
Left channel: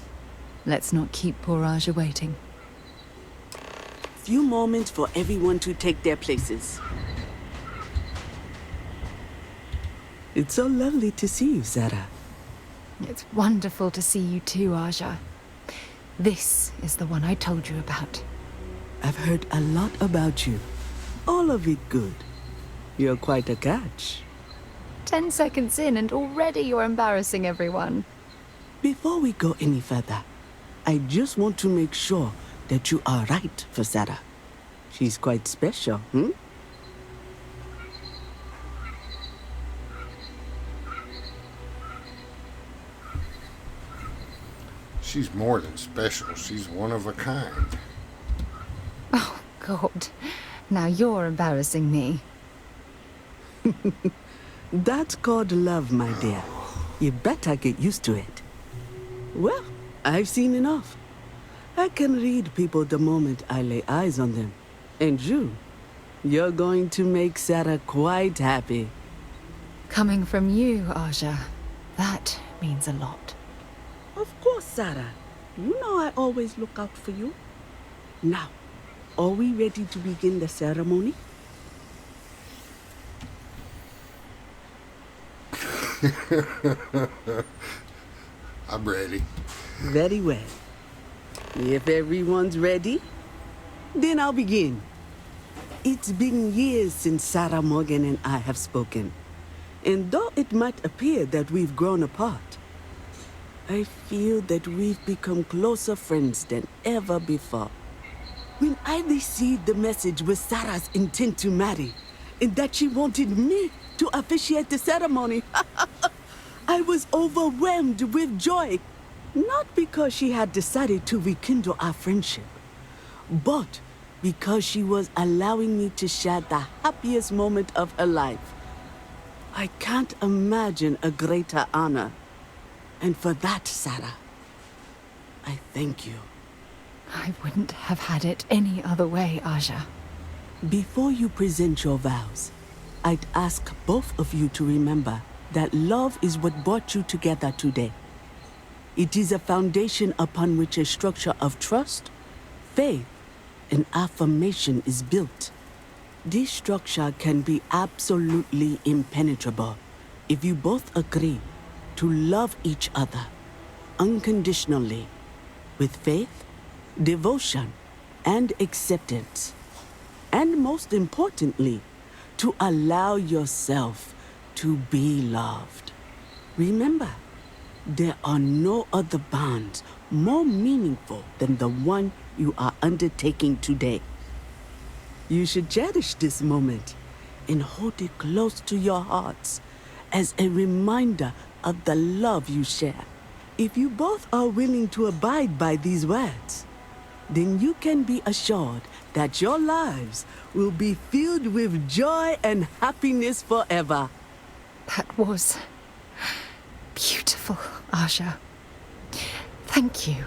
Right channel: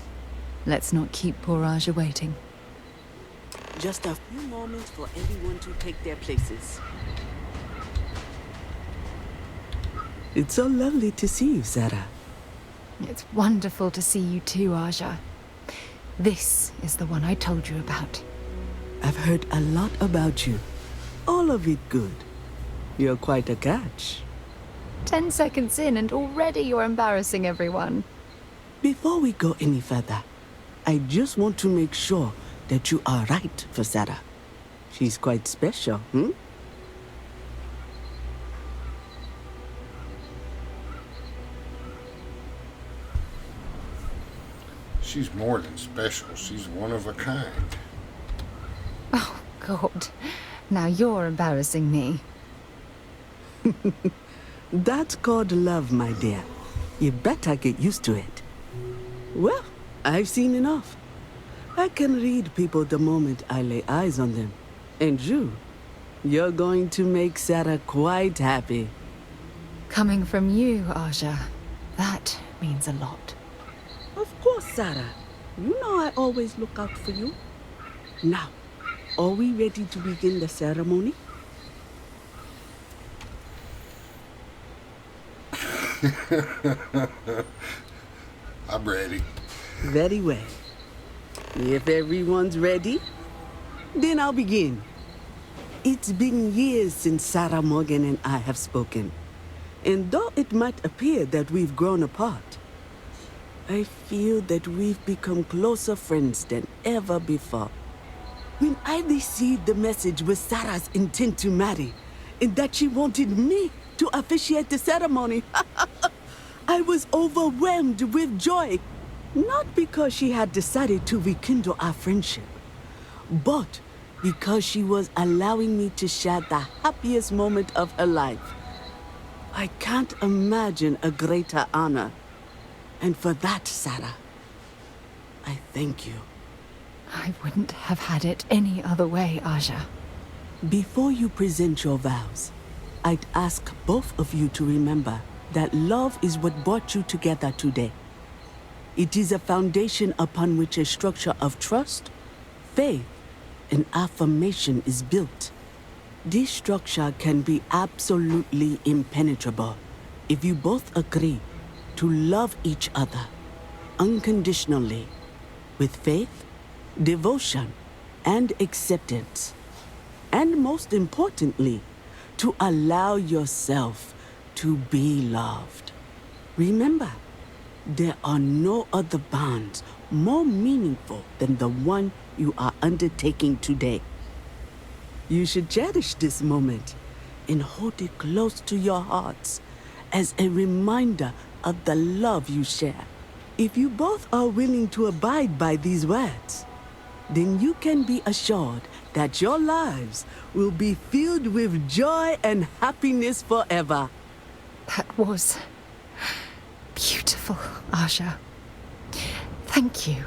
let's not keep poor Aja waiting. Just a few moments for everyone to take their places. It's so lovely to see you, Sara. It's wonderful to see you too, Aja. This is the one I told you about. I've heard a lot about you. All of it good. You're quite a catch. 10 seconds in and already you're embarrassing everyone. Before we go any further, I just want to make sure that you are right for Sara. She's quite special, hmm? She's more than special. She's one of a kind. Oh, God. Now you're embarrassing me. That's called love, my dear. You better get used to it. Well, I've seen enough. I can read people the moment I lay eyes on them. And you're going to make Sara quite happy. Coming from you, Aja, that means a lot. Of course, Sara. You know I always look out for you. Now, are we ready to begin the ceremony? I'm ready. Very well. If everyone's ready, then I'll begin. It's been years since Sara Morgan and I have spoken. And though it might appear that we've grown apart, I feel that we've become closer friends than ever before. When I received the message with Sara's intent to marry, and that she wanted me to officiate the ceremony, I was overwhelmed with joy. Not because she had decided to rekindle our friendship, but because she was allowing me to share the happiest moment of her life. I can't imagine a greater honor. And for that, Sara, I thank you. I wouldn't have had it any other way, Aja. Before you present your vows, I'd ask both of you to remember that love is what brought you together today. It is a foundation upon which a structure of trust, faith, and affirmation is built. This structure can be absolutely impenetrable if you both agree to love each other unconditionally, with faith, devotion, and acceptance. And most importantly, to allow yourself to be loved. Remember, there are no other bonds more meaningful than the one you are undertaking today. You should cherish this moment and hold it close to your hearts as a reminder of the love you share. If you both are willing to abide by these words, then you can be assured that your lives will be filled with joy and happiness forever. That was beautiful, Aja. Thank you.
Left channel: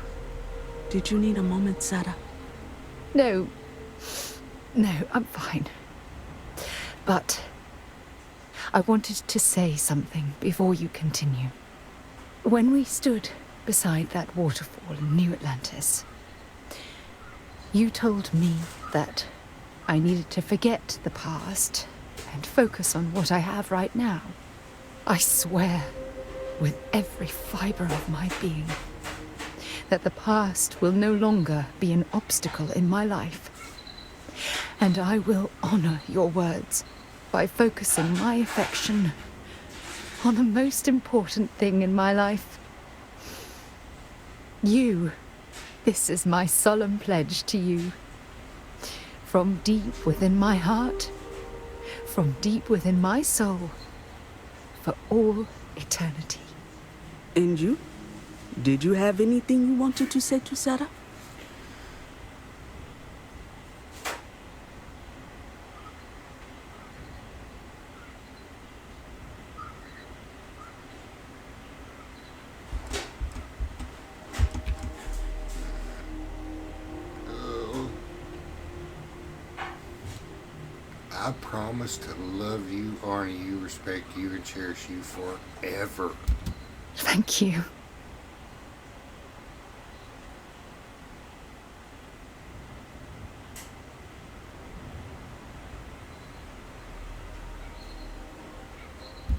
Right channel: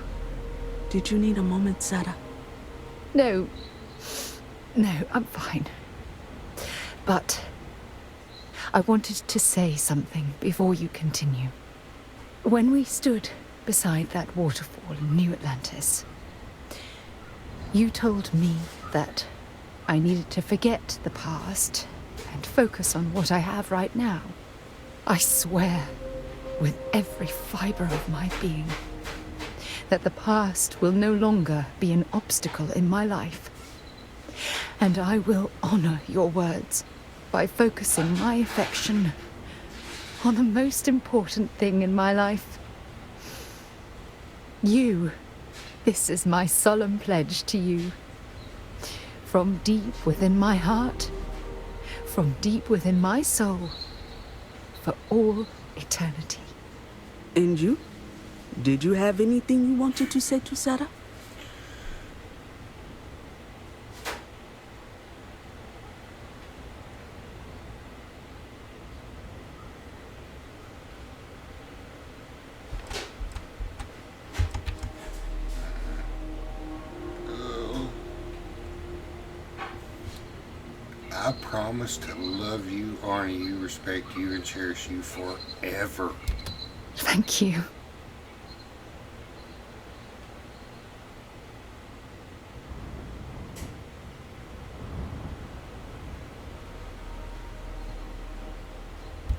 Did you need a moment, Sara? No, I'm fine. But I wanted to say something before you continue. When we stood beside that waterfall in New Atlantis, you told me that I needed to forget the past and focus on what I have right now. I swear, with every fiber of my being, that the past will no longer be an obstacle in my life. And I will honor your words by focusing my affection on the most important thing in my life. You. This is my solemn pledge to you. From deep within my heart, from deep within my soul, for all eternity. And you? Did you have anything you wanted to say to Sara? I promise to love you, honor you, respect you, and cherish you forever. Thank you.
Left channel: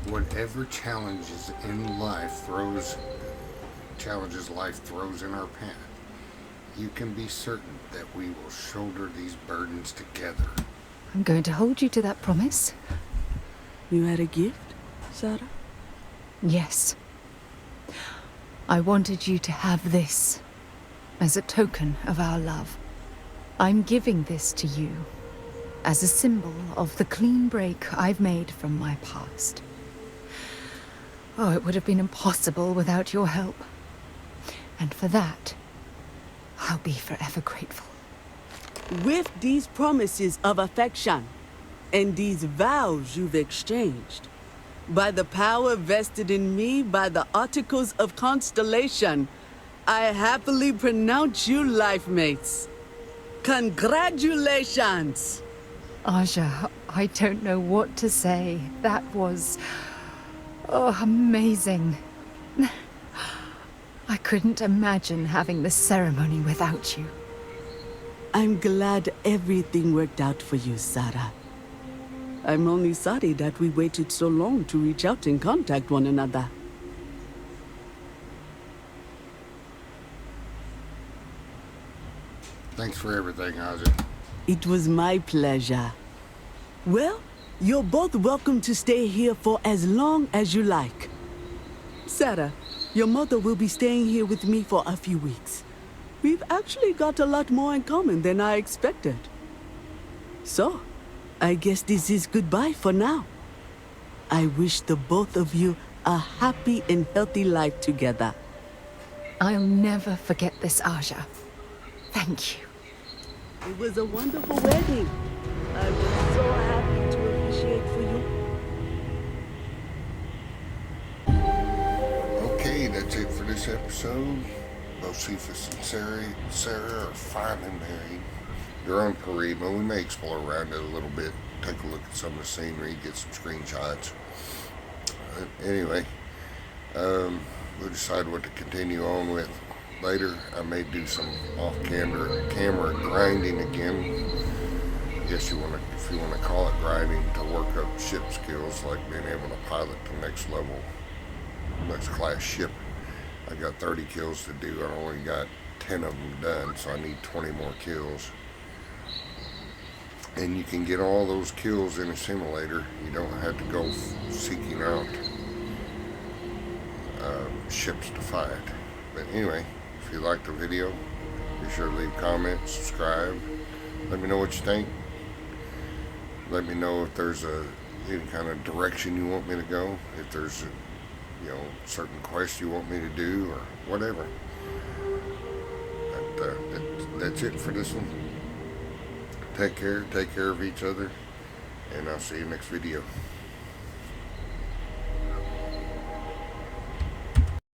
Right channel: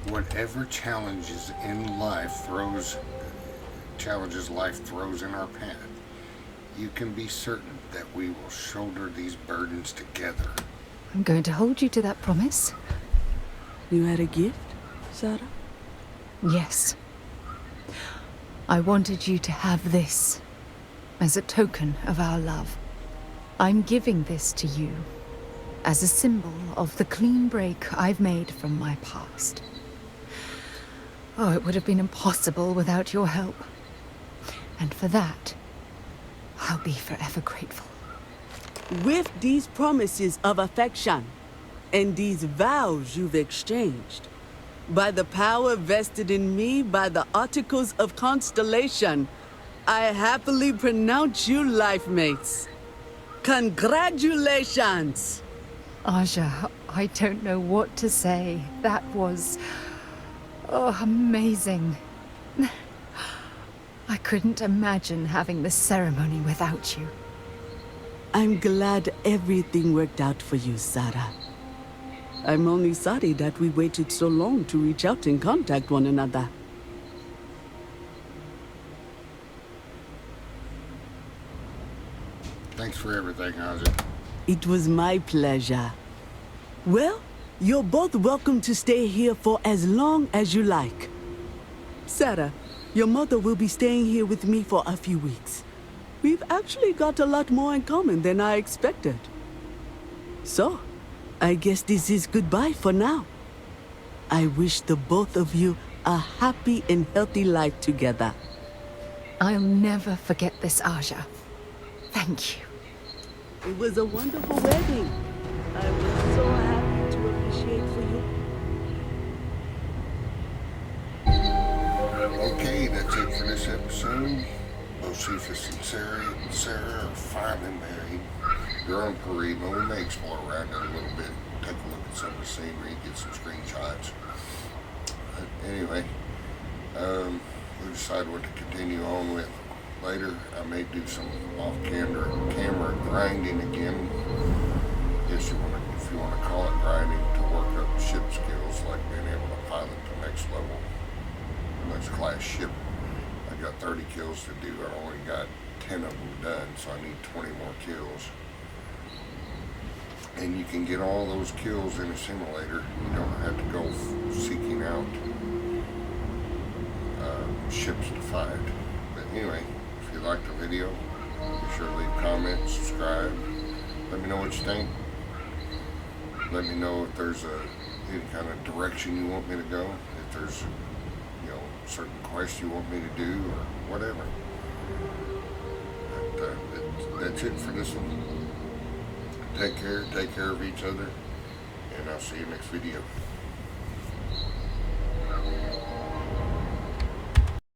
Whatever challenges life throws in our path, you can be certain that we will shoulder these burdens together. I'm going to hold you to that promise. You had a gift, Sara? Yes. I wanted you to have this as a token of our love. I'm giving this to you as a symbol of the clean break I've made from my past. Oh, it would have been impossible without your help. And for that, I'll be forever grateful. With these promises of affection and these vows you've exchanged, by the power vested in me by the Articles of Constellation, I happily pronounce you life mates. Congratulations! Aja, I don't know what to say. That was... amazing. I couldn't imagine having the ceremony without you. I'm glad everything worked out for you, Sara. I'm only sorry that we waited so long to reach out and contact one another. Thanks for everything, Aja. It was my pleasure. Well, you're both welcome to stay here for as long as you like. Sara, your mother will be staying here with me for a few weeks. We've actually got a lot more in common than I expected. So, I guess this is goodbye for now. I wish the both of you a happy and healthy life together. I'll never forget this, Aja. Thank you. It was a wonderful wedding. I was so happy to officiate for you. Okay, that's it for this episode. Boceifus and Sara are finally married. They're on Parima. We may explore around it a little bit, take a look at some of the scenery, get some screenshots. Anyway, we'll decide what to continue on with later. I may do some off-camera grinding again. I guess if you want to call it grinding, to work up ship skills, like being able to pilot the next level, next class ship. I got 30 kills to do. I only got 10 of them done, so I need 20 more kills. And you can get all those kills in a simulator. You don't have to go seeking out ships to fight. But anyway, if you liked the video, be sure to leave comments, subscribe. Let me know what you think. Let me know if there's any kind of direction you want me to go. If there's certain quests you want me to do or whatever. But that's it for this one. Take care of each other, and I'll see you next video.